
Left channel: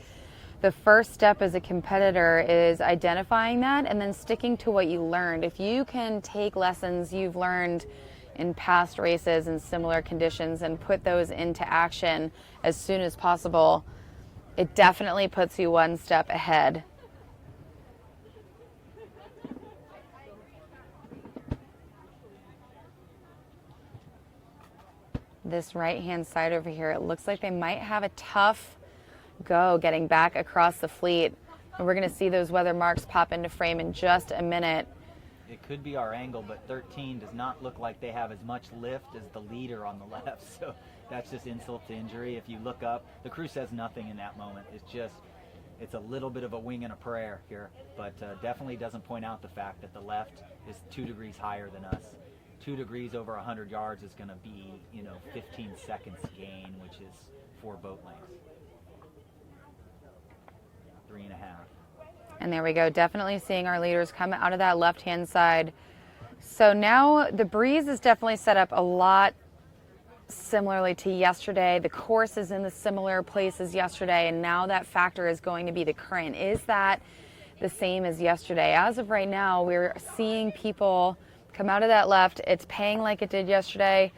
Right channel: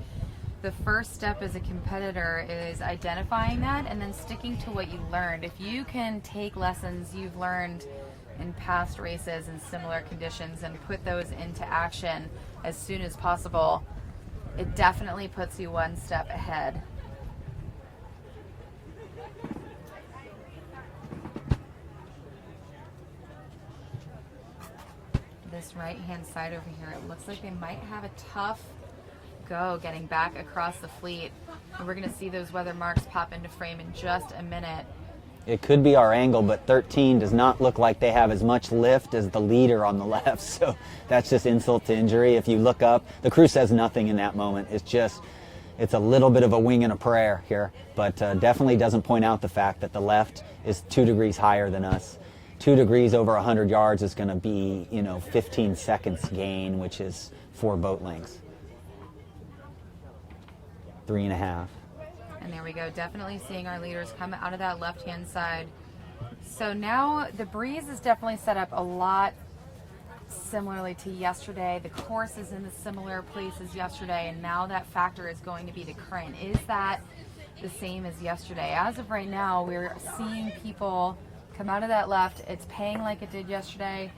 the first step as a competitor is identifying that and then sticking to what you learned. If you can take lessons you've learned in past races in similar conditions and put those into action as soon as possible, it definitely puts you one step ahead. This right-hand side over here, it looks like they might have a tough go getting back across the fleet. And we're going to see those weather marks pop into frame in just a minute. It could be our angle, but 13 does not look like they have as much lift as the leader on the left. So that's just insult to injury. If you look up, the crew says nothing in that moment. It's a little bit of a wing and a prayer here, but definitely doesn't point out the fact that the left is 2 degrees higher than us. 2 degrees over 100 yards is going to be, 15 seconds gain, which is 4 boat lengths. 3.5. And there we go, definitely seeing our leaders come out of that left-hand side. So now the breeze is definitely set up a lot similarly to yesterday. The course is in the similar place as yesterday, and now that factor is going to be the current. Is that the same as yesterday? As of right now, we're seeing people come out of that left. It's paying like it did yesterday.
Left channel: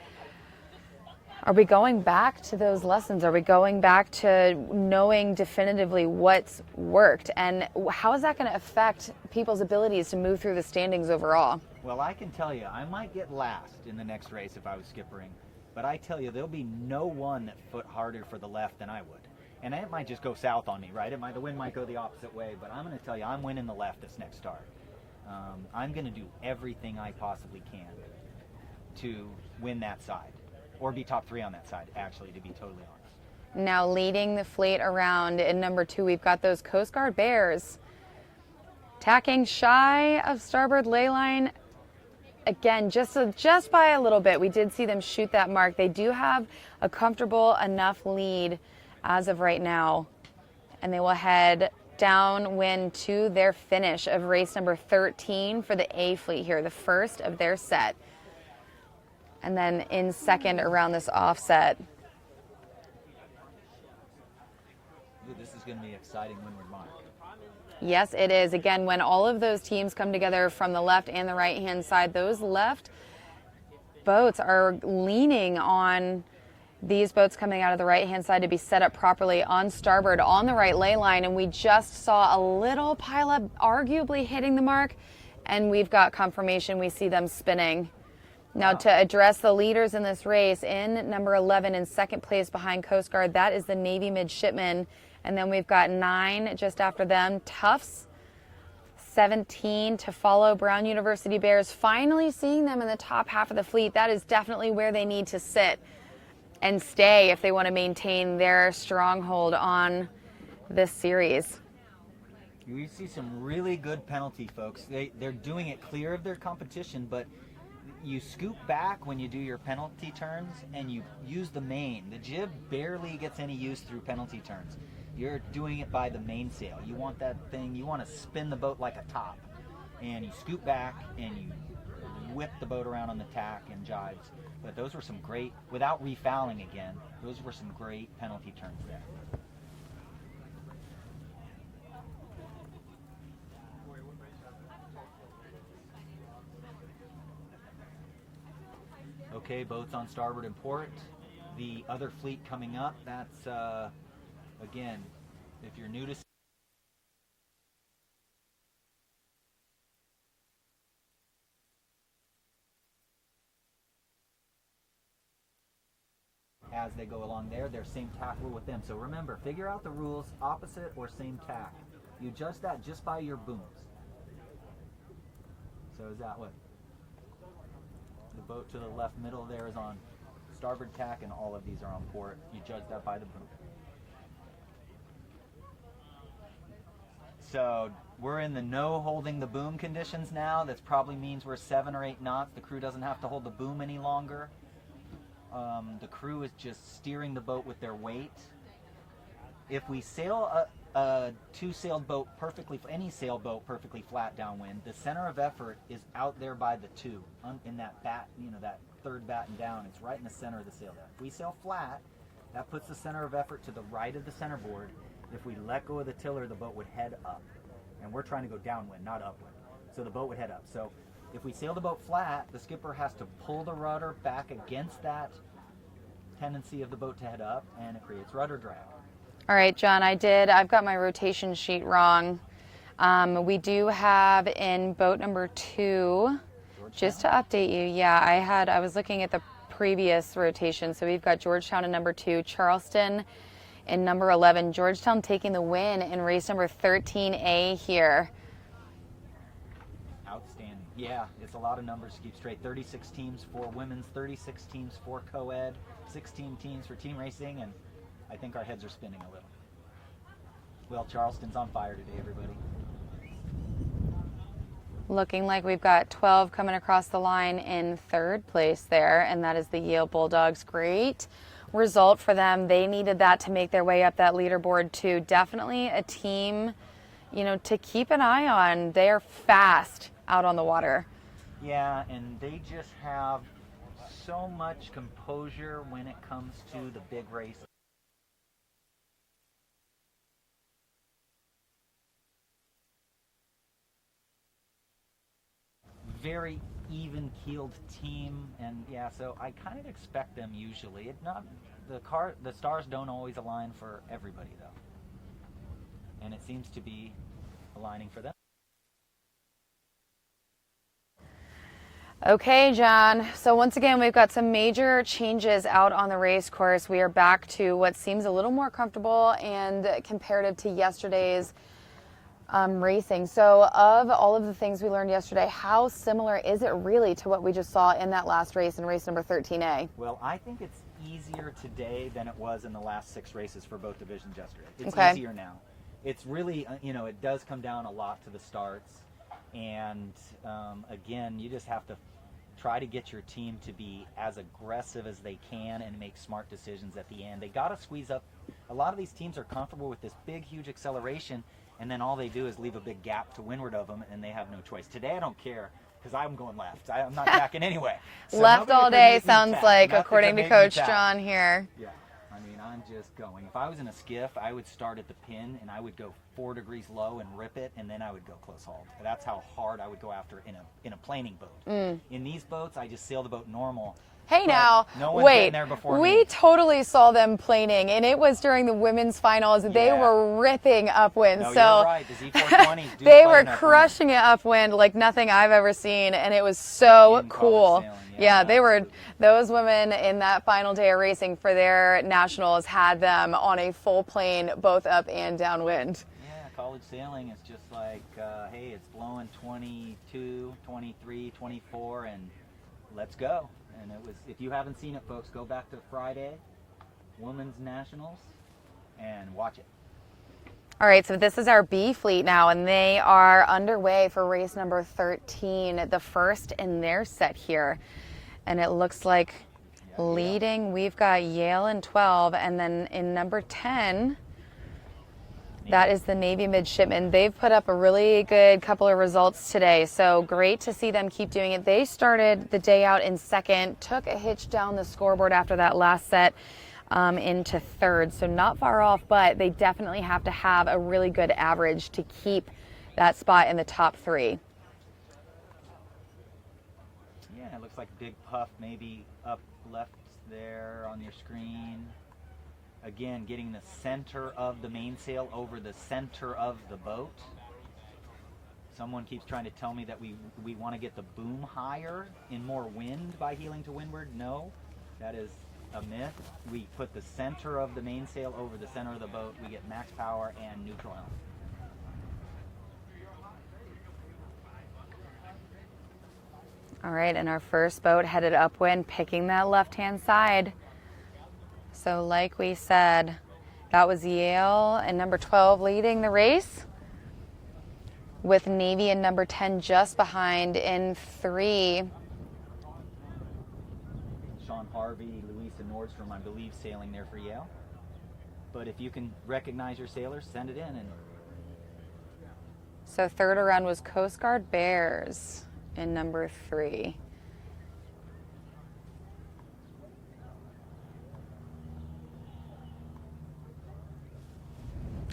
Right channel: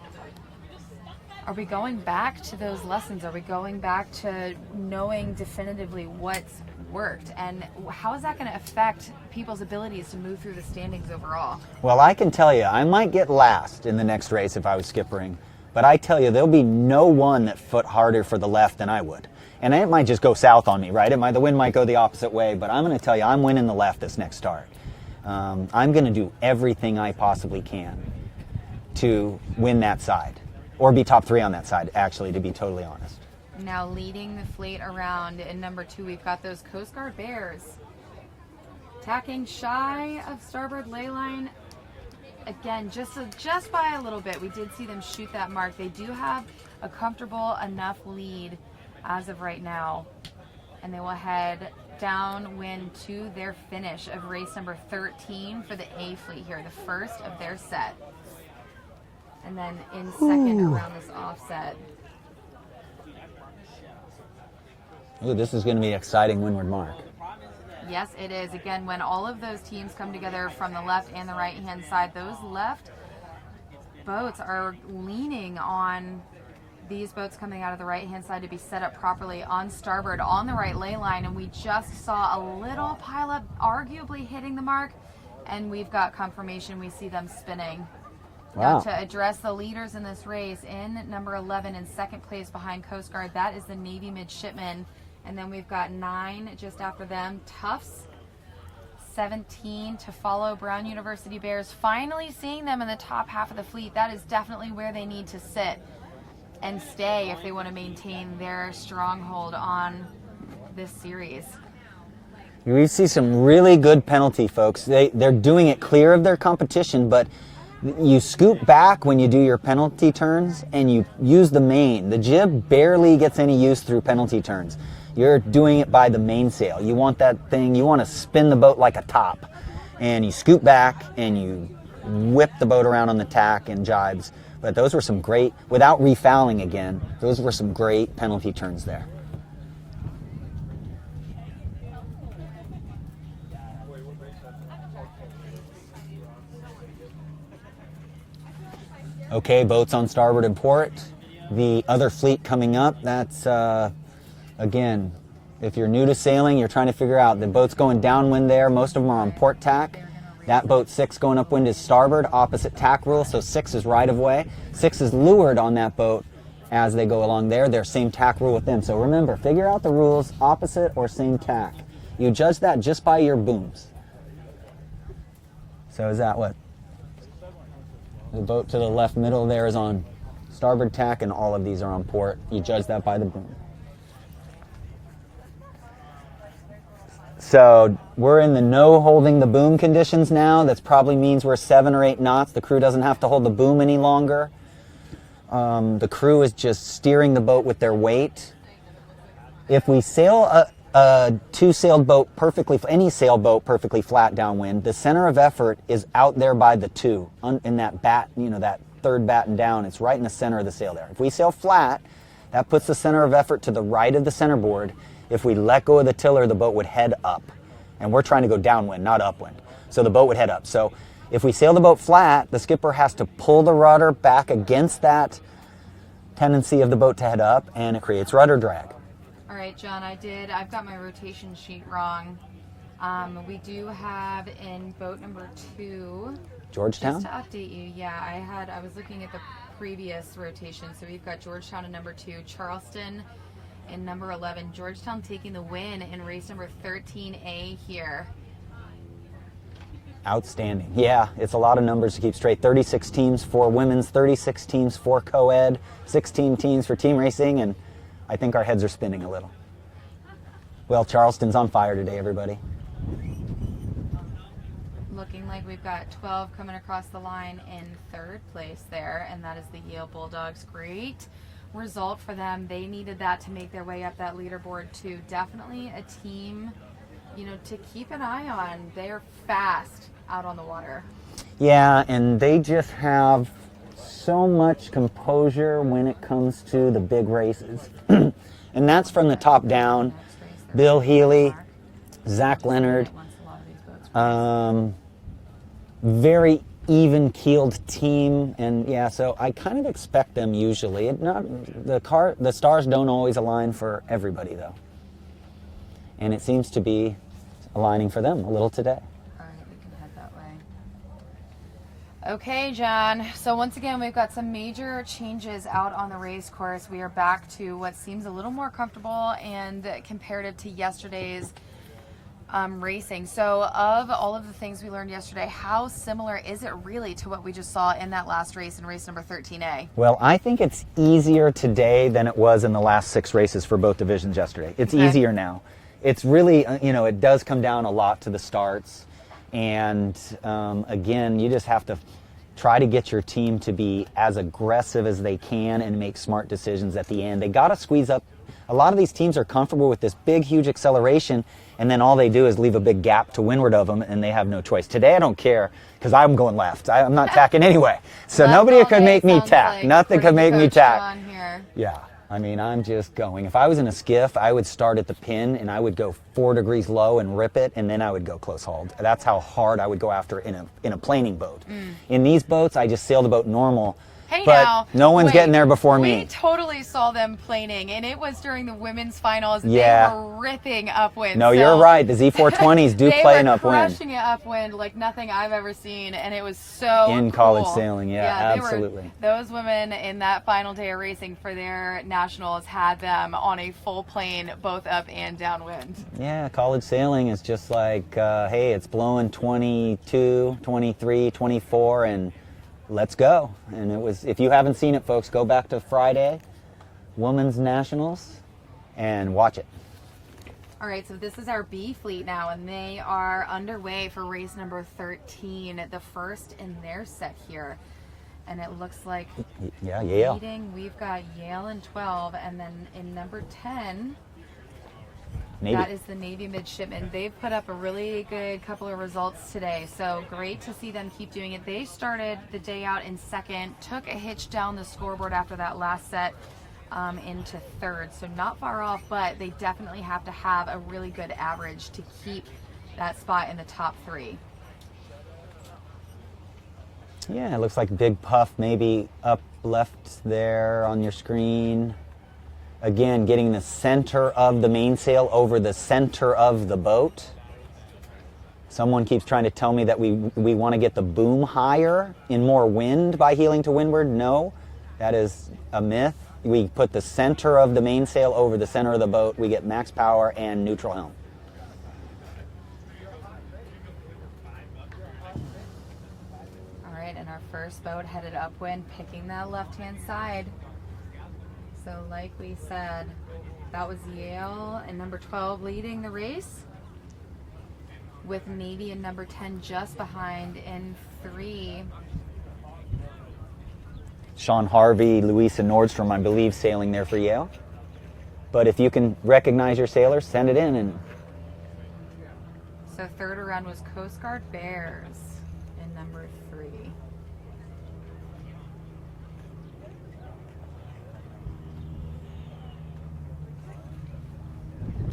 Are we going back to those lessons? Are we going back to knowing definitively what's worked? And how is that going to affect people's abilities to move through the standings overall? Well, I can tell you, I might get last in the next race if I was skippering. But I tell you, there'll be no one that foot harder for the left than I would. And it might just go south on me, right? The wind might go the opposite way, but I'm going to tell you, I'm winning the left this next start. I'm going to do everything I possibly can to win that side, or be top 3 on that side, actually, to be totally honest. Now leading the fleet around in number 2, we've got those Coast Guard Bears tacking shy of starboard ley line. Again, just by a little bit. We did see them shoot that mark. They do have a comfortable enough lead as of right now, and they will head downwind to their finish of race number 13 for the A fleet here, the first of their set. And then in second around this offset. Ooh, this is going to be an exciting windward mark. Yes, it is. Again, when all of those teams come together from the left and the right-hand side, those left boats are leaning on these boats coming out of the right-hand side to be set up properly on starboard on the right ley line. And we just saw a little pileup arguably hitting the mark, and we've got confirmation. We see them spinning. Wow. Now to address the leaders in this race, in number 11 in second place behind Coast Guard, that is the Navy midshipman. And then we've got 9 just after them, Tufts. 17 to follow, Brown University Bears. Finally seeing them in the top half of the fleet. That is definitely where they need to sit and stay if they want to maintain their stronghold on this series. We see some really good penalty, folks. They're doing it clear of their competition, but you scoop back when you do your penalty turns and you use the main. The jib barely gets any use through penalty turns. You're doing it by the mainsail. You want that thing, you want to spin the boat like a top. And you scoop back and you whip the boat around on the tack and jibes. But those were some great, without refouling again, those were some great penalty turns there. Okay, boats on starboard and port. The other fleet coming up, that's, again, if you're new to sailing, you're trying to figure out the boat's going downwind there. Most of them are on port tack. That boat 6 going upwind is starboard, opposite tack rule, so 6 is right of way. 6 is leeward on that boat as they go along there. They're same tack rule with them. So remember, figure out the rules, opposite or same tack. You judge that just by your booms. So is that what? The boat to the left middle there is on starboard tack and all of these are on port. You judge that by the boom. So we're in the no holding the boom conditions now. That probably means we're 7 or 8 knots. The crew doesn't have to hold the boom any longer. The crew is just steering the boat with their weight. If we sail a 2-sailed boat perfectly, any sailboat perfectly flat downwind, the center of effort is out there by the 2, in that bat, that third batten down. It's right in the center of the sail there. If we sail flat, that puts the center of effort to the right of the centerboard. If we let go of the tiller, the boat would head up. And we're trying to go downwind, not upwind. So the boat would head up. So If we sail the boat flat, the skipper has to pull the rudder back against that tendency of the boat to head up, and it creates rudder drag. All right, John, I've got my rotation sheet wrong. We do have in boat number 2, Georgetown? just to update you, yeah, I was looking at the previous rotation. So we've got Georgetown in number 2, Charleston in number 11. Georgetown taking the win in race number 13A here. Outstanding. Yeah, it's a lot of numbers to keep straight. 36 teams for women's, 36 teams for co-ed, 16 teams for team racing, and I think our heads are spinning a little. Well, Charleston's on fire today, everybody. Looking like we've got 12 coming across the line in 3rd place there, and that is the Yale Bulldogs. Great result for them. They needed that to make their way up that leaderboard too. Definitely a team, you know, to keep an eye on. They're fast out on the water. Yeah, and they just have so much composure when it comes to the big races. And that's from the top down. Bill Healy, Zach Leonard, very even-keeled team, and yeah, so I kind of expect them usually. The stars don't always align for everybody though, and it seems to be aligning for them a little today. All right, we can head that way. Okay, John. So once again, we've got some major changes out on the race course. We are back to what seems a little more comfortable and comparative to yesterday's racing. So of all of the things we learned yesterday, how similar is it really to what we just saw in that last race in race number 13A? Well, I think it's easier today than it was in the last 6 races for both divisions yesterday. It's Okay. easier now. It's really, it does come down a lot to the starts. And again, you just have to try to get your team to be as aggressive as they can and make smart decisions at the end. They got to squeeze up. A lot of these teams are comfortable with this big, huge acceleration, and then all they do is leave a big gap to windward of them, and they have no choice. Today, I don't care, because I'm going left. I'm not tacking anyway. So Left nobody all could day make me sounds tack. like, Nothing could according to make me Coach tack. John here. Yeah, I mean, I'm just going. If I was in a skiff, I would start at the pin, and I would go 4 degrees low and rip it, and then I would go close hauled. That's how hard I would go after in a planing boat. In these boats, I just sail the boat normal. Hey, but now, no one's wait, getting there before we me. totally saw them planing, and it was during the women's finals. Yeah. They were ripping upwind. No, so you're right. The Z420s do they play an were upwind. crushing it upwind like nothing I've ever seen, and it was so In cool. college sailing, yeah, they absolutely. were. Those women in that final day of racing for their nationals had them on a full plane, both up and downwind. Yeah, college sailing is just like, hey, it's blowing 22, 23, 24, and let's go. And it was, if you haven't seen it, folks, go back to Friday, Women's Nationals, and watch it. All right, so this is our B fleet now, and they are underway for race number 13, the first in their set here. And it looks like Yeah, Yale. leading, we've got Yale in 12, and then in number 10, Navy. that is the Navy midshipmen. They've put up a really good couple of results today, so great to see them keep doing it. They started the day out in 2nd, took a hitch down the scoreboard after that last set into 3rd, so not far off, but they definitely have to have a really good average to keep that spot in the top 3. Yeah, it looks like Big Puff maybe up left there on your screen. Again, getting the center of the mainsail over the center of the boat. Someone keeps trying to tell me that we want to get the boom higher in more wind by heeling to windward. No, that is a myth. We put the center of the mainsail over the center of the boat. We get max power and neutral helm. All right, and our first boat headed upwind, picking that left-hand side. So like we said, that was Yale and number 12 leading the race, with Navy and number 10 just behind in 3. Sean Harvey, Louisa Nordstrom, I believe, sailing there for Yale. But if you can recognize your sailors, send it in. And So 3rd around was Coast Guard Bears in number 3.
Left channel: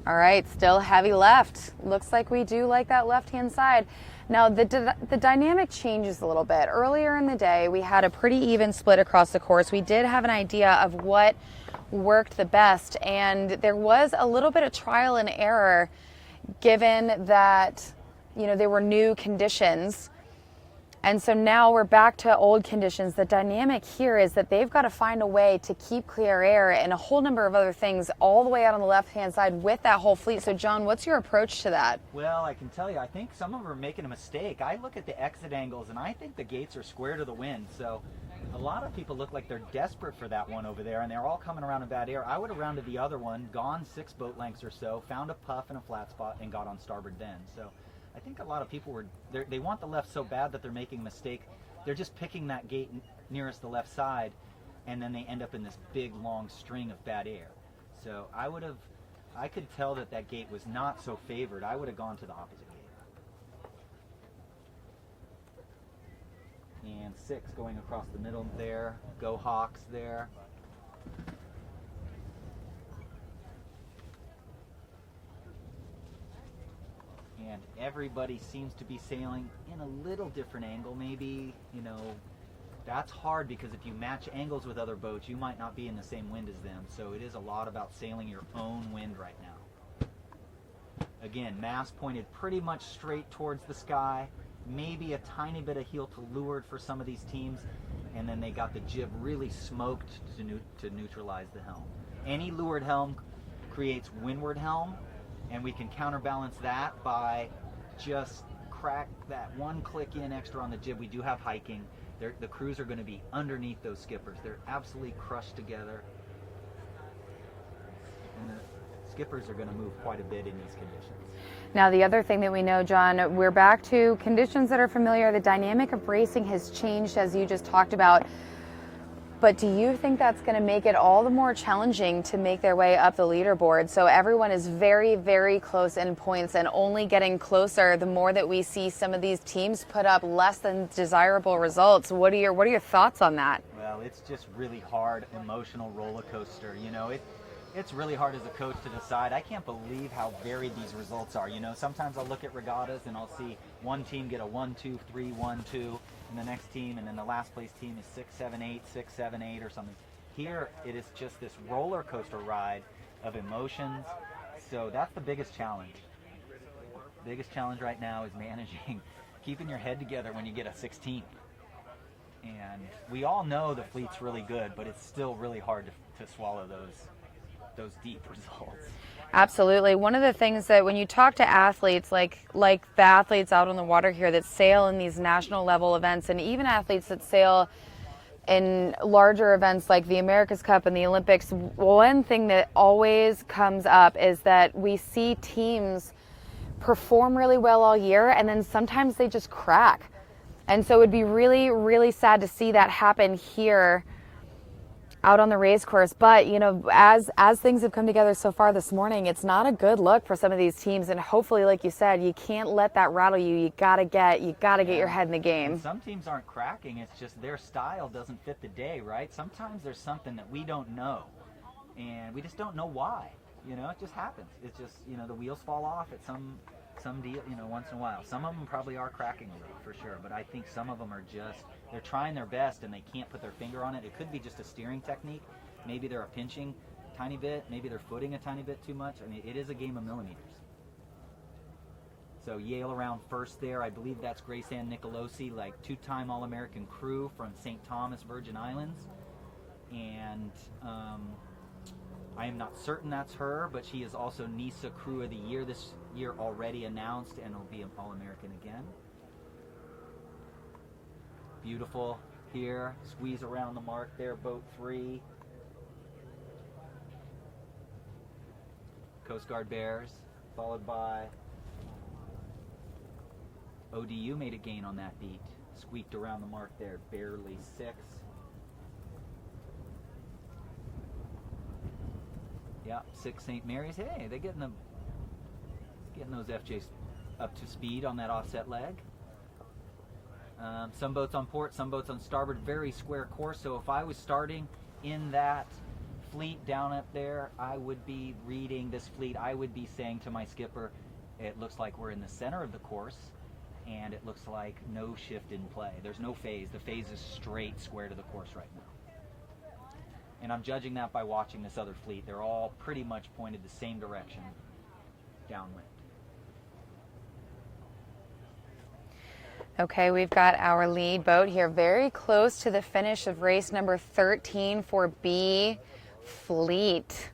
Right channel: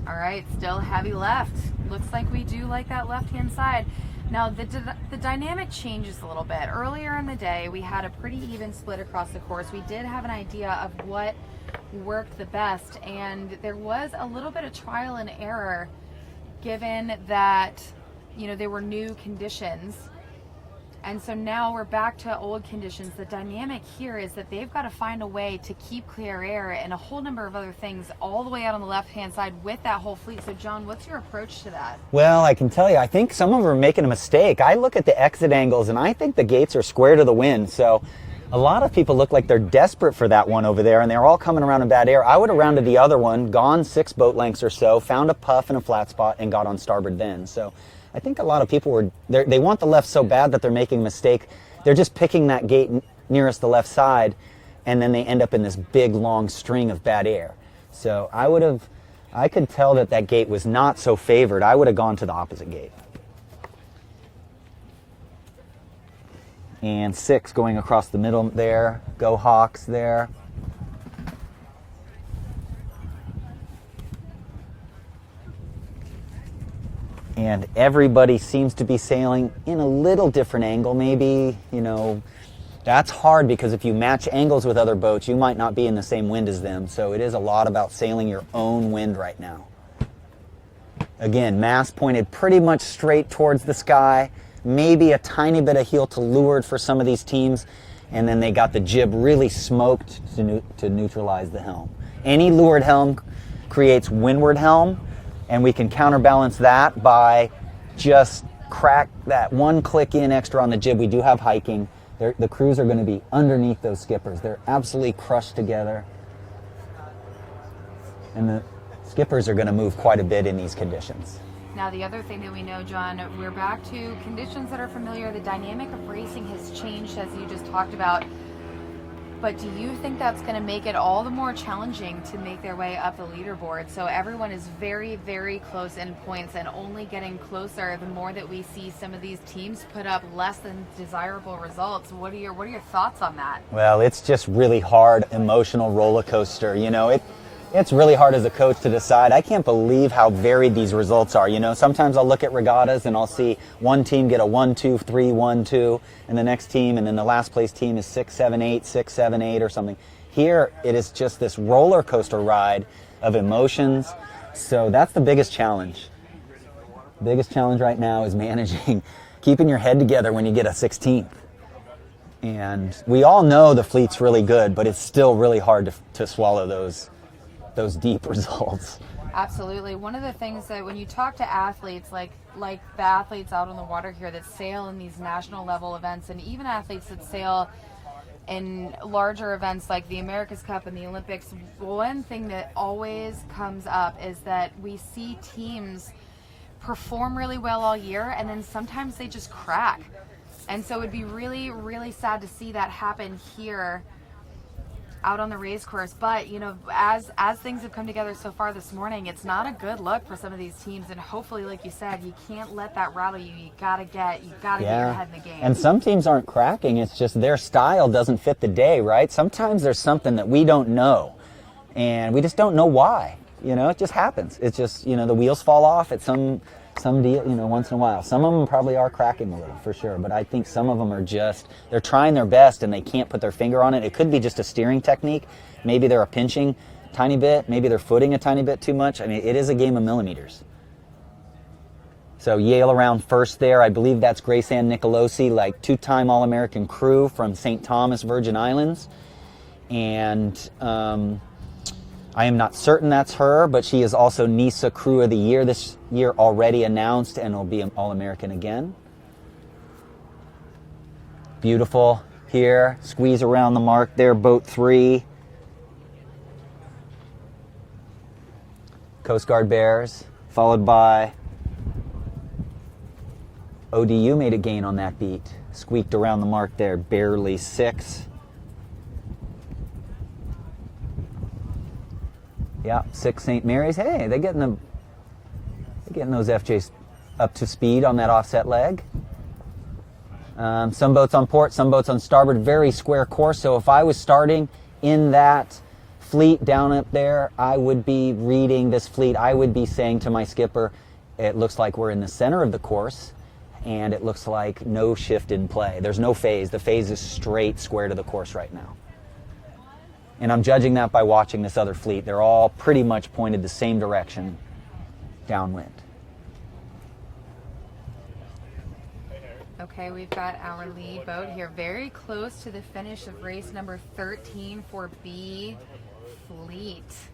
All right, still heavy left. Looks like we do like that left-hand side. Now, the dynamic changes a little bit. Earlier in the day, we had a pretty even split across the course. We did have an idea of what worked the best, and there was a little bit of trial and error given that, you know, there were new conditions. And so now we're back to old conditions. The dynamic here is that they've got to find a way to keep clear air and a whole number of other things all the way out on the left-hand side with that whole fleet. So, John, what's your approach to that? Well, I can tell you, I think some of them are making a mistake. I look at the exit angles, and I think the gates are square to the wind. So a lot of people look like they're desperate for that one over there, and they're all coming around in bad air. I would have rounded the other one, gone 6 boat lengths or so, found a puff and a flat spot, and got on starboard then. So I think a lot of people they want the left so bad that they're making a mistake. They're just picking that gate nearest the left side, and then they end up in this big, long string of bad air. So I could tell that gate was not so favored. I would have gone to the opposite gate. And 6 going across the middle there. Go Hawks there. And everybody seems to be sailing in a little different angle. Maybe, you know, that's hard because if you match angles with other boats, you might not be in the same wind as them. So it is a lot about sailing your own wind right now. Again, mast pointed pretty much straight towards the sky. Maybe a tiny bit of heel to leeward for some of these teams. And then they got the jib really smoked to neutralize the helm. Any leeward helm creates windward helm. And we can counterbalance that by just crack that one click in extra on the jib. We do have hiking. The crews are going to be underneath those skippers. They're absolutely crushed together. And the skippers are going to move quite a bit in these conditions. Now, the other thing that we know, John, we're back to conditions that are familiar. The dynamic of racing has changed, as you just talked about. But do you think that's going to make it all the more challenging to make their way up the leaderboard? So everyone is very, very close in points and only getting closer the more that we see some of these teams put up less than desirable results. What are your thoughts on that? Well, it's just really hard, emotional roller coaster. You know, it's really hard as a coach to decide. I can't believe how varied these results are. You know, sometimes I'll look at regattas and I'll see one team get a 1-2, 3, 1-2, and the next team, and then the last place team is 6-7-8, 6-7-8 or something. Here, it is just this roller coaster ride of emotions. So that's the biggest challenge. The biggest challenge right now is managing, keeping your head together when you get a 16th. And we all know the fleet's really good, but it's still really hard to swallow those deep results. Absolutely. One of the things that when you talk to athletes, like the athletes out on the water here that sail in these national level events, and even athletes that sail in larger events like the America's Cup and the Olympics, one thing that always comes up is that we see teams perform really well all year, and then sometimes they just crack. And so it would be really, really sad to see that happen here out on the race course. But, you know, as things have come together so far this morning, it's not a good look for some of these teams. And hopefully, like you said, you can't let that rattle you. You gotta get your head in the game. And some teams aren't cracking. It's just their style doesn't fit the day, right? Sometimes there's something that we don't know, and we just don't know why. You know, it just happens. It's just, you know, the wheels fall off at some deal, you know, once in a while. Some of them probably are cracking a little, for sure, but I think some of them are just, they're trying their best and they can't put their finger on it. It could be just a steering technique. Maybe they're a pinching a tiny bit. Maybe they're footing a tiny bit too much. I mean, it is a game of millimeters. So Yale around first there. I believe that's Grace Ann Nicolosi, like 2-time All-American crew from St. Thomas, Virgin Islands. And I am not certain that's her, but she is also NISA Crew of the Year this year already announced and will be an All-American again. Beautiful here. Squeeze around the mark there, boat 3. Coast Guard Bears, followed by ODU made a gain on that beat. Squeaked around the mark there, barely 6. Yeah, 6 St. Mary's. Hey, they're getting those FJs up to speed on that offset leg. Some boats on port, some boats on starboard. Very square course. So if I was starting in that fleet down up there, I would be reading this fleet. I would be saying to my skipper, it looks like we're in the center of the course. and it looks like no shift in play. There's no phase. The phase is straight, square to the course right now. And I'm judging that by watching this other fleet. They're all pretty much pointed the same direction, downwind. Okay, we've got our lead boat here very close to the finish of race number 13 for B Fleet.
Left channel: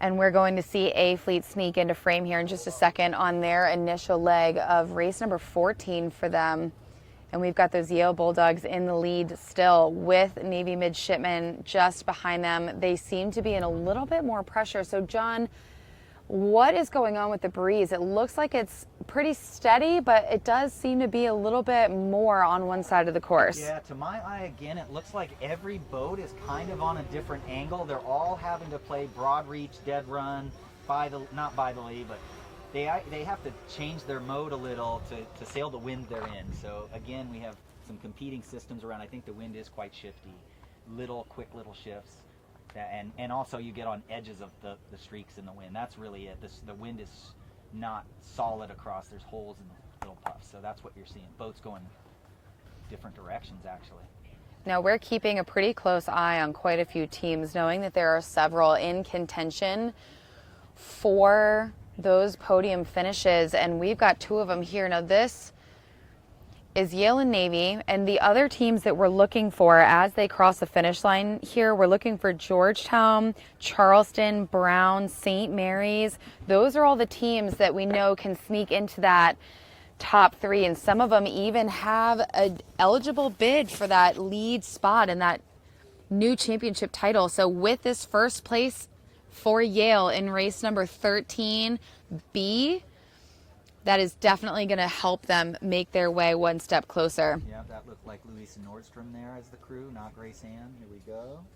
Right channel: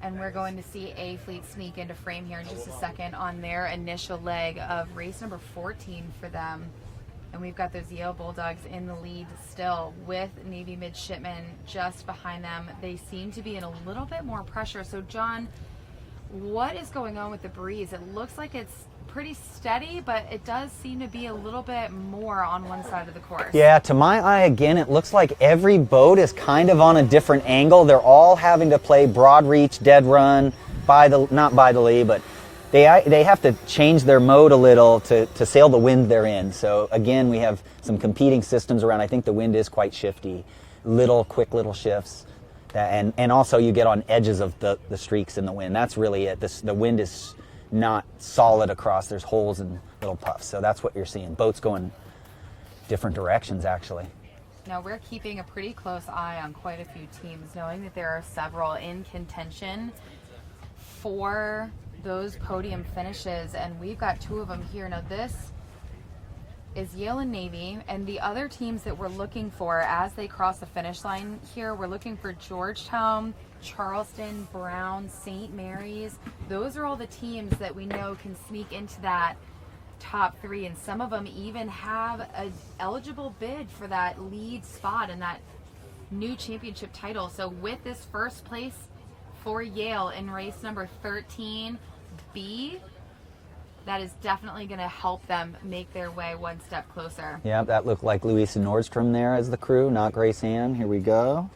And we're going to see A Fleet sneak into frame here in just a second on their initial leg of race number 14 for them. And we've got those Yale Bulldogs in the lead still with Navy midshipmen just behind them. They seem to be in a little bit more pressure. So, John, what is going on with the breeze? It looks like it's pretty steady, but it does seem to be a little bit more on one side of the course. Yeah, to my eye, again, it looks like every boat is kind of on a different angle. They're all having to play broad reach, dead run, not by the lee, but they have to change their mode a little to sail the wind they're in. So again, we have some competing systems around. I think the wind is quite shifty, quick little shifts. And also you get on edges of the streaks in the wind. That's really it. The wind is not solid across. There's holes and little puffs. So that's what you're seeing. Boats going different directions, actually. Now, we're keeping a pretty close eye on quite a few teams, knowing that there are several in contention for those podium finishes, and we've got two of them here. Now, this is Yale and Navy, and the other teams that we're looking for as they cross the finish line here, we're looking for Georgetown, Charleston, Brown, St. Mary's. Those are all the teams that we know can sneak into that top three, and some of them even have an eligible bid for that lead spot and that new championship title. So with this first place for Yale in race number 13B, that is definitely going to help them make their way one step closer. Yeah, that looked like Louise and Nordstrom there as the crew, not Grace Ann. Here we go.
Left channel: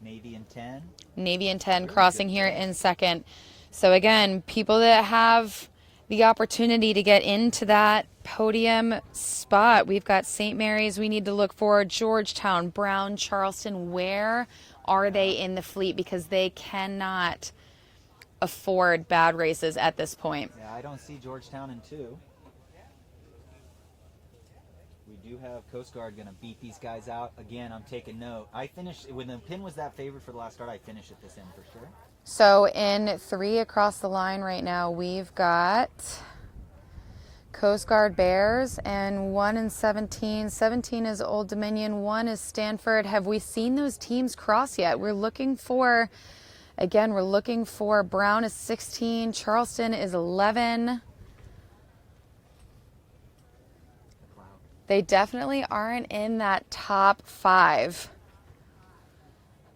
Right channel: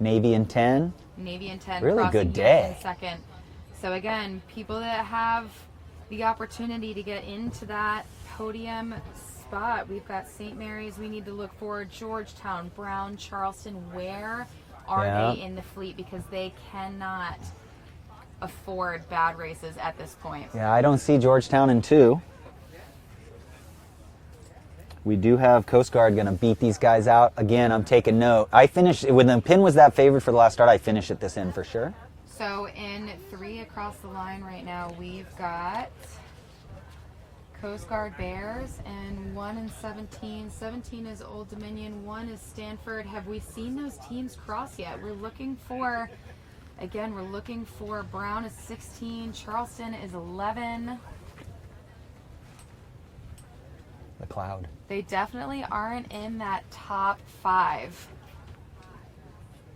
Navy and 10. Navy and 10 really crossing good here day. in second. So again, people that have the opportunity to get into that podium spot. We've got St. Mary's we need to look for, Georgetown, Brown, Charleston. Where are they in the fleet? Because they cannot afford bad races at this point. Yeah, I don't see Georgetown in 2. We do have Coast Guard going to beat these guys out. Again, I'm taking note. I finished, when the pin was that favored for the last start, I finished at this end for sure. So in 3 across the line right now, we've got Coast Guard Bears, and 1 and 17. 17 is Old Dominion, 1 is Stanford. Have we seen those teams cross yet? We're looking for, again, we're looking for Brown is 16, Charleston is 11. The cloud. They definitely aren't in that top 5.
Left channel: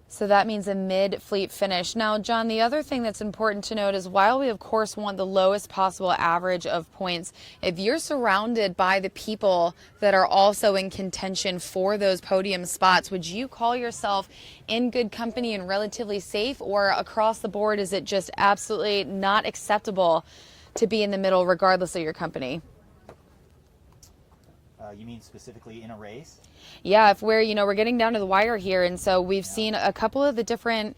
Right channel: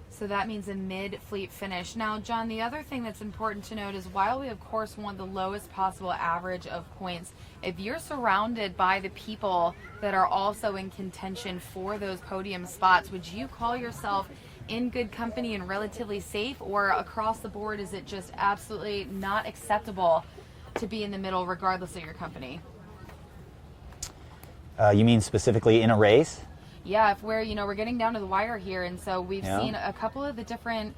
So that means a mid-fleet finish. Now, John, the other thing that's important to note is while we, of course, want the lowest possible average of points, if you're surrounded by the people that are also in contention for those podium spots, would you call yourself in good company and relatively safe, or across the board is it just absolutely not acceptable to be in the middle regardless of your company? You mean specifically in a race? Yeah, if we're getting down to the wire here, and so we've seen a couple of the different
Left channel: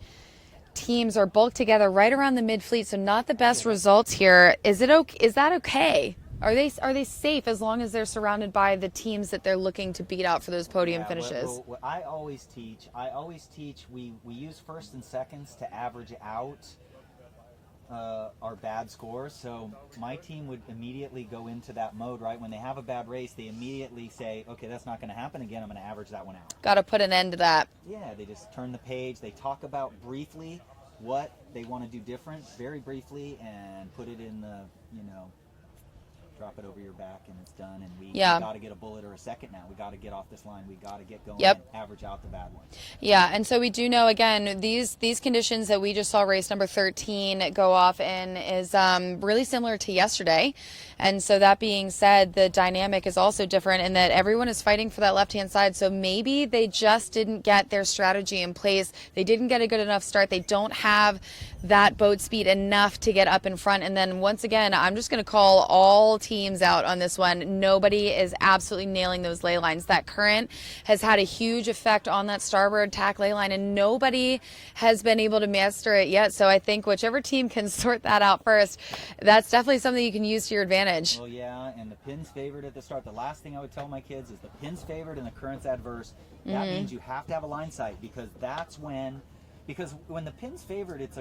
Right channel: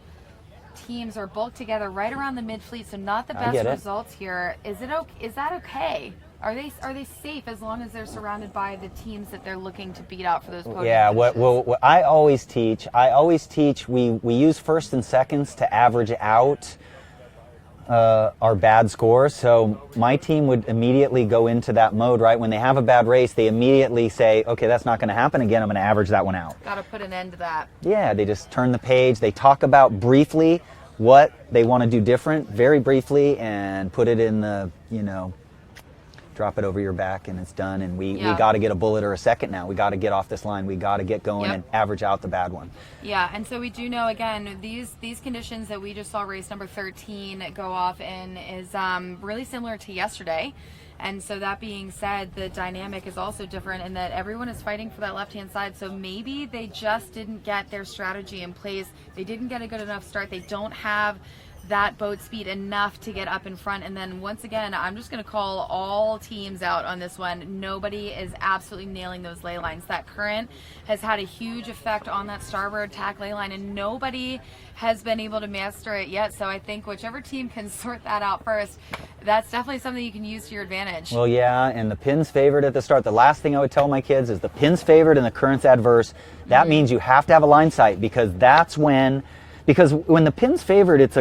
teams are bulked together right around the mid-fleet, so not the best results here. Is that okay? Are they safe as long as they're surrounded by the teams that they're looking to beat out for those podium finishes? Yeah, what I always teach, we use first and seconds to average out our bad scores. So my team would immediately go into that mode, right? When they have a bad race, they immediately say, okay, that's not going to happen again. I'm going to average that one out. Got to put an end to that. Yeah, they just turn the page. They talk about briefly what they want to do different, very briefly, and put it in the, drop it over your back and it's done. And we got to get a bullet or a second now. We got to get off this line. We got to get going and average out the bad ones. Yeah, and so we do know, again, these conditions that we just saw race number 13 go off in is really similar to yesterday. And so that being said, the dynamic is also different in that everyone is fighting for that left-hand side. So maybe they just didn't get their strategy in place. They didn't get a good enough start. They don't have that boat speed enough to get up in front. And then once again, I'm just going to call all teams out on this one. Nobody is absolutely nailing those ley lines. That current has had a huge effect on that starboard tack ley line, and nobody has been able to master it yet. So I think whichever team can sort that out first, that's definitely something you can use to your advantage. Well, yeah, and the pin's favored at the start. The last thing I would tell my kids is the pin's favored and the current's adverse. That means you have to have a line sight, because when the pin's favored, it's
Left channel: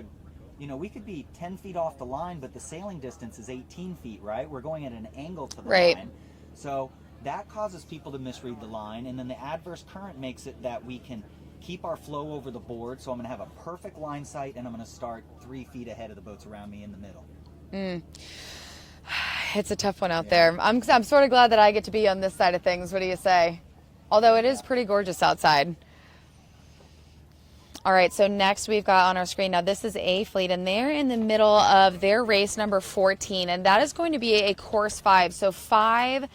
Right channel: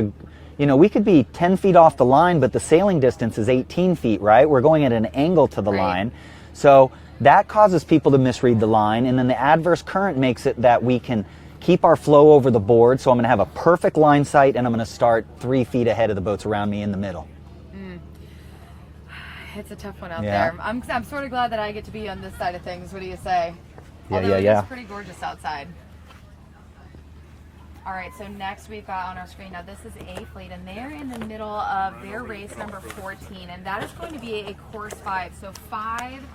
we could be 10 feet off the line, but the sailing distance is 18 feet, right? We're going at an angle to the line. So that causes people to misread the line. And then the adverse current makes it that we can keep our flow over the board. So I'm going to have a perfect line sight, and I'm going to start 3 feet ahead of the boats around me in the middle. It's a tough one out there. I'm sort of glad that I get to be on this side of things. What do you say? Although it is pretty gorgeous outside. All right, so next we've got on our screen, now this is A Fleet, and they're in the middle of their race number 14, and that is going to be a course 5, so 5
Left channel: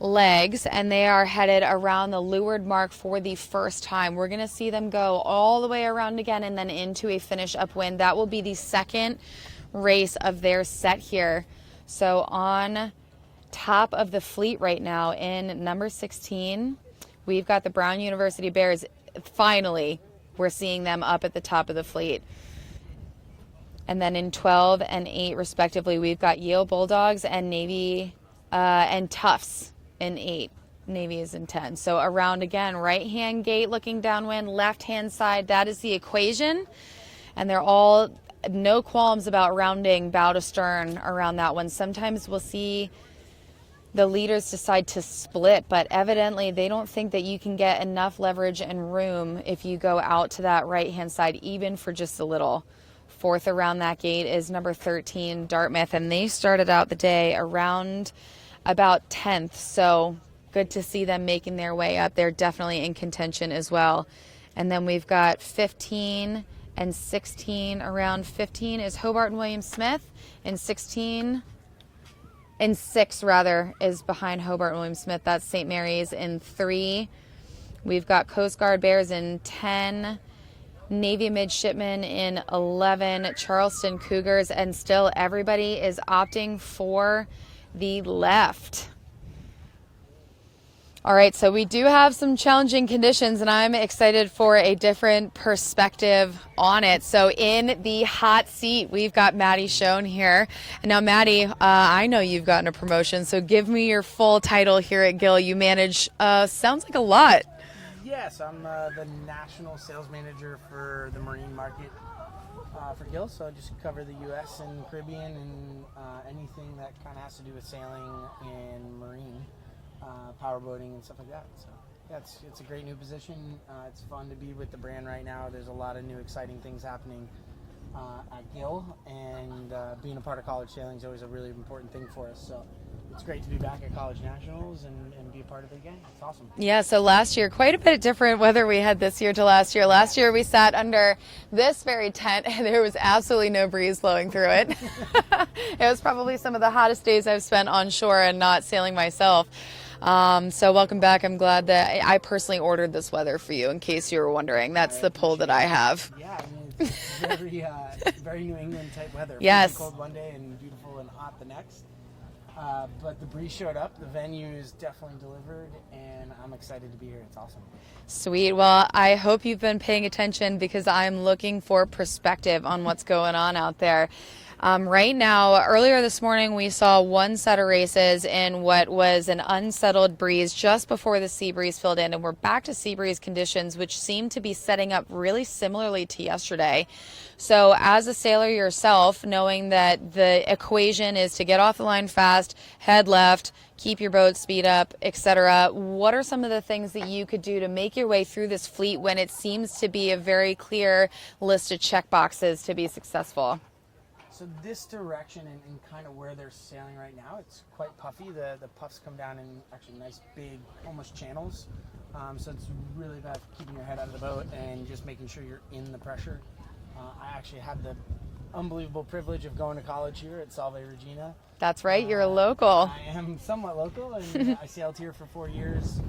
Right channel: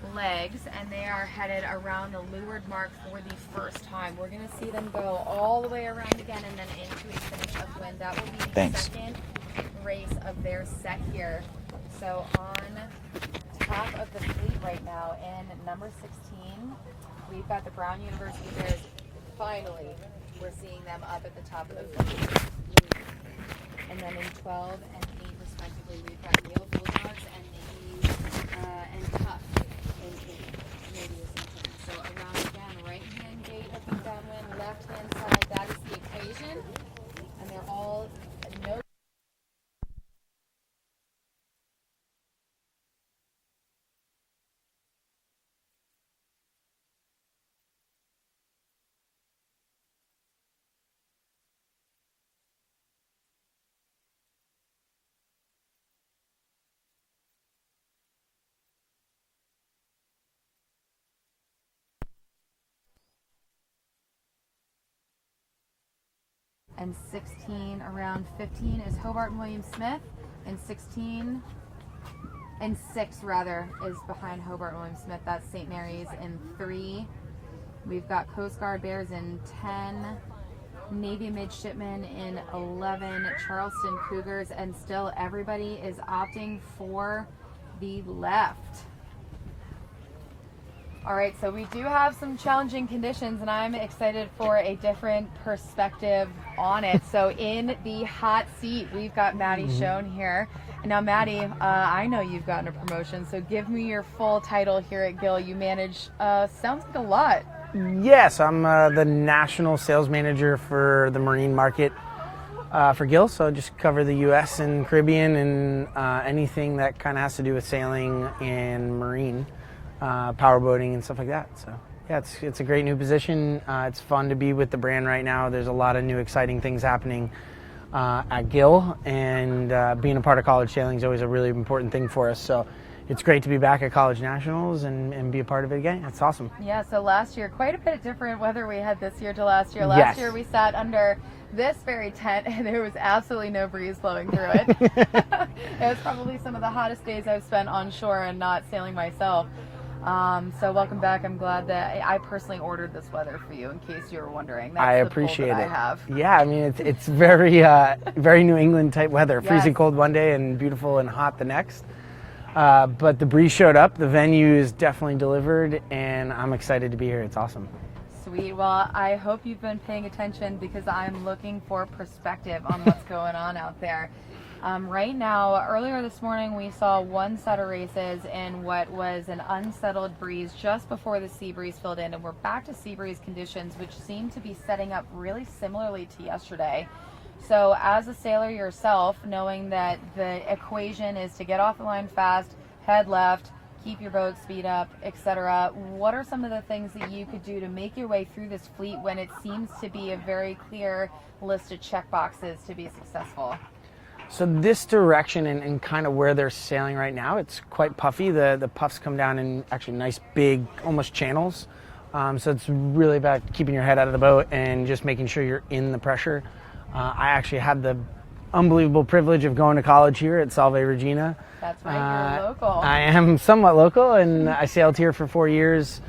legs, and they are headed around the leeward mark for the first time. We're going to see them go all the way around again and then into a finish upwind. That will be the second race of their set here. So on top of the fleet right now in number 16, we've got the Brown University Bears. Finally, we're seeing them up at the top of the fleet. And then in 12 and 8 respectively, we've got Yale Bulldogs and Navy and Tufts in 8. Navy is in 10. So around again, right-hand gate looking downwind, left-hand side, that is the equation. And they're all no qualms about rounding bow to stern around that one. Sometimes we'll see the leaders decide to split, but evidently they don't think that you can get enough leverage and room if you go out to that right-hand side, even for just a little. Fourth around that gate is number 13, Dartmouth, and they started out the day around about 10th, so good to see them making their way up. They're definitely in contention as well. And then we've got 15 and 16. Around 15 is Hobart and William Smith, and 16... in 6 rather is behind Hobart and William Smith. That's St. Mary's in 3. We've got Coast Guard Bears in 10, Navy Midshipmen in 11, Charleston Cougars, and still everybody is opting for the left. All right, so we do have some challenging conditions, and I'm excited for a different perspective on it. So in the hot seat, we've got Maddie Schoen here. And now, Maddie, I know you've gotten a promotion, so give me your full title here at Gill. You manage, sounds like a lot. Yes, I'm the National Sales Manager for the Marine Market for Gill, so I just cover the U.S. and Caribbean and anything that kind of has to do with sailing and marine. Powerboating and stuff like that. So yeah, it's a great new position. It's fun to be with the brand right now. There's a lot of new exciting things happening at Gill, and being a part of college sailing is always a really important thing for us. So it's great to be back at College Nationals and be a part of it again. It's awesome. Yeah, so last year, quite a bit different weather we had this year to last year. Last year we sat under this very tent and there was absolutely no breeze blowing through it. It was probably some of the hottest days I've spent on shore and not sailing myself. So welcome back. I'm glad that I personally ordered this weather for you, in case you were wondering. That's the pull that I have. Yeah, I mean, it's very, very New England type weather. Yes. Freezing cold one day and beautiful and hot the next. But the breeze showed up. The venue is definitely delivered, and I'm excited to be here. It's awesome. Sweet. Well, I hope you've been paying attention, because I'm looking for perspective on what's going on out there. Right now, earlier this morning, we saw one set of races in what was an unsettled breeze just before the sea breeze filled in, and we're back to sea breeze conditions, which seem to be setting up really similarly to yesterday. So as a sailor yourself, knowing that the equation is to get off the line fast, head left, keep your boat speed up, etc., what are some of the things that you could do to make your way through this fleet when it seems to be a very clear list of check boxes to be successful? So this direction and kind of where they're sailing right now, it's quite puffy. The puffs come down in actually nice big, almost channels. So it's really about keeping your head out of the boat and just making sure you're in the pressure. I actually had the unbelievable privilege of going to college here at Salve Regina. That's right, you're a local. I am somewhat local, and I sailed here for 4 years.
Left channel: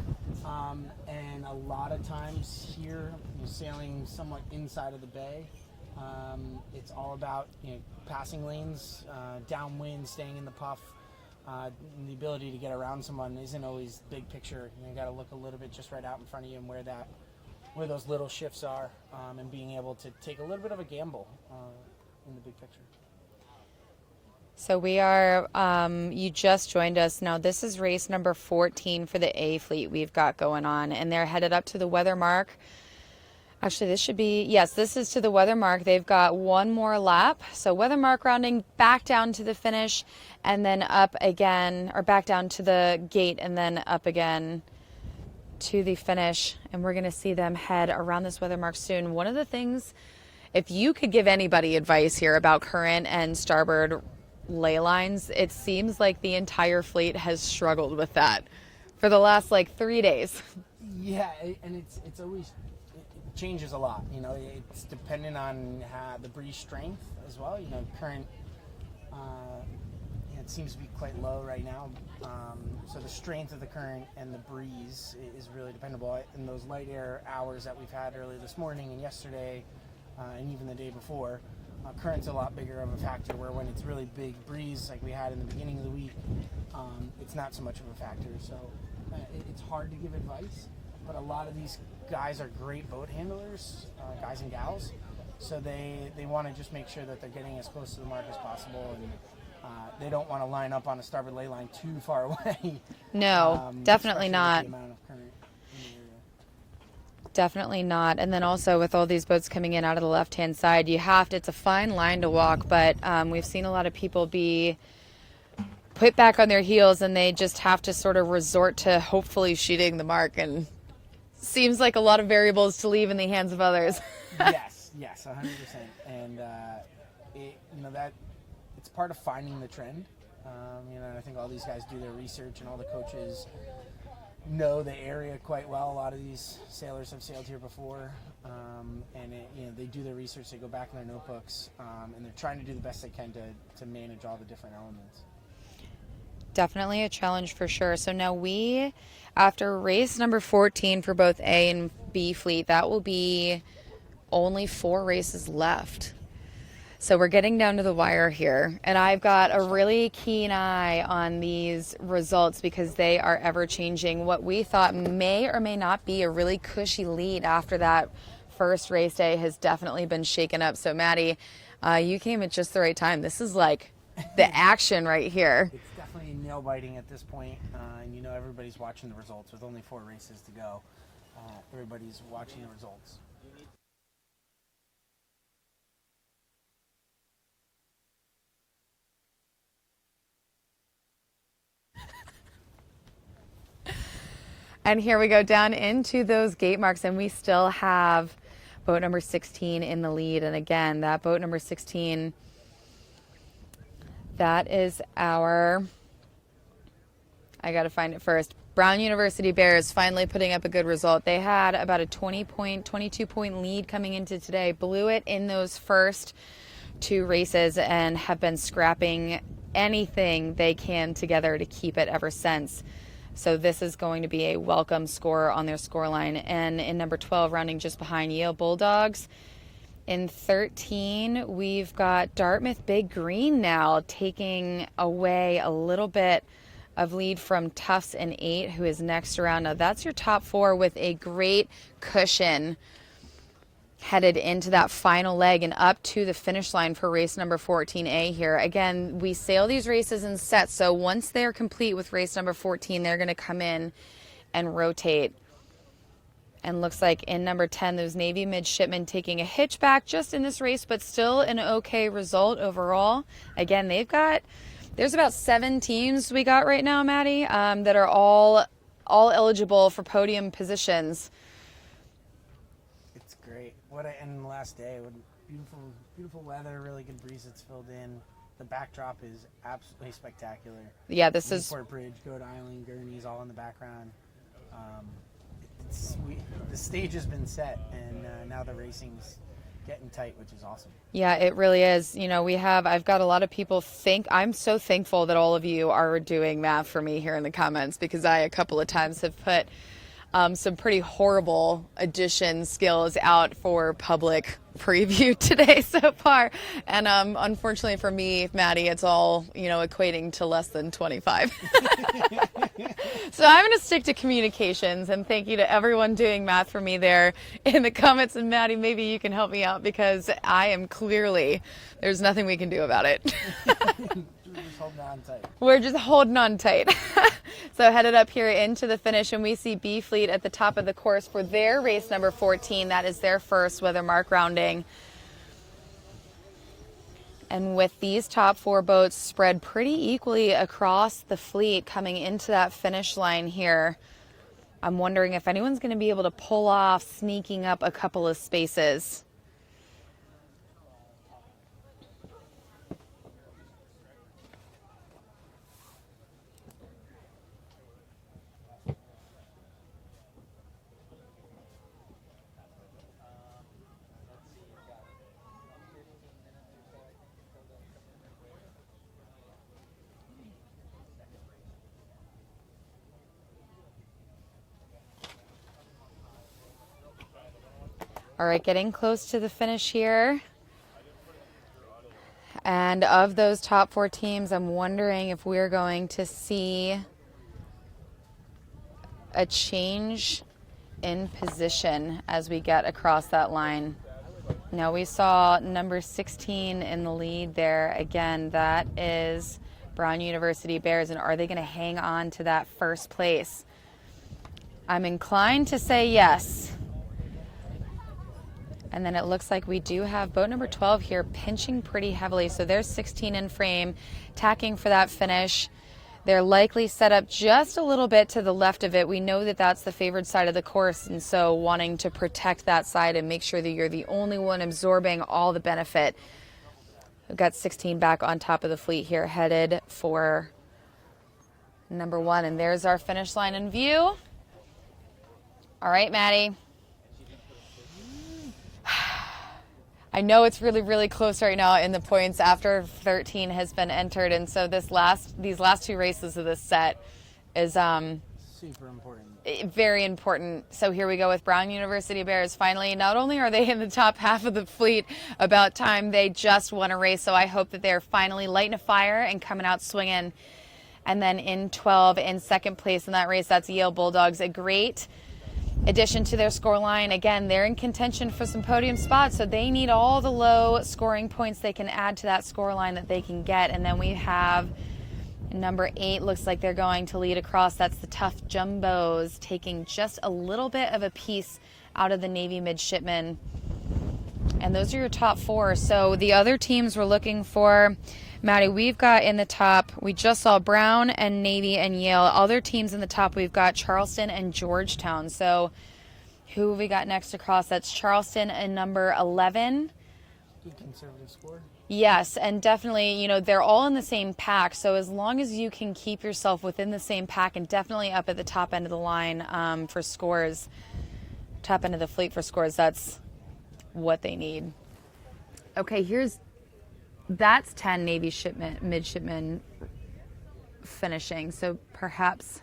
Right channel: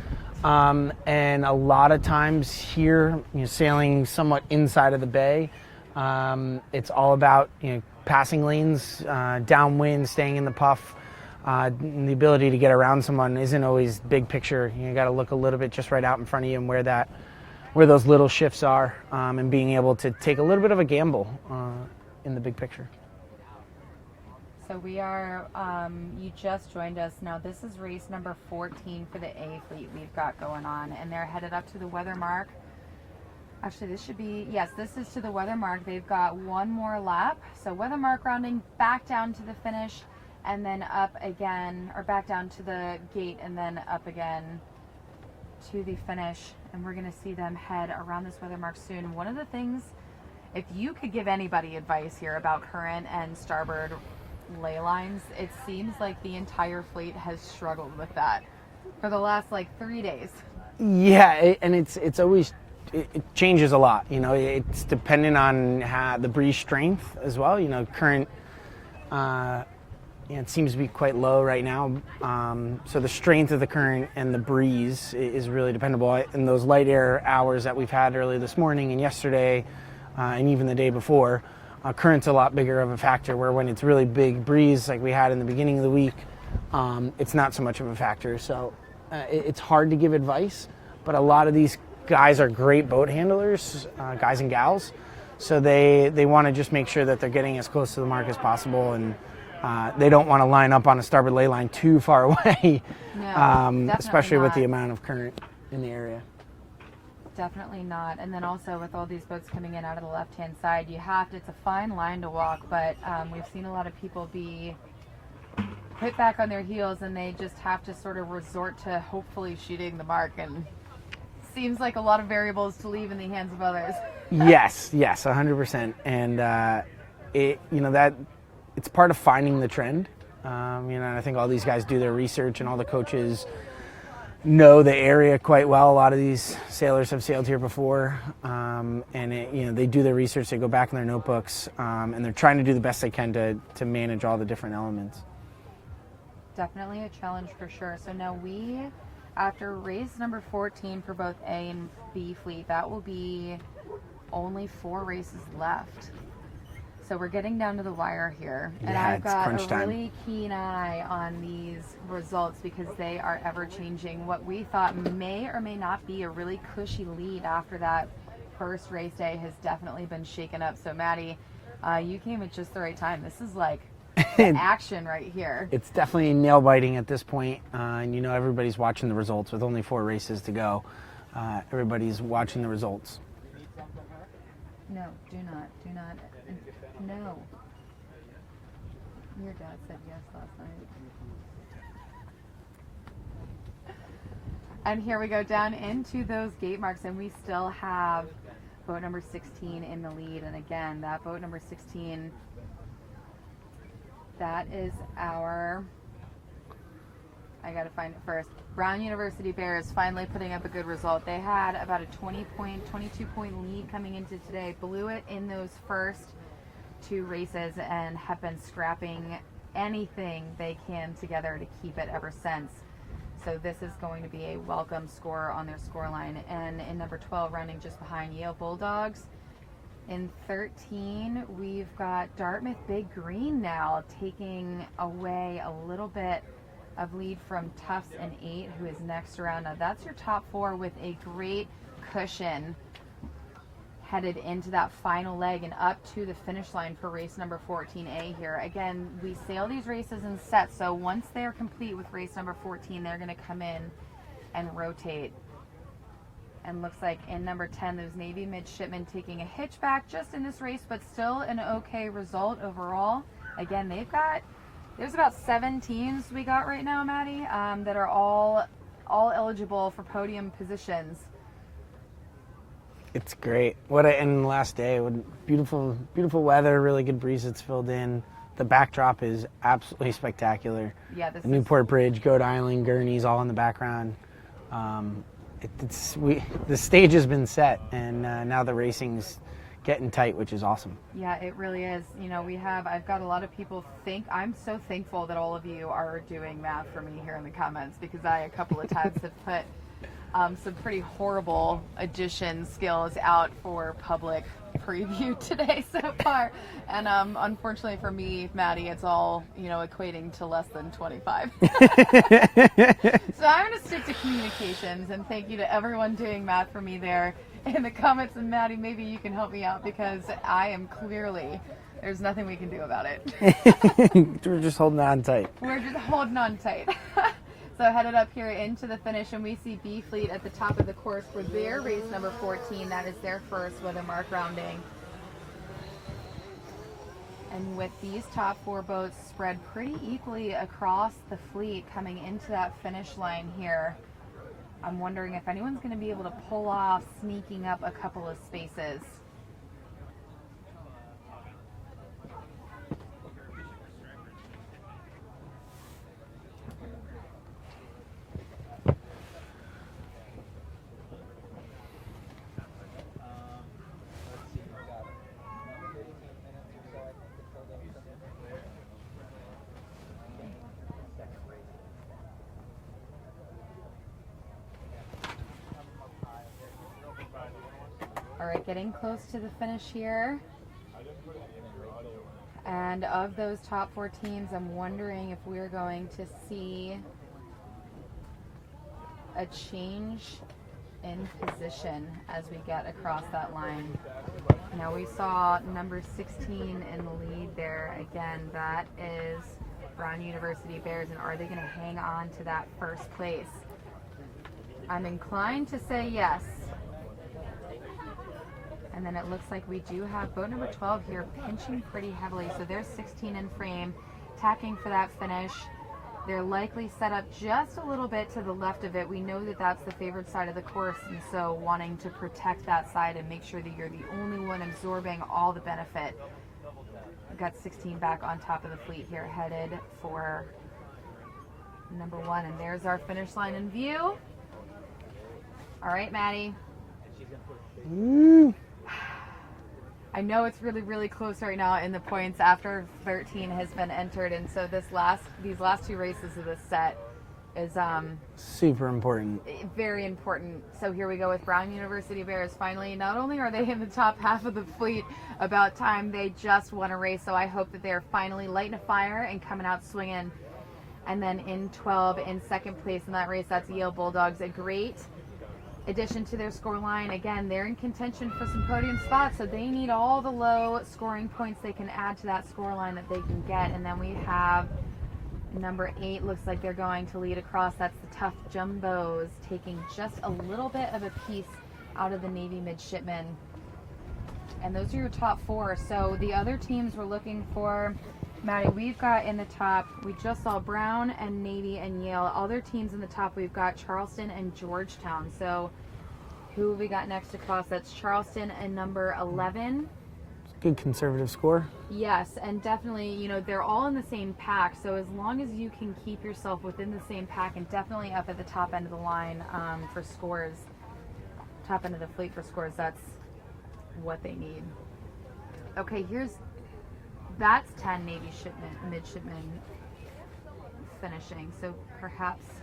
And a lot of times here, sailing somewhat inside of the bay, It's all about passing lanes, downwind, staying in the puff. And the ability to get around someone isn't always big picture. You got to look a little bit just right out in front of you and where those little shifts are, and being able to take a little bit of a gamble in the big picture. So we are, you just joined us. Now this is race number 14 for the A fleet we've got going on, and they're headed up to the weather mark. Actually, this should be, yes, this is to the weather mark. They've got one more lap. So weather mark rounding back down to the finish, and then up again, or back down to the gate and then up again to the finish. And we're gonna see them head around this weather mark soon. One of the things, if you could give anybody advice here about current and starboard ley lines, it seems like the entire fleet has struggled with that for the last 3 days. Yeah, and it's always, it changes a lot. It's dependent on the breeze strength as well. Current, it seems to be quite low right now. So the strength of the current and the breeze is really dependable. In those light air hours that we've had early this morning and yesterday, and even the day before, current's a lot bigger of a factor, where when it's really big breeze like we had in the beginning of the week, it's not so much of a factor. So it's hard to give advice, but a lot of these guys are great boat handlers, guys and gals. So they want to just make sure that they're getting as close to the mark as possible, and they don't want to line up on a starboard ley line too far away. No, definitely especially not. with the amount of current in the area. Definitely not. And then also with all these boats coming in out of the left-hand side, it's a fine line to walk, but we've seen a lot of people be put back on their heels, and they just have to sort of resort to hopefully shooting the mark, and seems like a lot of variables to leave in the hands of others. Yes, 100%. And that it's part of finding the trend. And I think all these guys do their research, and all the coaches know the area quite well. A lot of these sailors have sailed here before, and they do their research. They go back in their notebooks, and they're trying to do the best they can to manage all the different elements. Definitely a challenge for sure. So now after race number 14 for both A and B fleet, that will be only 4 races left. So we're getting down to the wire here, and I've got a really keen eye on these results because they are ever changing. What we thought may or may not be a really cushy lead after that first race day has definitely been shaken up. So Maddie, you came at just the right time. This is like the action right here. It's definitely nail biting at this point, and everybody's watching the results with only 4 races to go. Everybody's watching the results. No, do not. No. Your dad said yes last night. And here we go down into those gate marks, and we still have boat number 16 in the lead. And again, that boat number 16, that is I gotta find it first. Brown University Bears finally putting up a good result. They had about a 22-point lead coming into today, blew it in those first 2 races, and have been scrapping anything they can together to keep it ever since. So this is going to be a welcome score on their scoreline. And in number 12, rounding just behind Yale Bulldogs. In 13, we've got Dartmouth Big Green now taking away a little bit of lead from Tufts in 8, who is next around. Now that's your top 4 with a great cushion headed into that final leg and up to the finish line for race number 14A here. Again, we sail these races in sets, so once they're complete with race number 14, they're going to come in and rotate. And looks like in number 10, those Navy midshipmen taking a hitchback just in this race, but still an okay result overall. Again, there's about 7 teams we got right now, Maddie, that are all eligible for podium positions. It's great. And the last day, beautiful weather, really good breeze that's filled in. The backdrop is absolutely spectacular. Yeah, this is Newport Bridge, Coed Island, Gurney's all in the background. The stage has been set, and now the racing's getting tight, which is awesome. Yeah, it really is. I've got a lot of people I'm so thankful that all of you are doing math for me here in the comments, because I a couple of times have put some pretty horrible addition skills out for public preview today so far. And unfortunately for me, Maddie, it's all, equating to less than 25. So I'm going to stick to communications, and thank you to everyone doing math for me there in the comments. And Maddie, maybe you can help me out, because I am clearly, there's nothing we can do about it. We're just holding on tight. We're just holding on tight. So headed up here into the finish, and we see B Fleet at the top of the course for their race number 14. That is their first weather mark rounding. And with these top 4 boats spread pretty equally across the fleet coming into that finish line here, I'm wondering if anyone's going to be able to pull off sneaking up a couple of spaces. All right, getting close to the finish here. And of those top 4 teams, I'm wondering if we're going to see a change in position as we get across that line. Now, we saw number 16 in the lead there. Again, that is Brown University Bears, and are they going to hang on to that first place? I'm inclined to say yes. And then it looks like we do have boat number 12 here pinching pretty heavily. So there's 16 in frame, tacking for that finish. They're likely set up just a little bit to the left of it. We know that that's the favored side of the course, and so wanting to protect that side and make sure that you're the only one absorbing all the benefit. We've got 16 back on top of the fleet here, headed for number 1. And there's our finish line in view. All right, Maddie. I know it's really, really close right now in the points after 13 has been entered, and so these last 2 races of this set is super important. Very important. So here we go with Brown University Bears. Finally, not only are they in the top half of the fleet, about time they just won a race, so I hope that they're finally lighting a fire and coming out swinging. And then in 12, in second place in that race, that's Yale Bulldogs. A great addition to their score line. Again, they're in contention for some podium spots, so they need all the low scoring points they can add to that score line that they can get. And then we have number 8, looks like they're going to lead across. That's the Tough Jumbos, taking just a little bit of a piece out of the Navy midshipmen. And those are your top 4. So the other teams we're looking for, Maddie, we've got in the top, we just saw Brown and Navy and Yale. Other teams in the top, we've got Charleston and Georgetown. So who have we got next across? That's Charleston and number 11. Good conservative score. Yes, and definitely, they're all in the same pack. So as long as you can keep yourself within the same pack and definitely up at the top end of the line for scores, top end of the fleet for scores, that's what they need. Okay, that's 10 Navy midshipmen finishing. So perhaps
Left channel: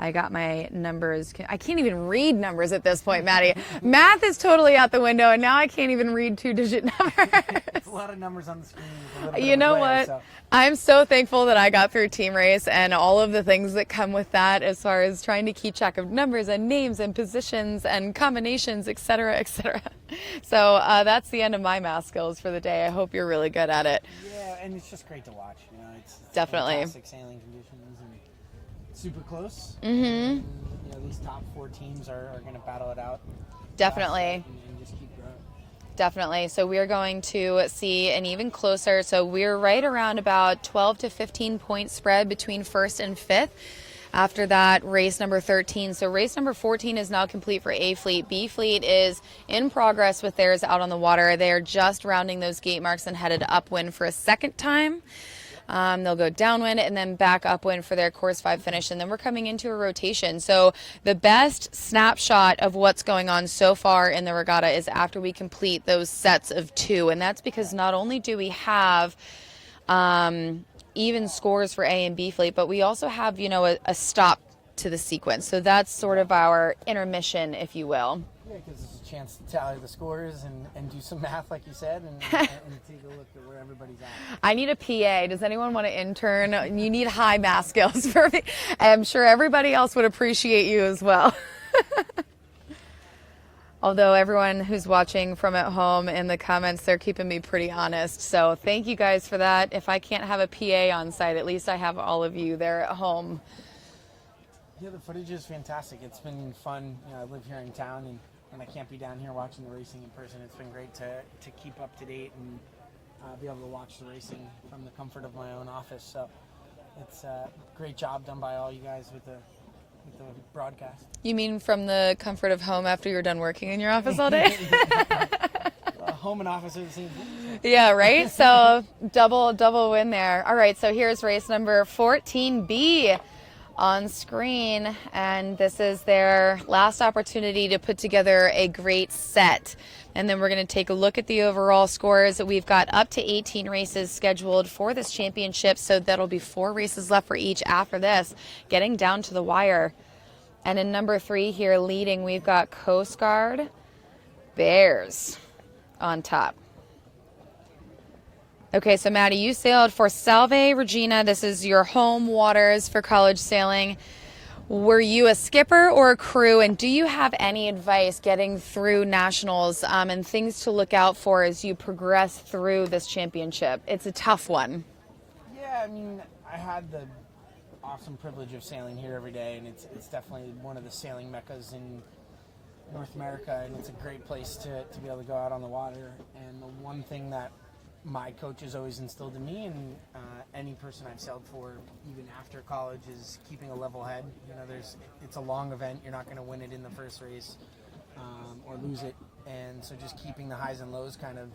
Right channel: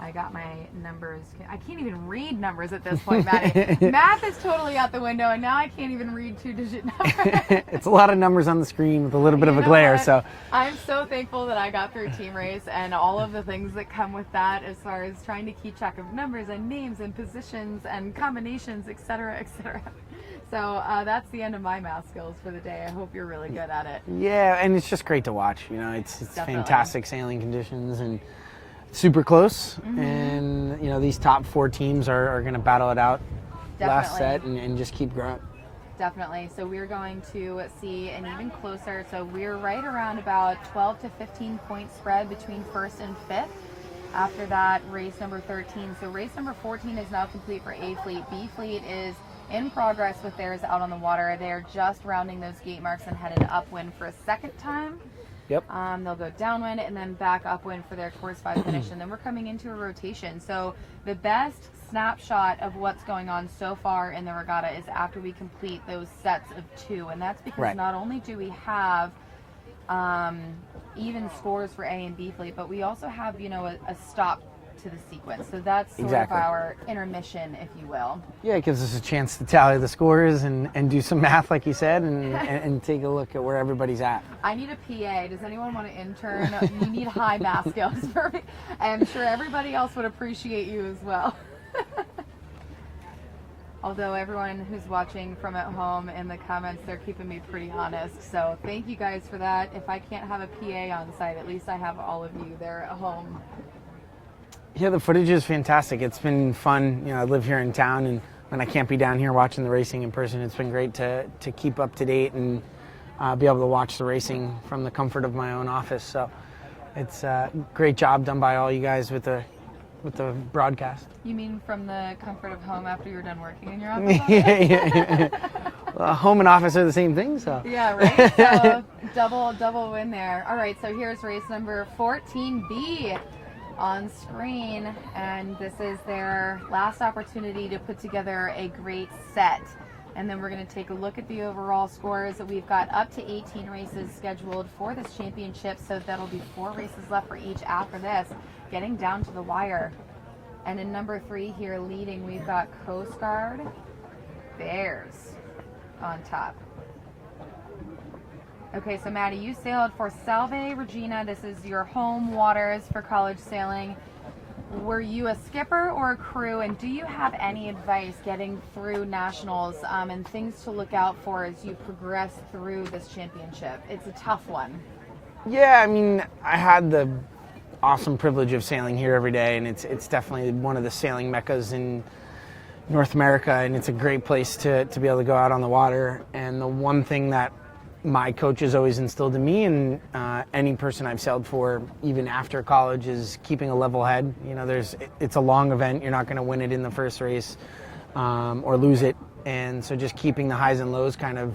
I got my numbers. I can't even read numbers at this point, Maddie. Math is totally out the window, and now I can't even read 2-digit numbers. It's a lot of numbers on the screen with a little bit of a glare. What? So I'm so thankful that I got through team race and all of the things that come with that, as far as trying to keep track of numbers and names and positions and combinations, etc., etc. So that's the end of my math skills for the day. I hope you're really good at it. Yeah, and it's just great to watch. It's Definitely. Fantastic sailing conditions and super close. Mm-hmm. And these top 4 teams are going to battle it out. Definitely. Last set and just keep growing. Definitely. So we're going to see an even closer. So we're right around about 12 to 15 point spread between first and fifth. After that, race number 13. So race number 14 is now complete for A Fleet. B Fleet is in progress with theirs out on the water. They're just rounding those gate marks and headed upwind for a second time. Yep. They'll go downwind and then back upwind for their course 5 finish, and then we're coming into a rotation. So the best snapshot of what's going on so far in the regatta is after we complete those sets of 2, and that's because not only do we have even scores for A and B Fleet, but we also have a stop to the sequence. So that's sort of our intermission, if you will. Yeah, it gives us a chance to tally the scores and do some math, like you said, and take a look at where everybody's at. I need a PA. Does anyone want to intern? You need high math skills for me. I'm sure everybody else would appreciate you as well. Although everyone who's watching from at home in the comments, they're keeping me pretty honest. So thank you guys for that. If I can't have a PA on site, at least I have all of you there at home. Yeah, the footage is fantastic. It's been fun. You know, I live here in town, and when I can't be down here watching the racing in person, it's been great to keep up to date and be able to watch the racing from the comfort of my own office. So it's a great job done by all you guys with the broadcast. You mean from the comfort of home after you're done working in your office all day? Well, home and office are the same thing, so. Yeah, right? So double win there. All right, so here's race number 14B on screen, and this is their last opportunity to put together a great set. And then we're going to take a look at the overall scores. We've got up to 18 races scheduled for this championship, so that'll be 4 races left for each after this, getting down to the wire. And in number 3 here leading, we've got Coast Guard Bears on top. Okay, so Maddie, you sailed for Salve Regina. This is your home waters for college sailing. Were you a skipper or a crew, and do you have any advice getting through nationals and things to look out for as you progress through this championship? It's a tough one. Yeah, I mean, I had the awesome privilege of sailing here every day, and it's definitely one of the sailing meccas in North America, and it's a great place to be able to go out on the water. And the one thing that my coaches always instilled in me, and any person I've sailed for, even after college, is keeping a level head. You know, it's a long event. You're not going to win it in the first race or lose it. And so just keeping the highs and lows kind of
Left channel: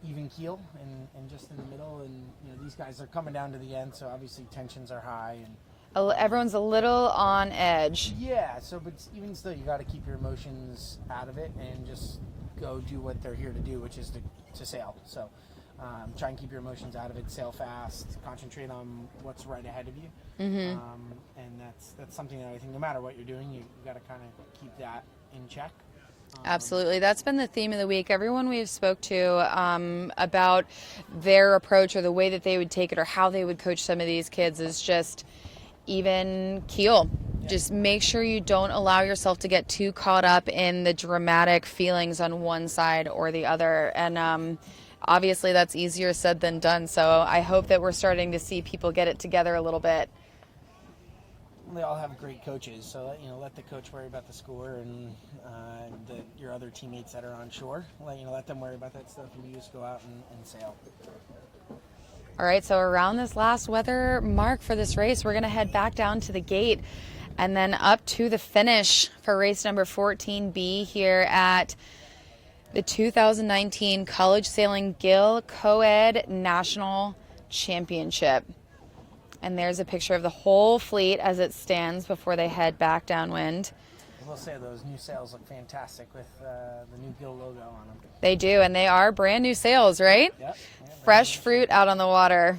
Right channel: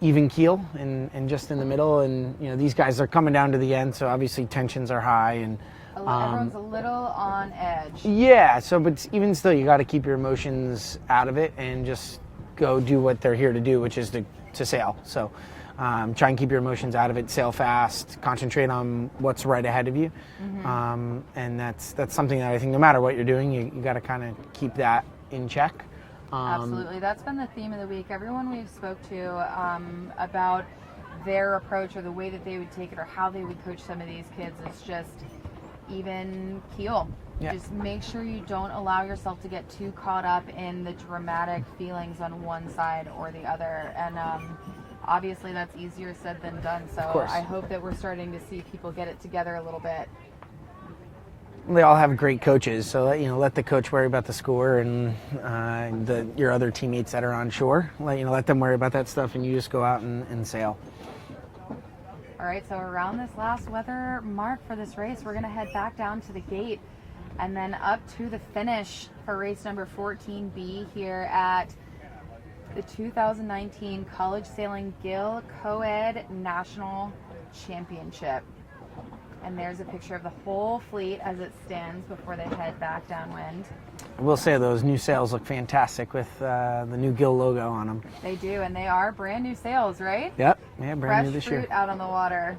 even keel and just in the middle. And, you know, these guys are coming down to the end, so obviously tensions are high. And everyone's a little on edge. Yeah, so but even still, you got to keep your emotions out of it and just go do what they're here to do, which is to sail. So try and keep your emotions out of it, sail fast, concentrate on what's right ahead of you. And that's something that I think no matter what you're doing, you got to kind of keep that in check. Absolutely. That's been the theme of the week. Everyone we've spoke to about their approach or the way that they would take it or how they would coach some of these kids is just even keel. Yeah. Just make sure you don't allow yourself to get too caught up in the dramatic feelings on one side or the other. And obviously that's easier said than done. So I hope that we're starting to see people get it together a little bit. They all have great coaches, so let the coach worry about the score and your other teammates that are on shore. Let them worry about that stuff, and you just go out and sail. All right, so around this last weather mark for this race, we're going to head back down to the gate and then up to the finish for race number 14B here at the 2019 College Sailing Gill Coed National Championship. And there's a picture of the whole fleet as it stands before they head back downwind. I will say those new sails look fantastic with the new Gill logo on them. They do, and they are brand new sails, right? Yep. Yeah, brand Fresh new fruit year. out on the water.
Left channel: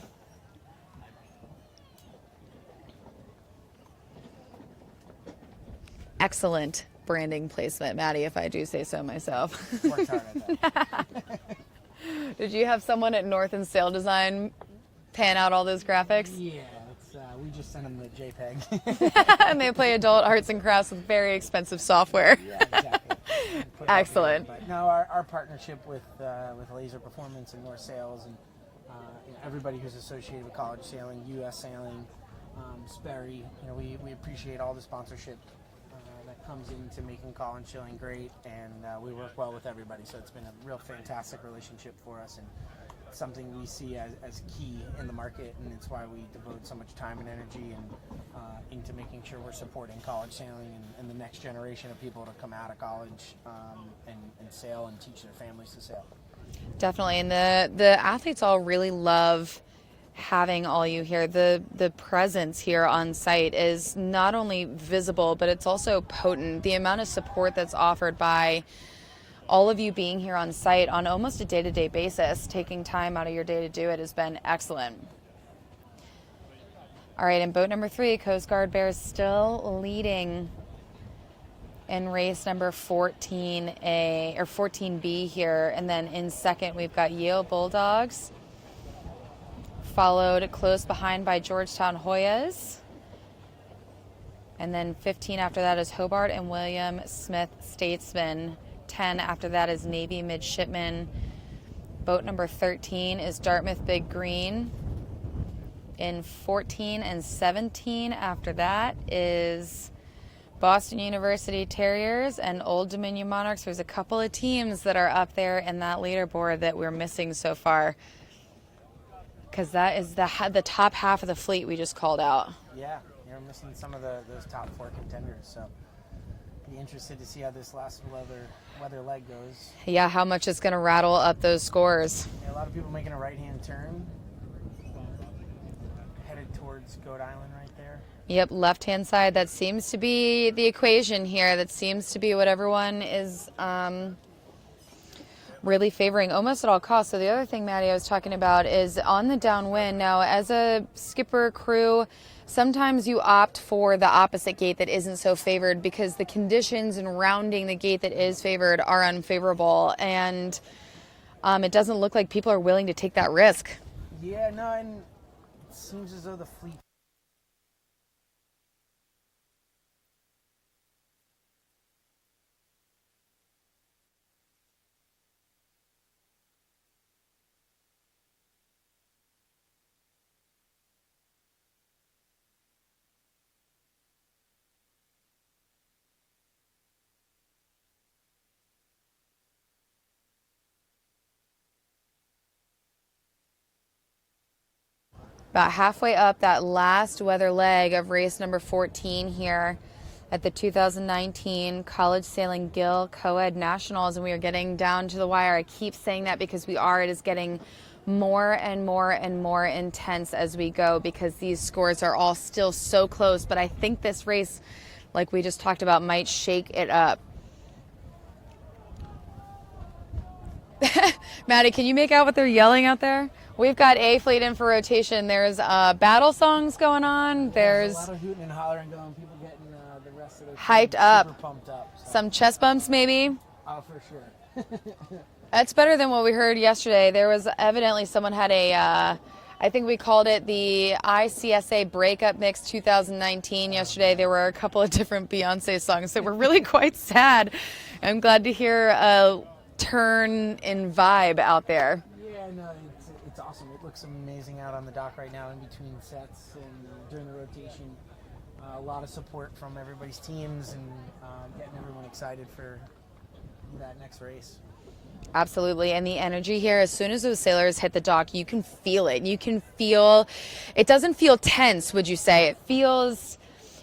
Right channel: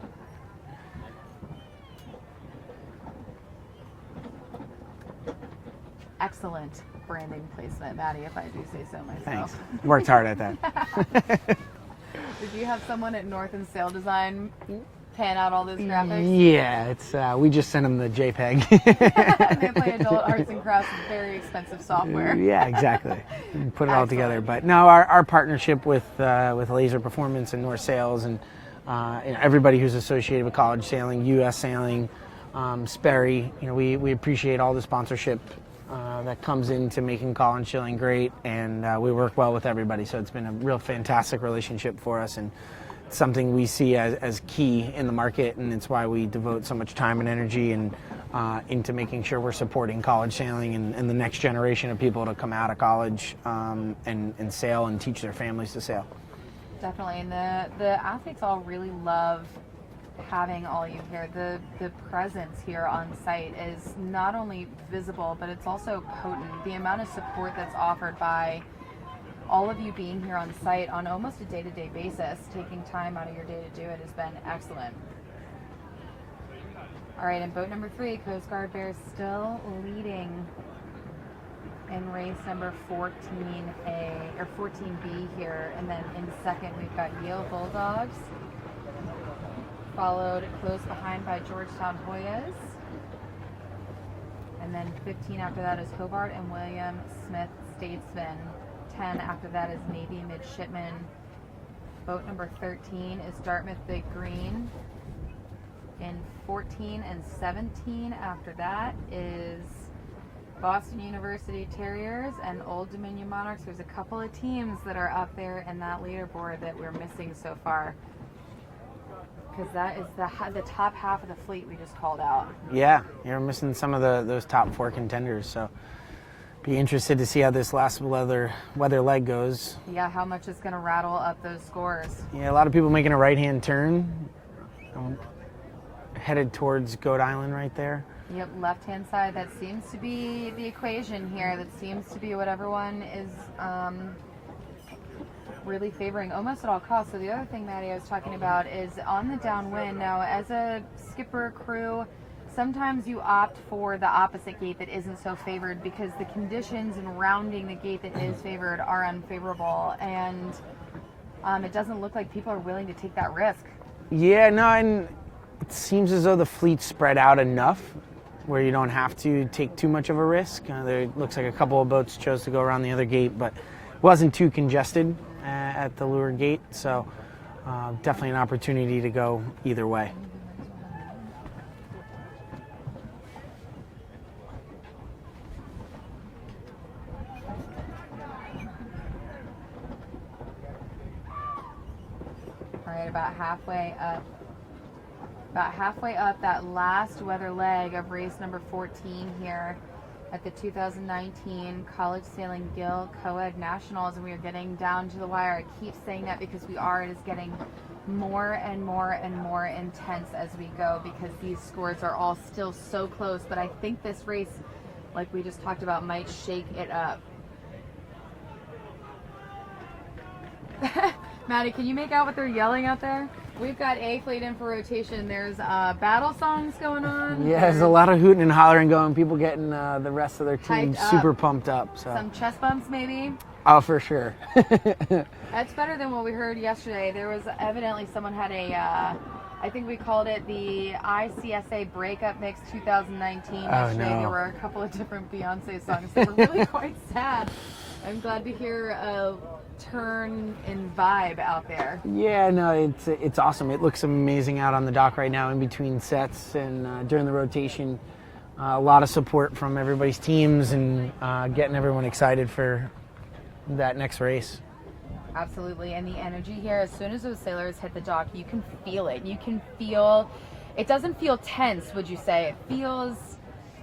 Excellent branding placement, Maddie, if I do say so myself. Thanks. Worked hard at that. Did you have someone at North and Sail Design pan out all those graphics? Yeah, it's we just sent them the JPEG. And they play adult arts and crafts with very expensive software. Yeah, exactly. And put it all together. But no, our partnership with Laser Performance and North Sails and everybody who's associated with college sailing, U.S. sailing, Sperry, we appreciate all the sponsorship that comes into making college sailing great, and we work well with everybody. So it's been a real fantastic relationship for us, and something we see as key in the market, and it's why we devote so much time and energy and into making sure we're supporting college sailing and the next generation of people to come out of college and sail and teach their families to sail. Definitely, and the athletes all really love having all you here. The presence here on site is not only visible, but it's also potent. The amount of support that's offered by all of you being here on site on almost a day-to-day basis, taking time out of your day to do it, has been excellent. All right, in boat number 3, Coast Guard Bears still leading in race number 14A or 14B here. And then in second, we've got Yale Bulldogs, followed close behind by Georgetown Hoyas. And then 15 after that is Hobart and William Smith Statesman. 10 after that is Navy Midshipman. Boat number 13 is Dartmouth Big Green. In 14 and 17 after that is Boston University Terriers and Old Dominion Monarchs. There's a couple of teams that are up there in that leaderboard that we're missing so far, because that is the top half of the fleet we just called out. Yeah, you're missing some of those top 4 contenders, so be interested to see how this last weather leg goes. Yeah, how much it's going to rattle up those scores. Yeah, a lot of people making a right-hand turn, headed towards Goat Island right there. Yep, left-hand side. That seems to be the equation here. That seems to be what everyone is really favoring almost at all costs. So the other thing, Maddie, I was talking about is on the downwind. Now, as a skipper crew, sometimes you opt for the opposite gate that isn't so favored because the conditions in rounding the gate that is favored are unfavorable, and it doesn't look like people are willing to take that risk. Yeah, no, and it seems as though the fleet's spread out enough where you don't have to take too much of a risk. There looks like a couple of boats chose to go around the other gate, but it wasn't too congested at the leeward gate, so definitely an opportunity to go either way. All right, about halfway up that last weather leg of race number 14 here at the 2019 College Sailing Gill Coed Nationals, and we are getting down to the wire. I keep saying that because we are. It is getting more and more and more intense as we go because these scores are all still so close, but I think this race, like we just talked about, might shake it up. Maddie, can you make out what they're yelling out there? We've got A Fleet in for rotation. There's battle songs going on. Yeah, there's a lot of hooting and hollering going. People getting the rest of their team super pumped up. So. Some chest bumps, maybe? Oh, for sure. That's better than what we heard yesterday. There was evidently someone had a, I think we called it the ICSA Breakup Mix 2019 yesterday. No. There were a couple of different Beyonce songs that were really quite sad. I'm glad to hear a turn in vibe out there. Yeah, no, it's awesome. It looks amazing out on the dock right now in between sets and during the rotation. A lot of support from everybody's teams and getting everyone excited for that next race. Absolutely, and the energy here, as soon as those sailors hit the dock, you can feel it. You can feel, it doesn't feel tense, would you say? It feels,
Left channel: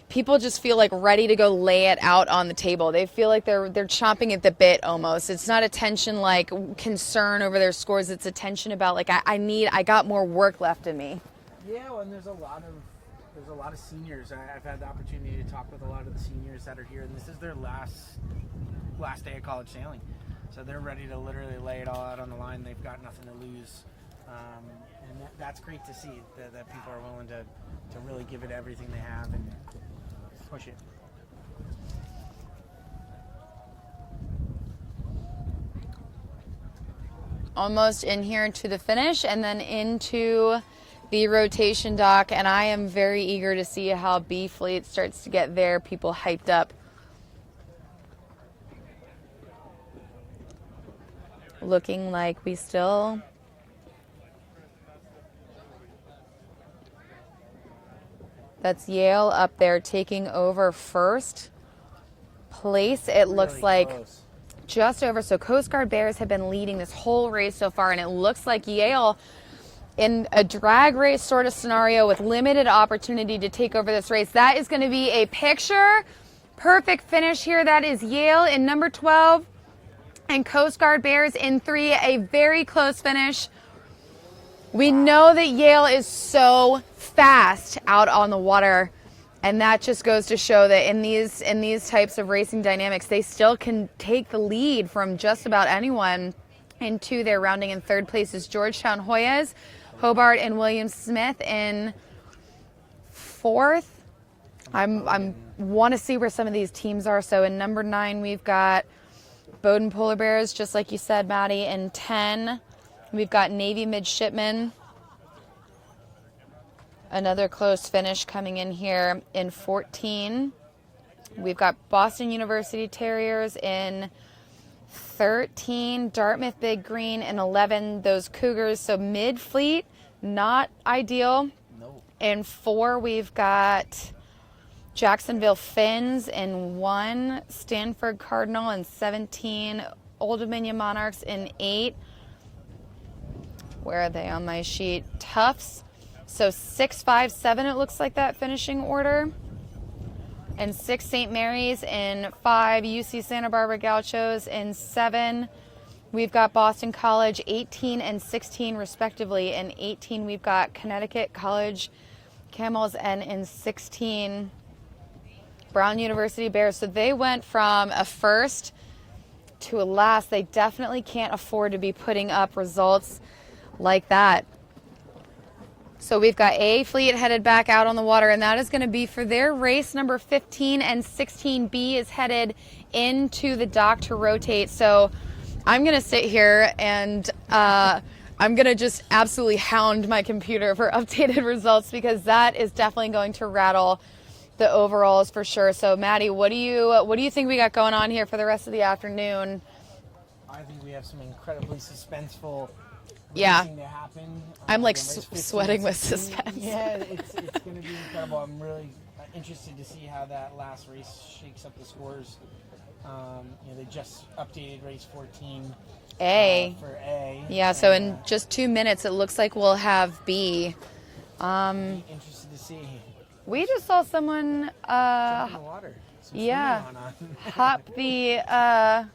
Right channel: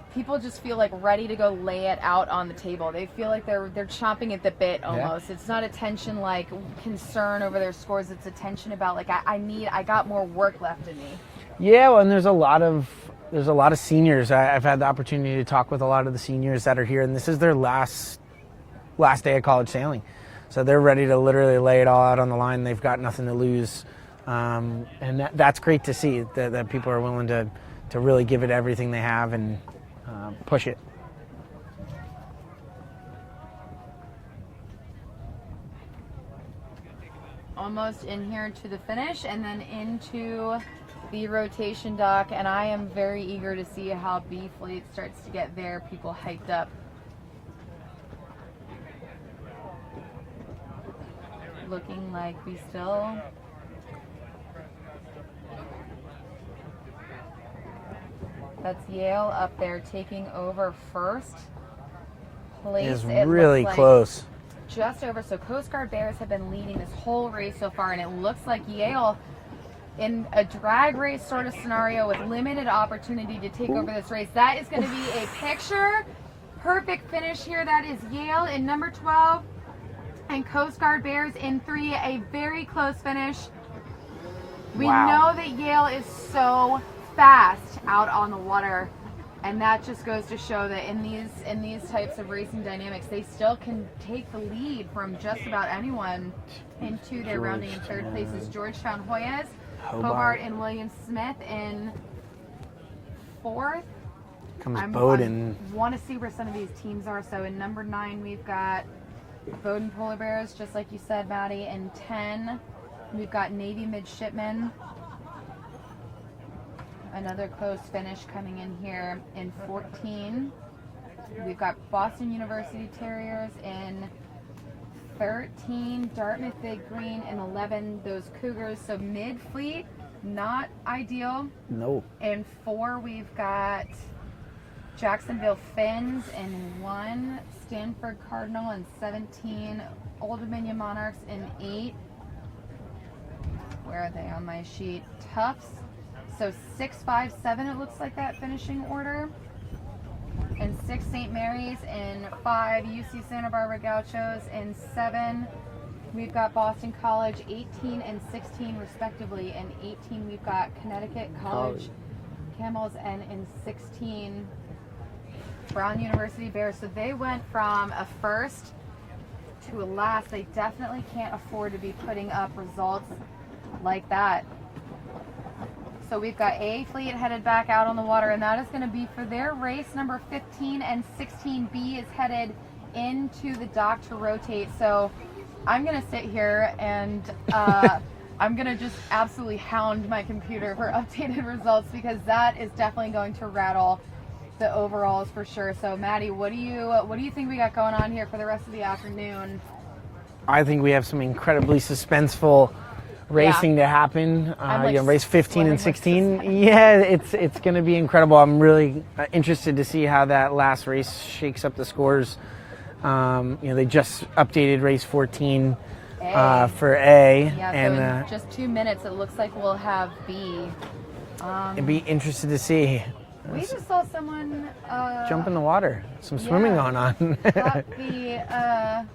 people just feel like ready to go lay it out on the table. They feel like they're chomping at the bit almost. Yeah. It's not a tension like concern over their scores. It's a tension about like, I got more work left in me. Yeah, well, and there's a lot of seniors. I've had the opportunity to talk with a lot of the seniors that are here, and this is their last day of college sailing. So they're ready to literally lay it all out on the line. They've got nothing to lose. And that's great to see that people are willing to really give it everything they have and push it. Almost in here to the finish and then into the rotation dock, and I am very eager to see how B Fleet starts to get their people hyped up. Looking like we still that's Yale up there taking over first place. It really looks like close. Just over. So Coast Guard Bears have been leading this whole race so far, and it looks like Yale, in a drag race sort of scenario with limited opportunity to take over this race, that is going to be a picture perfect finish here. That is Yale in number 12 and Coast Guard Bears in 3, a very close finish. We know that Yale is so fast out on the water, and that just goes to show that in these types of racing dynamics, they still can take the lead from just about anyone. And 2, they're rounding in 3rd place is Georgetown Hoyas, Hobart and William Smith in 4th. I Bowdoin. want to see where some of these teams are. So in number 9, we've got Bowdoin Polar Bears, just like you said, Maddie. In 10, we've got Navy Midshipmen. Another close finish coming in here. In 14, we've got Boston University Terriers. In 13, Dartmouth Big Green. In 11, those Cougars. So mid-fleet, not ideal. No. In 4, we've got Jacksonville Finns. In 1, Stanford Cardinal. In 17, Old Dominion Monarchs. In 8, where are they on my sheet? Tufts. So 6, 5, 7, it looks like that finishing order. And 6, St. Mary's. In 5, UC Santa Barbara Gauchos. In 7, we've got Boston College, 18 and 16 respectively. In 18, we've got Connecticut College Camels. And in 16, Brown University Bears. So they went from a first to a last. They definitely can't afford to be putting up results like that. So we've got A Fleet headed back out on the water, and that is going to be for their race number 15, and 16B is headed into the dock to rotate. So I'm going to sit here and I'm going to just absolutely hound my computer for updated results, because that is definitely going to rattle the overalls for sure. So Maddie, what do you think we got going on here for the rest of the afternoon? I think we have some incredibly suspenseful racing to happen. I'm like race 15 and sweating 16. Yeah, it's going to be incredible. I'm really interested to see how that last race shakes up the scores. They just updated race 14 for A. Yeah, so in just 2 minutes, it looks like we'll have B. I'd be interested to see. We just saw someone jump in the water. Some swimming going on. Pop the.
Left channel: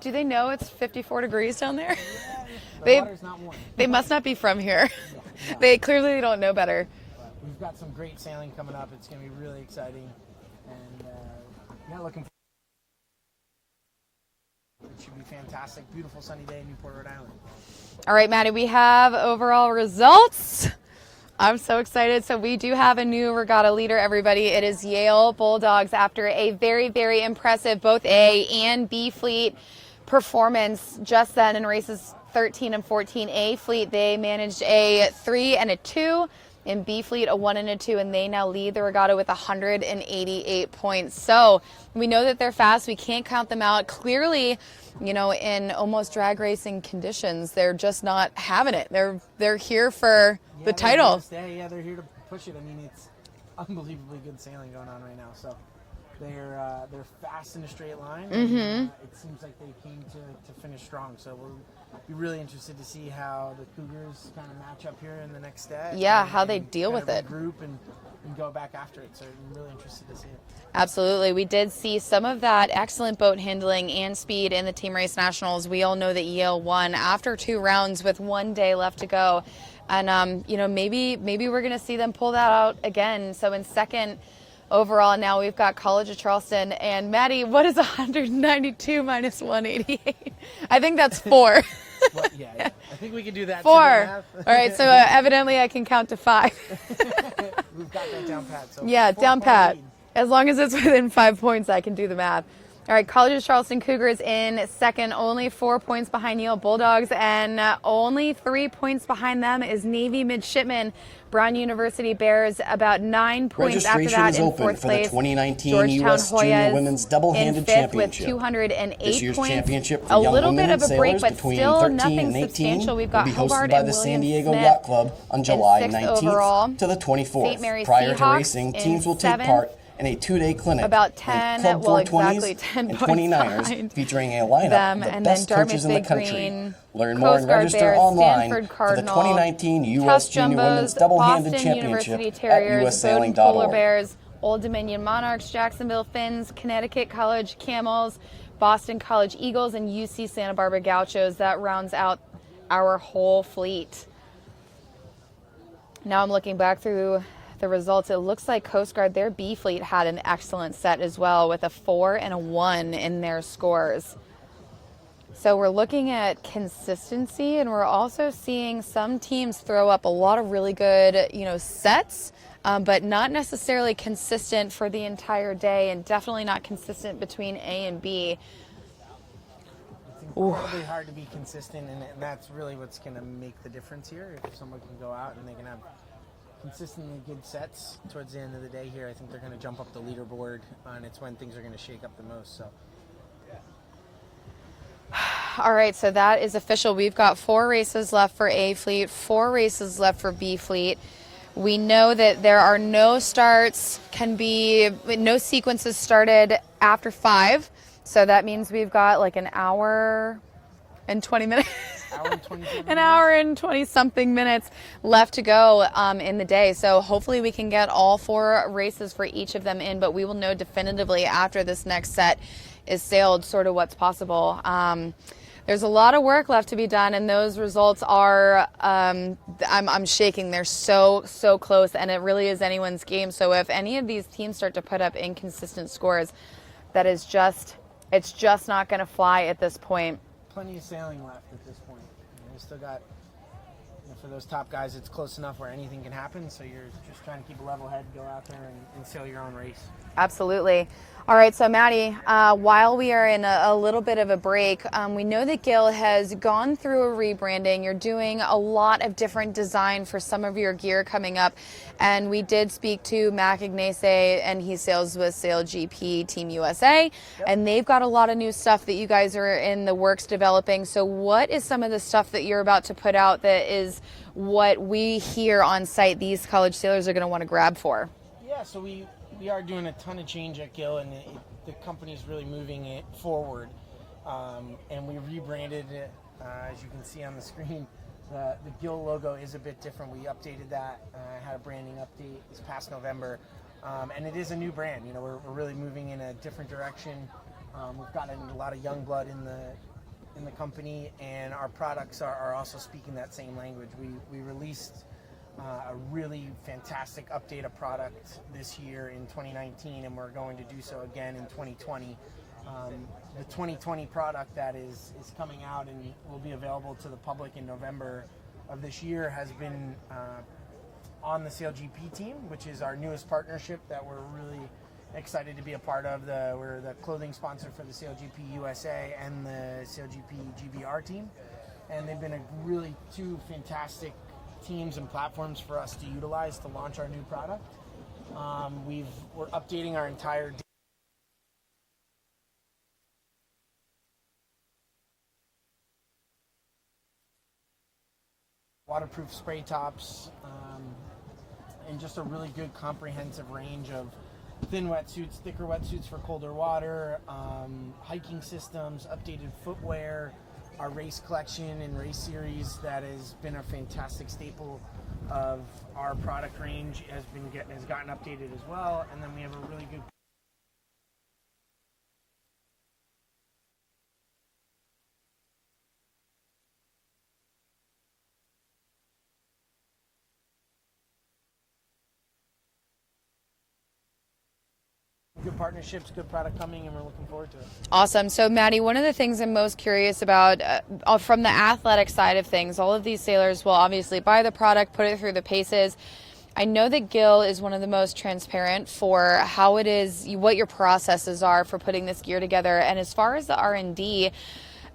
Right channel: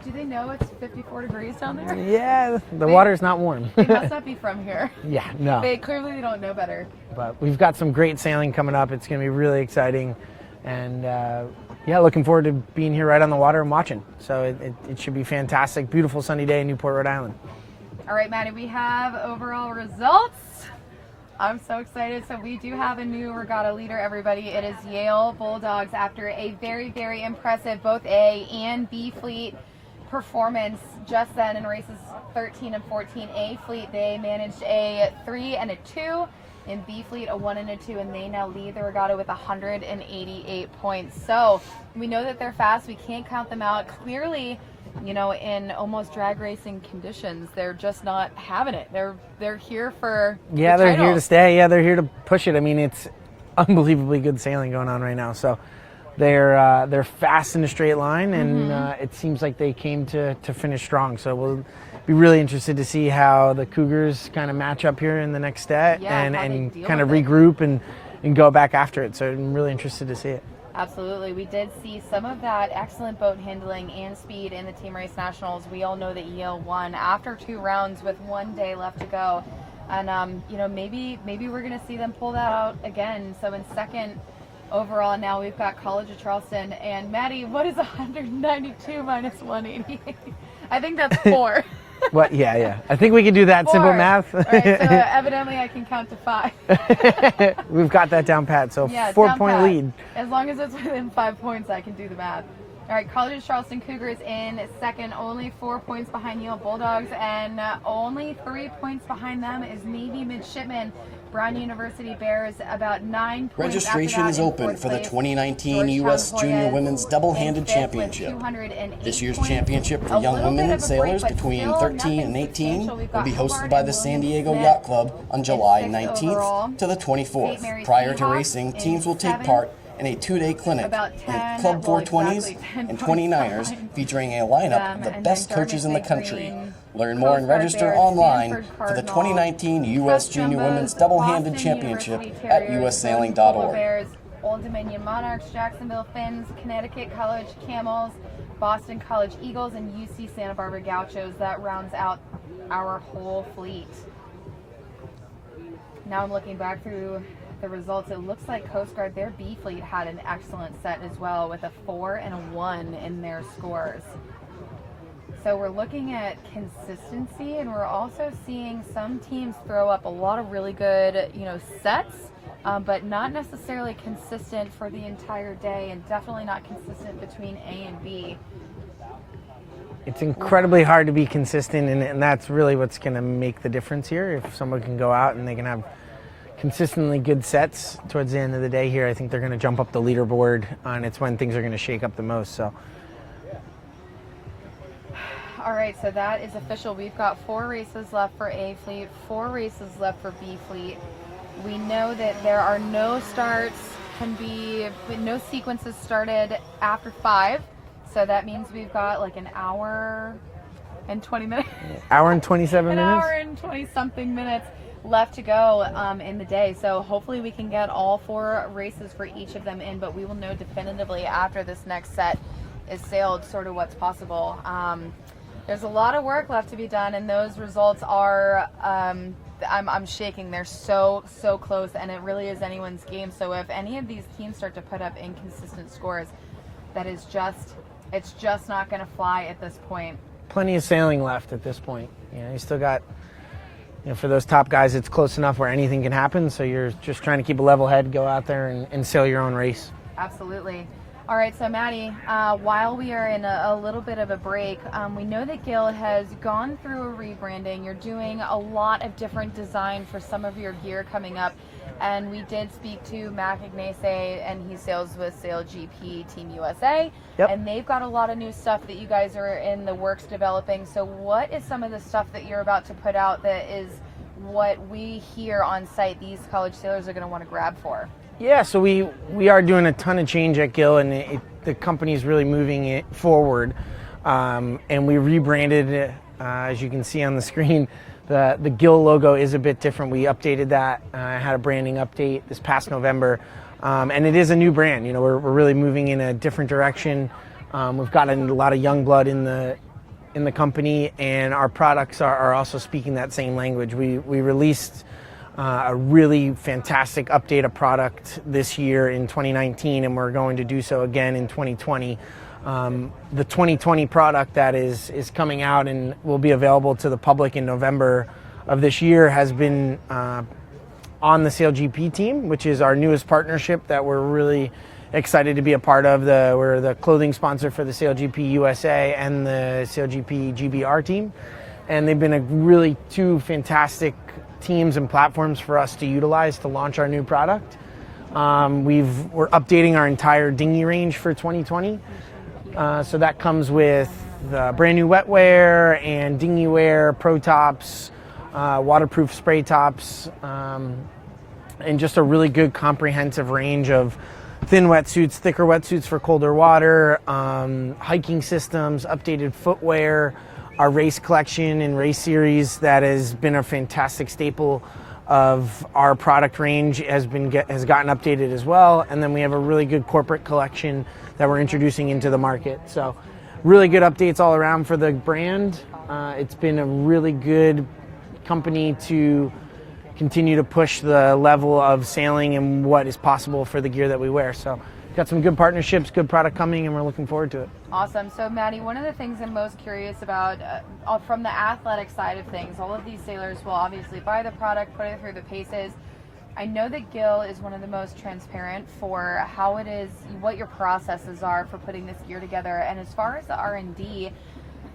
Do they know it's 54 degrees down there? Yeah, the water's not warm. They must not be from here. Yeah, no. They clearly don't know better. But we've got some great sailing coming up. It's going to be really exciting. And looking forward to being here right on the water and watching. So it should be fantastic. Beautiful sunny day in Newport, Rhode Island. All right, Maddie, we have overall results. I'm so excited. So we do have a new regatta leader, everybody. It is Yale Bulldogs after a very, very impressive both A and B Fleet performance just then in races 13 and 14. A Fleet, they managed a 3 and a 2. In B Fleet, a 1 and a 2, and they now lead the regatta with 188 points. So we know that they're fast. We can't count them out. Clearly, in almost drag racing conditions, they're just not having it. They're here for the title. They're here to stay. Yeah, they're here to push it. I mean, it's unbelievably good sailing going on right now. So they're fast in a straight line, and it seems like they came to finish strong. So we'll be really interested to see how the Cougars kind of match up here in the next day. Yeah, how they deal kind of with it. regroup and go back after it. So I'm really interested to see it. Absolutely. We did see some of that excellent boat handling and speed in the Team Race Nationals. We all know that Yale won after 2 rounds with 1 day left to go. And, maybe we're going to see them pull that out again. So in second overall, now we've got College of Charleston. And Maddie, what is 192 minus 188? I think that's 4. What? Yeah. I think we can do that 4. simple math. All right, so evidently I can count to 5. We've got that down pat. So yeah, 4 down point pat. lead. As long as it's within 5 points, I can do the math. All right, College of Charleston Cougars in second, only 4 points behind Yale Bulldogs, and only 3 points behind them is Navy Midshipmen. Brown University Bears about 9 points. Registration is open for the 2019 U.S. Junior Women's Double-Handed Championship. This year's championship for young women sailors between 13 and 18 will be hosted by the San Diego Yacht Club on July 19th to the 24th. Prior to racing, teams will take part in a 2-day clinic with Club 420s and 29ers featuring a lineup of the best coaches in the country. Learn more and register online for the 2019 U.S. Junior Women's Double-Handed Championship at ussailing.org. Old Dominion Monarchs, Jacksonville Finns, Connecticut College Camels, Boston College Eagles, and UC Santa Barbara Gauchos. That rounds out our whole fleet. Now I'm looking back through the results. It looks like Coast Guard, their B Fleet, had an excellent set as well with a 4 and a 1 in their scores. So we're looking at consistency, and we're also seeing some teams throw up a lot of really good, sets, but not necessarily consistent for the entire day, and definitely not consistent between A and B. It's incredibly hard to be consistent, and that's really what's going to make the difference here. If someone can go out and they can have consistently good sets towards the end of the day here, I think they're going to jump up the leaderboard, and it's when things are going to shake up the most. So. All right, so that is official. We've got 4 races left for A fleet, 4 races left for B fleet. We know that there are no starts, no sequences started after 5. So that means we've got like an hour and 20 minutes. Hour and 27 minutes? An hour and 20-something minutes left to go in the day. So hopefully we can get all 4 races for each of them in, but we will know definitively after this next set is sailed sort of what's possible. There's a lot of work left to be done, and those results are, I'm shaking. They're so close, and it really is anyone's game. So if any of these teams start to put up inconsistent scores, it's just not going to fly at this point. Plenty of sailing left at this point. You still got, for those top guys, it's close enough where anything can happen. So you're just trying to keep a level head, go out there and sail your own race. Absolutely. All right, so Maddie, while we are in a little bit of a break, we know that Gill has gone through a rebranding. You're doing a lot of different design for some of your gear coming up. And we did speak to Mac Ignace, and he sails with SailGP Team USA. Yep. And they've got a lot of new stuff that you guys are in the works developing. So what is some of the stuff that you're about to put out that is what we here on site, these college sailors are going to want to grab for? Yeah, so we are doing a ton of change at Gill, and the company's really moving it forward. And we rebranded it, as you can see on the screen. The Gill logo is a bit different. We updated that. I had a branding update this past November, and it is a new brand. We're really moving in a different direction. We've gotten a lot of young blood in the company, and our products are also speaking that same language. We released a really fantastic update of product this year in 2019, and we're going to do so again in 2020. The 2020 product that is coming out and will be available to the public in November of this year has been on the SailGP team, which is our newest partnership that we're really excited to be a part of. We're the clothing sponsor for the SailGP USA and the SailGP GBR team, and they've been a really 2 fantastic teams and platforms for us to utilize to launch our new product. We're updating our entire dinghy range for 2020. So that comes with brand new wetware and dinghy wear, pro tops, waterproof spray tops, and just a really good comprehensive range of thin wetsuits, thicker wetsuits for colder water, hiking systems, updated footwear, our race collection and race series that has been a fantastic staple of our product range has gotten updated as well. And then we have a really good corporate collection that we're introducing into the market. So really good updates all around for the brand. It's been a really good company to continue to push the level of sailing and what is possible for the gear that we wear. So got some good partnerships, good product coming, and we're looking forward to it. Awesome. So Maddie, one of the things I'm most curious about from the athletic side of things, all of these sailors will obviously buy the product, put it through the paces. I know that Gill is one of the most transparent for how it is, what your processes are for putting this gear together. And as far as the R&D,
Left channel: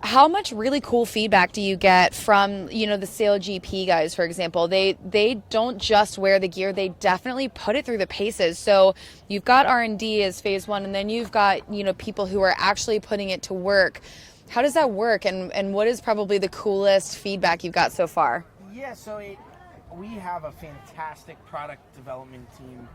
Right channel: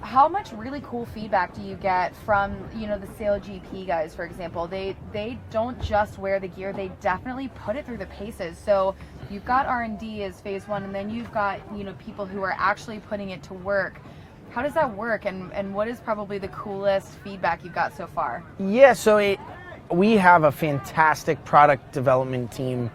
how much really cool feedback do you get from, the SailGP guys, for example? They don't just wear the gear, they definitely put it through the paces. So you've got R&D as phase 1, and then you've got, people who are actually putting it to work. How does that work, and what is probably the coolest feedback you've got so far? Yeah, so we have a fantastic product development team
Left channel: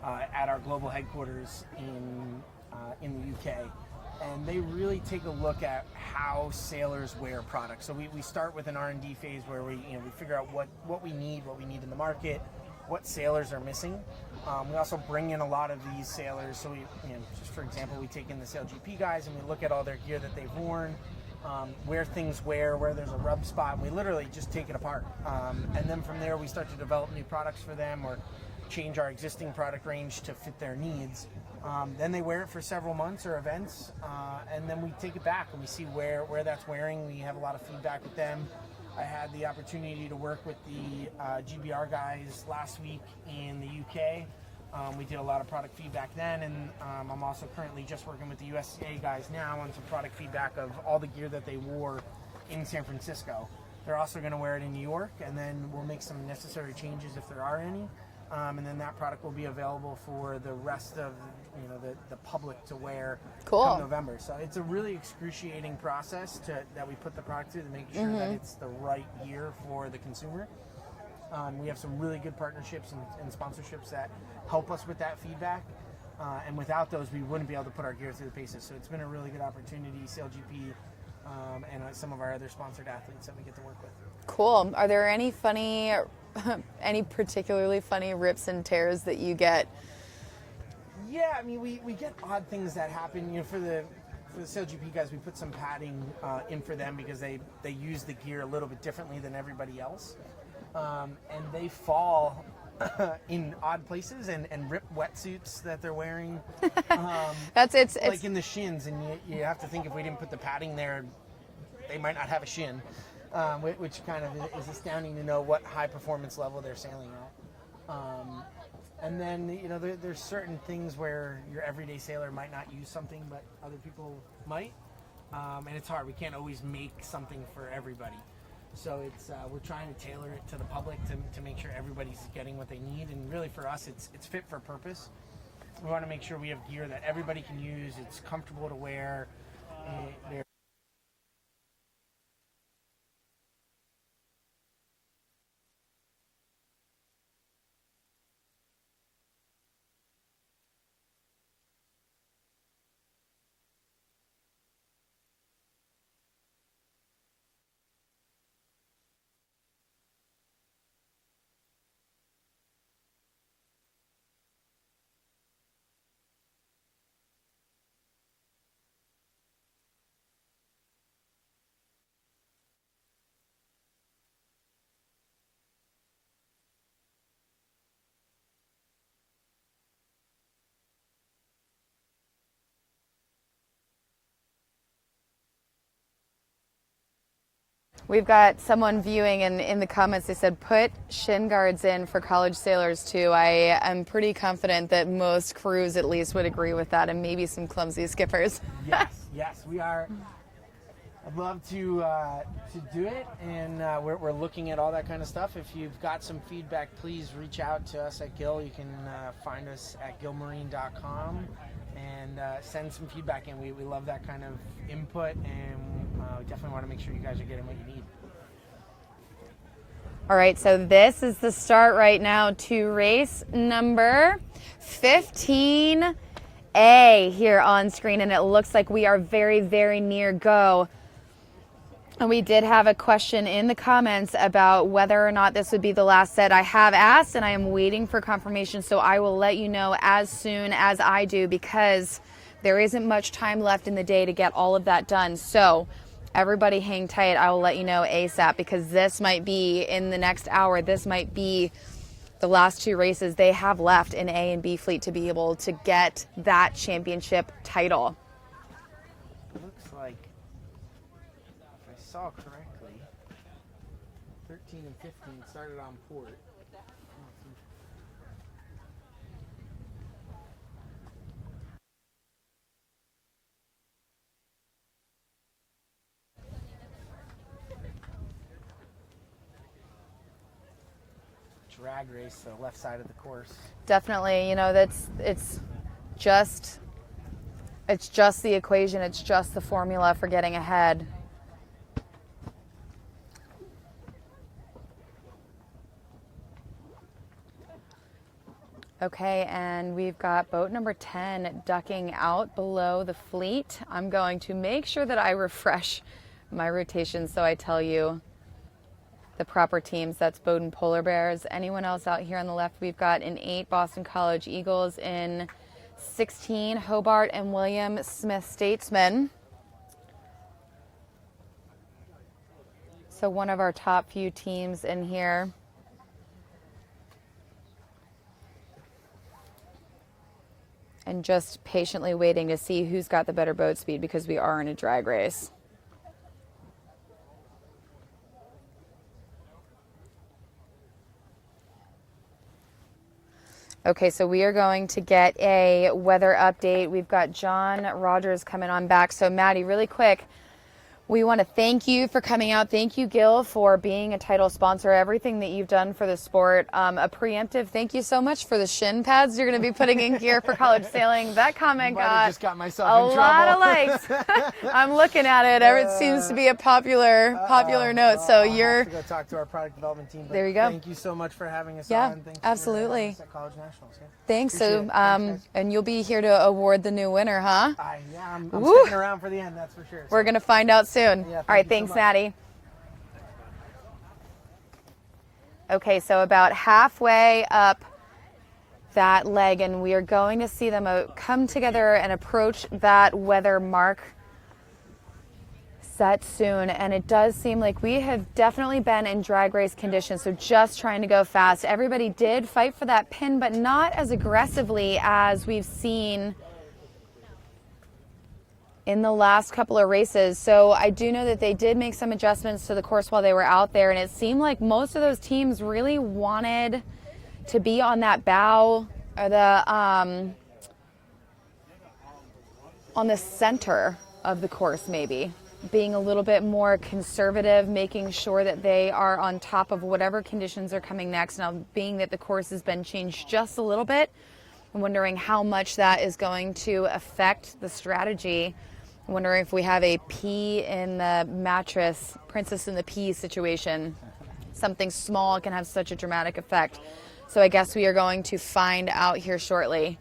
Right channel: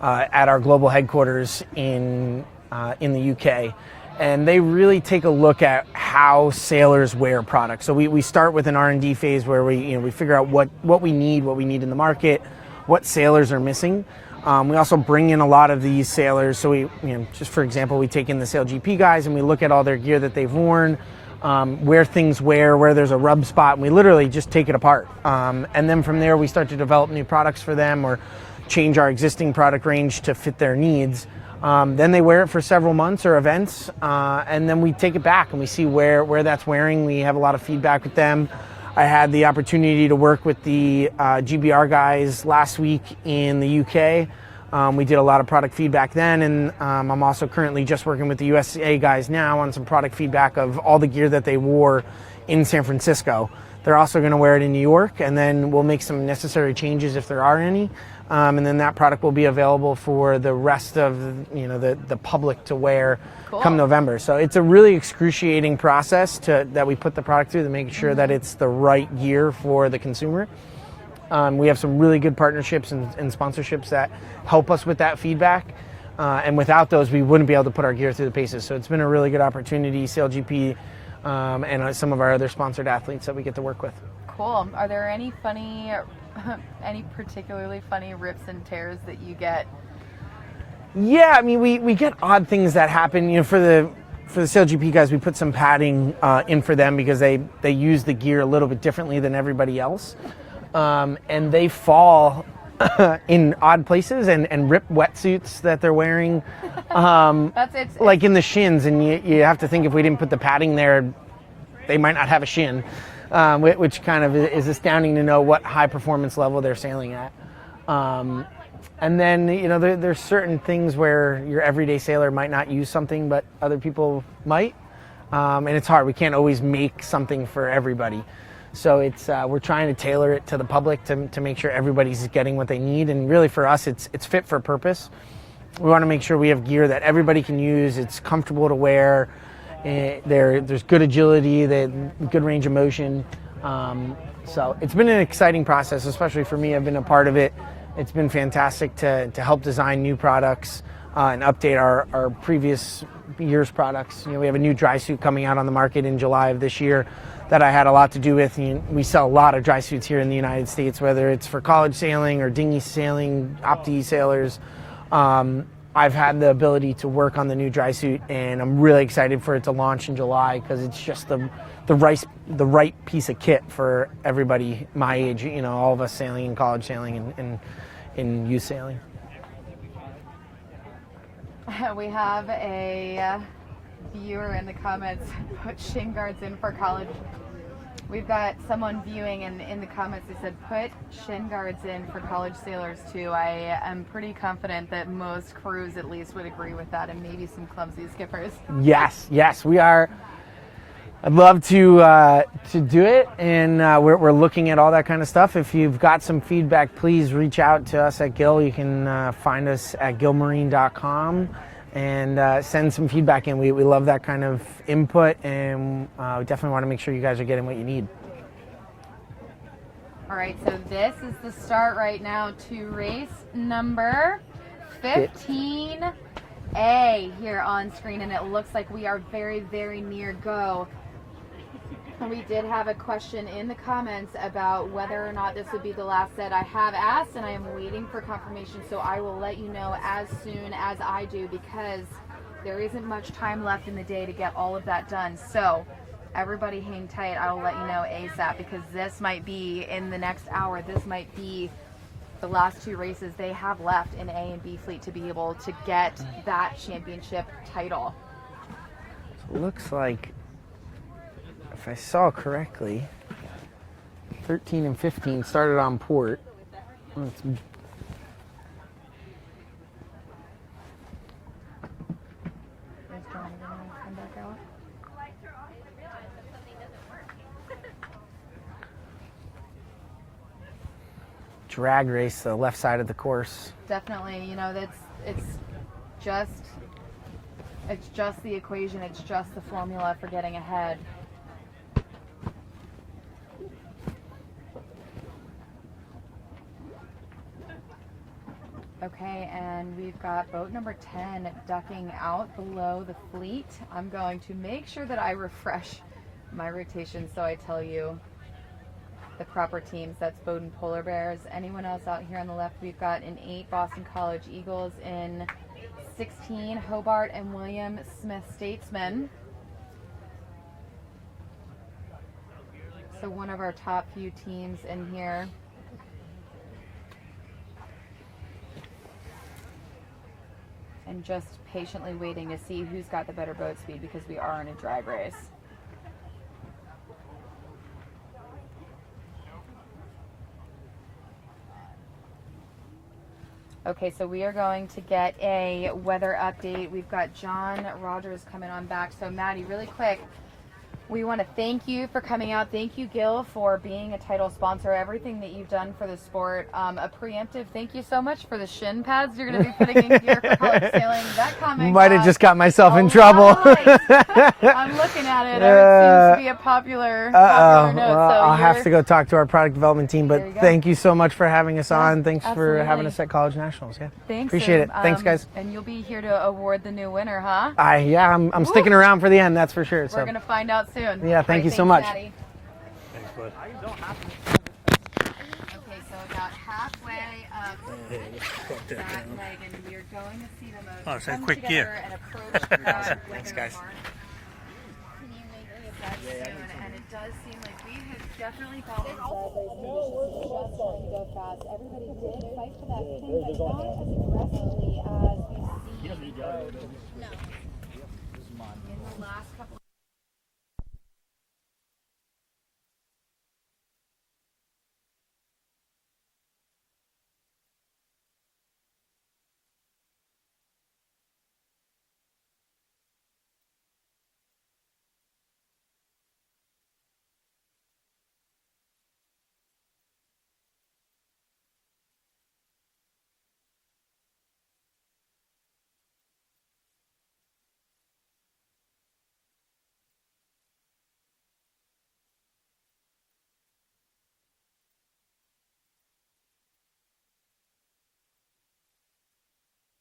at our global headquarters in the UK. And they really take a look at how sailors wear products. So we start with an R&D phase where we figure out what we need in the market, what sailors are missing. We also bring in a lot of these sailors. So just for example, we take in the SailGP guys and we look at all their gear that they've worn, where there's a rub spot, and we literally just take it apart. And then from there, we start to develop new products for them or change our existing product range to fit their needs. Then they wear it for several months or events, and then we take it back and we see where that's wearing. We have a lot of feedback with them. I had the opportunity to work with the GBR guys last week in the UK. We did a lot of product feedback then, and I'm also currently just working with the USA guys now on some product feedback of all the gear that they wore in San Francisco. They're also going to wear it in New York, and then we'll make some necessary changes if there are any. And then that product will be available for the rest of the public to wear come November. So it's a really excruciating process that we put the product through to make sure that it's the right gear for the consumer. We have some really good partnerships and sponsorships that help us with that feedback. And without those, we wouldn't be able to put our gear through the paces. So it's been a really good opportunity, SailGP, and some of our other sponsored athletes that we get to work with. Cool. Are there any any particularly funny rips and tears that you get? Yeah, I mean, we get odd things that happen. For the SailGP guys, we put some padding in for them because they use the gear a little bit differently than everybody else. And they fall in odd places and rip wetsuits that they're wearing. It's like in the shins, and you have to think if we didn't put the padding there, they might not have a shin, which kind of is astounding to know what high performance level they're sailing at. And then, there's certain things where your everyday sailor might not use something, but other people might. And it's hard. We can't always make something for everybody. So we're trying to tailor it to the public to make sure everybody's getting what they need. And really for us, it's fit for purpose. We want to make sure we have gear that everybody can use. It's comfortable to wear. There's good agility, good range of motion. So it's been an exciting process, especially for me. I've been a part of it. It's been fantastic to help design new products and update our previous year's products. We have a new dry suit coming out on the market in July of this year that I had a lot to do with. We sell a lot of dry suits here in the United States, whether it's for college sailing or dinghy sailing, opti sailors. I've had the ability to work on the new dry suit, and I'm really excited for it to launch in July because it's just the right piece of kit for everybody my age, all of us sailing in college sailing and in youth sailing. We have a viewer in the comments, put shin guards in for college. We've got someone viewing, and in the comments they said, put shin guards in for college sailors too. I am pretty confident that most crews at least would agree with that, and maybe some clumsy skippers. Yes, we are. I'd love to do it, and we're looking at all that kind of stuff. If you've got some feedback, please reach out to us at Gill. You can find us at gillmarine.com and send some feedback in. We love that kind of input, and we definitely want to make sure you guys are getting what you need. All right, so this is the start right now to race number 15A here on screen, and it looks like we are very, very near go. And we did have a question in the comments about whether or not this would be the last set. I have asked, and I am waiting for confirmation, so I will let you know as soon as I do, because there isn't much time left in the day to get all of that done. So everybody hang tight. I will let you know ASAP, because this might be in the next hour. This might be the last two races they have left in A and B fleet to be able to get that championship title. It looks like, if I saw correctly, 13 and 15 started on port. Drag race, the left side of the course. Definitely, it's just the equation. It's just the formula for getting ahead. Okay, and we've got boat number 10 ducking out below the fleet. I'm going to make sure that I refresh my rotation so I tell you the proper teams. That's Bowdoin Polar Bears. Anyone else out here on the left? We've got in 8 Boston College Eagles, in 16 Hobart and William Smith Statesmen. So one of our top few teams in here. And just patiently waiting to see who's got the better boat speed, because we are in a drag race. Okay, so we are going to get a weather update. We've got John Rogers coming on back. So Maddie, really quick, we want to thank you for coming out. Thank you, Gill, for being a title sponsor, everything that you've done for the sport. A preemptive thank you so much for the shin pads you're going to be putting in gear for college sailing. That comment might have just got myself in trouble. I'm looking at it. It seems to be a popular note. Well, So I'll have to go talk to our product development team, but thank you so much for having us on. Thanks for having us at College Nationals. Yeah, thanks. Appreciate it. Thanks, guys. And you'll be here to award the new winner, huh? I'm sticking around for the end, that's for sure. We're going to find out soon. Yeah, thank you so much. Maddie. Okay, so about halfway up that leg, and we are going to see them come together and approach that weather mark set soon. And it does seem like we have definitely been in drag race conditions, so just trying to go fast. Everybody did fight for that pin, but not as aggressively as we've seen in the last couple of races. So I do know that they did make some adjustments to the course while they were out there, and it seemed like most of those teams really wanted to be on that bow, or on the center of the course, maybe being a little bit more conservative, making sure that they are on top of whatever conditions are coming next. Now, being that the course has been changed just a little bit, I'm wondering how much that is going to affect the strategy. I'm wondering if we have a pea in the mattress, princess in the pea situation. Something small can have such a dramatic effect. So I guess we are going to find out here shortly.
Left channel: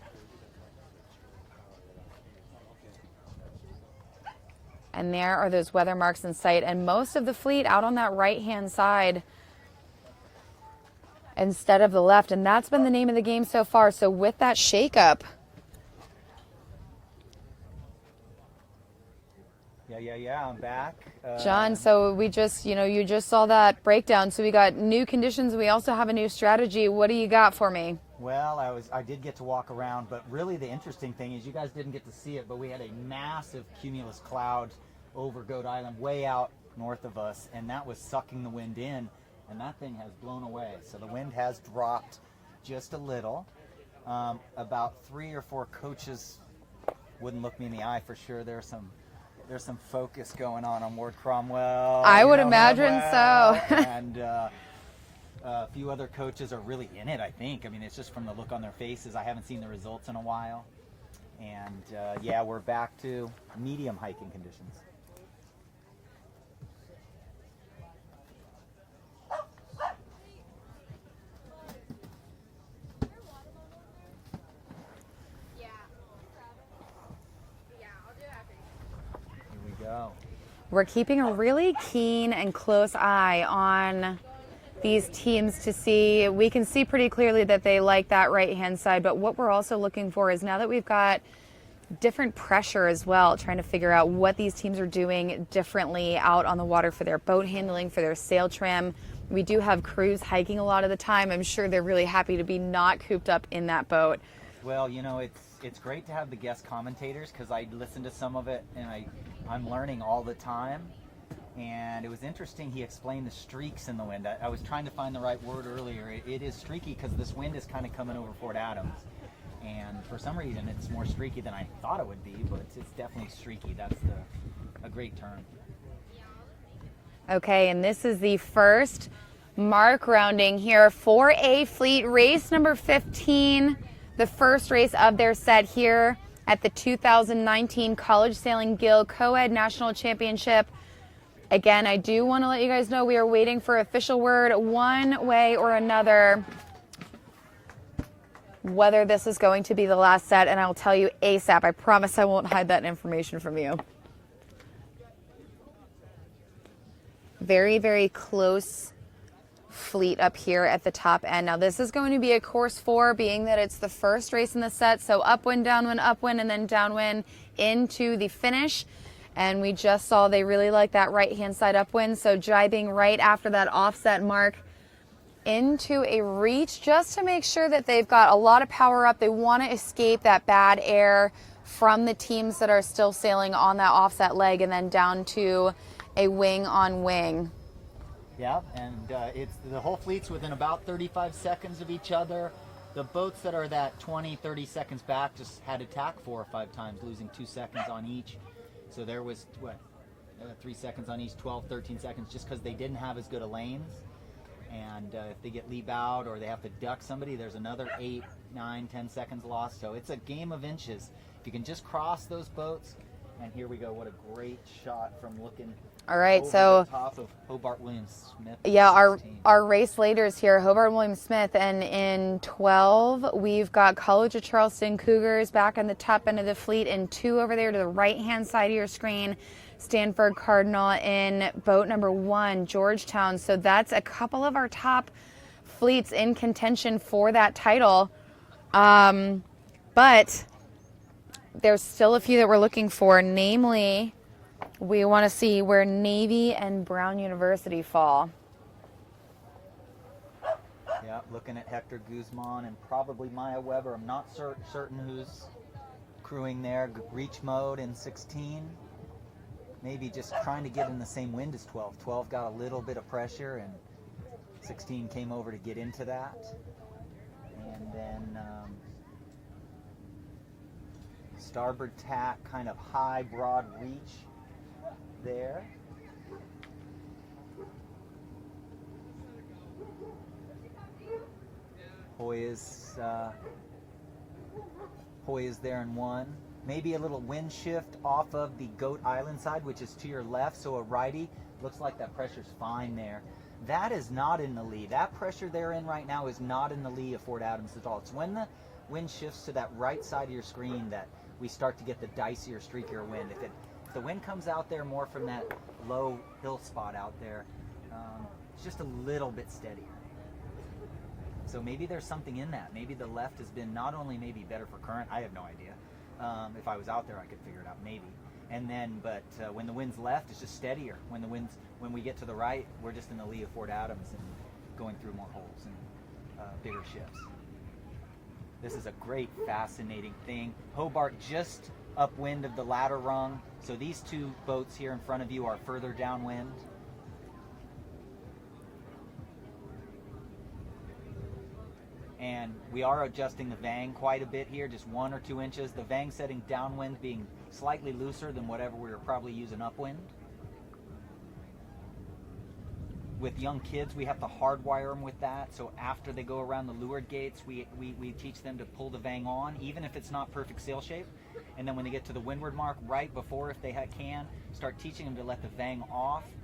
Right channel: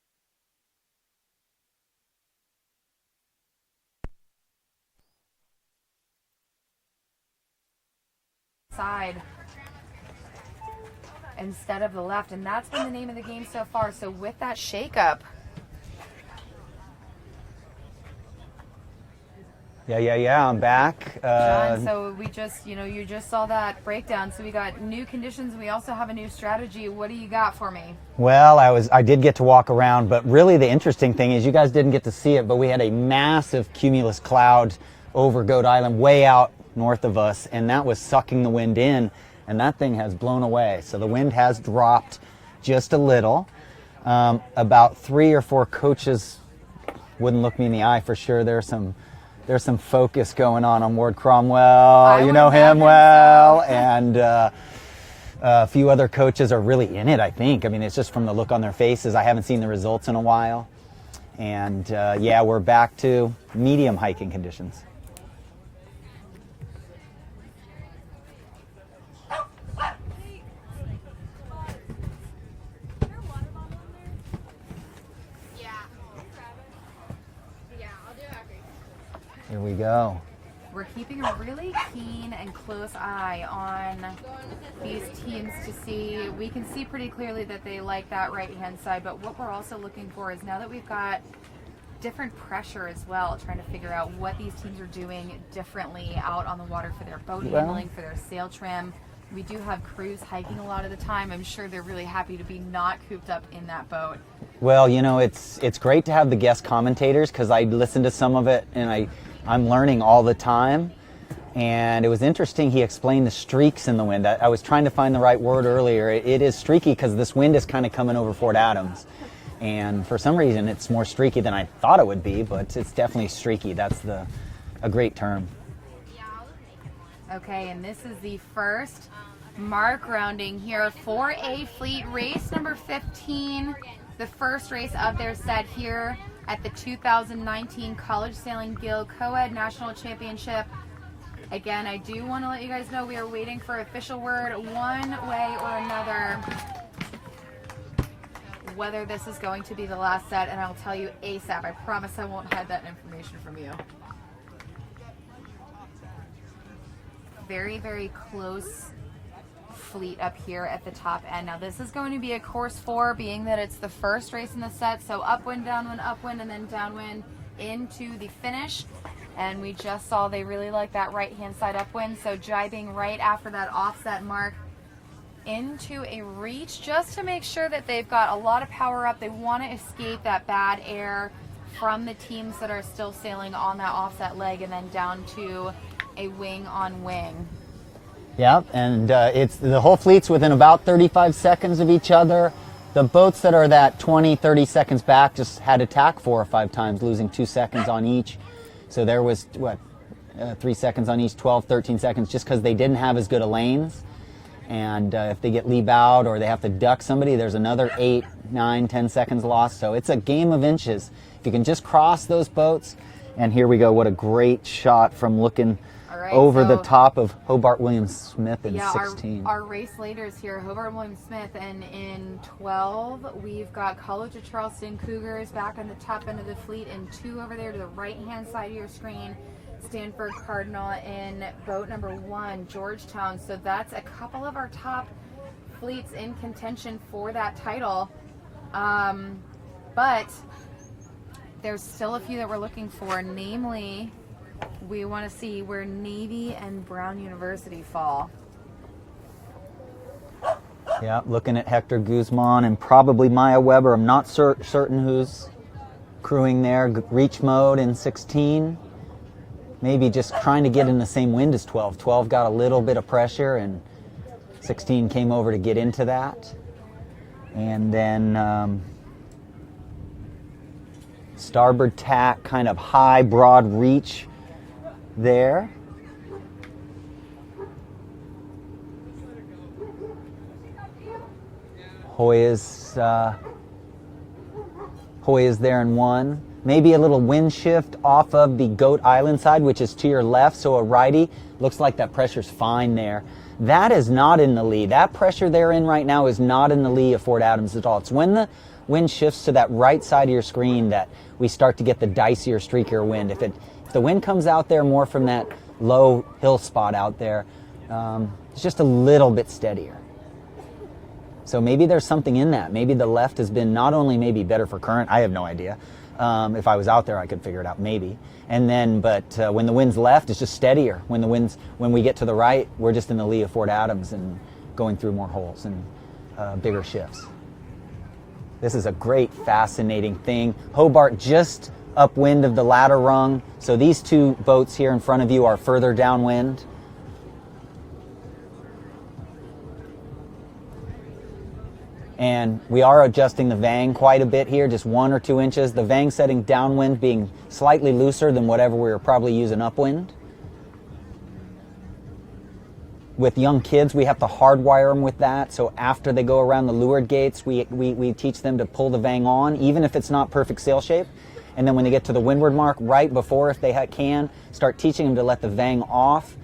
And there are those weather marks in sight, and most of the fleet out on that right-hand side instead of the left, and that's been the name of the game so far. So with that shakeup, Yeah, I'm back. John, so we just, you just saw that breakdown. So we got new conditions. We also have a new strategy. What do you got for me? Well, I did get to walk around, but really the interesting thing is you guys didn't get to see it, but we had a massive cumulus cloud over Coed Island way out north of us, and that was sucking the wind in, and that thing has blown away. So the wind has dropped just a little. About 3 or 4 coaches wouldn't look me in the eye for sure. There's some focus going on Ward Cromwell. You know him well. So. And a few other coaches are really in it, I think. I mean, it's just from the look on their faces. I haven't seen the results in a while. And yeah, we're back to medium hiking conditions. Here we go. We're keeping a really keen and close eye on these teams to see. We can see pretty clearly that they like that right-hand side, but what we're also looking for is, now that we've got different pressure as well, trying to figure out what these teams are doing differently out on the water for their boat handling, for their sail trim. We do have crews hiking a lot of the time. I'm sure they're really happy to be not cooped up in that boat. Well, it's great to have the guest commentators, because I listen to some of it and I'm learning all the time. And it was interesting, he explained the streaks in the wind. I was trying to find the right word earlier. It is streaky because this wind is kind of coming over Fort Adams. And for some reason, it's more streaky than I thought it would be, but it's definitely streaky. That's a great term. Okay, and this is the first mark rounding here for A Fleet, race number 15, the first race of their set here at the 2019 College Sailing Gill Coed National Championship. Again, I do want to let you guys know we are waiting for official word one way or another whether this is going to be the last set, and I'll tell you ASAP. I promise I won't hide that information from you. Very, very close fleet up here at the top end. Now this is going to be a course 4, being that it's the first race in the set, so upwind, and then downwind into the finish. And we just saw they really like that right-hand side upwind, so jibing right after that offset mark into a reach, just to make sure that they've got a lot of power up. They want to escape that bad air from the teams that are still sailing on that offset leg, and then down to a wing on wing. Yep, and it's the whole fleet's within about 35 seconds of each other. The boats that are that 20, 30 seconds back just had to tack 4 or 5 times, losing 2 seconds on each. So there was, 3 seconds on each, 12, 13 seconds, just because they didn't have as good of lanes. And if they get lee bowed or they have to duck somebody, there's another 8, 9, 10 seconds lost. So it's a game of inches. If you can just cross those boats, and here we go, what a great shot from looking over the top of Hobart Williams-Smith in 16. Our race leaders here, Hobart Williams-Smith, and in 12, we've got College of Charleston Cougars back on the top end of the fleet, and 2 over there to the right-hand side of your screen, Stanford Cardinal in boat number 1, Georgetown. So that's a couple of our top fleets in contention for that title. But there's still a few that we're looking for, namely, we want to see where Navy and Brown University fall. Yeah, looking at Hector Guzman and probably Maya Weber. I'm not certain who's crewing there. Reach mode in 16. Maybe just trying to get in the same wind as 12. 12 got a little bit of pressure and 16 came over to get into that. And then starboard tack, kind of high, broad reach there. Hoya's there in 1. Maybe a little wind shift off of the Goat Island side, which is to your left, so a righty. Looks like that pressure's fine there. That is not in the lee. That pressure they're in right now is not in the lee of Fort Adams at all. It's when the wind shifts to that right side of your screen that we start to get the dicier, streakier wind. If the wind comes out there more from that low hill spot out there, it's just a little bit steadier. So maybe there's something in that. Maybe the left has been not only maybe better for current, I have no idea. If I was out there, I could figure it out, maybe. And then, but when the wind's left, it's just steadier. When we get to the right, we're just in the lee of Fort Adams and going through more holes and bigger shifts. This is a great, fascinating thing. Hobart just upwind of the ladder rung. So these 2 boats here in front of you are further downwind. And we are adjusting the vang quite a bit here, just 1 or 2 inches. The vang setting downwind being slightly looser than whatever we were probably using upwind. With young kids, we have to hardwire them with that. So after they go around the leeward gates, we teach them to pull the vang on, even if it's not perfect sail shape. And then when they get to the windward mark, right before, if they can, start teaching them to let the vang off,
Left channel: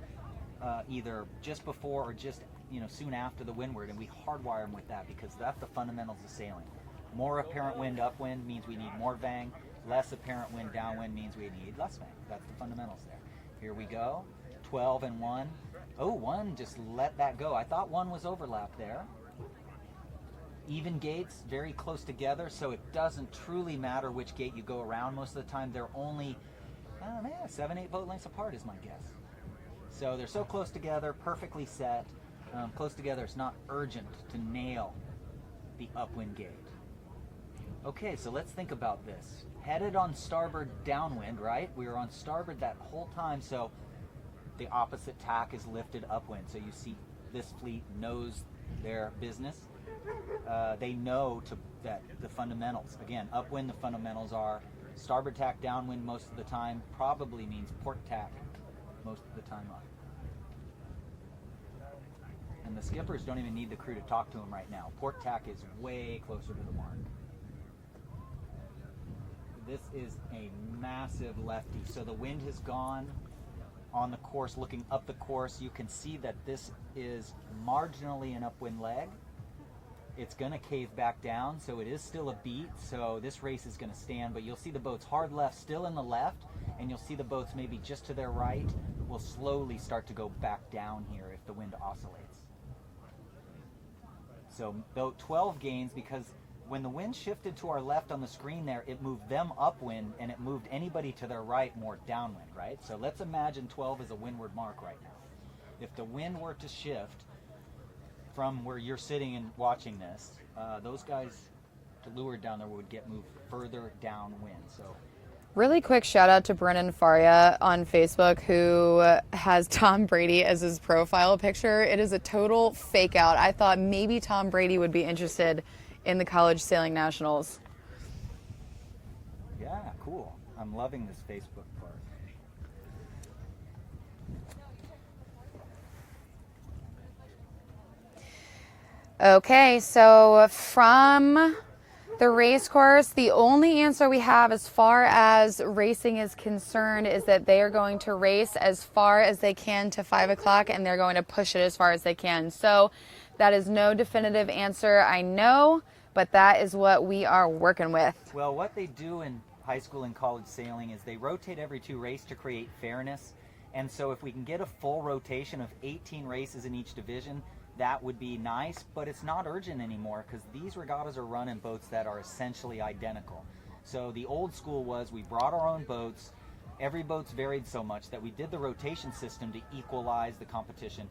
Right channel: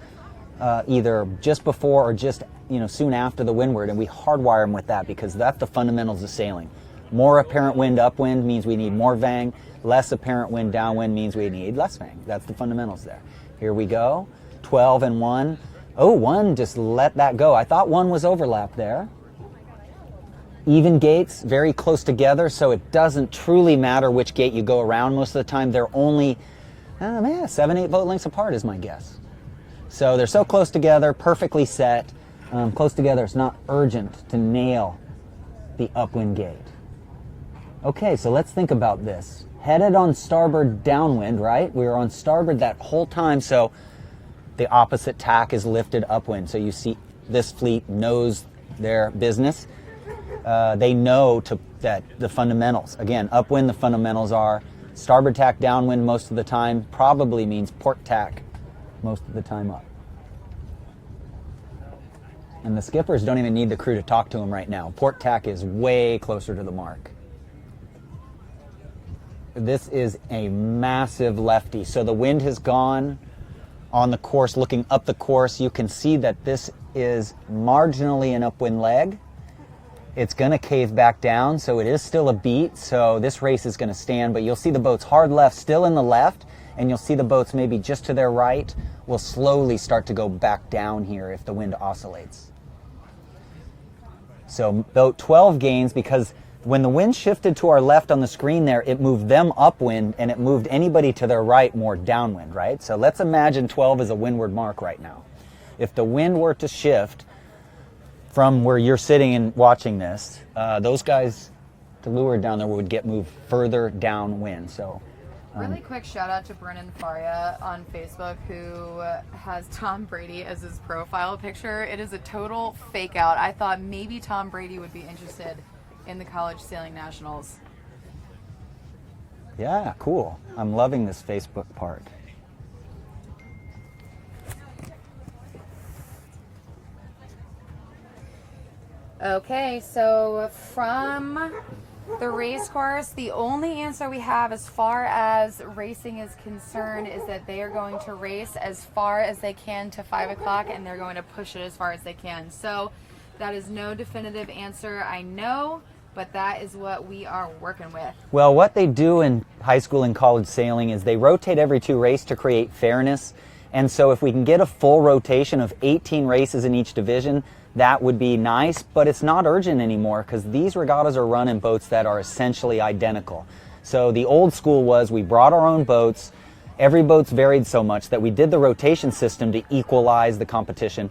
either just before or just soon after the windward, and we hardwire them with that because that's the fundamentals of sailing. More apparent wind upwind means we need more vang. Less apparent wind downwind means we need less vang. That's the fundamentals there. Here we go. 12 and 1. Oh, 1, just let that go. I thought 1 was overlapped there. Even gates, very close together, so it doesn't truly matter which gate you go around. Most of the time, they're only 7, 8 boat lengths apart is my guess. So they're so close together, perfectly set. Close together, it's not urgent to nail the upwind gate. Okay, so let's think about this. Headed on starboard downwind, right? We were on starboard that whole time, so the opposite tack is lifted upwind. So you see this fleet knows their business. They know that the fundamentals. Again, upwind, the fundamentals are starboard tack downwind most of the time, probably means port tack most of the time up. And the skippers don't even need the crew to talk to them right now. Port tack is way closer to the mark. This is a massive lefty. So the wind has gone on the course, looking up the course. You can see that this is marginally an upwind leg. It's going to cave back down, so it is still a beat. So this race is going to stand, but you'll see the boats hard left, still in the left, and you'll see the boats maybe just to their right will slowly start to go back down here if the wind oscillates. So boat 12 gains because when the wind shifted to our left on the screen there, it moved them upwind and it moved anybody to their right more downwind, right? So let's imagine 12 is a windward mark right now. If the wind were to shift from where you're sitting and watching this, those guys to leeward down there would get moved further downwind. So really quick shout out to Brennan Faria on Facebook, who has Tom Brady as his profile picture. It is a total fake out. I thought maybe Tom Brady would be interested in the College Sailing Nationals. Yeah, cool. I'm loving this Facebook part. Okay, so from the race course, the only answer we have as far as racing is concerned is that they are going to race as far as they can to 5 o'clock, and they're going to push it as far as they can. So that is no definitive answer, I know, but that is what we are working with. Well, what they do in high school and college sailing is they rotate every 2 races to create fairness. And so if we can get a full rotation of 18 races in each division, that would be nice, but it's not urgent anymore because these regattas are run in boats that are essentially identical. So the old school was we brought our own boats. Every boat's varied so much that we did the rotation system to equalize the competition.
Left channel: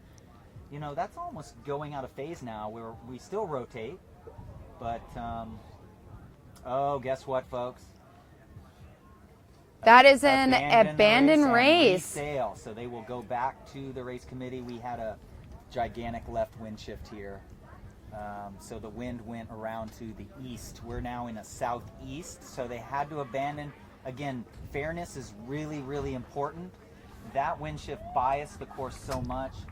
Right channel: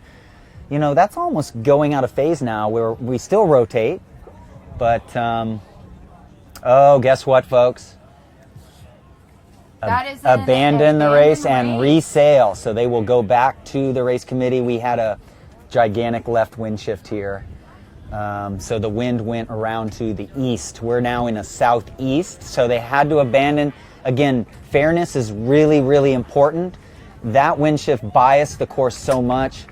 You know, that's almost going out of phase now where we still rotate, but, oh, guess what, folks? That is an abandon the race and race. resail. So they will go back to the race committee. We had a gigantic left wind shift here. So the wind went around to the east. We're now in a southeast, so they had to abandon. Again, fairness is really, really important. That wind shift biased the course so much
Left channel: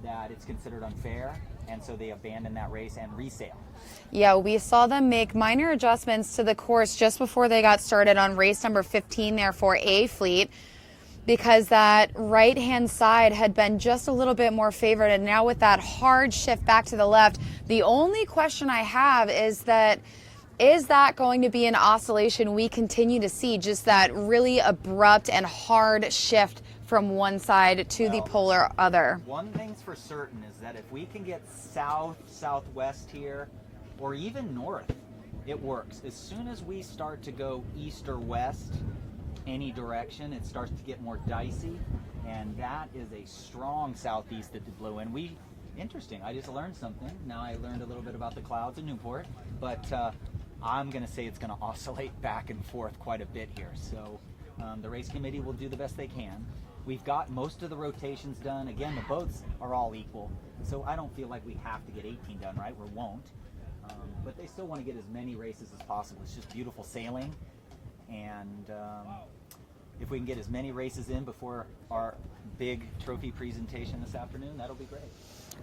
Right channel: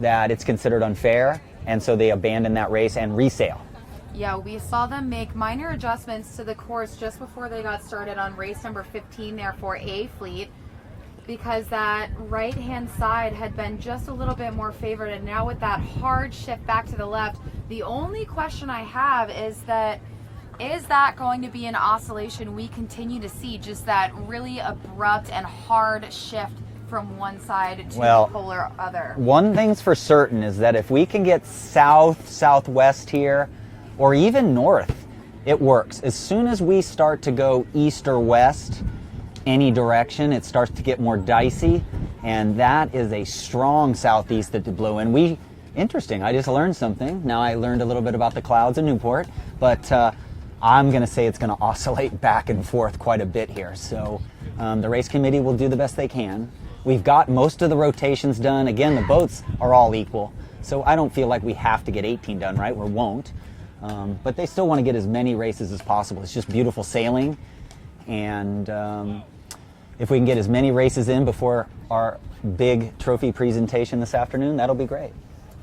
that it's considered unfair, and so they abandoned that race and resail. Yeah, we saw them make minor adjustments to the course just before they got started on race number 15 there for A Fleet, because that right-hand side had been just a little bit more favored, and now with that hard shift back to the left, the only question I have is that going to be an oscillation we continue to see, just that really abrupt and hard shift from one side to the polar other? One thing's for certain is that if we can get south, southwest here, or even north, it works. As soon as we start to go east or west, any direction, it starts to get more dicey, and that is a strong southeast that blew in. Interesting, I just learned something. Now I learned a little bit about the clouds in Newport, but I'm gonna say it's gonna oscillate back and forth quite a bit here. So the race committee will do the best they can. We've got most of the rotations done. Again, the boats are all equal, so I don't feel like we have to get 18 done, right? We won't. But they still want to get as many races as possible. It's just beautiful sailing, and if we can get as many races in before our big trophy presentation this afternoon, that'll be great.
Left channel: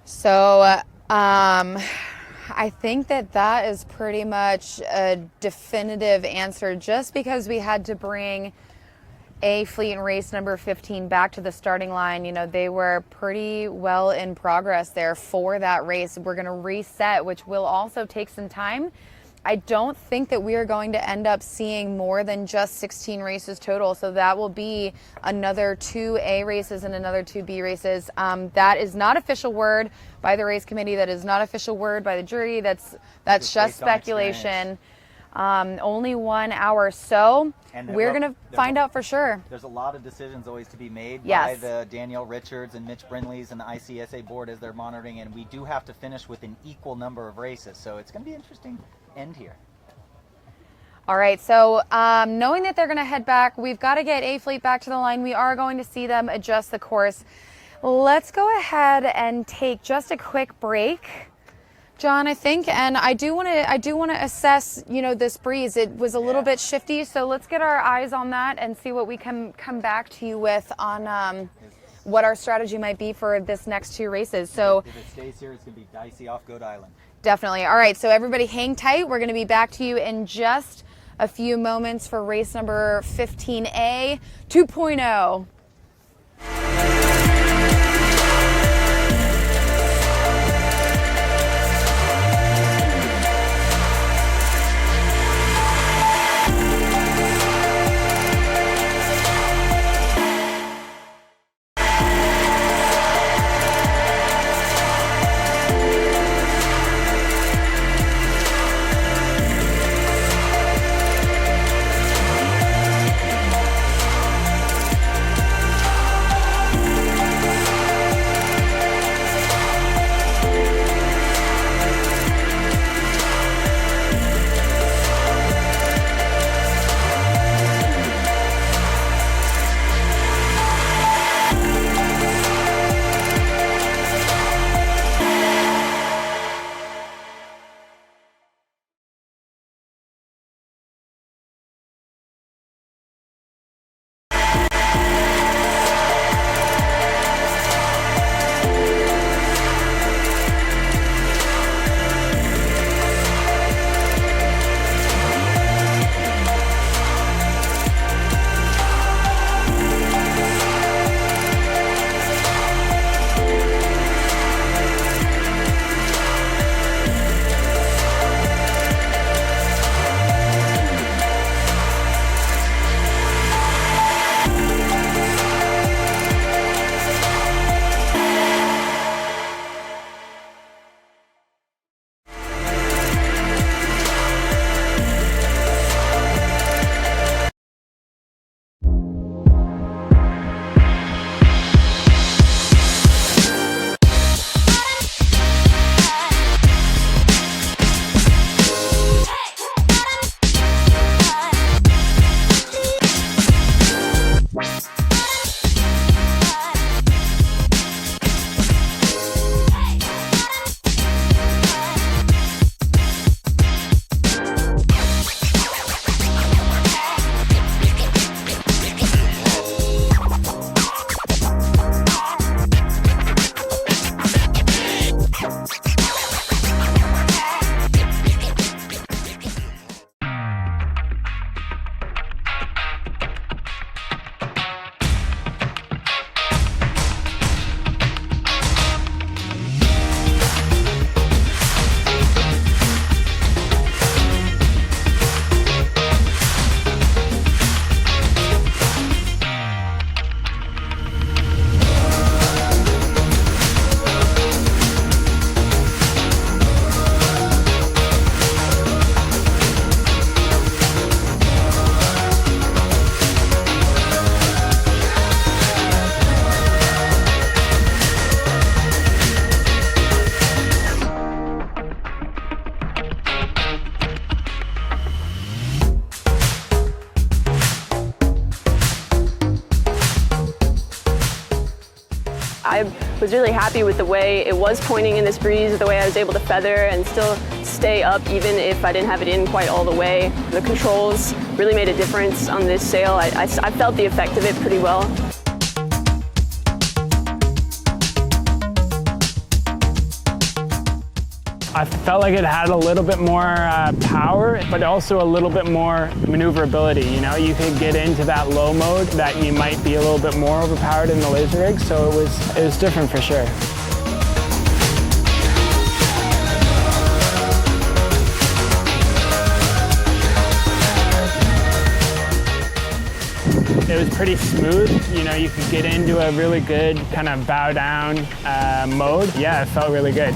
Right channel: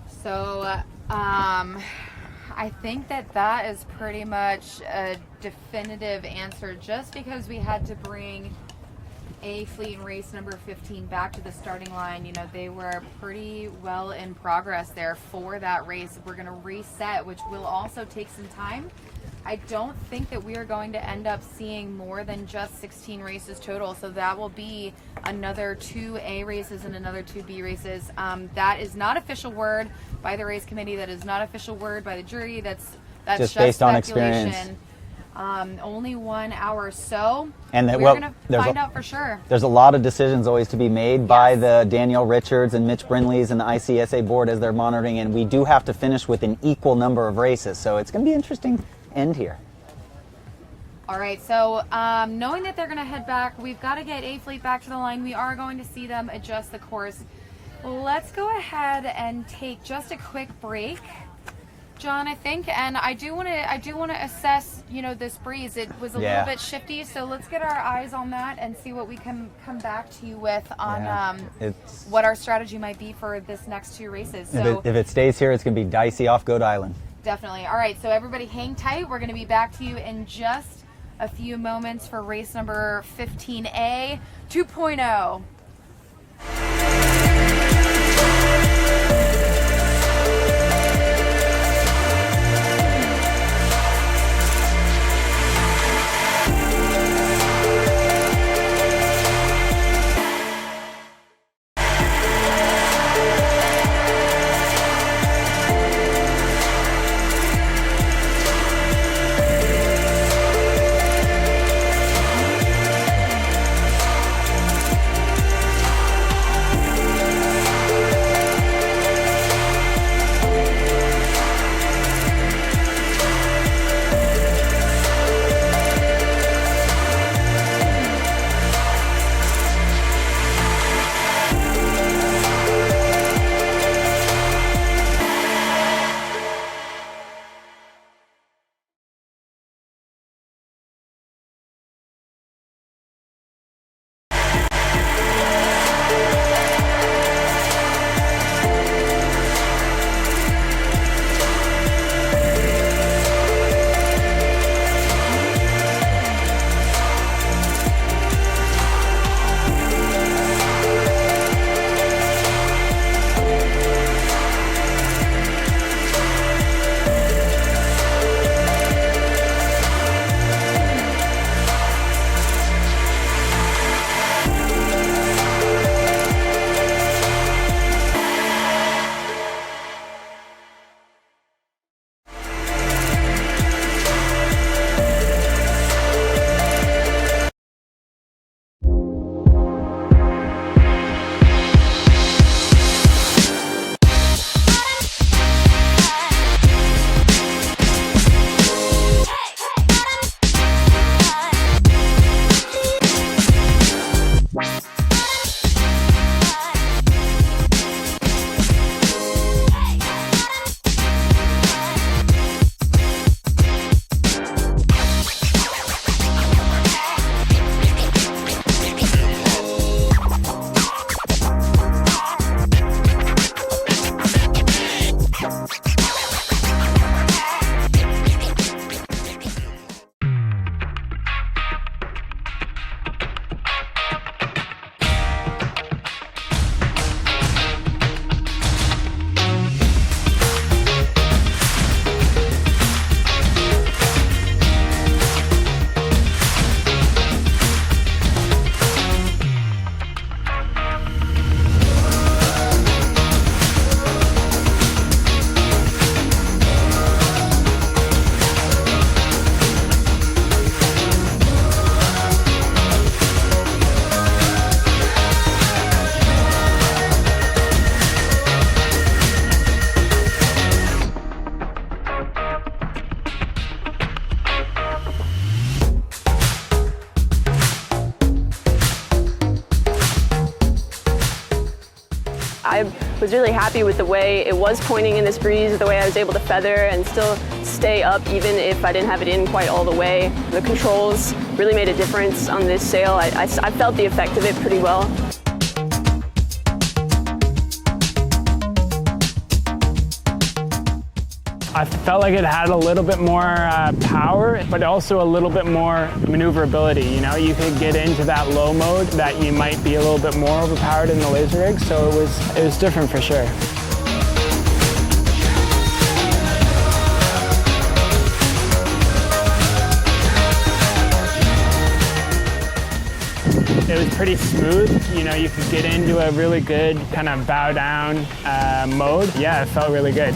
So I think that is pretty much a definitive answer, just because we had to bring A Fleet and race number 15 back to the starting line. You know, they were pretty well in progress there for that race. We're going to reset, which will also take some time. I don't think that we are going to end up seeing more than just 16 races total, so that will be another 2 A races and another 2 B races. That is not official word by the race committee. That is not official word by the jury. That's just speculation. Only 1 hour, so we're going to find out for sure. There's a lot of decisions always to be made by the Danielle Richards and Mitch Brindleys and the ICSA board as they're monitoring, and we do have to finish with an equal number of races, so it's going to be interesting end here. All right, so knowing that they're going to head back, we've got to get A Fleet back to the line. We are going to see them adjust the course. Let's go ahead and take just a quick break, John, I think, and I do want to assess, you know, this breeze. It was a little bit shifty, so let's get our eyes on that and see what we can come back to you with on what our strategy might be for this next 2 races. So if it stays here, it's going to be dicey off Coed Island. Definitely. All right, so everybody hang tight. We're going to be back to you in just a few moments for race number 15A 2.0. I was really happy with the way it was pointing in this breeze, the way I was able to feather and still stay up even if I didn't have it in quite all the way. The controls really made a difference on this sail. I felt the effect of it pretty well. I felt like it had a little bit more power, but also a little bit more maneuverability. You know, you could get into that low mode that you might be a little bit more overpowered in the laser rig, so it was different for sure. It was pretty smooth. You know, you could get into a really good kind of bow down mode. Yeah, it felt really good.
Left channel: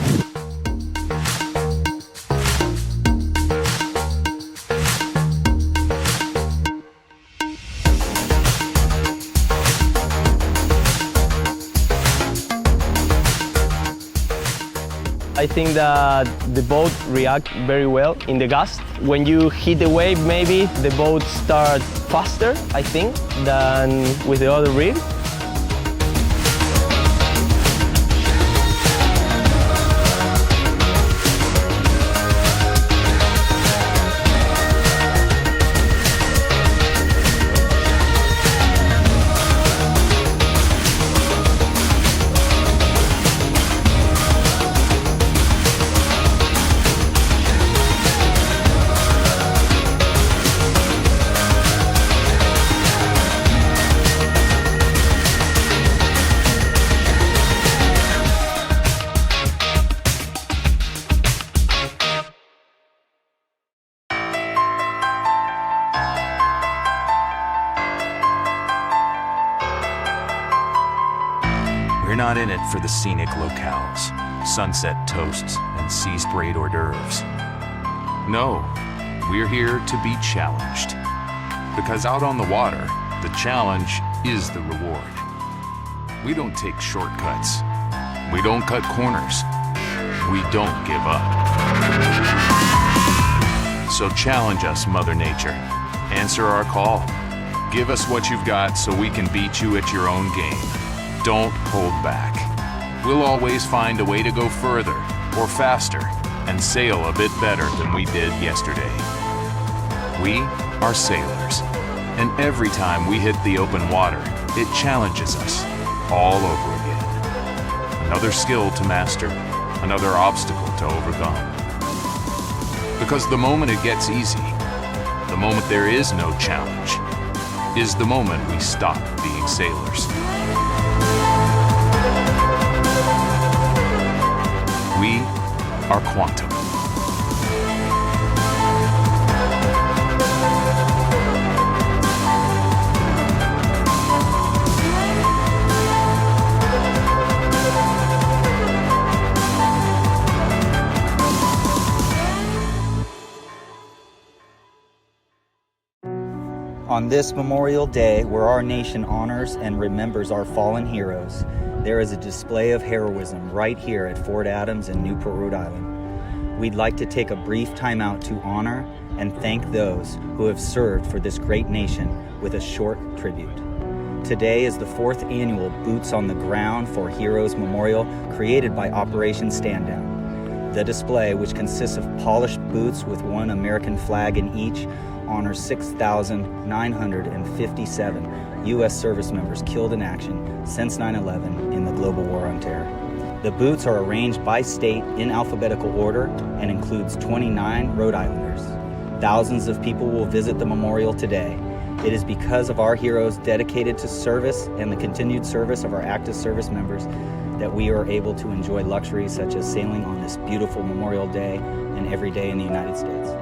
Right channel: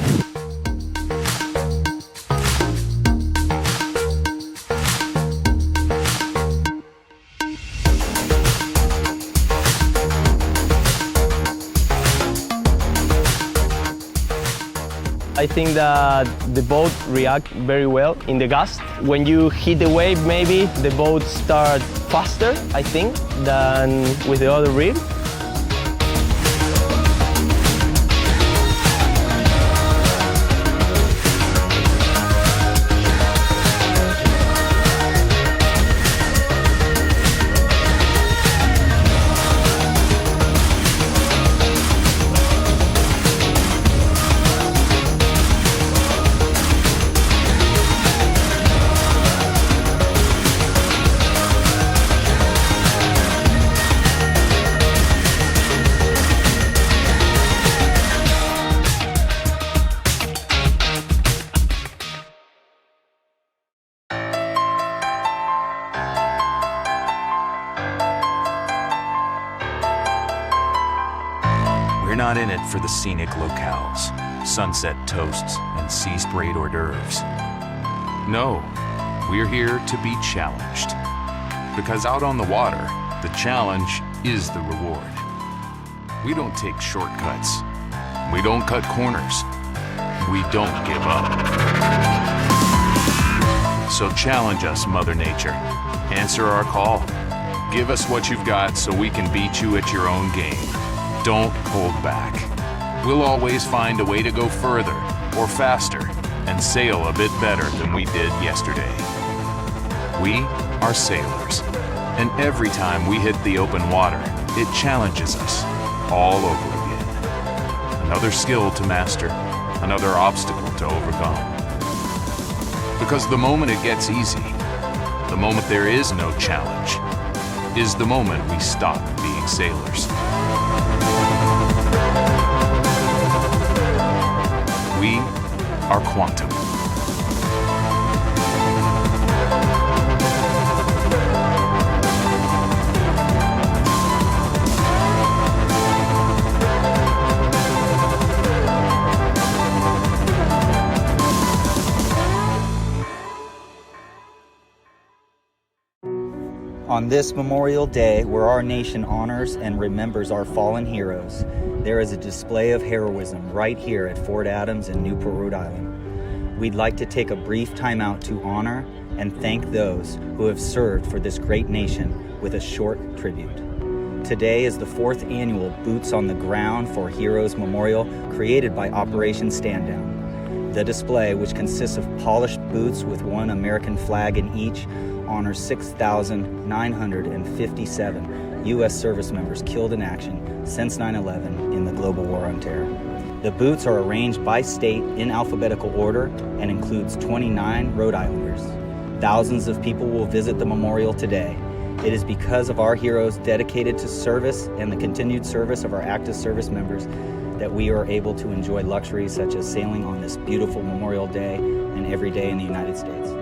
I think that the boat reacts very well in the gust. When you hit the wave, maybe the boat starts faster, I think, than with the other rig. We're not in it for the scenic locales, sunset toasts, and sea-sprayed hors d'oeuvres. No, we're here to be challenged. Because out on the water, the challenge is the reward. We don't take shortcuts. We don't cut corners. We don't give up. So challenge us, Mother Nature. Answer our call. Give us what you've got so we can beat you at your own game. Don't hold back. We'll always find a way to go further or faster and sail a bit better than we did yesterday. We are sailors, and every time we hit the open water, it challenges us all over again. Another skill to master, another obstacle to overcome. Because the moment it gets easy, the moment there is no challenge, is the moment we stop being sailors. We are Quantum. On this Memorial Day, where our nation honors and remembers our fallen heroes, there is a display of heroism right here at Fort Adams in Newport, Rhode Island. We'd like to take a brief time out to honor and thank those who have served for this great nation with a short tribute. Today is the 4th annual Boots on the Ground for Heroes Memorial created by Operation Stand Down. The display, which consists of polished boots with one American flag in each, honors 6,957 U.S. service members killed in action since 9/11 in the global war on terror. The boots are arranged by state in alphabetical order and includes 29 Rhode Islanders. Thousands of people will visit the memorial today. It is because of our heroes dedicated to service and the continued service of our active service members that we are able to enjoy luxuries such as sailing on this beautiful Memorial Day and every day in the United States.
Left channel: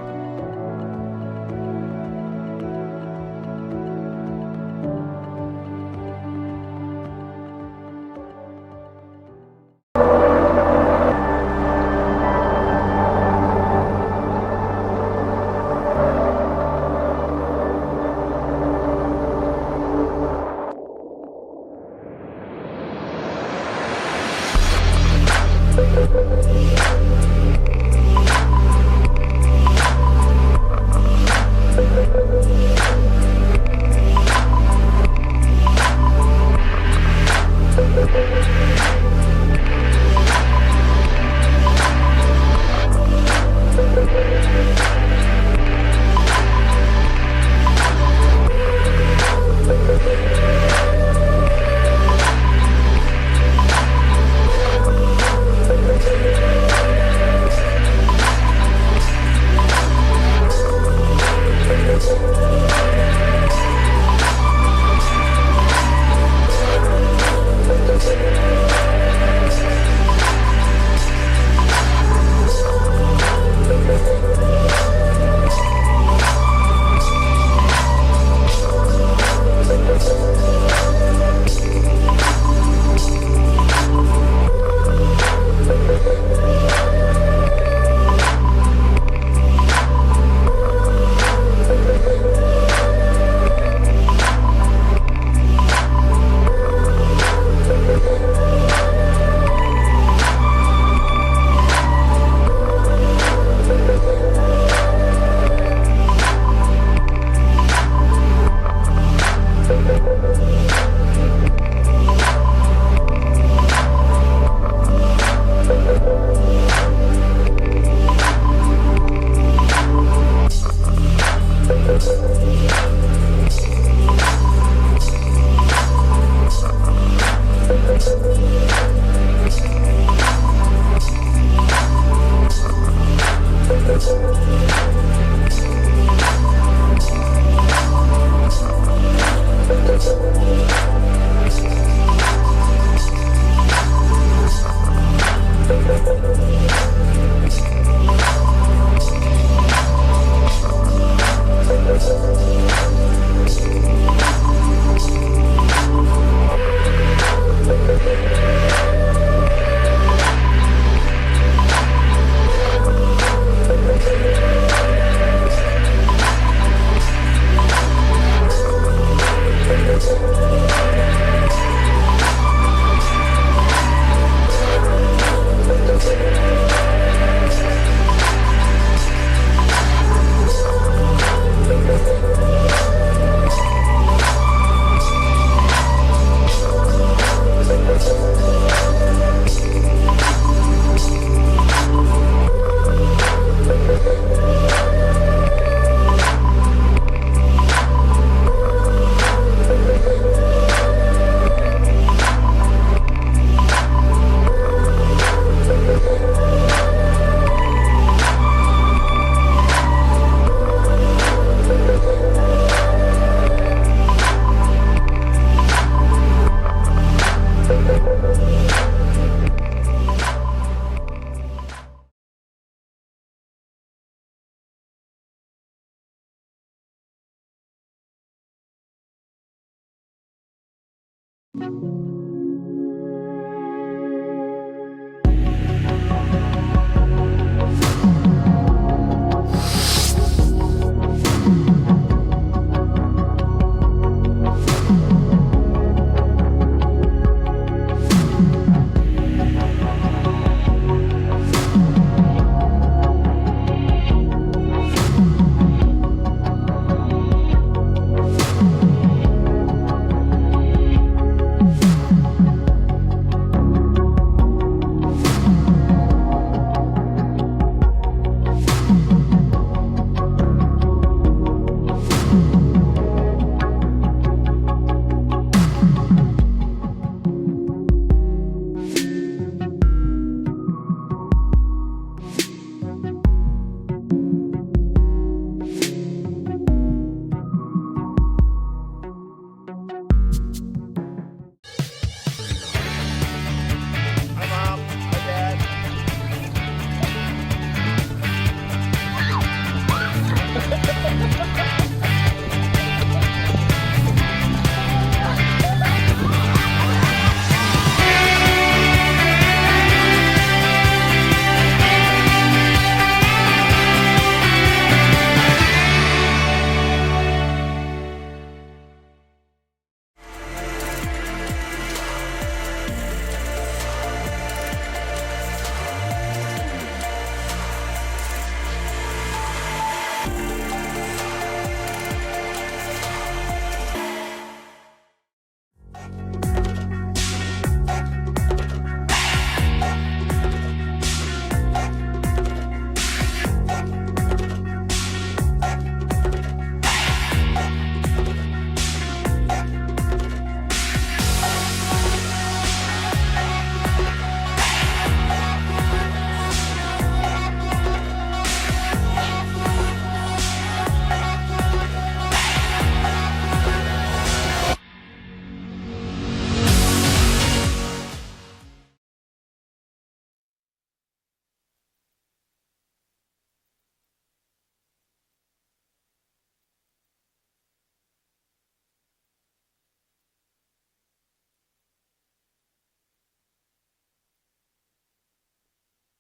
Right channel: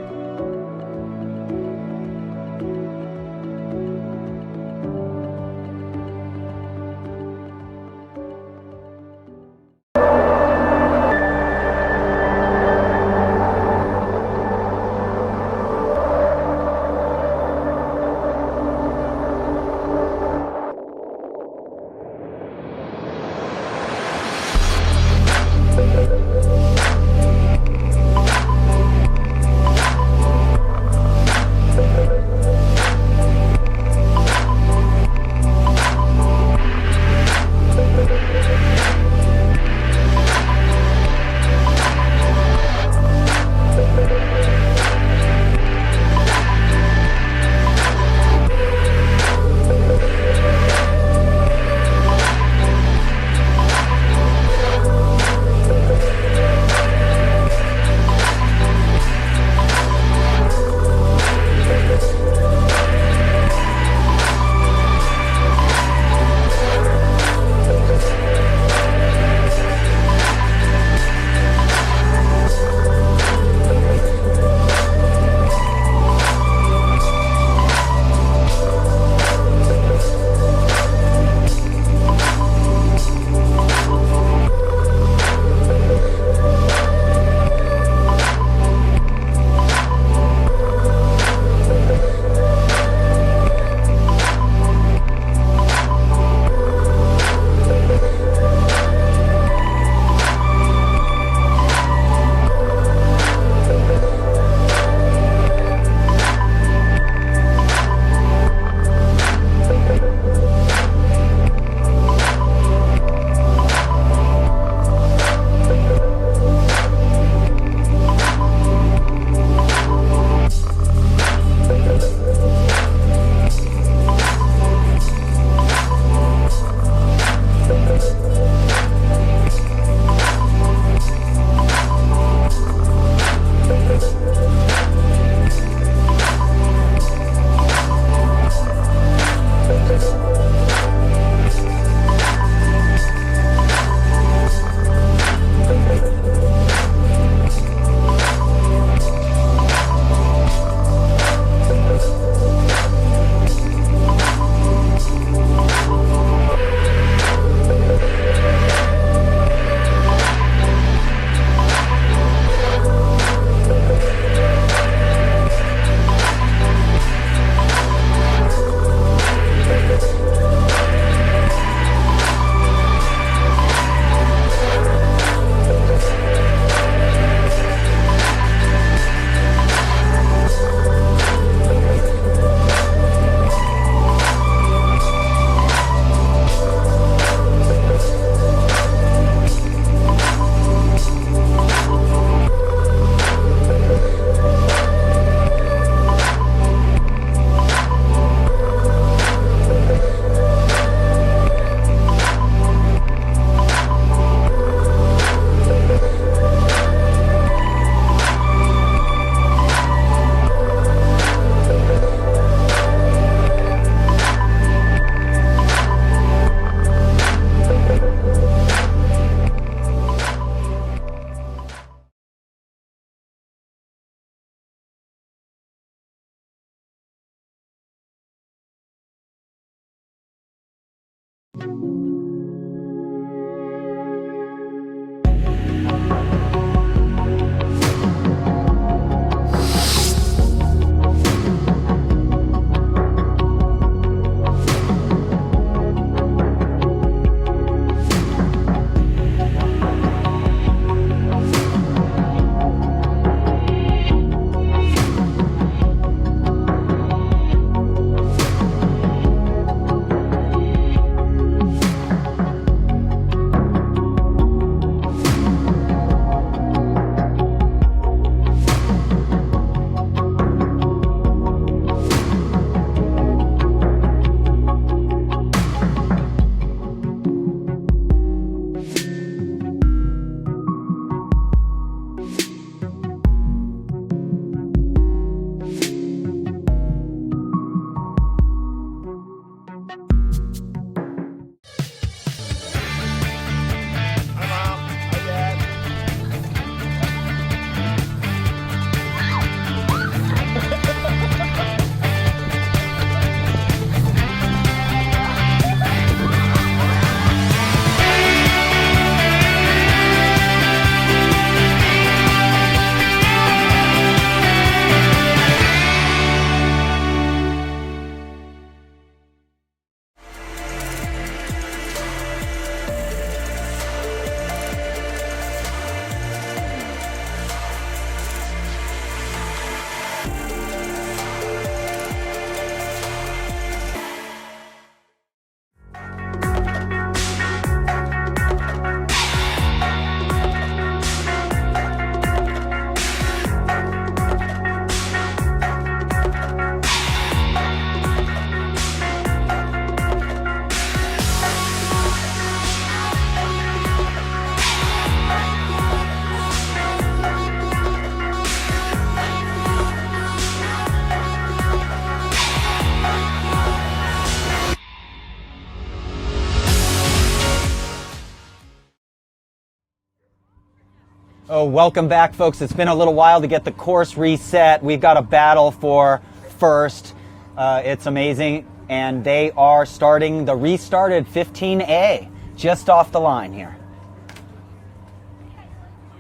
Oh, welcome back, folks. It's been a little while to get the course reset. We've got a battle for first. It's amazing. And they are starting the restarted 15A just off the line here.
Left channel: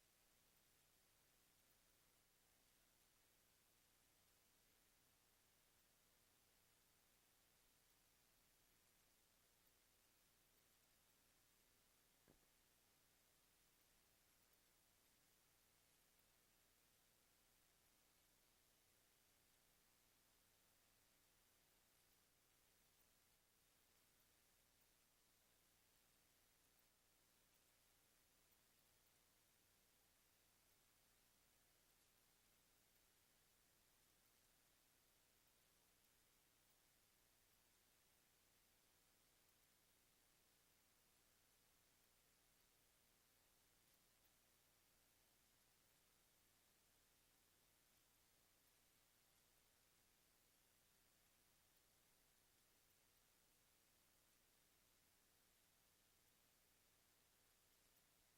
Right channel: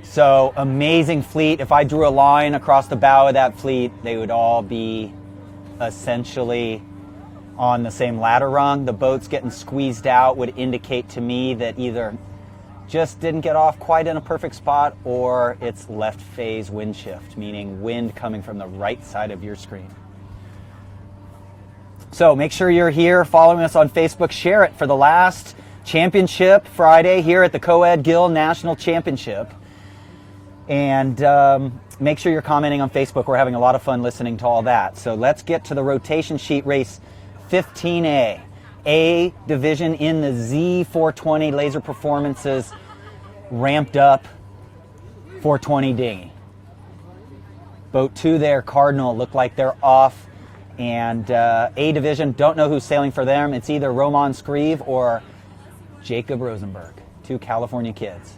So amazing fleet. If I drew a line across the bow of that fleet, they would all be essentially on the same ladder rung. The boats getting squeezed out would indicate to me that either just didn't get off quite in a perfect spot, or it's left phase wind shift, meaning wind coming from the right side of your screen. So make sure you're here following us on Facebook. Share it for the last championship Friday here at the Coed Gill National Championship. And make sure you're commenting on Facebook. We're having a lot of fun listening to all that. So let's get to the rotation sheet race 15A. A division in the Z420 laser performances, ramped up 420 dinghy. Boat 2 there, Cardinal, look like they're off And A division, don't know who's sailing for them. It's either Roman Scrieve or Jacob Rosenberg, 2 California kids.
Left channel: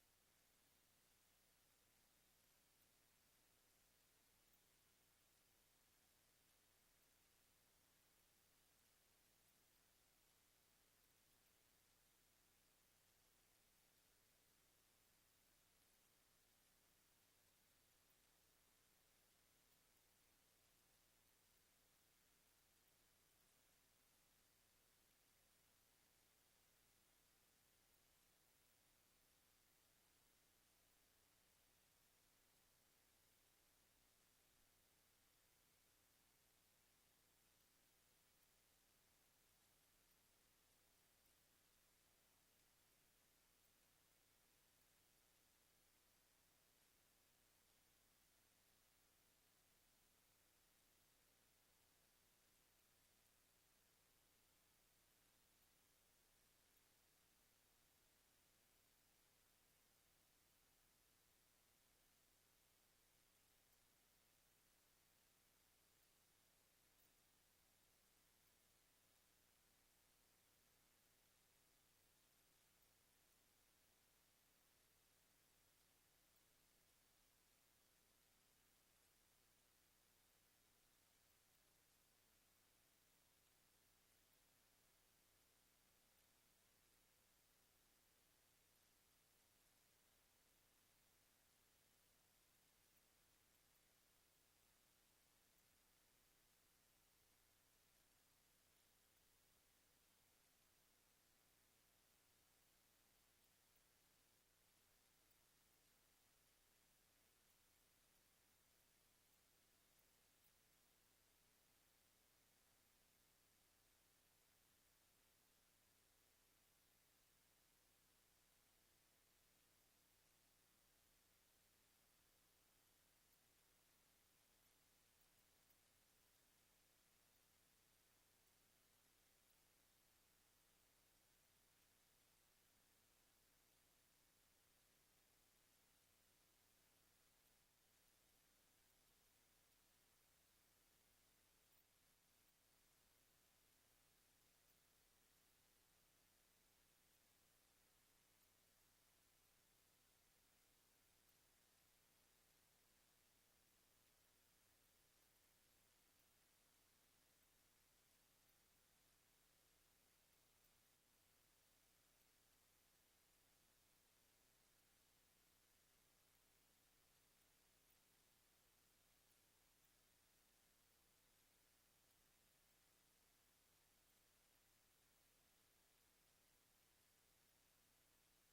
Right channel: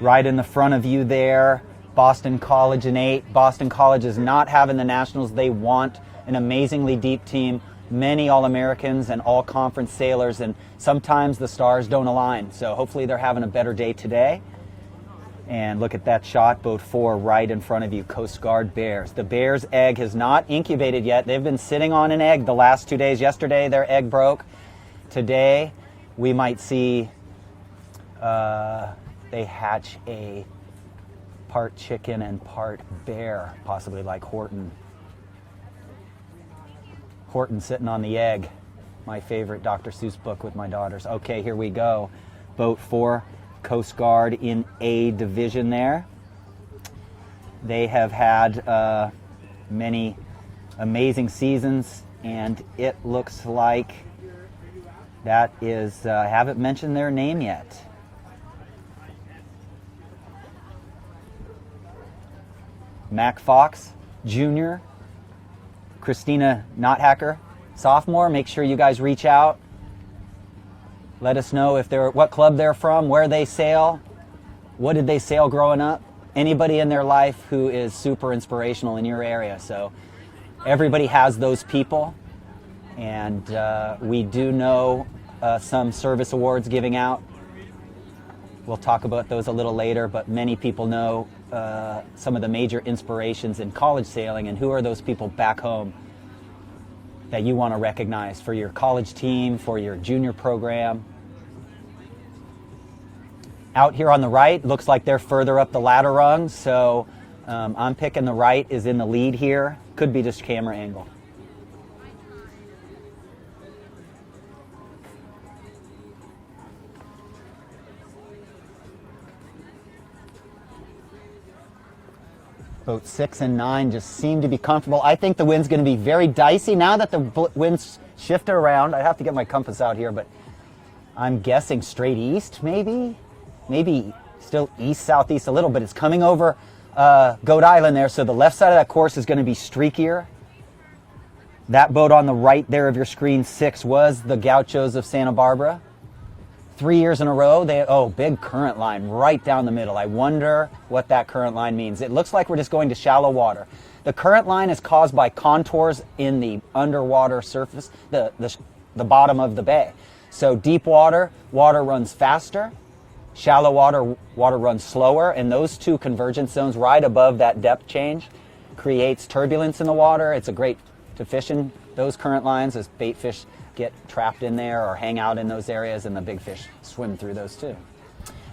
Right in the front of you there, Boston College in 8. Boston College is not having the Nationals. They want an amazingly deep team, many All-Americans and all-conference sailors, and sometimes the stars don't align. So hopefully they're having a better day today. And look at that shot, boat 4 right in front of you, Coast Guard Bears. The Bears' egg has not incubated yet. They've been sitting on an egg the last 2 days. Yesterday, their egg broke. Today, we might see they hatch a part chicken and part bear, possibly like Horton. Horton sitting on the egg, my favorite Dr. Seuss book with my daughters. Okay, here we go. Boat 4. Coast Guard in A division there. They have had many amazing seasons, and it looks like that is, I haven't mentioned their name yet. Mac Fox Jr., Christina Nothacker, sophomore. Make sure you guys reach out. Let us know if they're, what club they're from, where they sail, what did they sail growing up. Anybody in their life who is super inspirational in your area. So everybody has those people, and we do know some service awards giving out. We'll talk about those a little later, but many people know some of the major inspirations in college sailing, and who are those people back home that you want to recognize for your college team, for your junior program. Out here on the right, looks like they're further up the ladder rung, so I'm picking the right is in the lead here. Could be just camera angle. Boat 6 and 9 just seem to be comfortable. I think the wind's going to be very dicey now that the wind's shifted around. I have to get my compass out here, but I'm guessing straight east, maybe still east-southeast a little, but it's coming over Coed Island there, so the left side of that course is going to be streakier. That boat on the right there of your screen, 6, was the Gauchos of Santa Barbara. 3 years in a row, big current line right down the middle. I wonder what that current line means. It looks like we're just going to shallow water. The current line is caused by contours in the underwater surface, the bottom of the bay. So deep water, water runs faster. Shallow water, water runs slower. And those two convergence zones right above that depth change creates turbulence in the water. It's a great to fish in those current lines as bait fish get trapped in there or hang out in those areas, and the big fish swim through those too.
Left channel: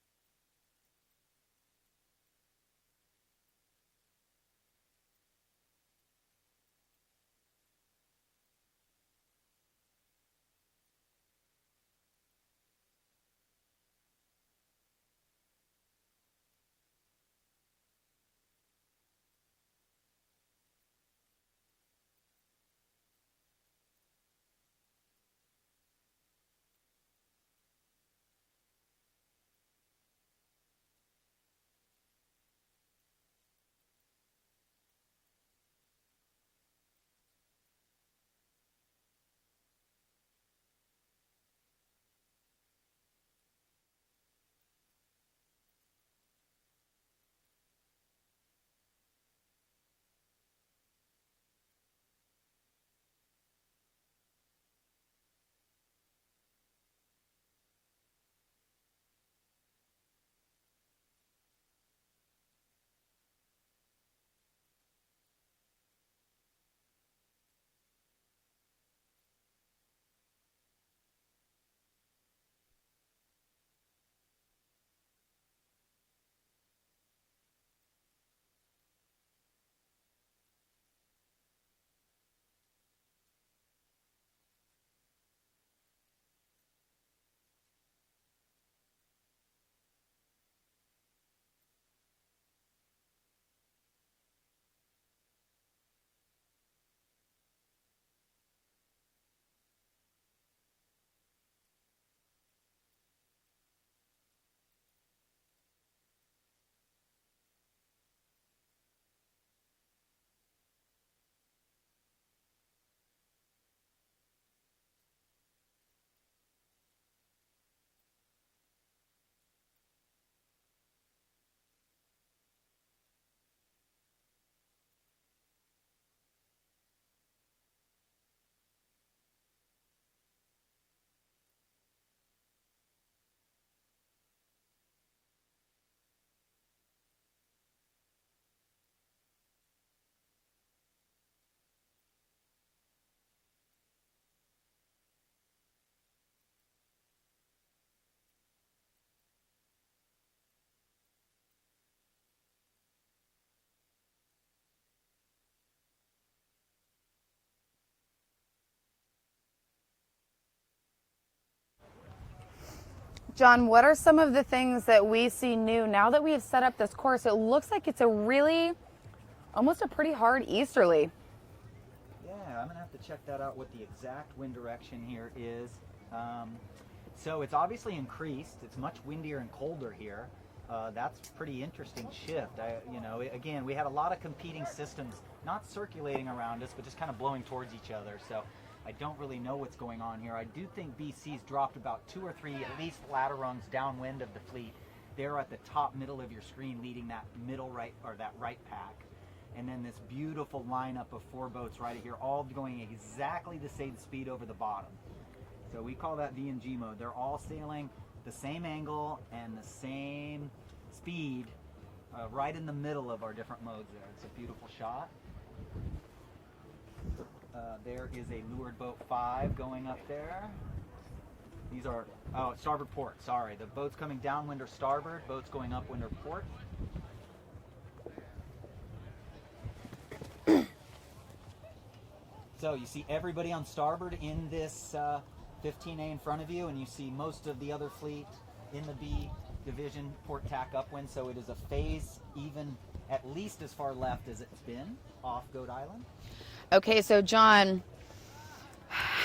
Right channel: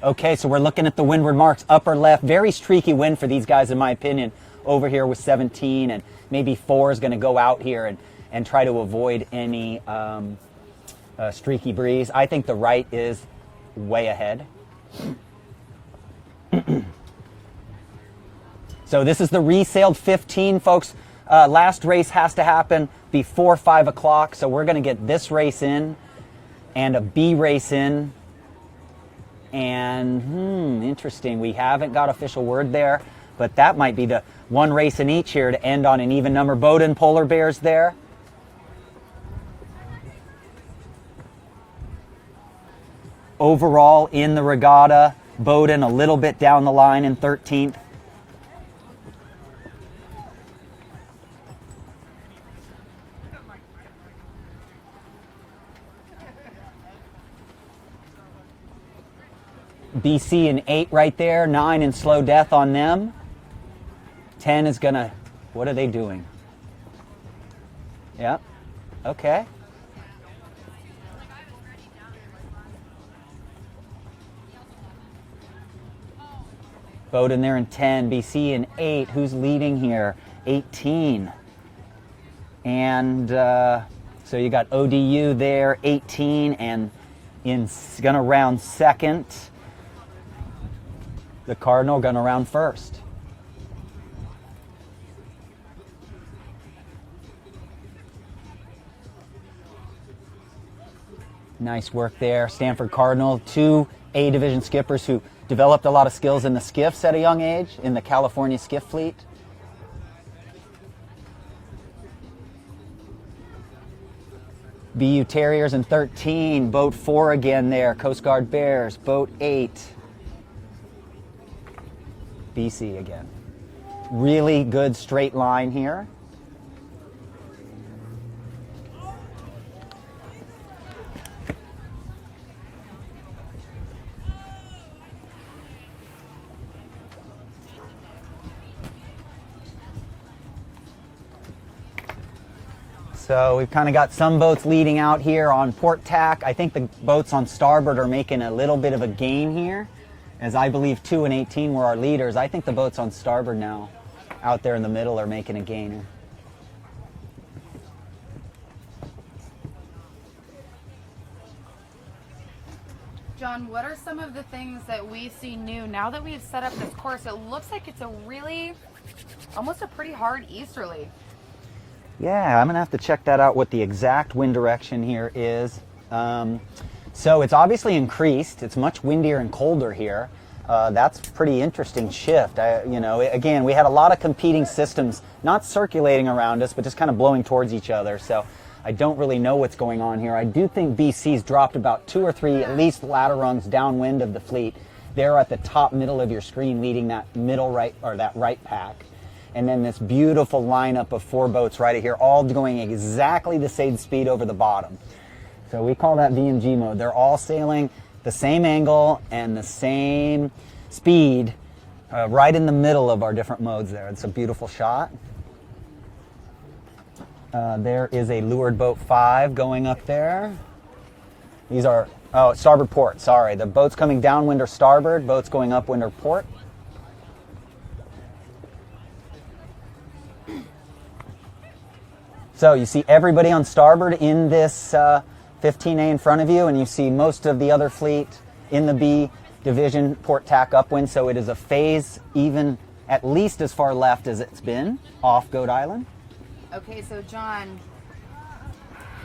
Okay, so we're looking at the windward marks, upper left, very streaky wind for these guys in my opinion, over here with 17, and maybe 4 is going to go out here and try to avoid any streaky breeze. I think the right is way ahead. So this is the resailed 15, folks. Last race has to happen before 5 o'clock, so we're going to get this race in and a B race in. And interesting, we haven't got official word there, but that might be the one race in each here to end on an even number. Bowdoin Polar Bears there. Overall in the regatta, Bowdoin a little bit down the line in 13th. BC in 8 right there, 9 in slow death on them. 10 is gonna, what are they doing? Yeah, okay. Bowdoin there in 10, BC in 8. Who's leading here? 18. And so you got ODU there, 18, and gonna round second. The Cardinal gonna round first. Nice work there. Stanford Cardinal, 2 A division skippers who developed a lot of skills in the skiffs at a young age, in the California skiff fleet. BU Terriers in 13, boat 4 again there, Coast Guard Bears, boat 8, BC again. Really good straight line here. So we've kind of got some boats leading out here on port tack. I think the boats on starboard are making a little bit of a gain here, as I believe 2 and 18 were our leaders. I think the boats on starboard now out there in the middle are making a gain. John, what are some of the things that we see new now that we have set up this course? It looks like it's a really, almost a pretty hard easterly. Yeah, I'm going to have to check that out, what the exact wind direction here is. So it's obviously increased. It's much windier and colder here. That's a pretty interesting shift. Again, we had a lot of competing systems, not circulating around us, but just kind of blowing towards each other. So I don't really know what's going on here. I do think BC's dropped about 2 or 3, at least ladder rungs downwind of the fleet. They're at the top middle of your screen leading that middle right, or that right pack. And then this beautiful lineup of 4 boats right here, all going exactly the same speed over the bottom. So we call that VMG mode. They're all sailing the same angle and the same speed right in the middle of our different modes there. It's a beautiful shot. There is a leeward boat 5 going up there. These are, starboard port, sorry. The boats coming downwind are starboard, boats going upwind are port. So you see everybody on starboard in this 15A in front of you, and you see most of the other fleet in the B division port tack upwind. So it is a phase even at least as far left as it's been off Goat Island. Okay, so John,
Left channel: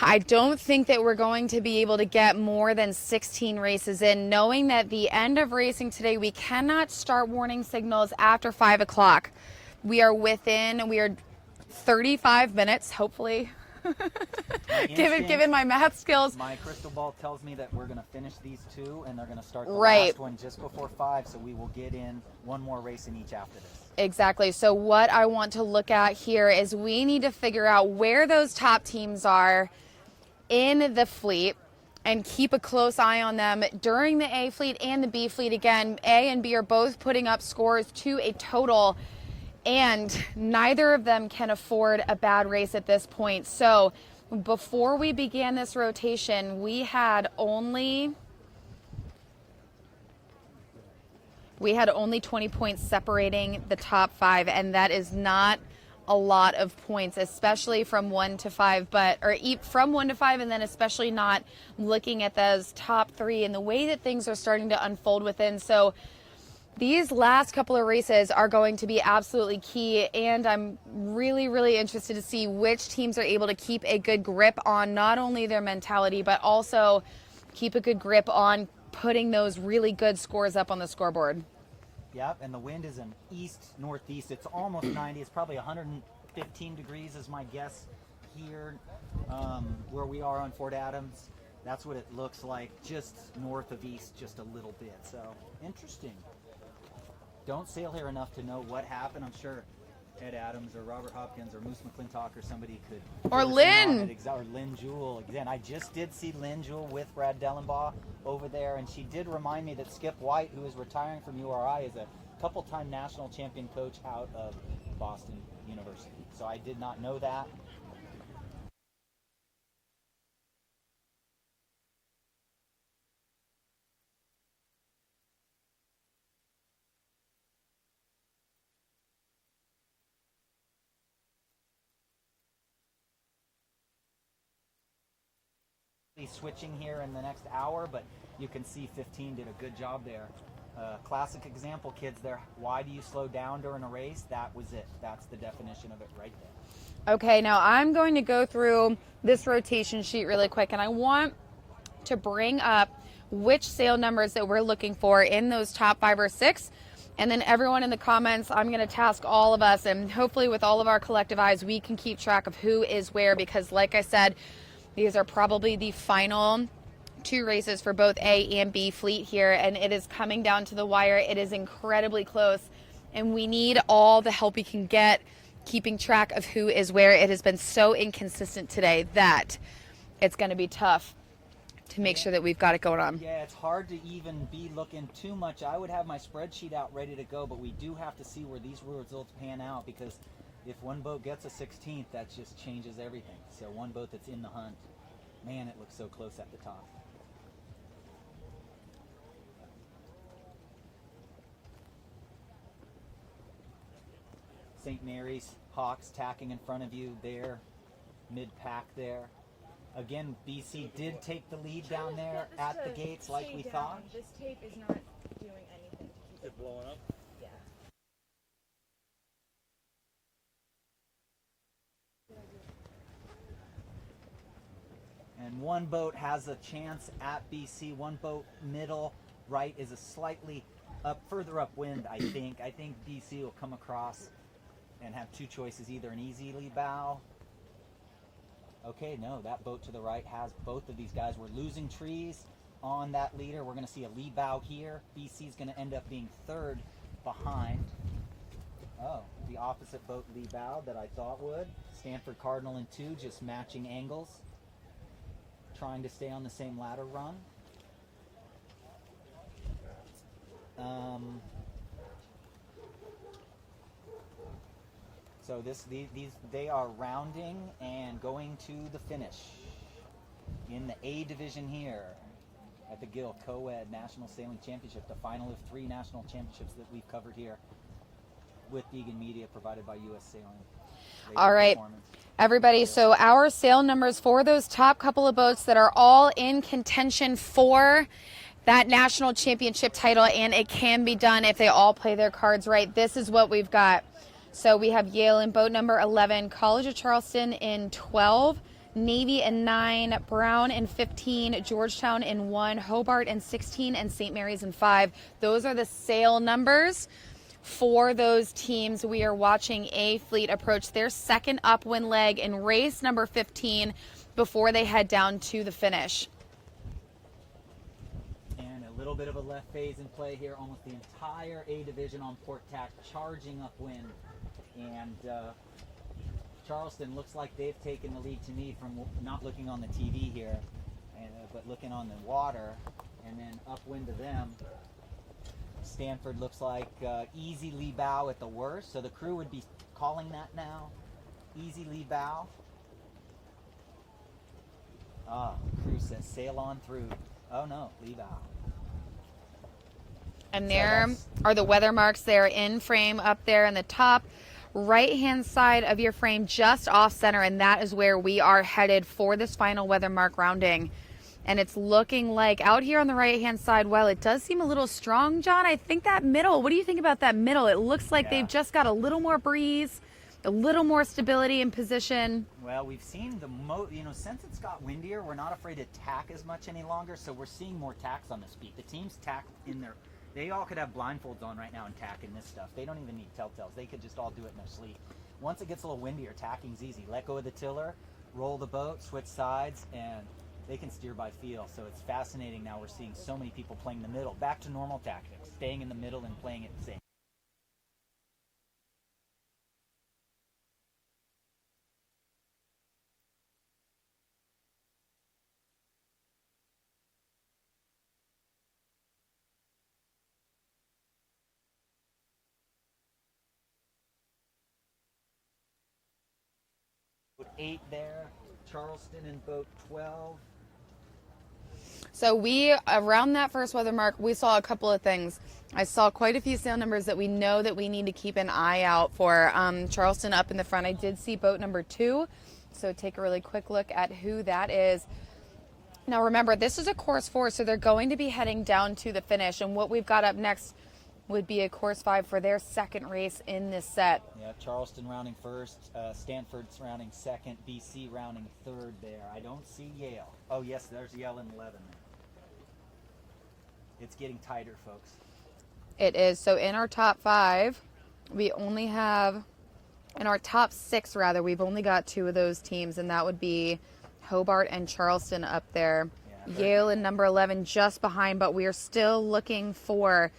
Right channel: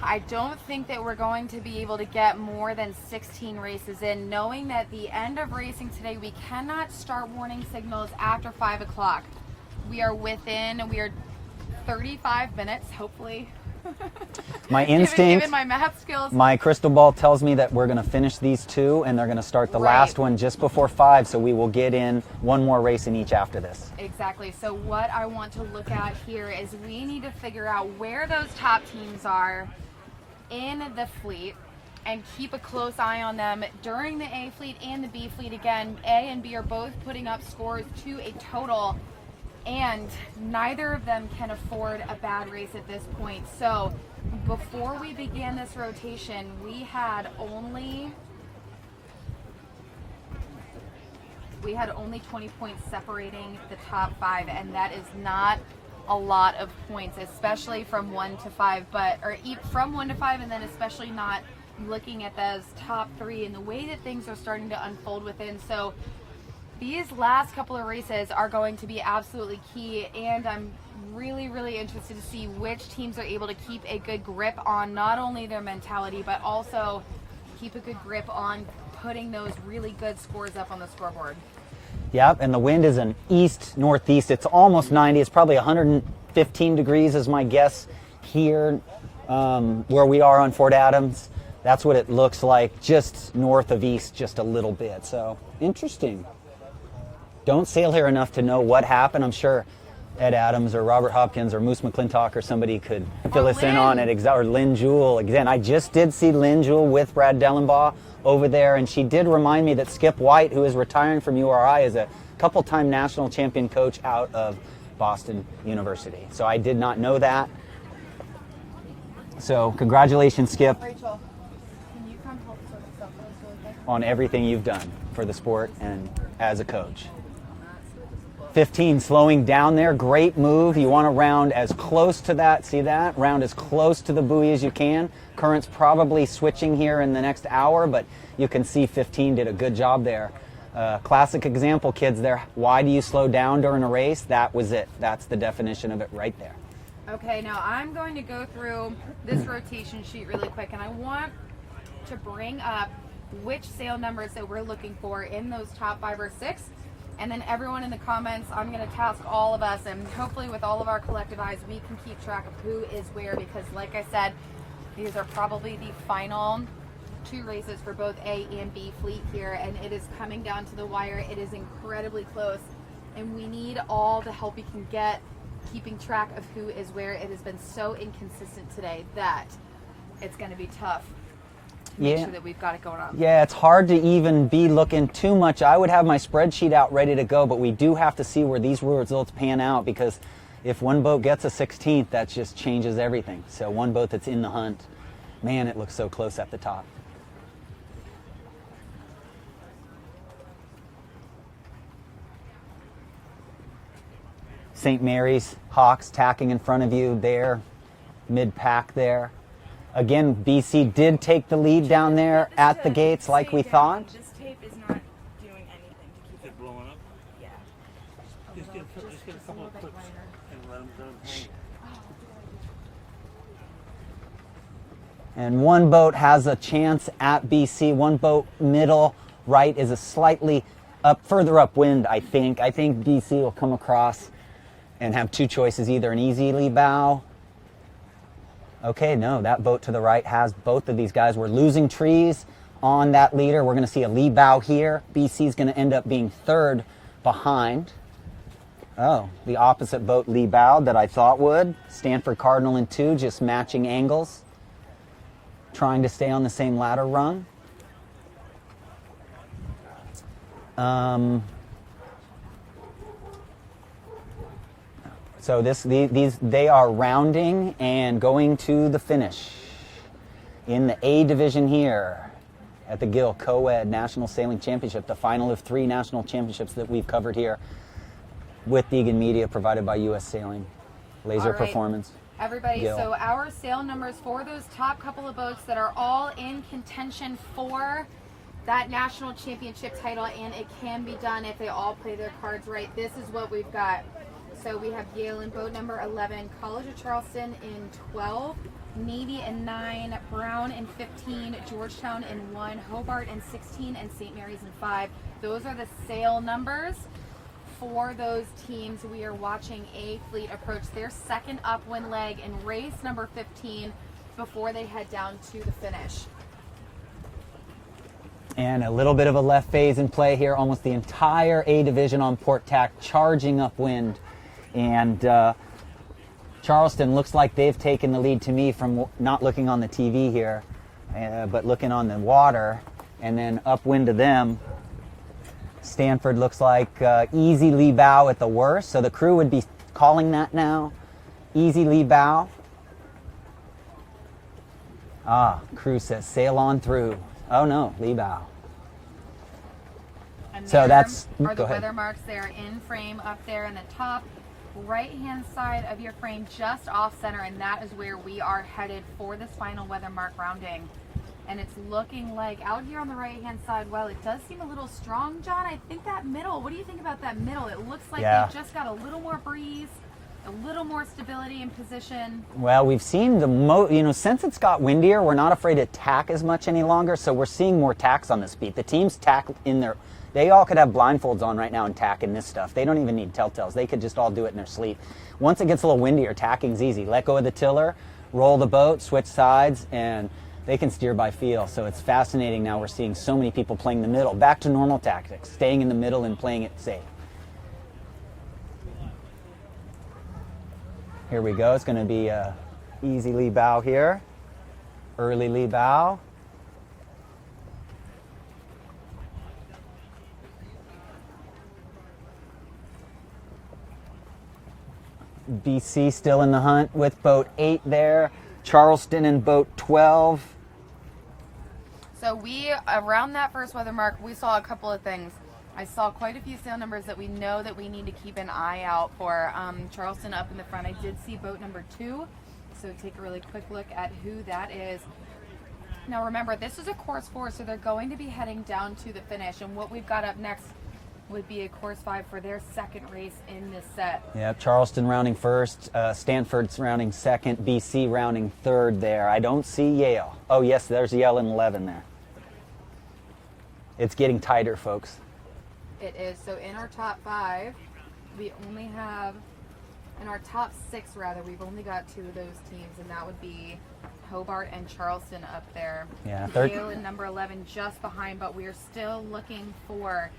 I don't think that we're going to be able to get more than 16 races in, knowing that the end of racing today, we cannot start warning signals after 5 o'clock. We are 35 minutes, hopefully. My instinct, given my math skills. My crystal ball tells me that we're going to finish these 2 and they're going to start the last one just before 5, so we will get in 1 more race in each after this. Exactly. So what I want to look at here is we need to figure out where those top teams are in the fleet and keep a close eye on them during the A fleet and the B fleet. Again, A and B are both putting up scores to a total, and neither of them can afford a bad race at this point. So before we began this rotation, we had only 20 points separating the top 5, and that is not a lot of points, especially from 1 to 5, from 1 to 5, and then especially not looking at those top 3 and the way that things are starting to unfold within. So these last couple of races are going to be absolutely key, and I'm really, really interested to see which teams are able to keep a good grip on not only their mentality, but also keep a good grip on putting those really good scores up on the scoreboard. Yep, and the wind is an east-northeast. It's almost 90. It's probably 115 degrees is my guess here where we are on Fort Adams. That's what it looks like, just north of east just a little bit. So, interesting. Don't sail here enough to know what happened. I'm sure Ed Adams or Robert Hopkins or Moose McClintock or somebody could fill us in on it. Or Lynn Jewell. Again, I just did see Lynn Jewell with Brad Dellenbaugh over there, and she did remind me that Skip White, who is retiring from URI, is a couple-time national champion coach out of Boston University. So I did not know that. So congratulations, Skip, Rachel, can you come help sort this out for us really quick? on everything you've done for the sport and as a coach. 15, slowing down there, great move. You want to round as close to that, see that? Round as close to the buoy as you can. Current's probably switching here in the next hour, but you can see 15 did a good job there. Classic example, kids, there. Why do you slow down during a race? That was it. That's the definition of it right there. Okay, now I'm going to go through this rotation sheet really quick, and I want to bring up which sail numbers that we're looking for in those top 5 or 6. And then everyone in the comments, I'm going to task all of us, and hopefully with all of our collective eyes, we can keep track of who is where, because like I said, These are probably the final 2 races for both A and B fleet here, and it is coming down to the wire. It is incredibly close, and we need all the help we can get keeping track of who is where. It has been so inconsistent today that it's going to be tough to make sure that we've got it going on. Yeah, it's hard to even be looking too much. I would have my spreadsheet out ready to go, but we do have to see where these results pan out, because if one boat gets a 16th, that just changes everything. So one boat that's in the hunt, man, it looks so close at the top. St. Mary's Hawks tacking in front of you there, mid-pack there. Again, BC did take the lead down there at the gates like we thought. This tape is not doing anything to keep it blowing up? Yeah. Just get a couple of clips and let them hang. And one boat has a chance at BC. One boat middle right is a slightly further upwind, I think. I think BC will come across and have 2 choices, either an easy lee bow. Okay, no, that boat to the right has both of these guys. We're losing trees on that leader. We're going to see a lee bow here. BC is going to end up being 3rd behind. Oh, the opposite boat lee bow that I thought would. Stanford Cardinal in 2, just matching angles, trying to stay on the same ladder rung. So they are rounding and going to the finish in the A division here at the Gill Coed National Sailing Championship, the final of 3 national championships that we've covered here with Egan Media, provided by U.S. Sailing. Laser Performance. Everybody, Gill. so our sail numbers for those top couple of boats that are all in contention for that national championship title, and it can be done if they all play their cards right. This is what we've got. So we have Yale in boat number 11, College of Charleston in 12, Navy in 9, Brown in 15, Georgetown in 1, Hobart in 16, and St. Mary's in 5. Those are the sail numbers for those teams. We are watching A Fleet approach their 2nd upwind leg in race number 15 before they head down to the finish. And a little bit of a left phase in play here. Almost the entire A division on port tack, charging upwind. And Charleston looks like they've taken the lead to me from not looking on the TV here, but looking on the water. And then upwind to them, Stanford looks like easy lee bow at the worst. So the crew would be calling that now. Easy lee bow. Crew says sail on through. Oh no, lee bow. And so there are the weather marks there in frame up there in the top right hand side of your frame, just off center, and that is where we are headed for this final weather mark rounding. And it's looking like out here on the right hand side, well, it does seem a little strong, John. I think that middle, what do you think about that middle? It looks like they've just got a little more breeze, a little more stability in position. Well, we've seen since it's got windier, we're not afraid to tack as much any longer, so we're seeing more tacks on this beat. The teams tack in their, they all could have blindfolds on right now and tack in this stuff. They don't even need telltales. They could just all do it in their sleep. Once it gets a little windier, tacking's easy. Let go of the tiller, roll the boat, switch sides, and they can steer by feel. So it's fascinating now we're seeing so many people playing the middle. Back to normal tactics, staying in the middle and playing it safe. Here we go. It's going to be a easy lee bow here. Early lee bow. BC still in the hunt with boat 8 there. Charleston in boat 12. So we, around that first weather mark, we saw a couple of things. I saw quite a few sail numbers that we know that we need to keep an eye out for. Charleston up in the front. I did see boat number 2. So take a really quick look at who that is. Now remember, this is a course 4, so they're going to be heading down to the finish. And what we've got up next would be a course 5 for their second race in this set. Yeah, Charleston rounding first, Stanford's rounding second, BC rounding third there. I don't see Yale. Oh yes, there's Yale in 11 there. It's getting tighter, folks. It is. So in our top 5, we only have, in our top 6 rather, we've only got 2 of those teams, and that would be Hobart and Charleston up there. Yeah, Yale in number 11 just behind, but we are still looking for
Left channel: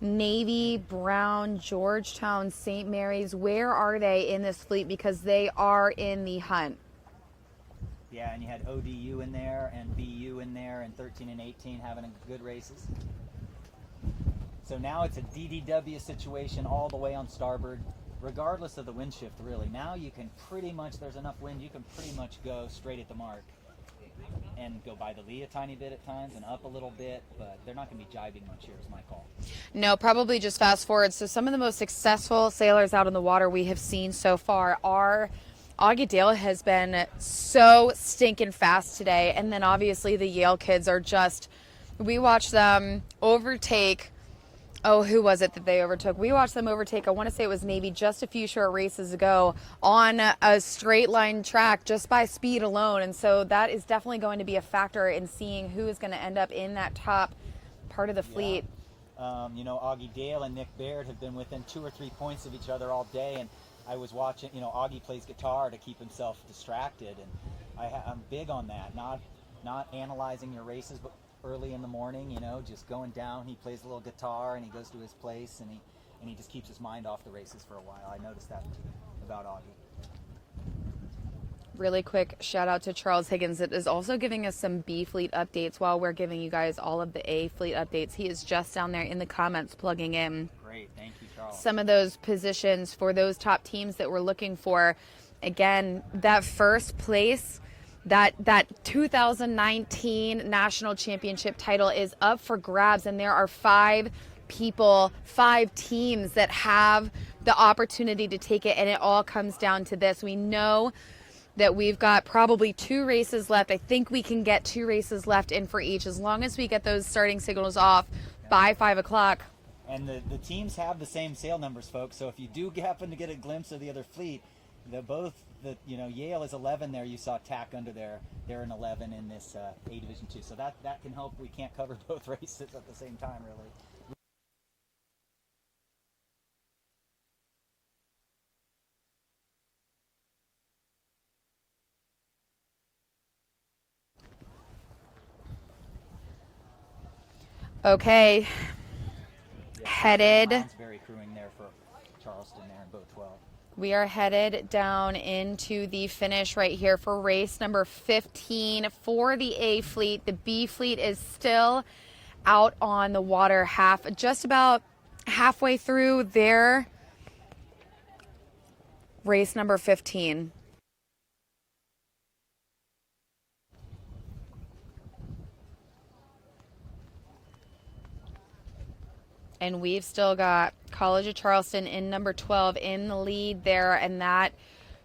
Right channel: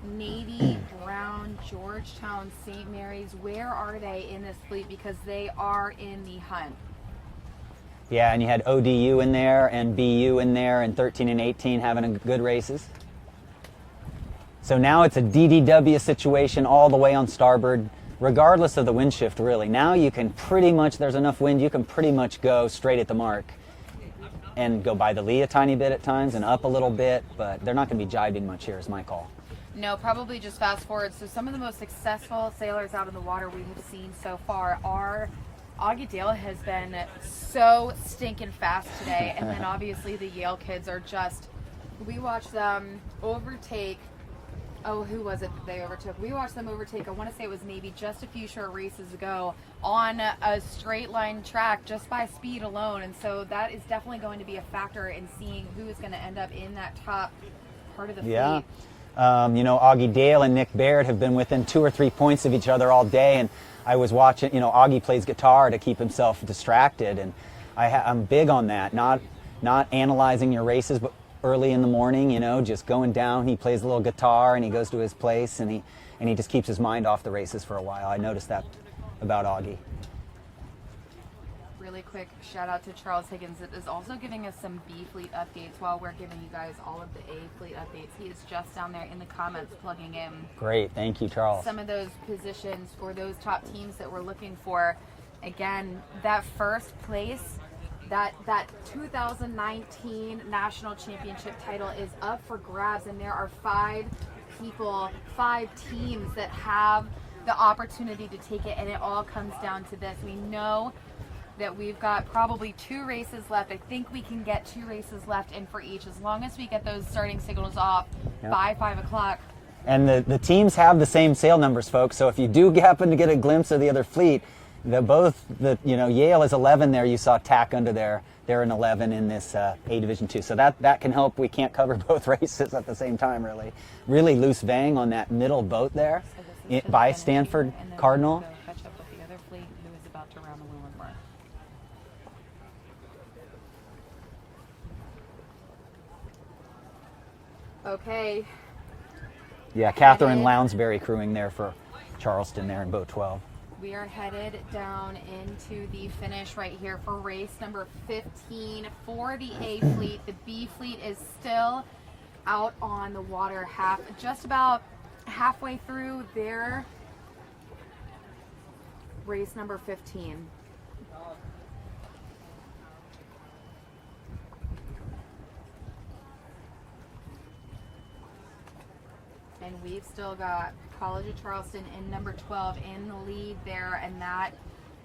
Navy, Brown, Georgetown, St. Mary's. Where are they in this fleet? Because they are in the hunt. Yeah, and you had ODU in there and BU in there, and 13 and 18 having good races. So now it's a DDW situation all the way on starboard, regardless of the wind shift, really. Now you can pretty much, there's enough wind, you can pretty much go straight at the mark and go by the lee a tiny bit at times and up a little bit, but they're not going to be jibing much here is my call. No, probably just fast forward. So some of the most successful sailors out in the water we have seen so far are Augie Dale has been so stinking fast today. And then obviously the Yale kids are just, we watched them overtake, oh, who was it that they overtook? We watched them overtake, I want to say it was Navy just a few short races ago on a straight line track just by speed alone. And so that is definitely going to be a factor in seeing who is going to end up in that top part of the fleet. Yeah. You know, Augie Dale and Nick Baird have been within 2 or 3 points of each other all day, and I was watching, you know, Augie plays guitar to keep himself distracted, and I'm big on that, not analyzing your races, but early in the morning, you know, just going down, he plays a little guitar and he goes to his place and he just keeps his mind off the races for a while. I noticed that about Augie. Really quick shout out to Charles Higgins that is also giving us some B fleet updates while we're giving you guys all of the A fleet updates. He is just down there in the comments plugging in. Great, thank you, Charles. Some of those positions for those top teams that we're looking for. Again, that first place, that 2019 national championship title is up for grabs, and there are 5 teams that have the opportunity to take it, and it all comes down to this. We know that we've got probably 2 races left. I think we can get 2 races left in for each as long as we get those starting signals off by 5 o'clock. And the teams have the same sail numbers, folks, so if you do happen to get a glimpse of the other fleet, Yale is 11 there. You saw Tack under there. They're an 11 in this A Division 2. So that can help. We can't cover both races at the same time, really. Really loose vang on that middle boat there by Stanford Cardinal. Catch up with the other fleet who is about to round the Leeward mark. Okay. Yeah, Catherine Lounsbury crewing there for Charleston there in boat 12. We are headed down into the finish right here for race number 15 for the A fleet. The B fleet is still out on the water, just about halfway through their race number 15. And we've still got College of Charleston in number 12 in the lead there, and that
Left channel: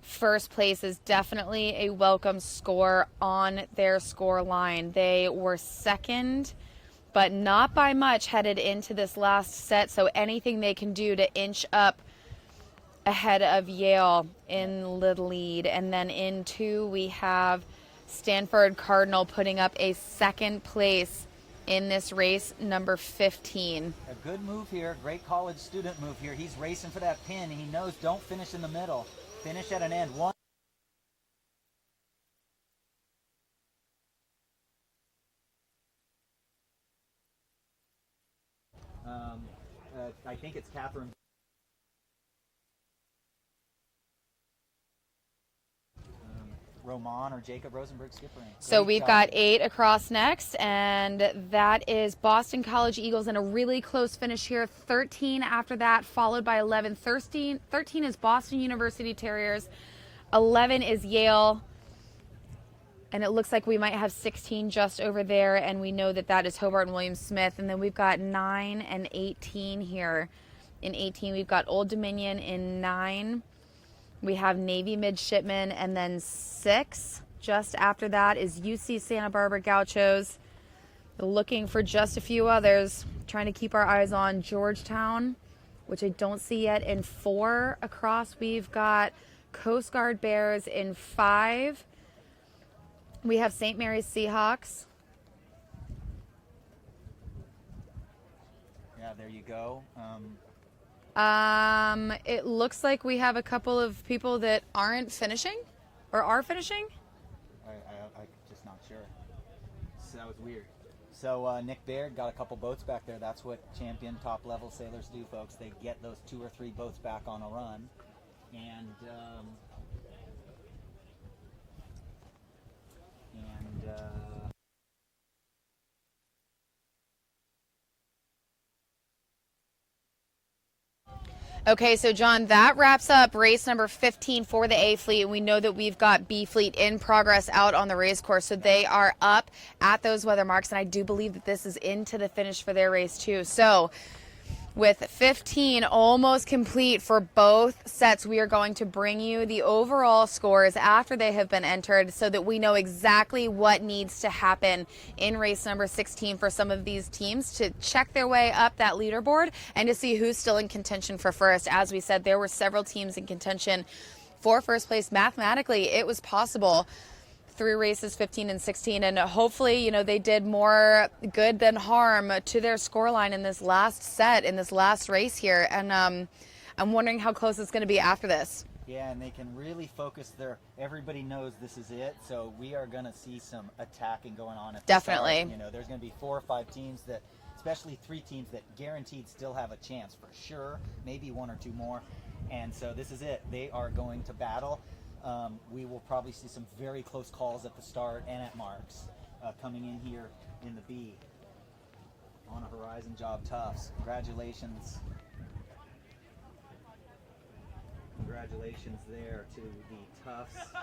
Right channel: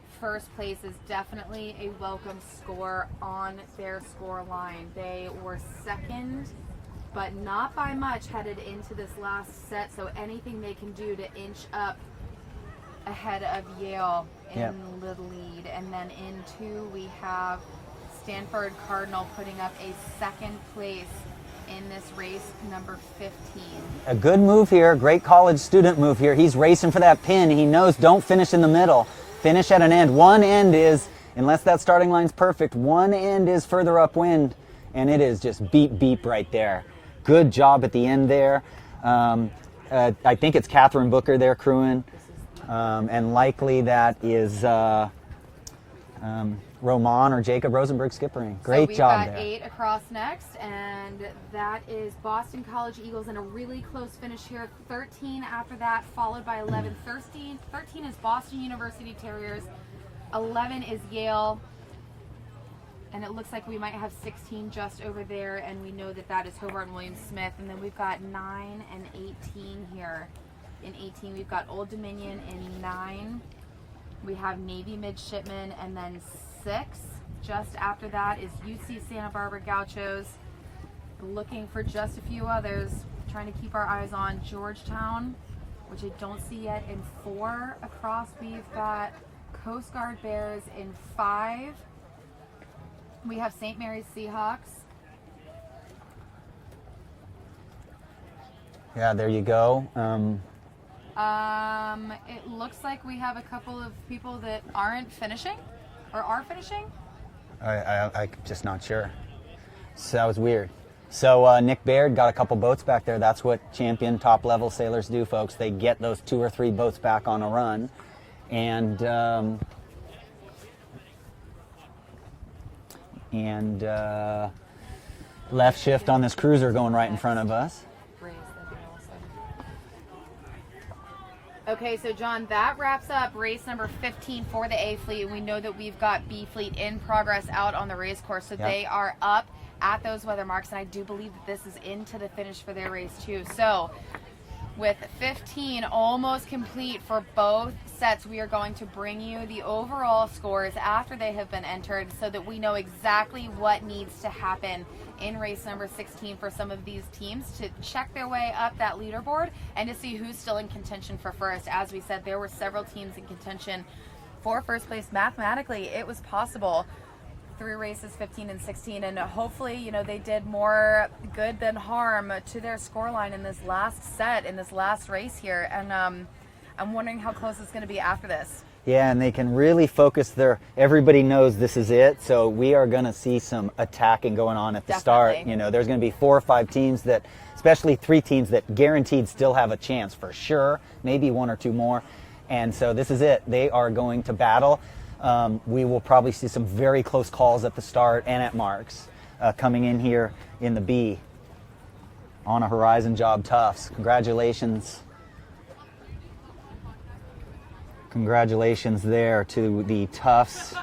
first place is definitely a welcome score on their score line. They were second, but not by much headed into this last set, so anything they can do to inch up ahead of Yale in the lead. And then in 2, we have Stanford Cardinal putting up a second place in this race number 15. A good move here, great college student move here. He's racing for that pin. He knows don't finish in the middle. Finish at an end. One end is, unless that starting line's perfect, one end is further upwind, and it is just beep, beep right there. Good job at the end there. I think it's Catherine Booker there crewing, and likely that is Roman or Jacob Rosenberg skippering. Great so we've job got there. 8 across next, and that is Boston College Eagles in a really close finish here. 13 after that, followed by 11. 13 is Boston University Terriers. 11 is Yale. And it looks like we might have 16 just over there, and we know that that is Hobart and William Smith. And then we've got 9 and 18 here. In 18, we've got Old Dominion in 9. We have Navy Midshipmen, and then 6. Just after that is UC Santa Barbara Gauchos. Looking for just a few others. Trying to keep our eyes on Georgetown, which I don't see yet, in 4 across. We've got Coast Guard Bears in 5. We have St. Mary's Seahawks. Yeah, there you go. It looks like we have a couple of people that aren't finishing or are finishing. I'm just not sure. So that was weird. So Nick Baird got a couple boats back there. That's what champion top-level sailors do, folks. They get those 2 or 3 boats back on a run. And left shift on this cruiser going right in front of us. Okay, so John, that wraps up race number 15 for the A fleet. We know that we've got B fleet in progress out on the race course, so they are up at those weather marks, and I do believe that this is into the finish for their race too. So with 15 almost complete for both sets, we are going to bring you the overall scores after they have been entered so that we know exactly what needs to happen in race number 16 for some of these teams to check their way up that leaderboard and to see who's still in contention for first. As we said, there were several teams in contention for first place. Mathematically, it was possible through races 15 and 16, and hopefully, you know, they did more good than harm to their scoreline in this last set, in this last race here, and I'm wondering how close it's going to be after this. Yeah, and they can really focus everybody knows this is it, so we are going to see some attacking going on at the start. You know, there's going to be 4 or 5 teams that, especially 3 teams that guaranteed still have a chance for sure, maybe 1 or 2 more, and so this is it. They are going to battle. We will probably see some very close calls at the start and at marks coming in here in the B on a Horizon job. Tufts. Congratulations. Congratulations there to the Tufts.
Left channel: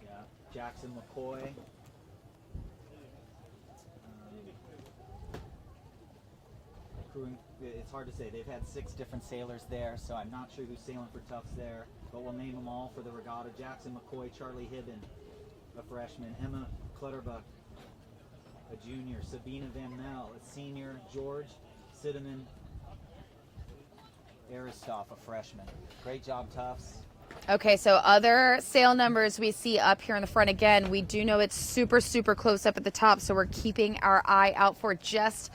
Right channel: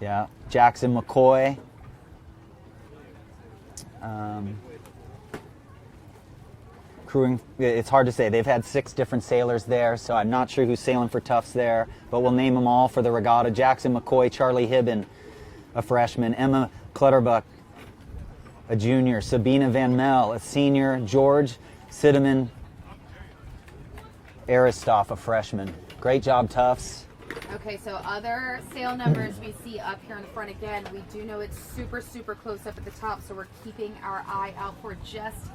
Yeah, Jackson McCoy. Crewing, it's hard to say. They've had 6 different sailors there, so I'm not sure who's sailing for Tufts there, but we'll name them all for the regatta. Jackson McCoy, Charlie Hibben, a freshman, Emma Clutterbuck, a junior, Sabina Van Mel, a senior, George Sideman Aristoff, a freshman. Great job, Tufts. Okay, so other sail numbers we see up here in the front. Again, we do know it's super, super close up at the top, so we're keeping our eye out for just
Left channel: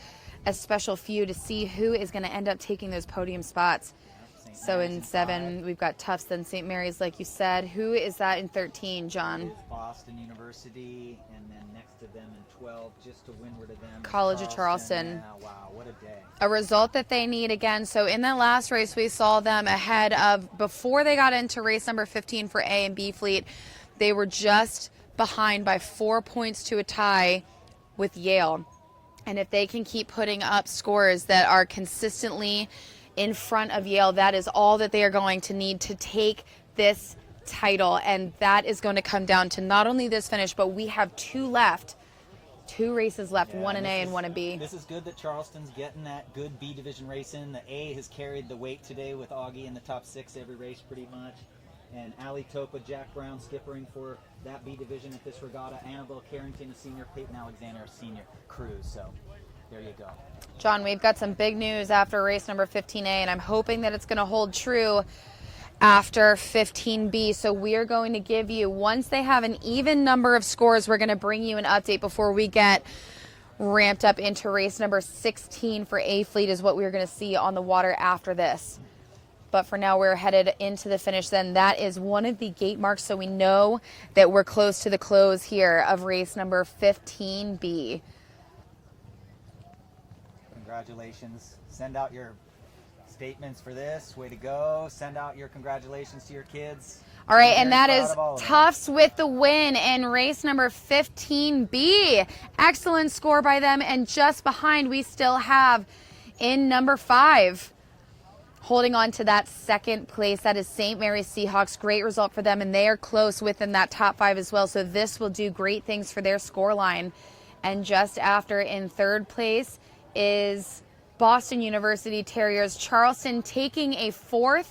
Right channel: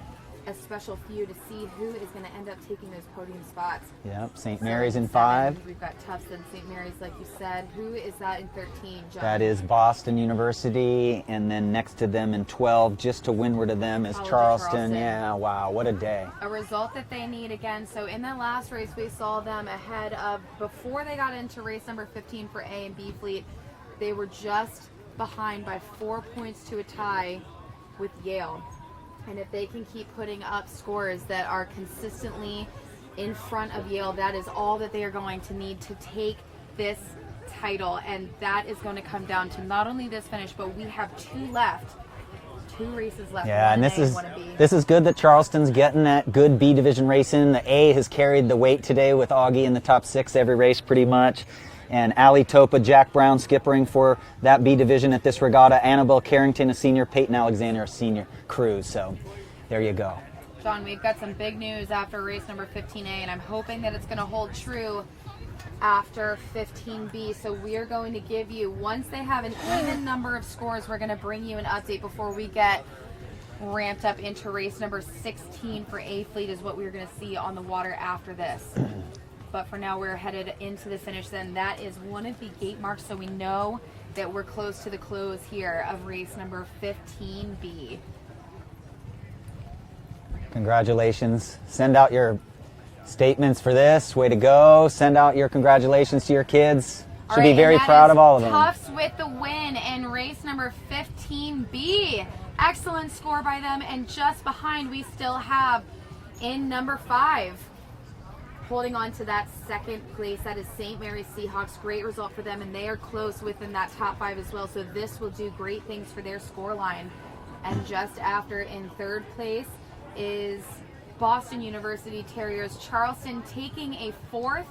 a special few to see who is going to end up taking those podium spots. Yep, St. Mary's in 5. We've got Tufts, then St. Mary's, like you said. Who is that in 13, John? That is Boston University, and then next to them in 12, just to windward of them, is Charleston. Yeah, wow, what a day. A result that they need again. So in that last race, we saw them ahead of, before they got into race number 15 for A and B fleet, they were just behind by 4 points to a tie with Yale. And if they can keep putting up scores that are consistently in front of Yale, that is all that they are going to need to take this title. And that is going to come down to not only this finish, but we have 2 left. 2 races left, yeah, one in A and one in B. This is good that Charleston's getting that good B division racing. The A has carried the weight today with Augie in the top 6 every race pretty much. And Ali Topa, Jack Brown skippering for that B division at this regatta. Annabelle Carrington, a senior. Peyton Alexander, a senior cruise. So there you go. John, we've got some big news after race number 15A, and I'm hoping that it's going to hold true after 15B. So we are going to give you, once they have an even number of scores, we're going to bring you an update before we get ramped up into race number 16 for A fleet is what we're going to see on the water after this. But for now, we're headed into the finish. Then that is one of the gate marks, so we know that we're close to the close here of race number 15B. Congratulations. Send out your statements for this. Way to go. Send out your congratulations to your kids. All right, be very and that proud is of all of them. Tufts with the win in race number 15B. Excellent score by them. And just behind, we still have in number 5. Holding on to that second place, that is St. Mary's Seahawks. Great result for them, and they are close within that top 5 as well. So this will do great things for their scoreline. And just after, in 3rd place, is Boston University Terriers. Charleston taking a 4th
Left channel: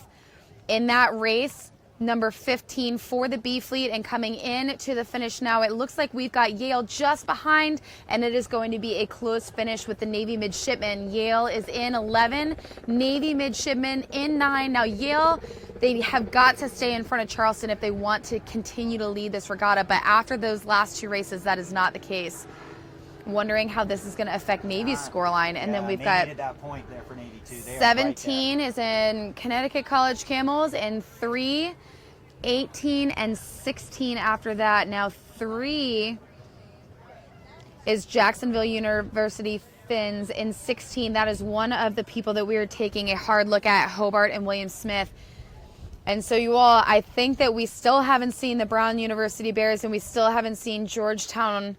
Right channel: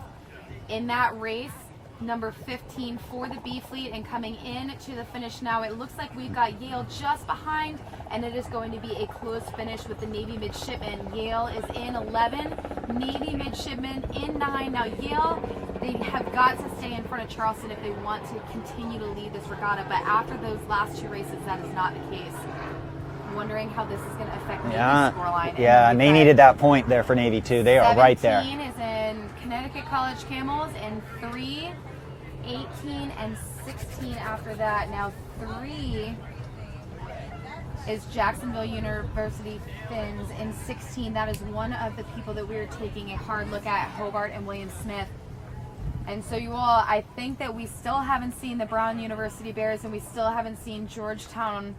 in that race, number 15 for the B fleet, and coming in to the finish now. It looks like we've got Yale just behind, and it is going to be a close finish with the Navy Midshipmen. Yale is in 11, Navy Midshipmen in 9. Now Yale, they have got to stay in front of Charleston if they want to continue to lead this regatta, but after those last 2 races, that is not the case. wondering how this is going to affect Navy's Yeah. scoreline. Yeah, and they needed that point there for Navy too. They are right there. 17 is in Connecticut College Camels, and 3, 18, and 16 after that. Now 3 is Jacksonville University Finns in 16. That is one of the people that we are taking a hard look at, Hobart and William Smith. And so you all, I think that we still haven't seen the Brown University Bears, and we still haven't seen Georgetown.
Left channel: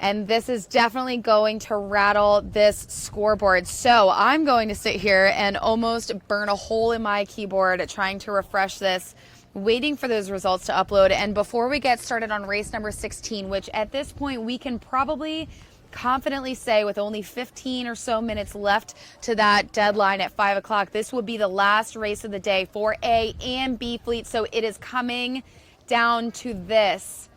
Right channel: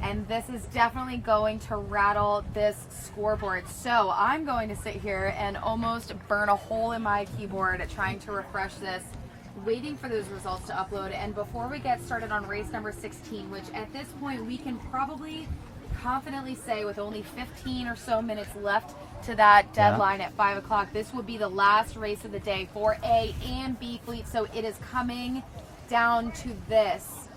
And this is definitely going to rattle this scoreboard. So I'm going to sit here and almost burn a hole in my keyboard trying to refresh this, waiting for those results to upload. And before we get started on race number 16, which at this point we can probably confidently say with only 15 or so minutes left to that deadline at 5 o'clock, this will be the last race of the day for A and B fleet. So it is coming down to this.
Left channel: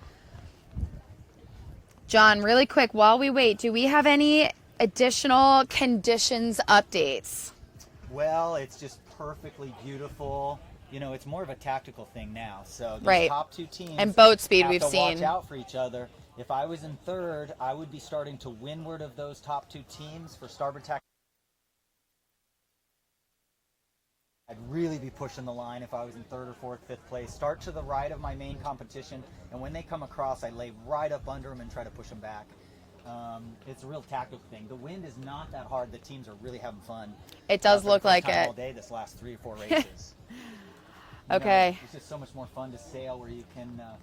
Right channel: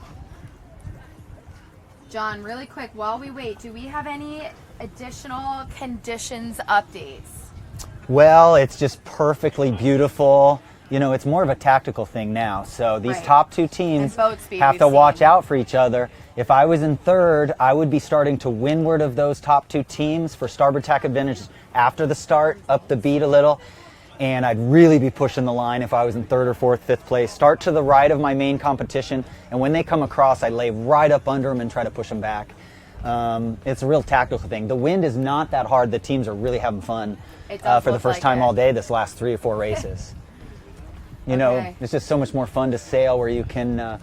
John, really quick, while we wait, do we have any additional conditions updates? Well, it's just perfectly beautiful. You know, it's more of a tactical thing now. So these top two teams and boat speed have to watch out for each other. If I was in third, I would be starting to windward of those top two teams for starboard tack advantage after the start, up the beat a little. And I'd really be pushing the line if I was in third or fourth, fifth place. Start to the right of my main competition, and when they come across, I lay right up under them and try to push them back. It's a real tactical thing. The wind is not that hard. The teams are really having fun It does for the look first like time it. all day this last 3 or 4 races. You know, it's just so much more fun to sail where you can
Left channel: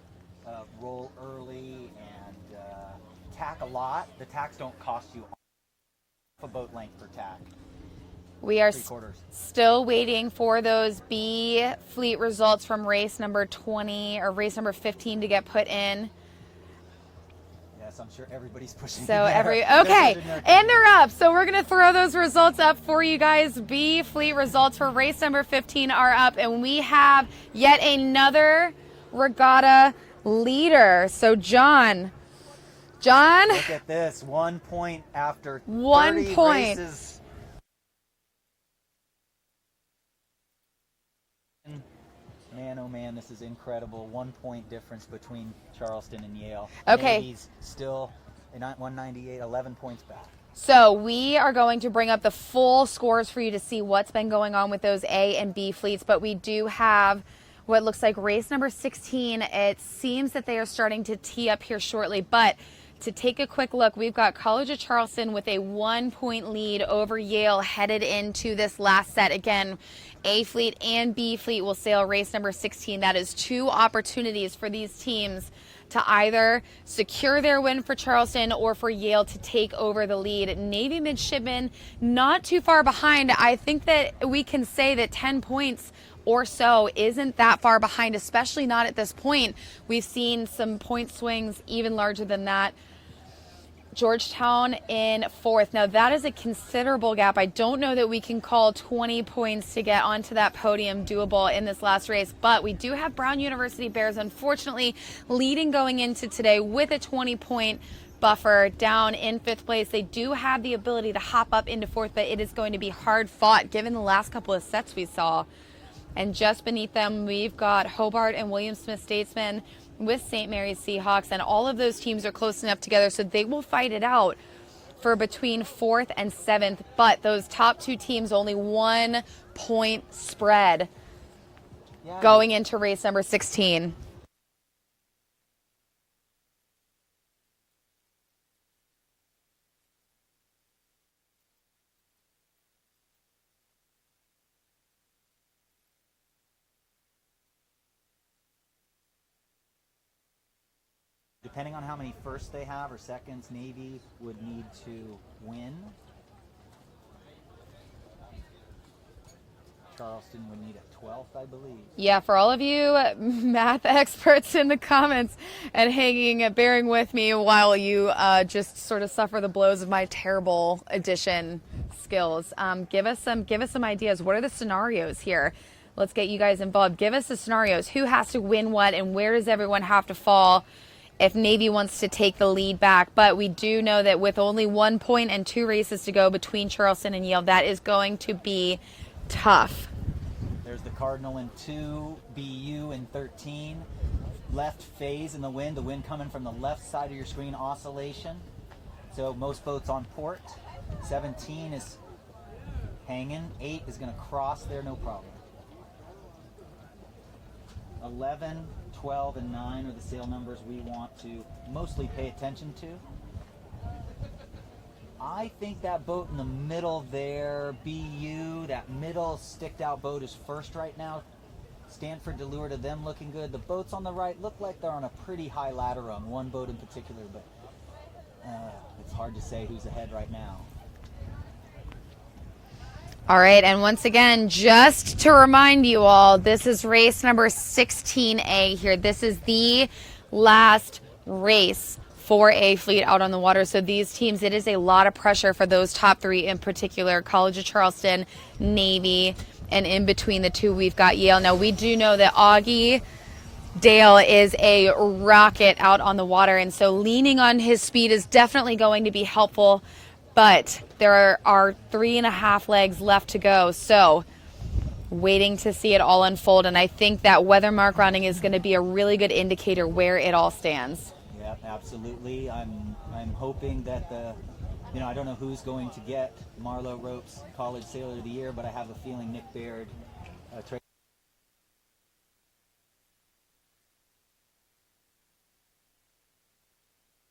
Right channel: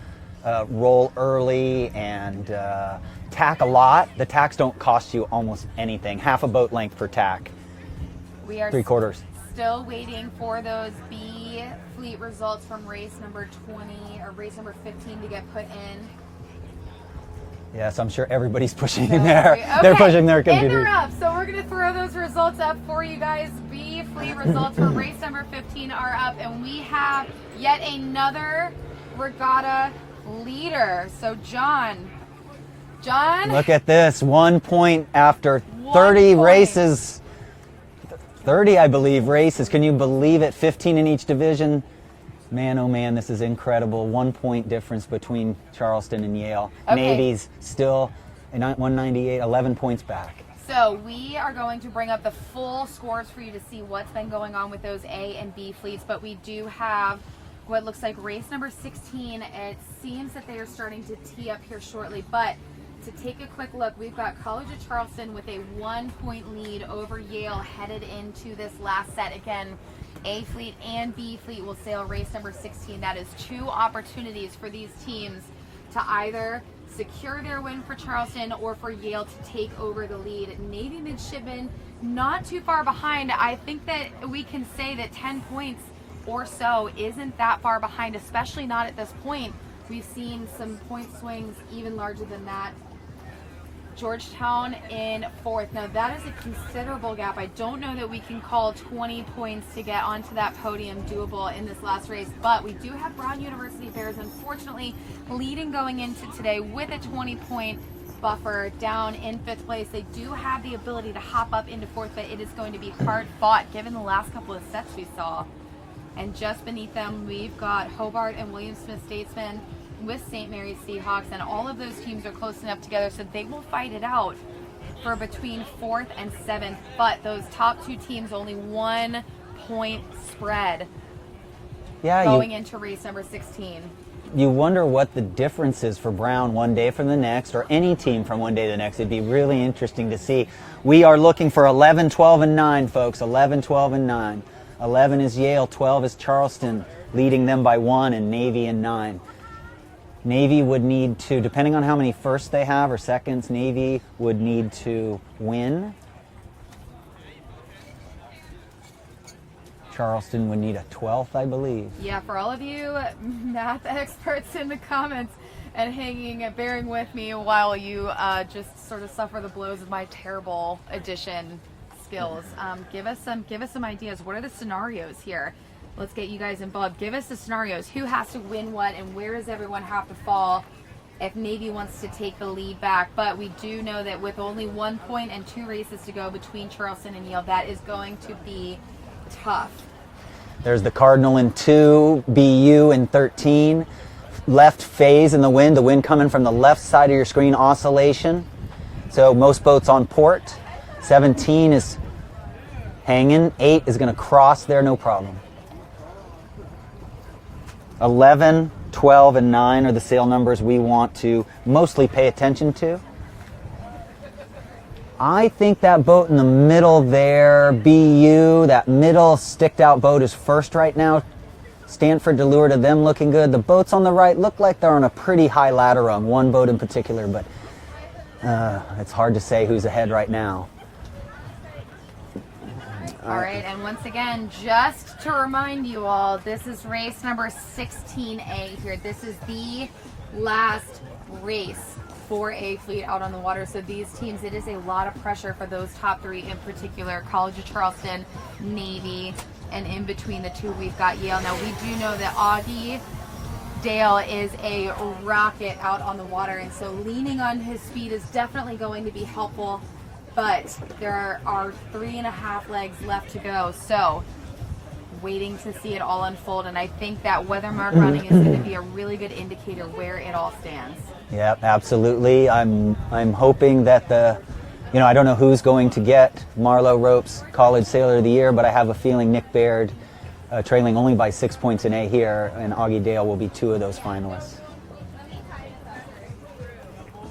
roll early and tack a lot. The tacks don't cost you almost anything. Half a boat length per tack. We are 3/4. Still waiting for those B fleet results from race number 20 or race number 15 to get put in. Yes, I'm sure everybody's pushing So in there. They're pushing their and computers. they're up. So we're going to throw those results up for you guys. B fleet results for race number 15 are up, and we have yet another regatta leader. So John. Look at this, 1 point after 1 30 point. races. 30, I believe, races. Can you believe it? 15 in each division. Man, oh man, this is incredible. 1 point difference between Charleston and Yale. Okay. Navy's still 198, 11 points back. So we are going to bring up the full scores for you to see what's been going on with those A and B fleets, but we do have what looks like race number 16. It seems that they are starting to tee up here shortly, but to take a quick look, we've got College of Charleston with a 1 point lead over Yale headed into this last set. Again, A fleet and B fleet will sail race number 16. That is 2 opportunities for these teams to either secure their win for Charleston or for Yale to take over the lead. Navy midshipmen not too far behind. I think that we can say that 10 points or so isn't that far behind, especially not at this point. We've seen some point swings even larger than that. Georgetown in 4th. Now that is a considerable gap. I don't know that we can call 20 points to get onto that podium doable in this last race, but we do have Brown University Bears unfortunately leading going into today with a 20-point buffer down in 5th place. They do have the ability to hop up into 4th, but it is going to be hard fought given the last couple of sets we saw. And just beneath them, we've got Hobart and William Smith Statesman with St. Mary's Seahawks, and all of those teams are close enough together, so they will fight it out for between 4th and 7th, but those top 2 teams only 1 point spread going into race number 16. You wonder what the difference is for Brown one day from the next, or any team from one day to the next. It'd be really interesting to see. We are looking for 11, 12, and 9, folks. 11, 12, and 9. 11 is Yale, 12 is Charleston, leading them by 1, and Navy in 9. Navy would need to, depending on how many firsts they have or seconds, Navy would need to win. Charleston would need a 12th, I believe. Yeah, for all of you math experts in the comments and bearing with me while you just sort of suffer the blows of my terrible addition skills. Give us some ideas. What are the scenarios here? Let's get you guys involved. Give us the scenarios. Who has to win what, and where does everyone have to fall if Navy wants to take the lead back? But we do know that with only 1 point and 2 races to go between Charleston and Yale, that is going to be tough. There's the Cardinal in 2, BU in 13. Left phase in the wind coming from the left side of your screen, oscillation. So most boats on port. 17 is hanging. 8 is going to cross there, no problem. 11, 12, and 9 are the sail numbers we want to mostly pay attention to. I think that boat in the middle there, BU, that middle sticked out boat is first right now. Stanford to lure to them looking good. The boats on the right look like they're on a pretty high ladder rung, one boat in particular, but it's hard to say who's ahead right now. All right, and once again, just to remind you all, this is race number 16A here. This is the last race for a fleet out on the water. So these teams, it is a lot of pressure for those top 3 in particular, College of Charleston, Navy, and in between the 2, we've got Yale. Now, we do know that Augie Dale is a rocket out on the water, and so leaning on his speed is definitely going to be helpful. But there are 3.5 legs left to go, so waiting to see it all unfold. And I think that weather mark running is going to be a really good indicator where it all stands. Yep, absolutely. I'm hoping that I don't know who's going to get Marlowe Rope's College Sailor of the Year, but I have a feeling Nick Baird, trailing only by 6 points in A here, and Augie Dale will be 2 of those finalists.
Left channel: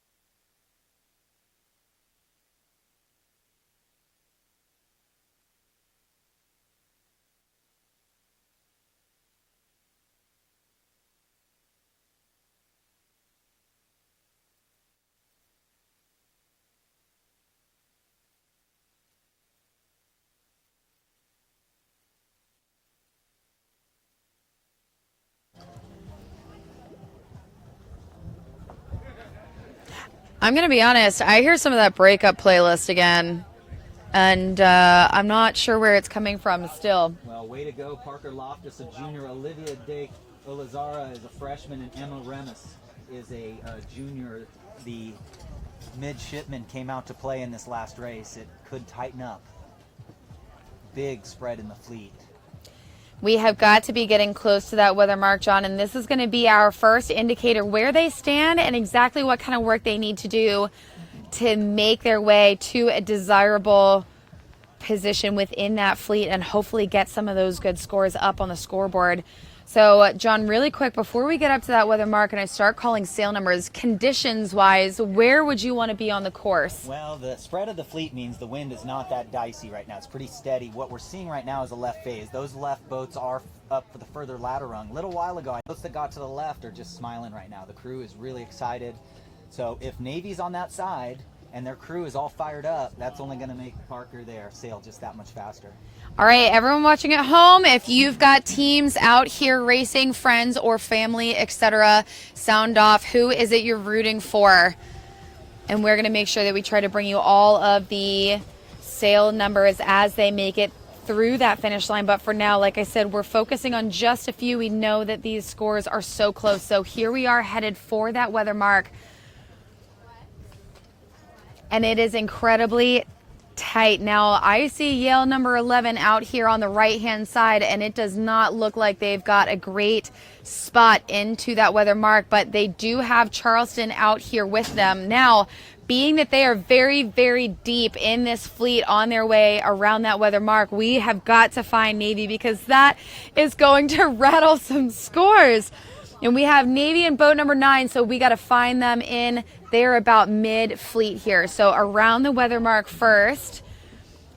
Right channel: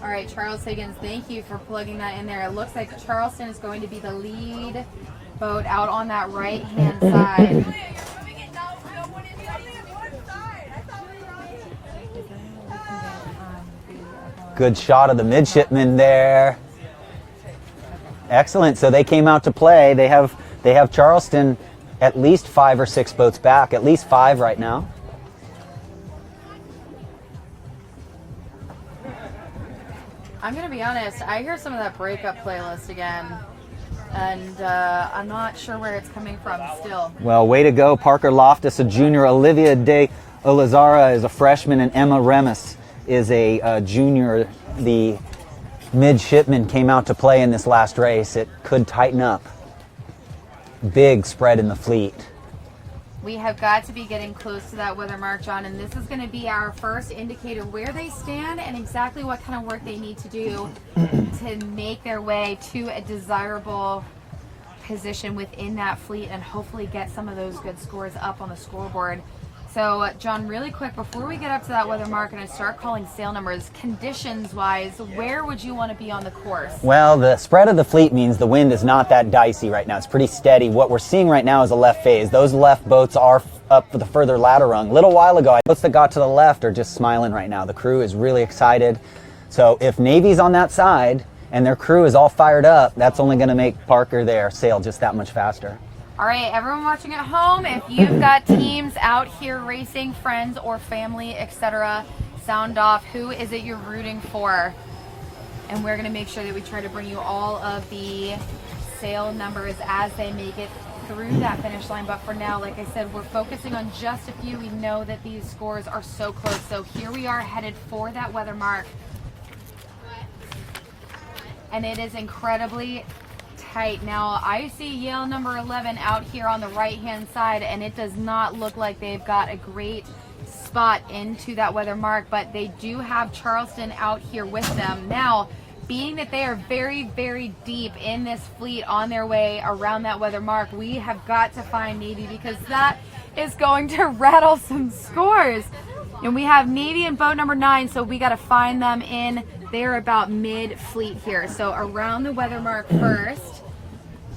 All right, Charles Higgins, thank you for plugging that in there. It looks like Charleston is going to be the lead boat out on that right-hand side. Good shot of the midshipman there. Excellent. So they came out to play. They have Charleston at least 5 or 6 boats back, at least 5 right now. I'm going to be honest, I hear some of that breakup playlist again, and I'm not sure where it's coming from still. Well, way to go, Parker Loftus, a junior. Olivia de Olazara is a freshman, and Emma Remus is a junior. The midshipmen came out to play in this last race. It could tighten up. Big spread in the fleet. We have got to be getting close to that weather mark, John, and this is going to be our first indicator where they stand and exactly what kind of work they need to do to make their way to a desirable position within that fleet and hopefully get some of those good scores up on the scoreboard. So, John, really quick, before we get up to that weather mark and I start calling sail numbers, conditions-wise, where would you want to be on the course? Well, the spread of the fleet means the wind is not that dicey right now. It's pretty steady. What we're seeing right now is a left phase. Those left boats are up for the further ladder rung. A little while ago, boats that got to the left are just smiling right now. The crew is really excited. So if Navy's on that side and their crew is all fired up, that's only going to make Parker there sail just that much faster. All right, everyone watching at home, if you've got teams out here racing, friends or family, etc., sound off. Who is it you're rooting for? And we're going to make sure that we try to bring you all of the sail numbers as they make it through that finish line. But for now, like I said, we're focusing on just a few. We know that these scores are so close. So here we are headed for that weather mark. And it is incredibly tight. Now, I see Yale number 11 out here on the right-hand side, and it does not look like they've got a great spot into that weather mark, but they do have Charleston out here with them. Now, being that they are very, very deep in this fleet on their way around that weather mark, we have got to find Navy because that is going to rattle some scores. And we have Navy in boat number 9, so we got to find them in. They're about mid-fleet here. So around the weather mark first,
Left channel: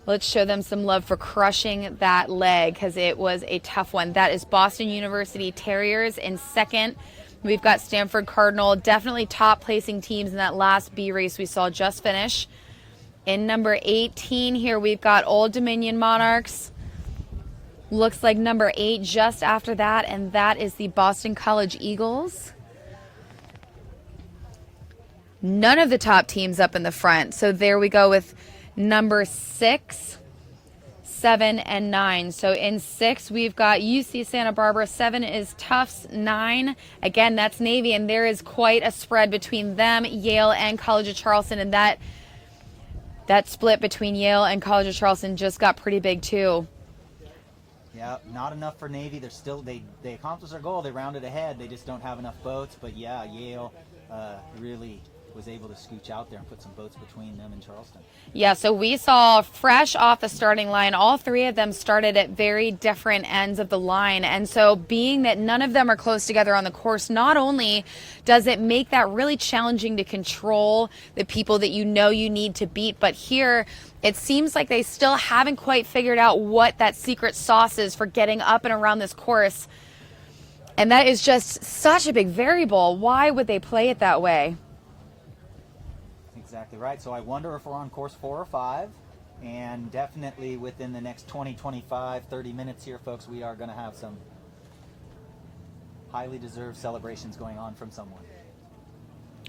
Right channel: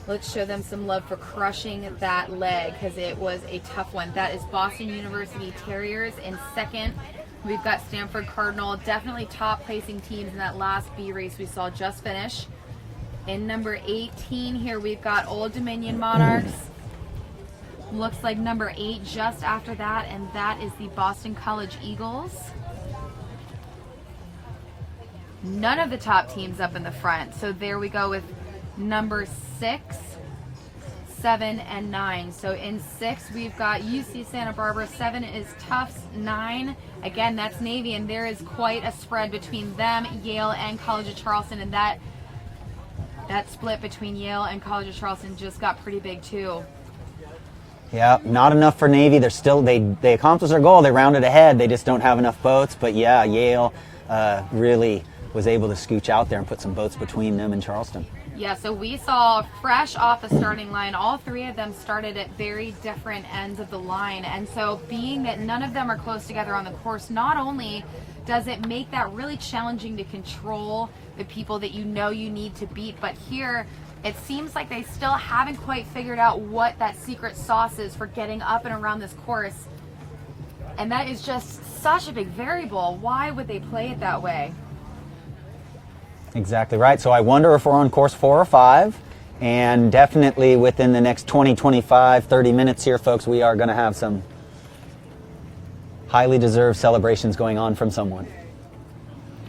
let's show them some love for crushing that leg because it was a tough one. That is Boston University Terriers in second. We've got Stanford Cardinal, definitely top-placing teams in that last B race we saw just finish. In number 18 here, we've got Old Dominion Monarchs. Looks like number 8 just after that, and that is the Boston College Eagles. None of the top teams up in the front. So there we go with number 6, 7, and 9. So in 6, we've got UC Santa Barbara. 7 is Tufts. 9, again, that's Navy, and there is quite a spread between them, Yale, and College of Charleston, and that split between Yale and College of Charleston just got pretty big too. Yeah, not enough for Navy. They're still they accomplished their goal. They rounded ahead. They just don't have enough boats. But yeah, Yale really was able to scooch out there and put some boats between them and Charleston. Yeah, so we saw fresh off the starting line, all three of them started at very different ends of the line. And so being that none of them are close together on the course, not only does it make that really challenging to control the people that you know you need to beat, but here it seems like they still haven't quite figured out what that secret sauce is for getting up and around this course. And that is just such a big variable. Why would they play it that way? Exactly right. So I wonder if we're on course 4 or 5, and definitely within the next 20, 25, 30 minutes here, folks, we are going to have some highly deserved celebrations going on from someone.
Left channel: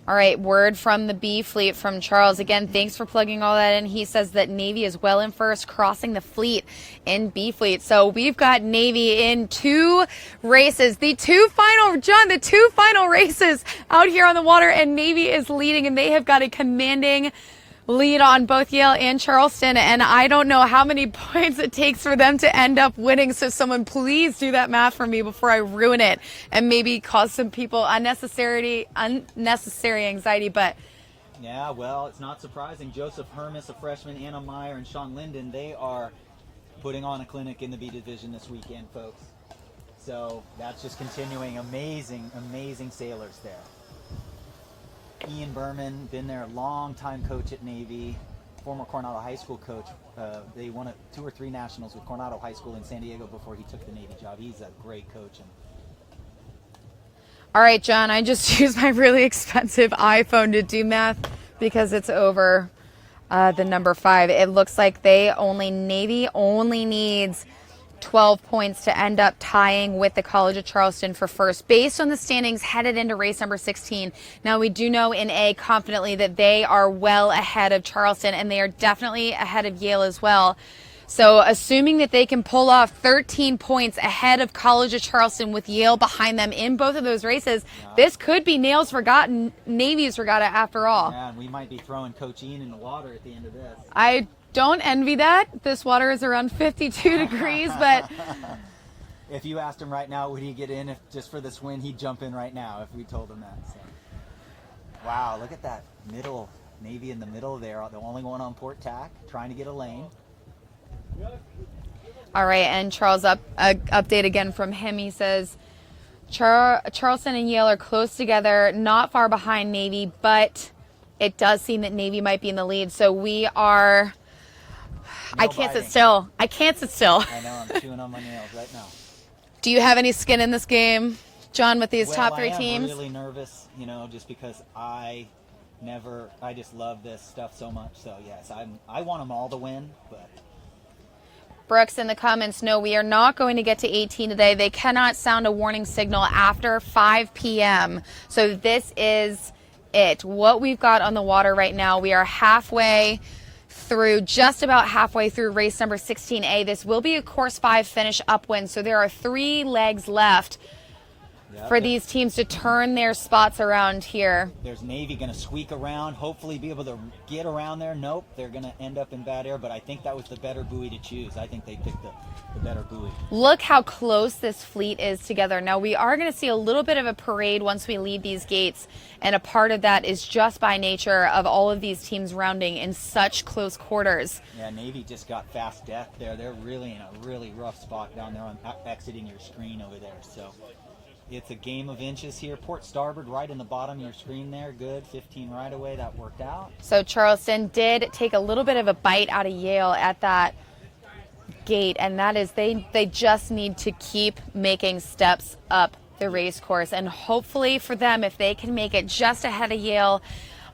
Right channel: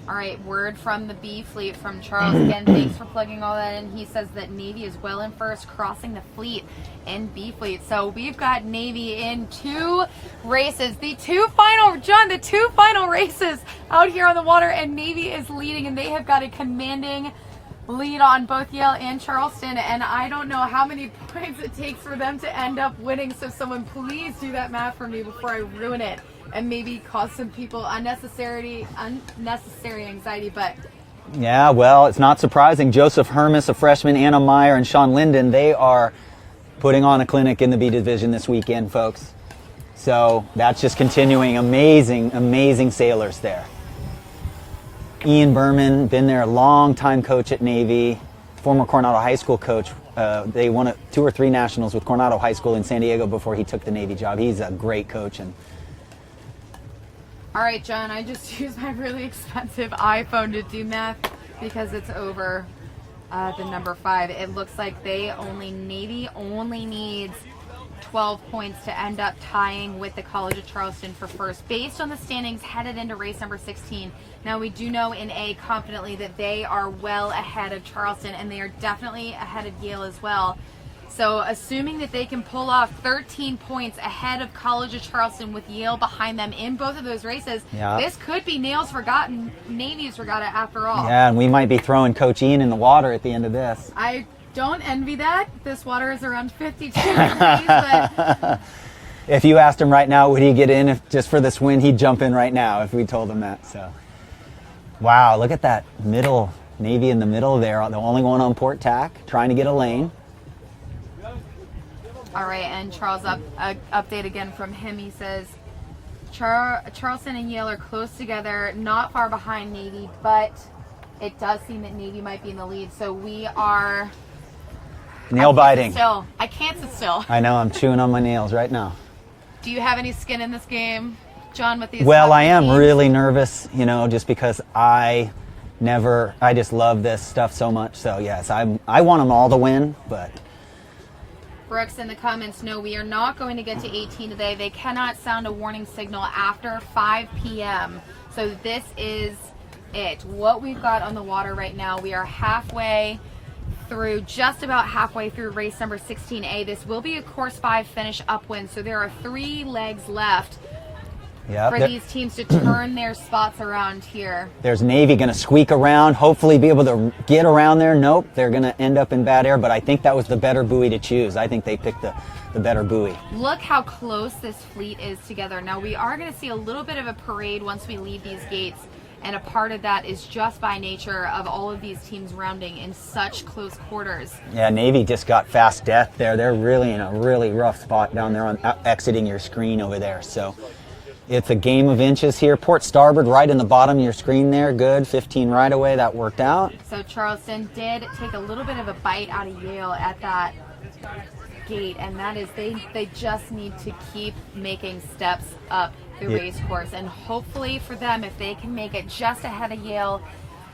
All right, word from the B fleet from Charles. Again, thanks for plugging all that in. He says that Navy is well in first, crossing the fleet in B fleet. So we've got Navy in 2 races. The two final races out here on the water, and Navy is leading, and they have got a commanding lead on both Yale and Charleston, and I don't know how many points it takes for them to end up winning, so someone please do that math for me before I ruin it and maybe cause some people unnecessary anxiety. But yeah, well, it's not surprising. Joseph Hermes, a freshman, Anna Meyer, and Sean Linden, they are putting on a clinic in the B division this weekend, folks. So that's just continuing. Amazing sailors there. Ian Berman, been there, a long-time coach at Navy, former Coronado High School coach. They won 2 or 3 nationals with Coronado High School in San Diego before he took the Navy job. He's a great coach. All right, John, I just used my really expensive iPhone to do math because it's over the number 5. It looks like Navy only needs 12 points to end up tying with the College of Charleston for first, based on the standings headed into race number 16. Now, we do know in A confidently that they are well ahead of Charleston, and they are definitely ahead of Yale as well. So assuming that they can pull off 13 points ahead of College of Charleston with Yale behind them in both of those races, this could be Nail's Forgotten, Navy's Regatta after all. Yeah, and we might be throwing Coach Ian in the water at the end of this. I don't envy that. This water is around 52 degrees, but if you asked him right now, would he get in just for this win? He'd jump in right now if we told him that. So, wow, look at that middle, Navy in the middle there, the only one on port tack, trying to get a lane. All right, and Charles, update again from him. He says Charleston and Yale are close together, not far behind Navy, but it does seem that Navy might be in the lead. So we are nail biting. I can't sit still. I know, I'm chewing on my nails right now. Do you have any skin in this game, John, with these Well, top I am teams? really nervous, just because I just love this stuff so much. So yes, I want them all to win, but. Brooks in the comments, no, we are not going to get to 18 today. They cannot sound a warning signal after 5 p.m. So this is it. What we've got on the water right now, we are just about halfway through race number 16A. This will be a course 5 finish upwind, so there are 3 legs left for these teams to turn their spots around here. There's Navy going to squeak around, hopefully be able to get around there. Nope, they're going to end up in bad air, but I think that was the better buoy to choose. I think they picked the better buoy. Look how close this fleet is together. Now, we are going to see a little bit of a parade once we leave these gates, and a part of that is just by nature of all of these teams rounding in such close quarters. Yeah, Navy just got fast death there. They're really in a really rough spot down there on exiting your screen over there. So it's a game of inches here. Port starboard right in the bottom of your screen there. Good, 15 right away. That worked out. So Charleston did take a little bit of a bite out of Yale at that gate, and that is they just need to keep making steps up the race course, and hopefully for them, if they can make it just ahead of Yale,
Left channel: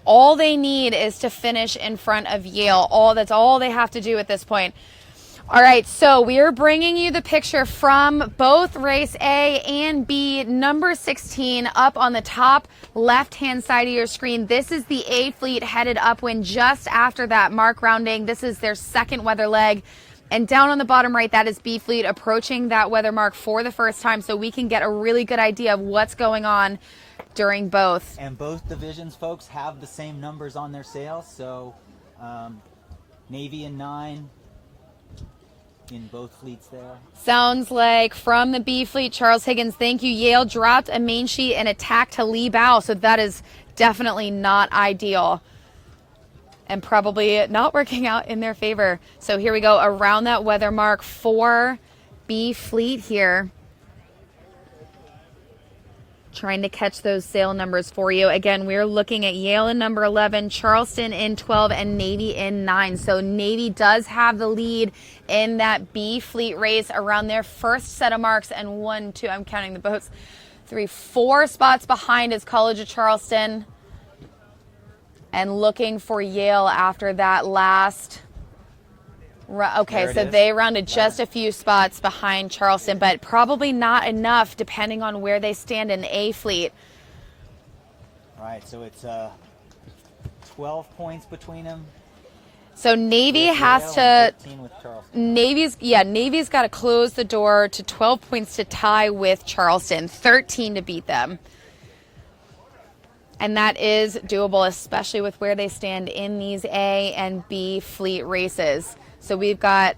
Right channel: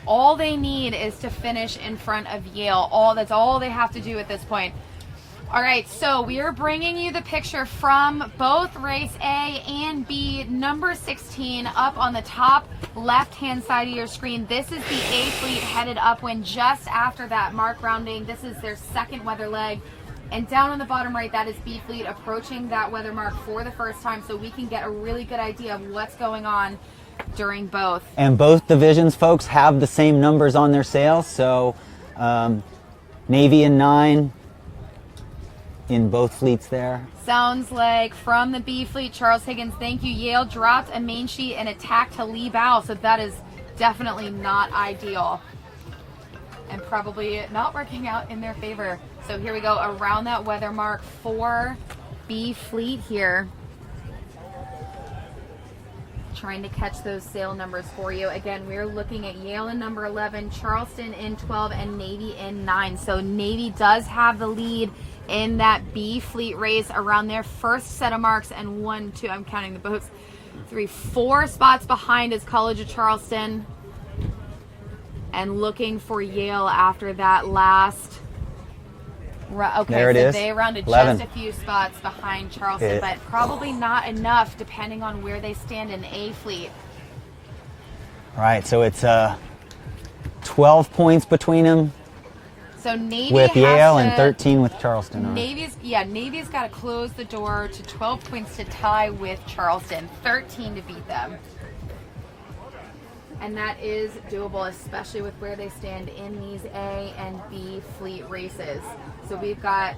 all they need is to finish in front of Yale. That's all they have to do at this point. All right, so we are bringing you the picture from both race A and B. Number 16 up on the top left-hand side of your screen. This is the A fleet headed upwind just after that mark rounding. This is their second weather leg. And down on the bottom right, that is B fleet approaching that weather mark for the first time, so we can get a really good idea of what's going on during both. And both divisions, folks, have the same numbers on their sails. So Navy in 9, in both fleets there. Sounds like from the B fleet, Charles Higgins, thank you. Yale dropped a main sheet and attack to lee bow, so that is definitely not ideal and probably not working out in their favor. So here we go around that weather mark for B fleet here. Trying to catch those sail numbers for you. Again, we're looking at Yale in number 11, Charleston in 12, and Navy in 9. So Navy does have the lead in that B fleet race around their first set of marks, and 1, 2, I'm counting the boats, 3, 4 spots behind is College of Charleston. And looking for Yale after that last. Okay, so they rounded 11. just a few spots behind Charleston, but probably not enough depending on where they stand in A fleet. Right, so it's 12 points between them. So Navy with has Yale to, and 13 with Charleston. Navy's got to close the door to 12 points to tie with Charleston, 13 to beat them. And that is doable, especially with where they stand in these A and B fleet races. So we've got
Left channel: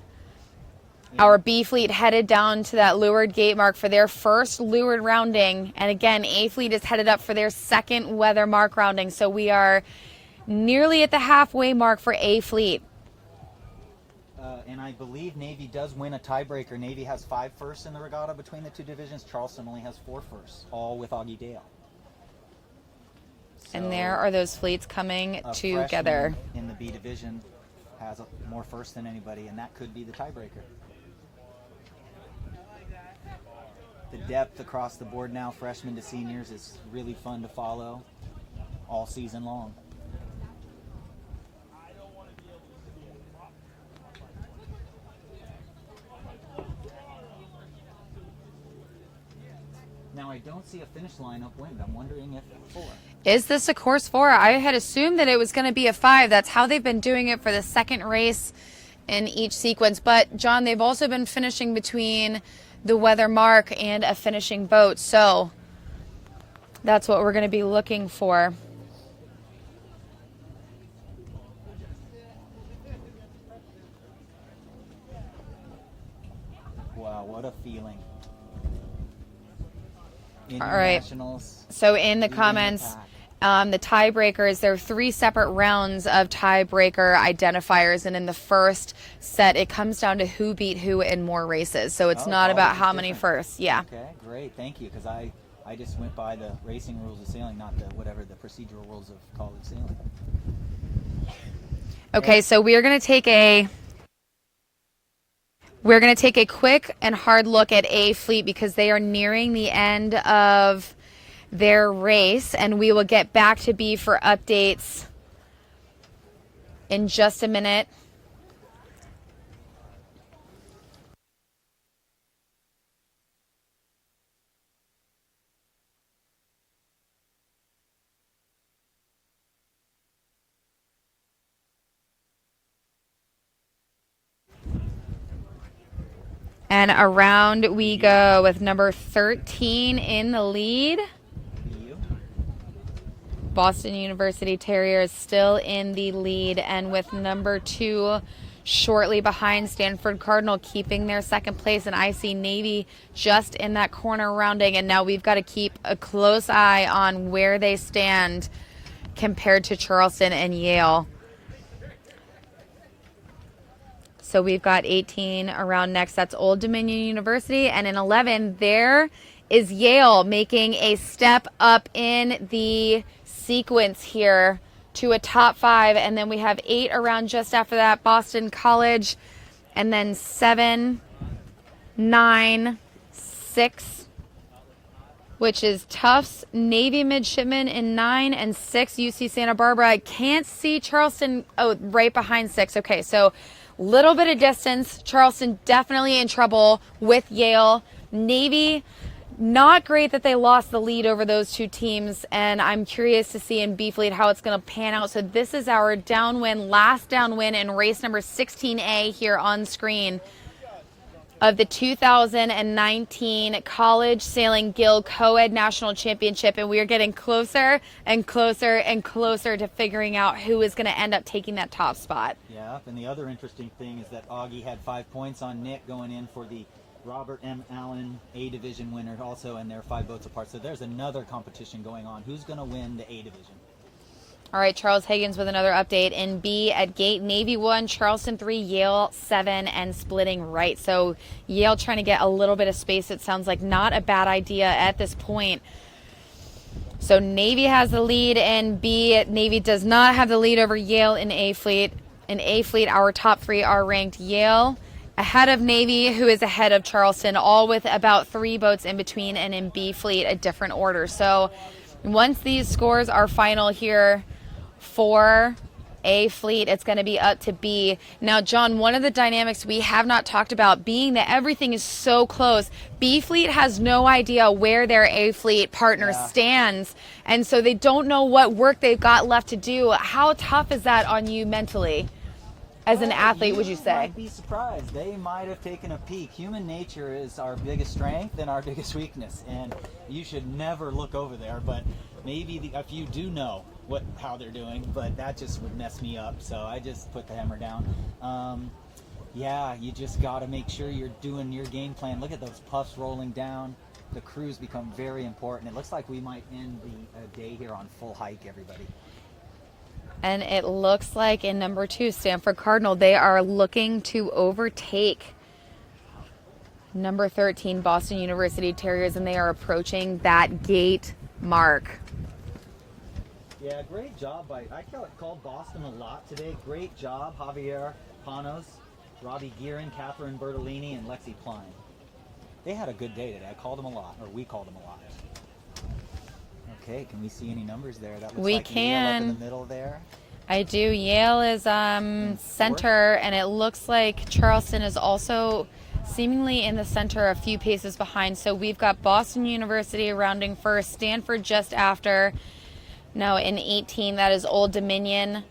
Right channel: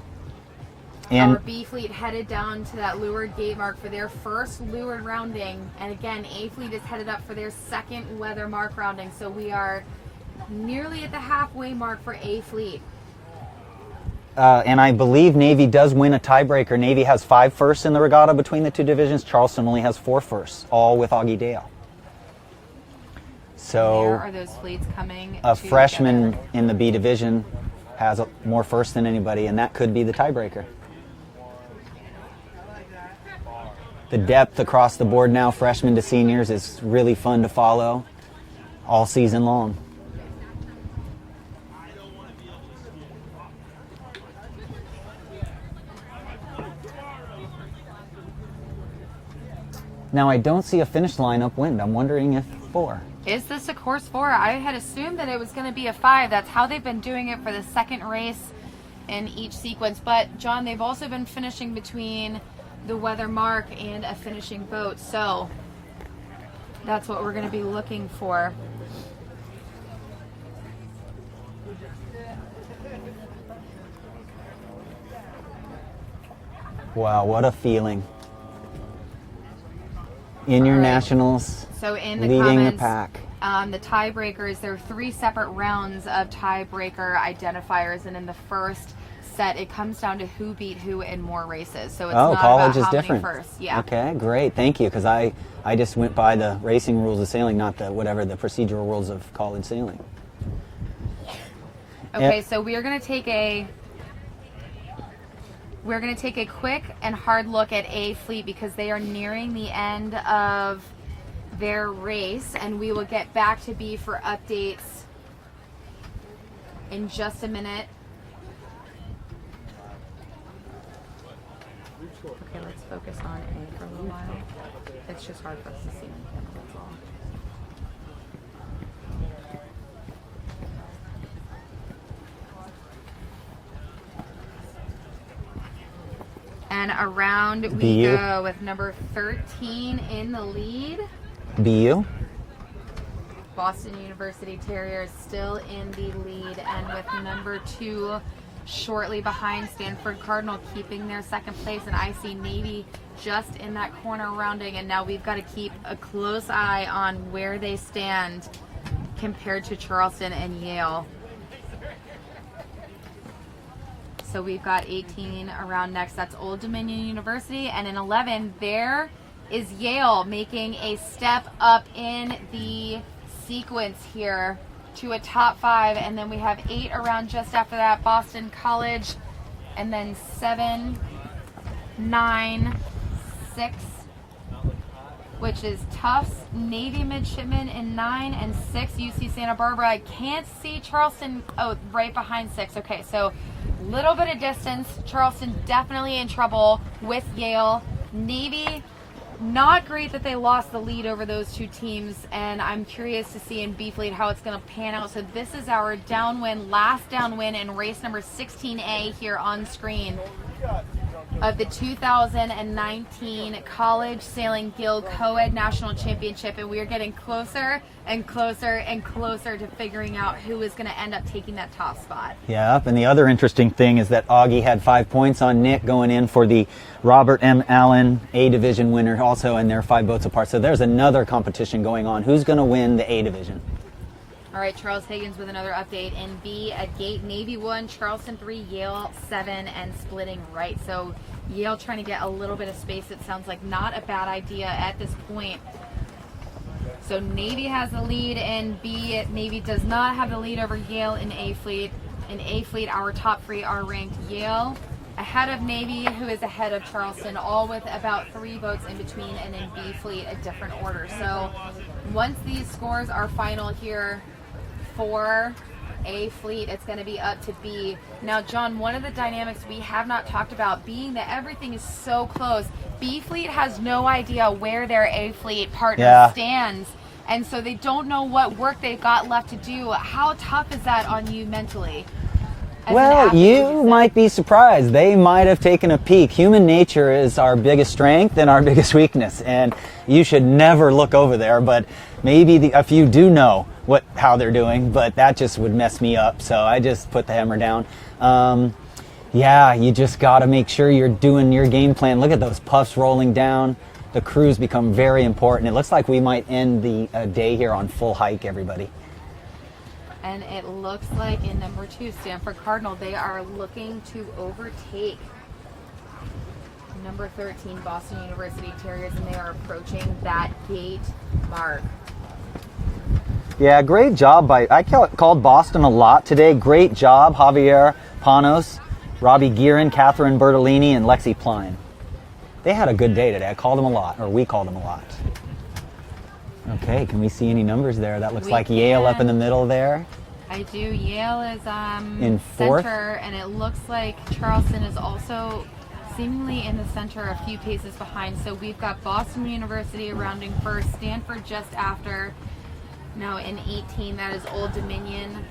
our B fleet headed down to that leeward gate mark for their first leeward rounding. And again, A fleet is headed up for their second weather mark rounding. So we are nearly at the halfway mark for A fleet. And I believe Navy does win a tiebreaker. Navy has 5 firsts in the regatta between the two divisions. Charleston only has 4 firsts, all with Augie Dale. So and there are those fleets coming a together. freshman in the B division has more firsts than anybody, and that could be the tiebreaker. The depth across the board now, freshmen to seniors, is really fun to follow all season long. Now I don't see a finish line upwind. I'm wondering if 4. Is this a course 4? I had assumed that it was going to be a 5. That's how they've been doing it for the second race in each sequence. But, John, they've also been finishing between the weather mark and a finishing boat. So that's what we're going to be looking for. Wow, what a feeling. In your nationals, so in the leading comments, the pack. The tiebreakers, there are 3 separate rounds of tiebreaker identifiers, and in the first set, it comes down to who beat who in more races. So it's not about how many firsts. Yeah. Okay, great, thank you, because I just went by the racing rules of sailing, not the the procedural rules of college sailing. Okay, so we're going to take a quick and hard look at A fleet because they are nearing the end of their race, and we will get back to B for updates in just a minute. Okay, let's focus on A for a little while. It's just hard for us to see on camera, that's all. And around we go with number 13 in the lead. BU. Boston University Terriers still in the lead, and with number 2 shortly behind Stanford Cardinal keeping their second place, and I see Navy just in that corner rounding, and now we've got to keep a close eye on where they stand compared to Charleston and Yale. So we've got 18 around next. That's Old Dominion University. And in 11, there is Yale making a step up in the sequence here to a top 5. And then we have 8 around just after that, Boston College. And then 7, 9, 6, which is Tufts, Navy Midshipman in 9, and 6, UC Santa Barbara. I can't see Charleston, right behind 6. Okay, so little bit of distance. Charleston definitely in trouble with Yale. Navy, not great that they lost the lead over those 2 teams, and I'm curious to see in B fleet how it's going to pan out. So this is our downwind, last downwind in race number 16A here on screen. of the 2019 College Sailing Gill Coed National Championship, and we are getting closer and closer and closer to figuring out who is going to end up taking that top spot. Yeah, and the other interesting thing is that Augie had 5 points on Nick going in for the Robert M. Allen A Division winner also, and they're 5 boats apart. So there's another competition going on. Who's going to win the A Division? All right, Charles Higgins with another update. In B at Gate, Navy 1, Charleston 3, Yale 7, and splitting right. So Yale trying to get a little bit of space. It sounds like not a bad idea at this point. So Navy has the lead in B. Navy does not have the lead over Yale in A Fleet. In A Fleet, our top 3 are ranked Yale ahead of Navy, who is ahead of Charleston, all with about 3 boats in between, and in B Fleet, a different order. So once these scores are final here, for A Fleet, it's going to be up to B. Now, John, one of the dynamics we have not talked about, being that everything is so close, B Fleet has no idea where their A Fleet partner stands, and so they don't know what work they've got left to do. How tough is that on you mentally? Well, you might be surprised. They might have taken a peek. Human nature is our biggest strength and our biggest weakness, and you should never look over there, but maybe a few do know how they're doing, but that just would mess me up, so I just put the hammer down. Yeah, you just got to make sure you're doing your game plan. Look at those puffs rolling down. The crews become very important. It looks like we might end the day here on full hike, everybody. And it looks like in number 2, Stanford Cardinal, they are looking to overtake number 13, Boston University Terriers, and they are approaching that gate mark. Yeah, great job I called Boston a lot today. Great job, Javier Panos, Robbie Guerin, Catherine Bertolini, and Lexi Pline. They had a good day today. I called them a lot, or we called them a lot. Okay, can we see any numbers there? That looks like Yale up in the middle there. I do. Yale is in center, and it looks like Charleston is also seemingly in the center, a few paces behind. So we've got Boston University rounding first, Stanford just after. Now in 18, that is Old Dominion.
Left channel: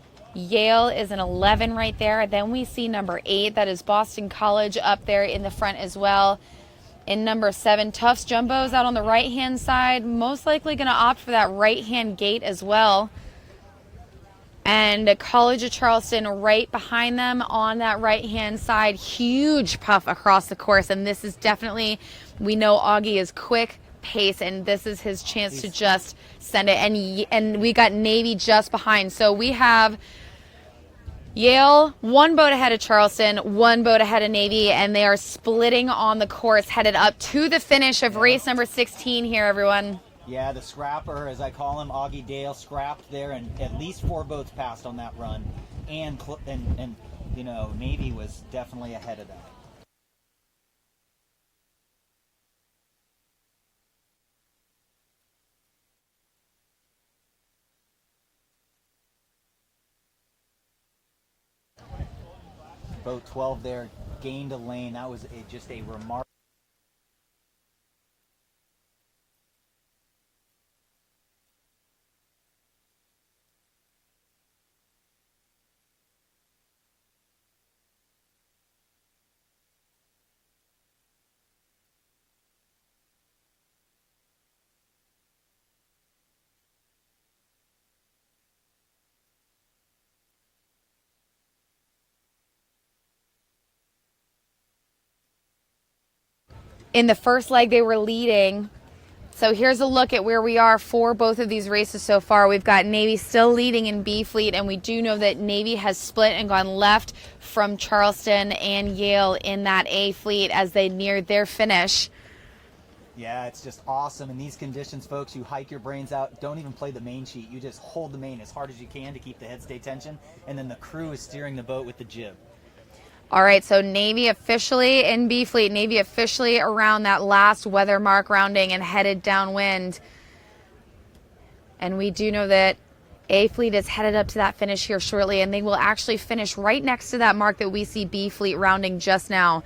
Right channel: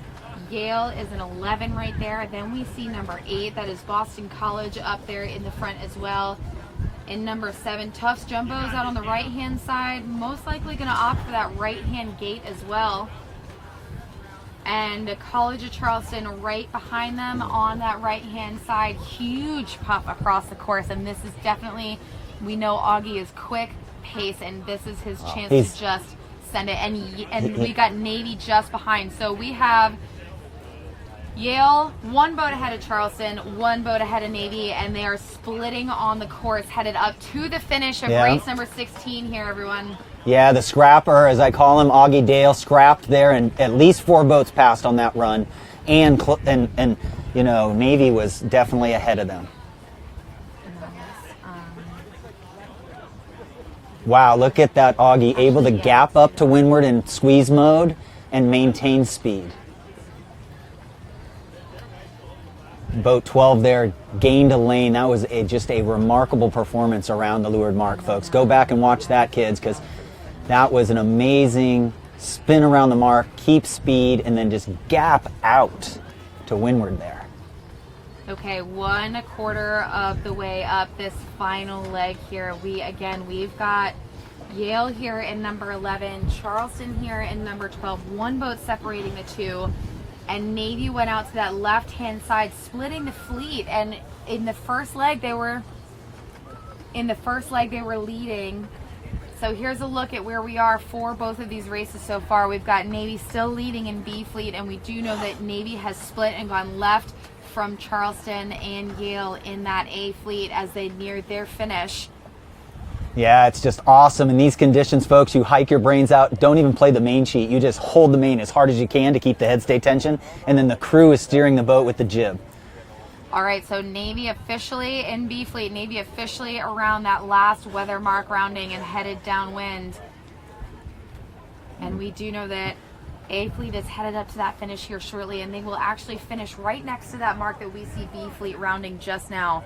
Yale is an 11 right there. Then we see number 8, that is Boston College up there in the front as well. In number 7, Tufts Jumbos out on the right-hand side, most likely going to opt for that right-hand gate as well. And College of Charleston right behind them on that right-hand side. Huge puff across the course, and this is definitely, we know Augie is quick pace, and this is his chance to just send it. And we got Navy just behind. So we have Yale, 1 boat ahead of Charleston, 1 boat ahead of Navy, and they are splitting on the course, headed up to the finish of race number 16 here, everyone. Yeah, the scrapper, as I call him, Augie Dale, scrapped there, and at least 4 boats passed on that run, and you know, Navy was definitely ahead of them. Wow, look at that Augie, able to gap up to windward in squeeze mode and maintain speed. Boat 12 there gained a lane. That was just a remarkable performance around the leeward mark, folks. Go back and watch that, kids, because that was an amazing spin around the mark, keep speed, and then just gap out to windward there. Okay, 1/4 of the way up this final leg here. We've got Yale here in number 11, Charleston here in number 12, 1 boat separating the 2. And Navy went out to that left-hand side, splitting the fleet. And in the first leg, they were leading. So here's a look at where we are for both of these races so far. We've got Navy still leading in B Fleet, and we do know that Navy has split and gone left from Charleston and Yale in that A Fleet as they neared their finish. Yeah, it's just awesome. In these conditions, folks, you hike your brains out. Don't even play the main sheet. You just hold the main as hard as you can to keep the head stay tension, and then the crew is steering the boat with the jib. All right, so Navy officially in B Fleet. Navy officially around that last weather mark rounding and headed downwind. And we do know that A Fleet is headed up to that finish here shortly, and they will actually finish right next to that mark that we see B Fleet rounding just now.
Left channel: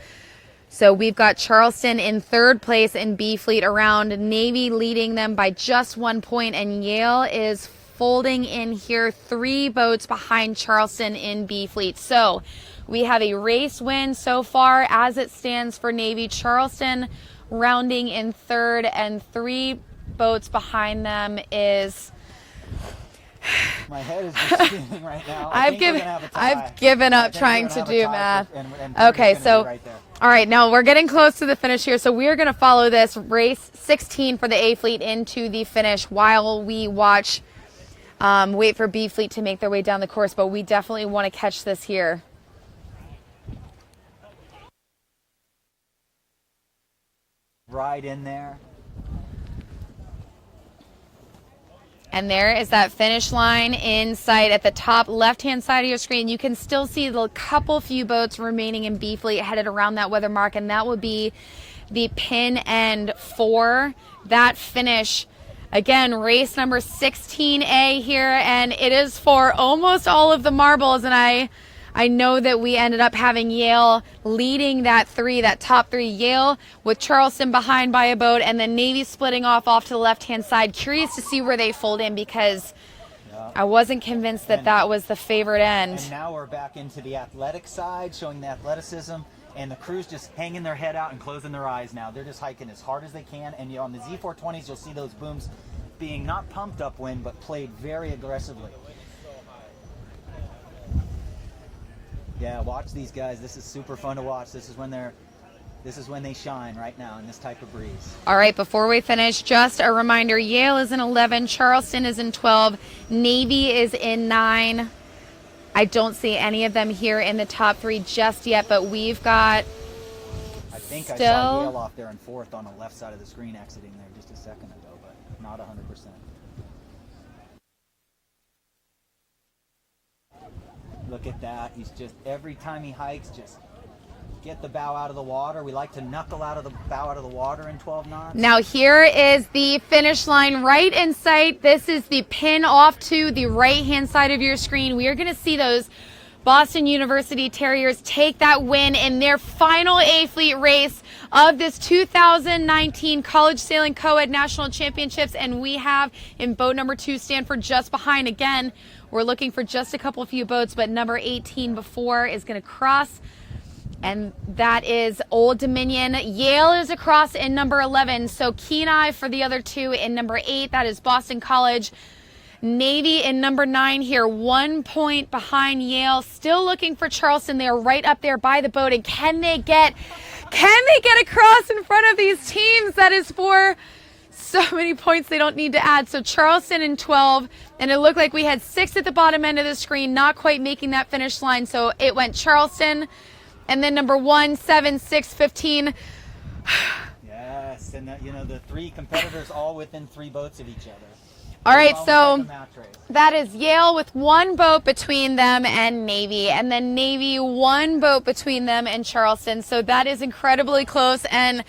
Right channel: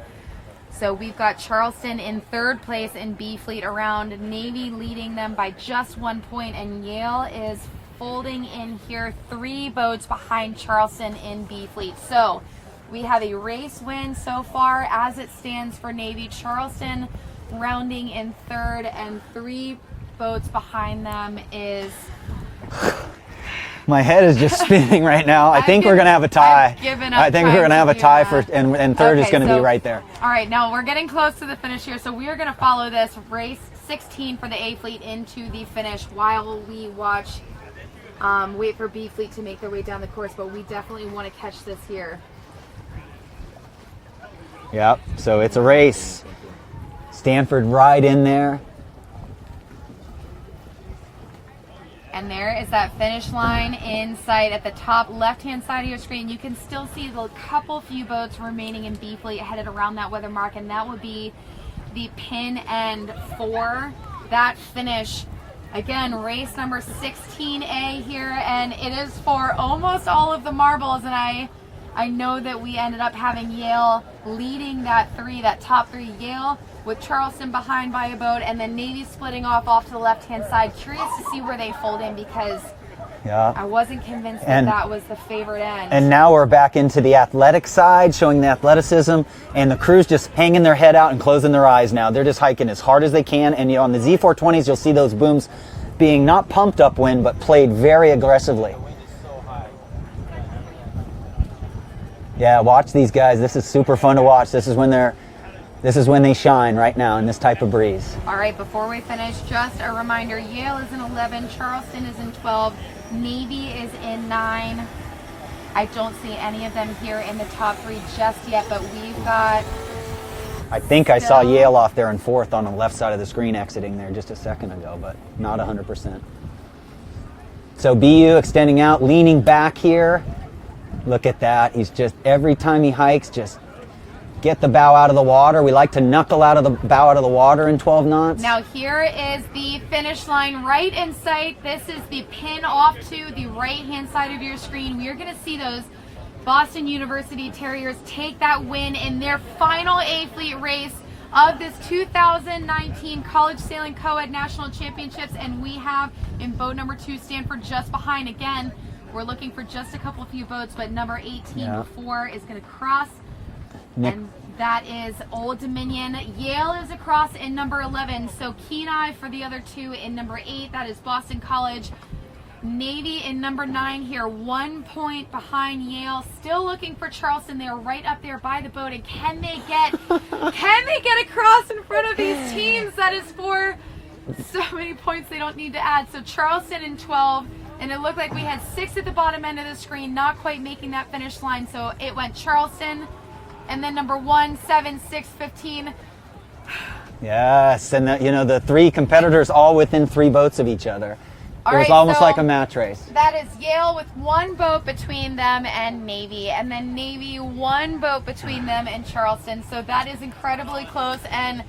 So we've got Charleston in 3rd place in B Fleet around, Navy leading them by just 1 point, and Yale is folding in here 3 boats behind Charleston in B Fleet. So We have a race win so far as it stands for Navy. Charleston rounding in third, and 3 boats behind them is... My head is just spinning right now. I think we're going to have a tie. I've given up. I think we're going to have a tie and third is going to be right there. All right, now we're getting close to the finish here, so we are going to follow this race 16 for the A fleet into the finish while we watch, wait for B fleet to make their way down the course, but we definitely want to catch this here. Yep, so it's a race. Stanford right in there. And there is that finish line in sight at the top left-hand side of your screen. You can still see the few boats remaining in B fleet headed around that weather mark, and that would be the pin end for that finish. Again, race number 16A here, and it is for almost all of the marbles, and I know that we ended up having Yale leading that top 3. Yale with Charleston behind by a boat, and then Navy splitting off to the left-hand side. Curious to see where they fold in, because I wasn't convinced that was the favorite end. And now we're back into the athletic side, showing the athleticism, and the crew's just hanging their head out and closing their eyes now. They're just hiking as hard as they can, and on the Z420s, you'll see those booms being not pumped upwind, but played very aggressively. Yeah, watch these guys. This is super fun to watch. This is when they shine right now in this type of breeze. All right, before we finish, just a reminder, Yale is in 11, Charleston is in 12, Navy is in 9. I don't see any of them here in the top 3 just yet, but we've got... I think I saw Yale off there in 4th on the left side of the screen exiting there just a second ago, but not 100%. So BU extending out, leaning back here. Look at that. He's just, every time he hikes, just get the bow out of the water. We like to knuckle out of the bow out of the water in 12 knots. Now here is the finish line right in sight. This is the pin off to the right-hand side of your screen. We are going to see those Boston University Terriers take that win in their final A-Fleet race of this 2019 College Sailing Coed National Championships, and we have in boat number 2 Stanford just behind. Again, we're looking for just a few boats, but number 18 before is going to cross, and that is Old Dominion. Yale is across in number 11, so Kenai for the other 2 in number 8. That is Boston College. Navy in number 9 here, 1 point behind Yale. Still looking for Charleston. They're right up there by the boat, and can they get across in front of these teams? That is for so many points they don't need to add. So Charleston in 12. And it looked like we had 6 at the bottom end of the screen, not quite making that finish line. So it went Charleston, and then number 1, 7, 6, 15. Yes, and the 3 competitors all within 3 boats of each other. All right, it was almost so like a match race. That is Yale with 1 boat between them and Navy, and then Navy 1 boat between them and Charleston. So that is incredibly close, and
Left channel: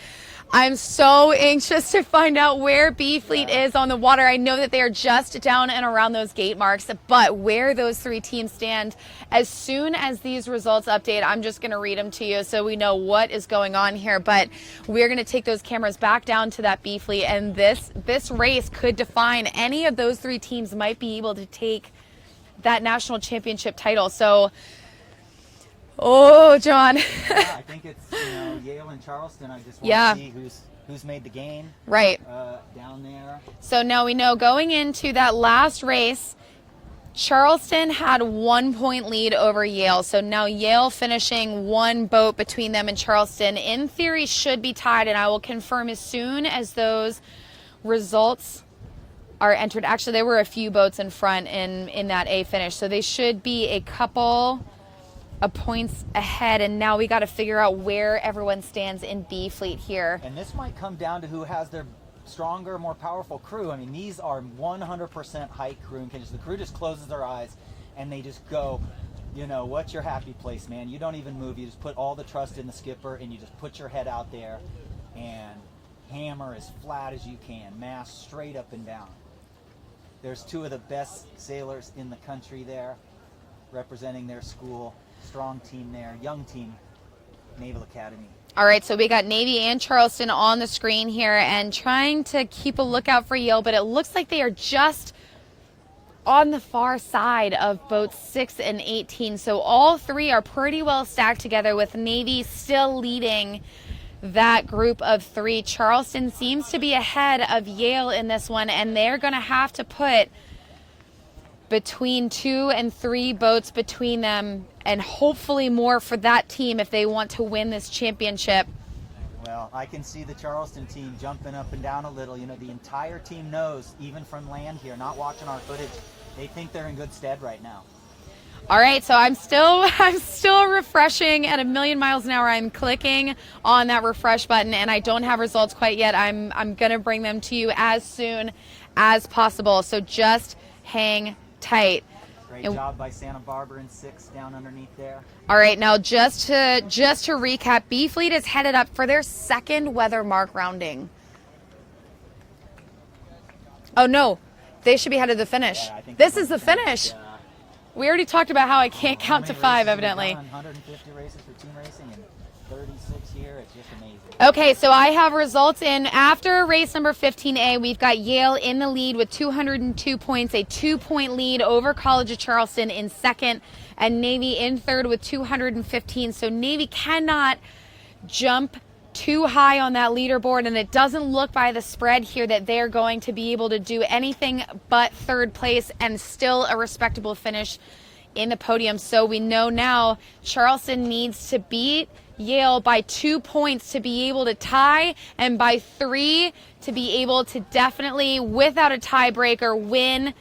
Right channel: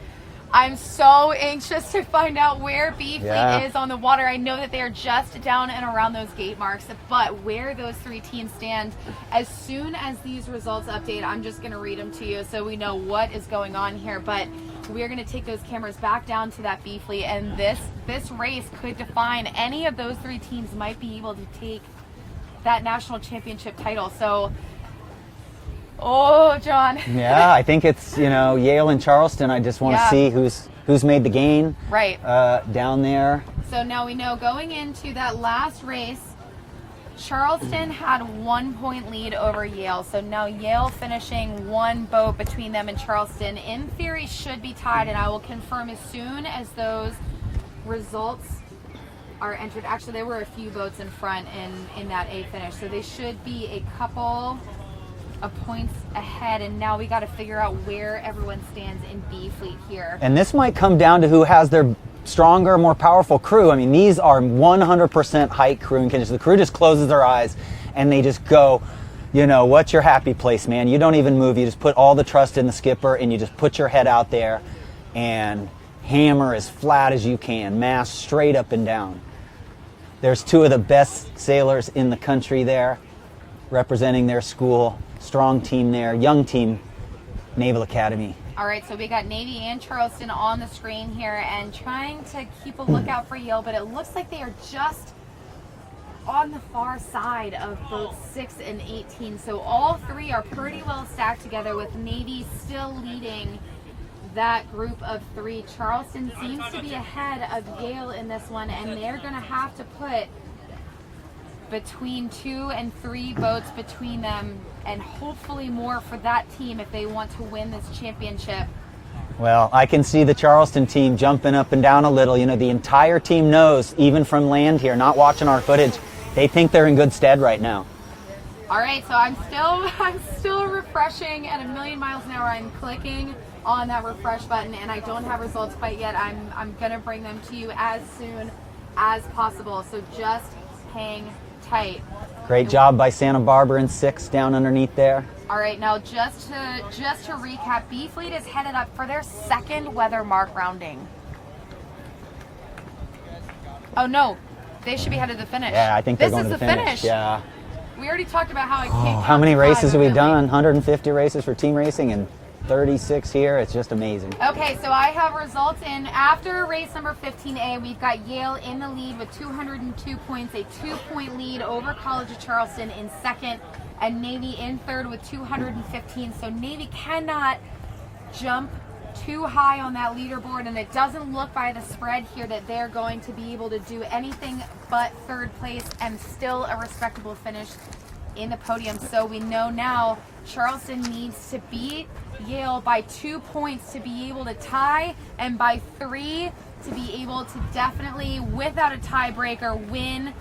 I'm so anxious to find out where B Fleet is on the water. I know that they are just down and around those gate marks, but where those 3 teams stand, as soon as these results update, I'm just going to read them to you so we know what is going on here. But we're going to take those cameras back down to that B Fleet, and this race could define any of those 3 teams might be able to take that national championship title. So, oh, John. Yeah, I think it's, Yale and Charleston. I just want to see who's made the gain down there. So now we know going into that last race, Charleston had 1 point lead over Yale. So now Yale finishing 1 boat between them and Charleston, in theory, should be tied, and I will confirm as soon as those results are entered. Actually, there were a few boats in front in that A finish, so they should be a couple of points ahead, and now we got to figure out where everyone stands in B Fleet here. And this might come down to who has their stronger, more powerful crew. I mean, these are 100% hike crewing conditions. The crew just closes their eyes and they just go, what's your happy place, man? You don't even move. You just put all the trust in the skipper, and you just put your head out there and hammer as flat as you can, mast straight up and down. There's 2 of the best sailors in the country there representing their school. Strong team there, young team, Naval Academy. All right, so we got Navy and Charleston on the screen here, and trying to keep a lookout for Yale, but it looks like they are just on the far side of boats 6 and 18. So all three are pretty well stacked together, with Navy still leading that group of three. Charleston seems to be ahead of Yale in this one, and they're going to have to put between 2 and 3 boats between them, and hopefully more for that team if they want to win this championship. Well, I can see the Charleston team jumping up and down a little. You know, the entire team knows, even from land here, not watching our footage, they think they're in good stead right now. All right, so I'm still refreshing at 1,000,000 miles an hour. I'm clicking on that refresh button, and I don't have results quite yet. I'm gonna bring them to you as soon as possible. So just hang tight. Great job by Santa Barbara in 6 down underneath there. All right, now just to recap, B Fleet is headed up for their second weather mark rounding. Oh no, they should be headed to the finish. Yeah, I think this they're is going the to finish. Yeah. We already talked about how I can't count How many to 5, races have we evidently. done? 150 races for team racing and 36 here. It's just amazing. Okay, so I have results in after race number 15A. We've got Yale in the lead with 202 points, a 2-point lead over College of Charleston in second, and Navy in third with 215. So Navy cannot jump too high on that leaderboard, and it doesn't look by the spread here that they're going to be able to do anything but third place and still a respectable finish in the podium. So we know now Charleston needs to beat Yale by 2 points to be able to tie, and by 3 to be able to definitely, without a tiebreaker, win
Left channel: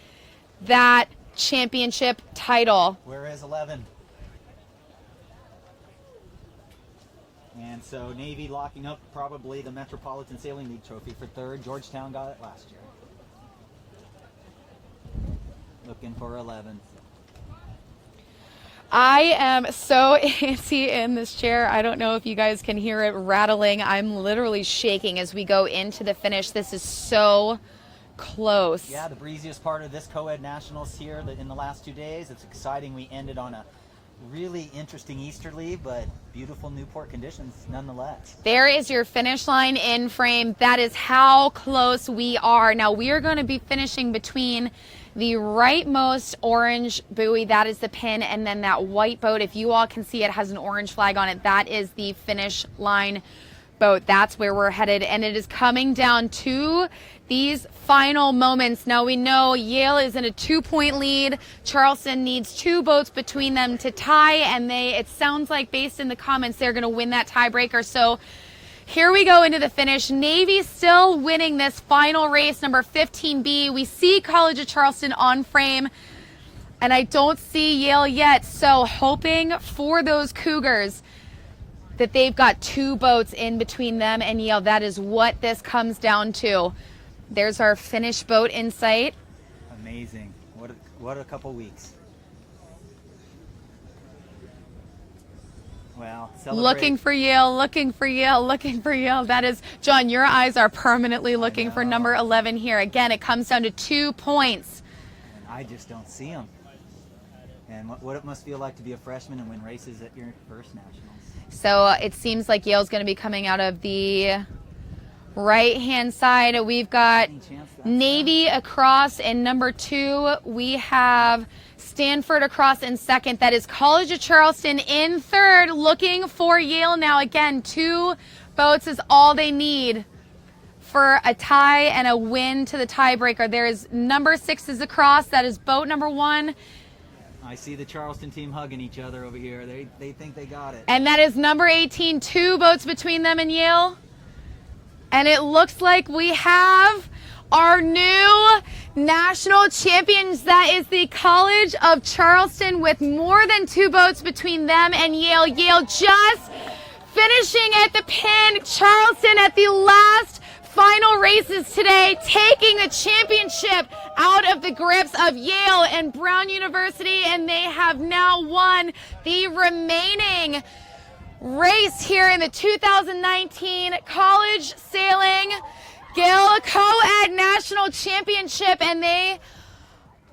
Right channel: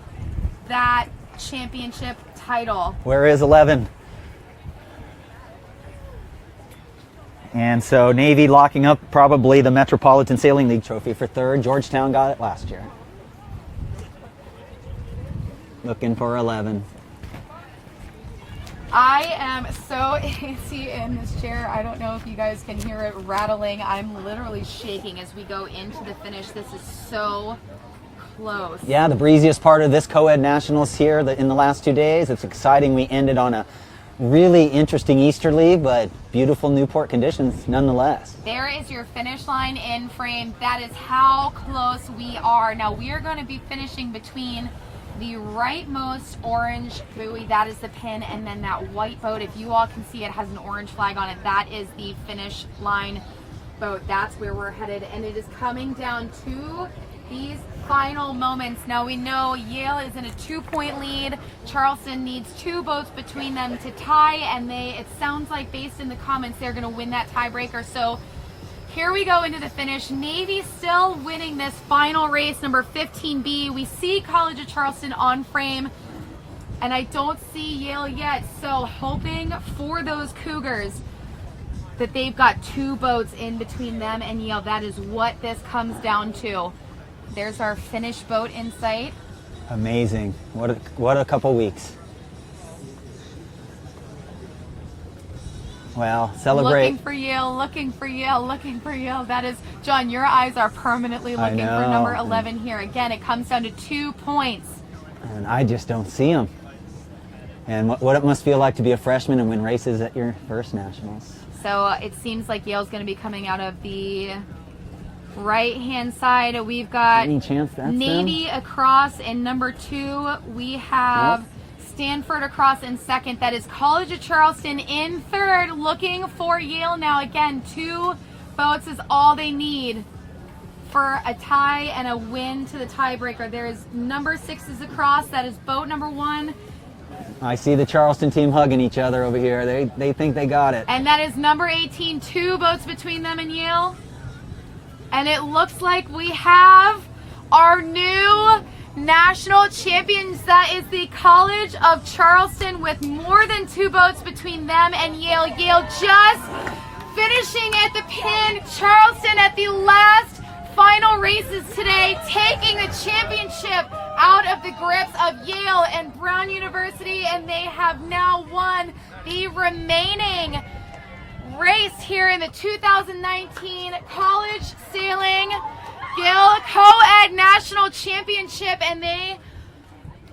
that championship title. Where is 11? And so Navy locking up probably the Metropolitan Sailing League trophy for third. Georgetown got it last year. Looking for 11. I am so antsy in this chair. I don't know if you guys can hear it rattling. I'm literally shaking as we go into the finish. This is so close. Yeah, the breeziest part of this Coed Nationals here in the last 2 days. It's exciting. We ended on a really interesting easterly, but beautiful Newport conditions nonetheless. There is your finish line in frame. That is how close we are. Now we are going to be finishing between the rightmost orange buoy, that is the pin, and then that white boat, if you all can see, it has an orange flag on it. That is the finish line boat. That's where we're headed, and it is coming down to these final moments. Now we know Yale is in a 2-point lead. Charleston needs 2 boats between them to tie, and it sounds like, based in the comments, they're going to win that tiebreaker. So here we go into the finish. Navy still winning this final race, number 15B. We see College of Charleston on frame, and I don't see Yale yet. So hoping for those Cougars that they've got 2 boats in between them and Yale. That is what this comes down to. There's our finish boat in sight. Amazing. What a couple weeks. Well, celebrate. Looking for Yale, looking for Yale, looking for Yale. That is, John, your eyes are permanently looking for number 11 here. Again, it comes down to 2 points. And I just don't see them. And what it must feel like to be a freshman and win races at your first nationals. So it seems like Yale's going to be coming out of the right-hand side. We've got Navy across in number 2. We have Stanford across in second. That is College of Charleston in third, looking for Yale now. Again, 2 boats is all they need for a tie and a win to the tiebreaker. There is number 6 is across. That is boat number 1. I see the Charleston team hugging each other over here. They think they got it. And that is number 18, 2 boats between them and Yale. And it looks like we have our new national champions. That is the College of Charleston with more than 2 boats between them and Yale. Yale just finishing at the pin. Charleston at the last final races today, taking the championship out of the grips of Yale and Brown University, and they have now won the remaining race here in the 2019 College Sailing Gill Coed National Championship, and they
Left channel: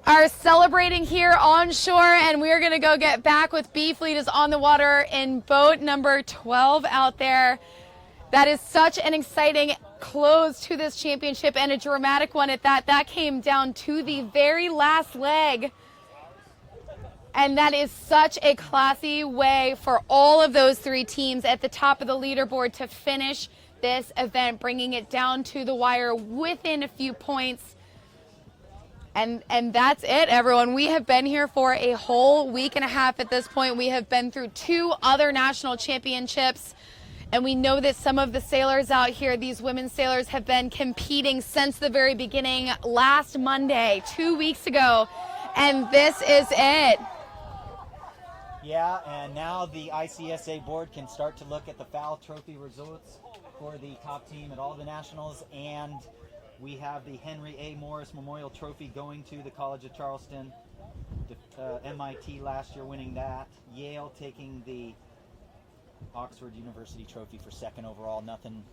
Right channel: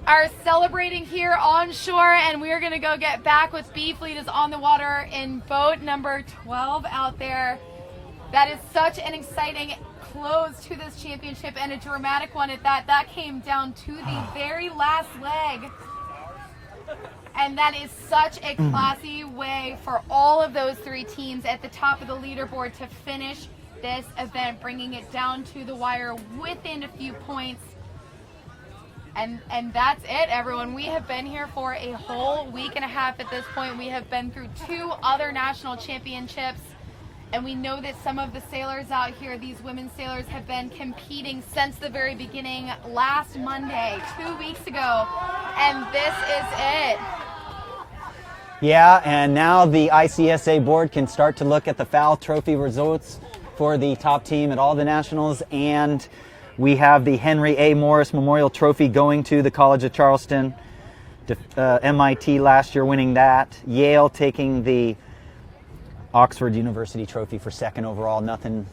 are celebrating here on shore, and we're gonna go get back with B Fleet is on the water in boat number 12 out there. That is such an exciting close to this championship, and a dramatic one at that. That came down to the very last leg. And that is such a classy way for all of those three teams at the top of the leaderboard to finish this event, bringing it down to the wire within a few points. And that's it, everyone. We have been here for a whole week and a half at this point. We have been through 2 other national championships. And we know that some of the sailors out here, these women sailors, have been competing since the very beginning last Monday, 2 weeks ago. And this is it. Yeah, and now the ICSA board can start to look at the FAL trophy results for the top team at all the nationals. And we have the Henry A. Morris Memorial Trophy going to the College of Charleston. MIT last year winning that. Yale taking the Oxford University Trophy for 2nd overall. Nothing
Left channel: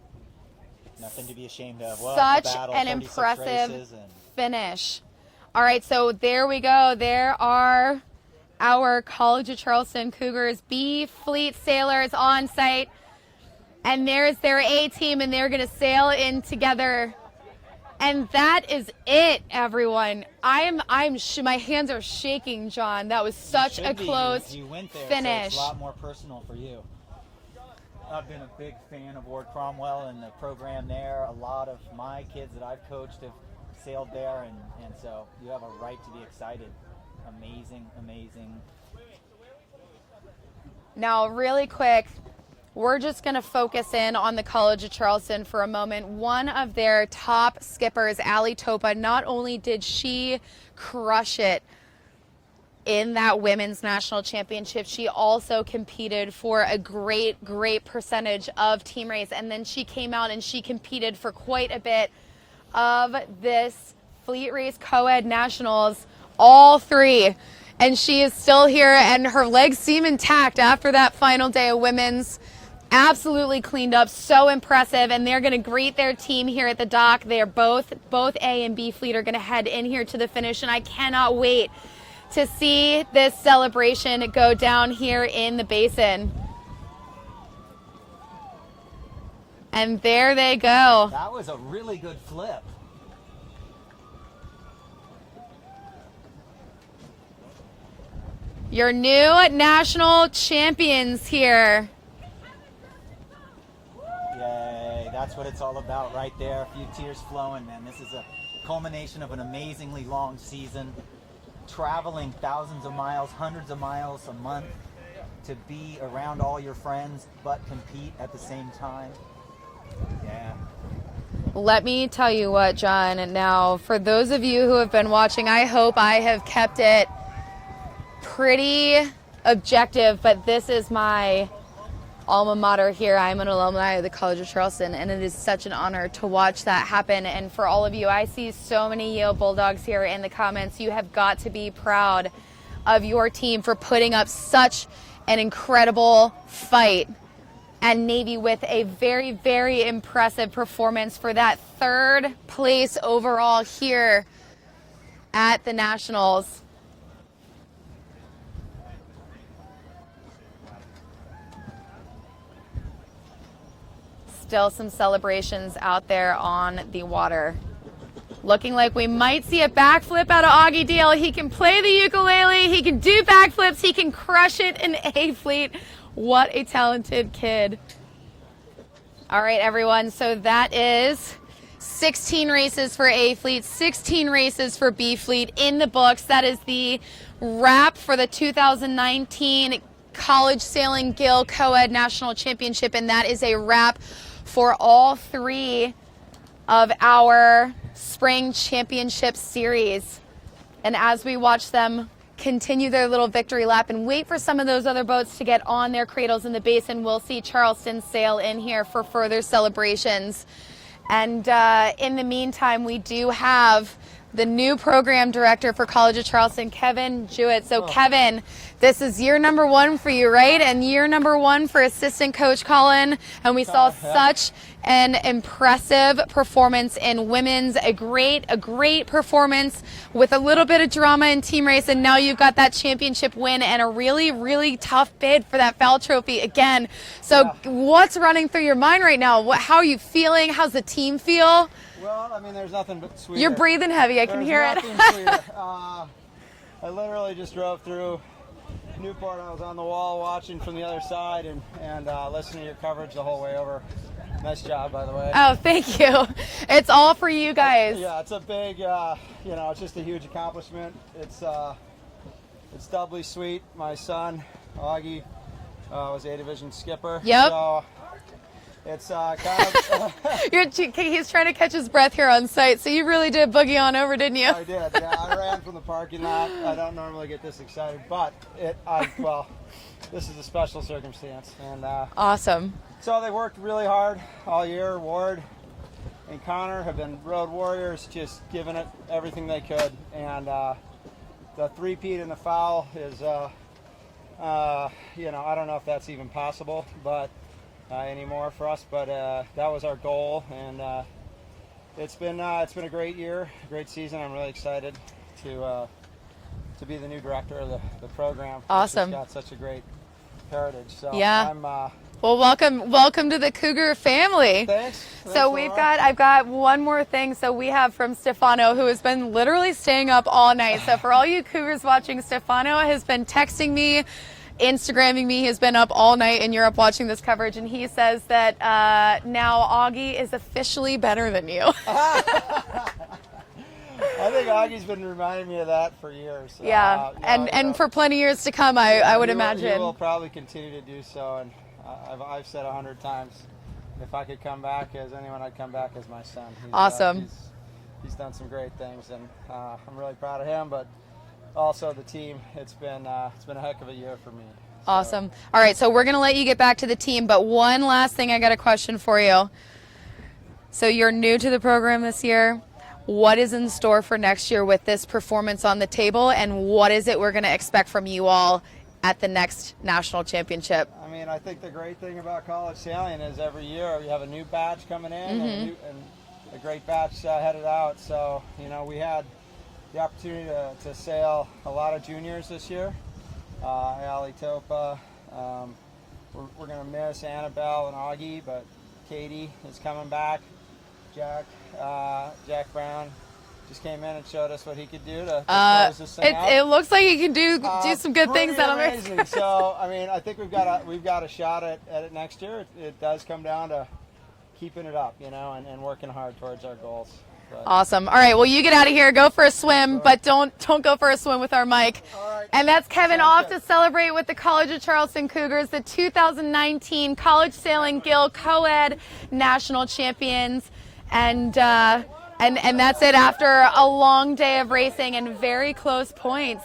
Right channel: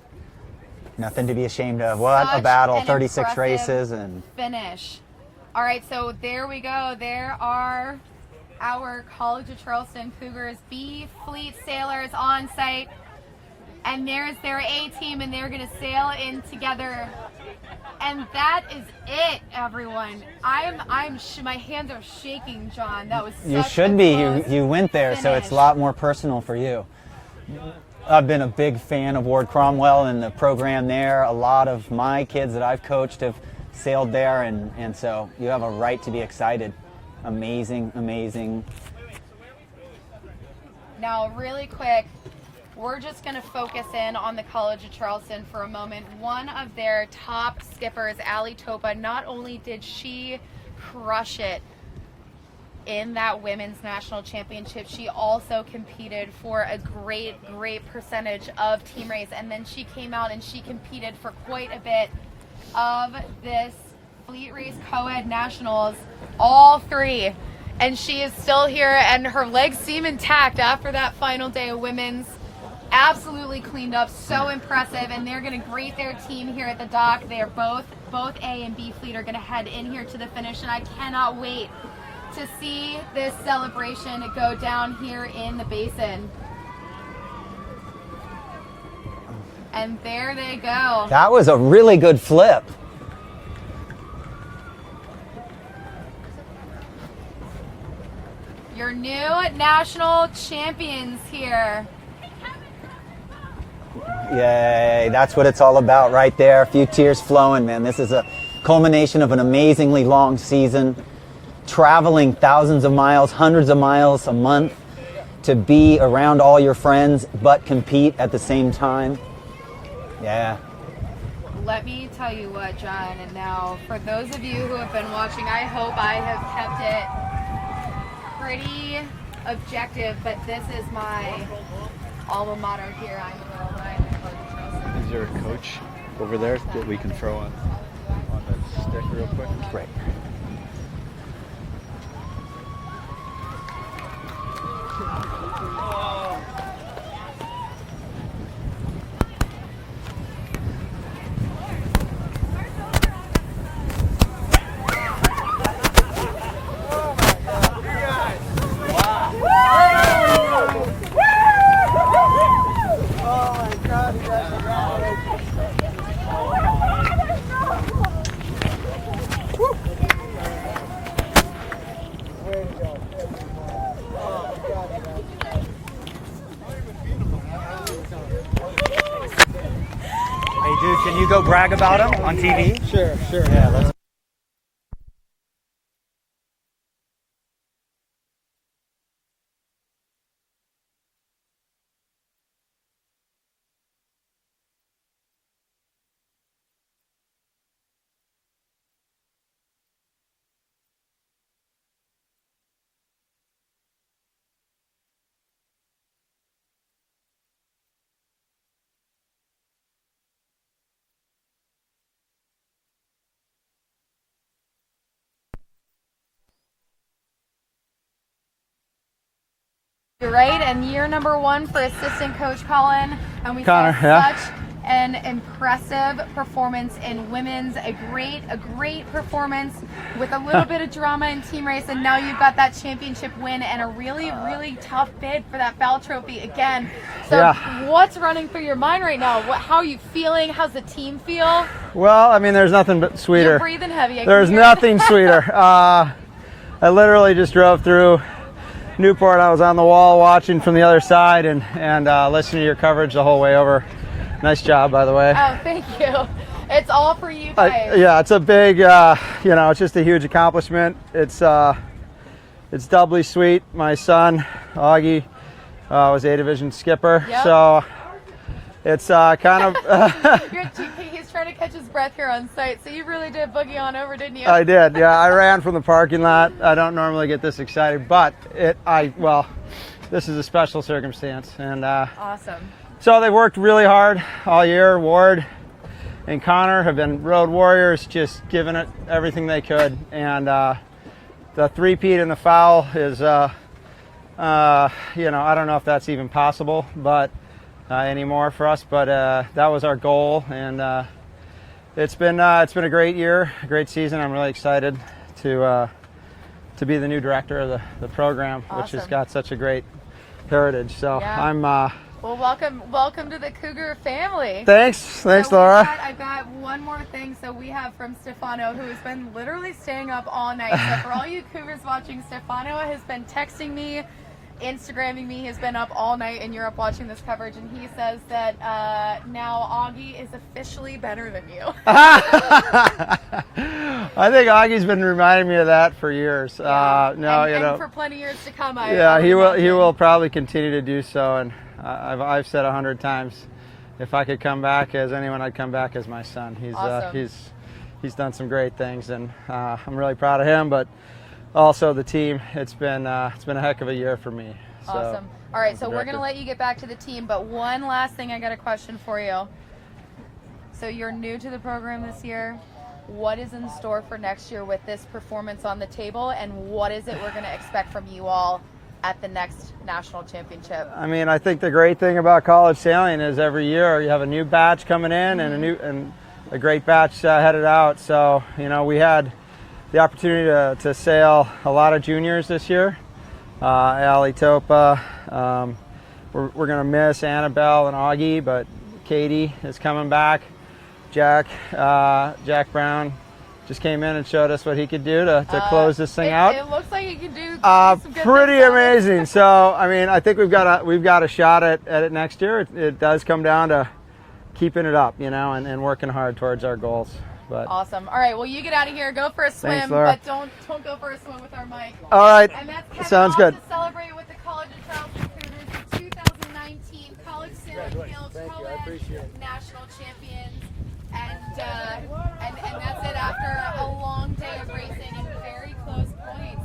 to be ashamed of. What Such a battle, an 36 impressive races. And finish. All right, so there we go. There are our College of Charleston Cougars B Fleet Sailors on site. And there's their A team, and they're going to sail in together. And that is it, everyone. My hands are shaking, John. That was such you should a be. close You went there, so it's finish. a lot more personal for you. I've been a big fan of Ward Cromwell and the program there. A lot of my kids that I've coached have sailed there, and so you have a right to be excited. Amazing, amazing. Now, really quick, we're just going to focus in on the College of Charleston for a moment. One of their top skippers, Allie Topa, not only did she crush it in that women's national championship, she also competed for a great percentage of team race. And then she came out and she competed for quite a bit of this Fleet Race Coed Nationals, all 3. And she is still here, and her legs seem intact after that final day of women's. Absolutely cleaned up, so impressive, and they're going to greet their team here at the dock. They are both A and B Fleet are going to head in here to the finish, and I cannot wait to see this celebration go down here in the basin. And there they go. That was a really good flip. Your new national champions here. Yay, that's what it's all about right there. A few tears flowing, man. This is a culmination of an amazingly long season. Traveling thousands of miles, hundreds of miles a month to be around all your friends, but compete at the same time. Yeah. Let me tell you what, John, and now for those of you who have been watching, I hope I have kept it pretty objective, but this is my alma mater here. I'm an alumni of the College of Charleston, and it is such an honor to watch that happen. And for all of you, I see so many Yale Bulldogs here in the comments. You have got to be proud of your team for putting up such an incredible fight. And Navy with a very impressive performance for that 3rd place overall here at the Nationals. Still some celebrations out there on the water. Looking like we might see a backflip out of Augie Deal. He can play the ukulele, he can do backflips, he can crush it in A Fleet. What a talented kid. All right, everyone, so that is Can you go brag about 16 races for A Fleet, 16 races for B Fleet in the books. That is the wrap for the 2019 College Sailing Gill Coed National Championship, and that is a wrap for all 3 of our spring championship series. And as we watch them continue their little victory lap and wait for some of those other boats to get on their cradles in the basin, we'll see Charleston sail in here for further celebrations. And in the meantime, we do have the new program director for College of Charleston, Kevin Jewett. So Kevin, this is year number 1 for you, right? And year number 1 for assistant coach Colin. And we saw such an impressive performance in women's, a great performance with a little bit of drama in team race, and now you've got that championship win and a really tough bid for that FAL trophy again. So what's running through your mind right now? How are you feeling? How's the team feel? Well, I mean, there's nothing but sweeter. You're breathing heavy. There's nothing sweeter. I literally just drove through Newport. I was on the wall watching from the other side and listening to your coverage the whole way over. Nice job, by the way. Oh, thank you. It's all for you guys. Yeah, it's a big, it's just a huge accomplishment. It's doubly sweet. My son, Augie, was A division skipper. Yep. So it's kind of... He's trying to catch his breath here on site, so you really did boogie on over, didn't you? I did, yeah. I ran from the parking lot. I don't normally get this excited, but this is a special circumstance. And awesome. So they've worked really hard all year. Ward and Connor have been road warriors, just giving it everything they could. And the three-peat in the FAL is, I don't know if that's even possible, but anymore for us. But that was our goal, and it's been a great year, a great season. I'm really excited to be the new director of the program, which has got such a great heritage. So I'm. Well, welcome to the Cougar family. Thanks, Laura. I've got one more thing. So we have from Stefano, who has been literally staying up all night. So for all you Cougars watching, Stefano has been texting me, Instagramming me. He's been up all night in Europe watching this coverage, and he says that now Augie is officially better than you. I think Augie's been reminding me of that for years. Yeah, and for plenty of years to come, I would imagine. He will probably continue to do so, and I've said 100 times, if I could come back as anyone, I'd come back as my son. He's awesome. He's done some great things, and I'm really proud of him, but also the team. It's been a heck of a year for me. So. Awesome. All right, so we're going to let you get back to the team, but one last thing, I got a question for you. So you're new to the program this year. What is in store for next year with this performance on the table, and what is it we're going to expect from you all at the next national championship? I mean, I think the great thing about college sailing is every year you have a new batch coming in and a great batch headed out. So, we had the opportunity to sail a lot of juniors this year. Ali Topa, we're going to miss Annabelle and Augie, but Katie is coming back. Jack Brown just came in and showed us what he could do to close this thing out. It looks like he can do some good things. Pretty amazing. So, I mean, I think we've got a shot at it next year. It does come down to keeping it up, and working hard towards our goals. But awesome. All right, well, you get out of here. Go for a swim, but don't go for a swim with our mic. All right. And that's Kevin off to celebrate with the College of Charleston Cougars, the 2019 College Sailing Gill Coed National Champions. And that's it after a long day of racing and very close points.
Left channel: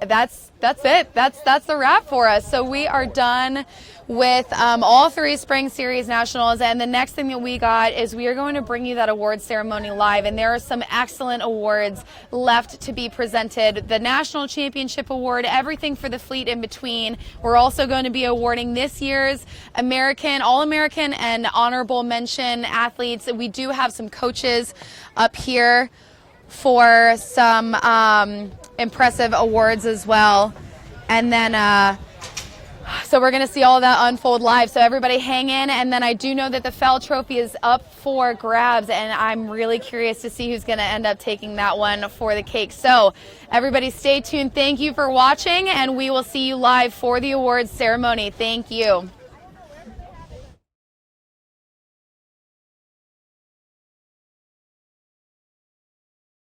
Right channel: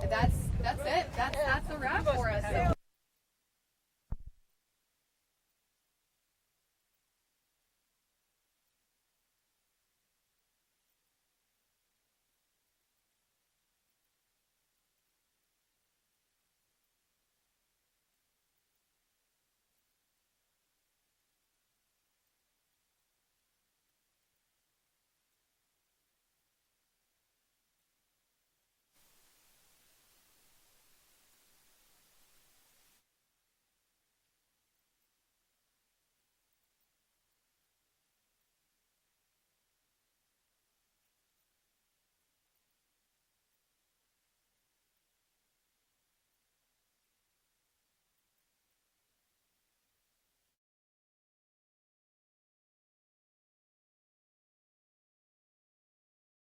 That's it. That's the wrap for us. So we are done with all three Spring Series Nationals, and the next thing that we got is we are going to bring you that awards ceremony live, and there are some excellent awards left to be presented. The National Championship Award, everything for the fleet in between. We're also going to be awarding this year's All-American and honorable mention athletes. We do have some coaches up here for some impressive awards as well. And then so we're going to see all of that unfold live. So everybody hang in. And then I do know that the FAL trophy is up for grabs, and I'm really curious to see who's going to end up taking that one for the cake. So everybody stay tuned. Thank you for watching, and we will see you live for the awards ceremony. Thank you.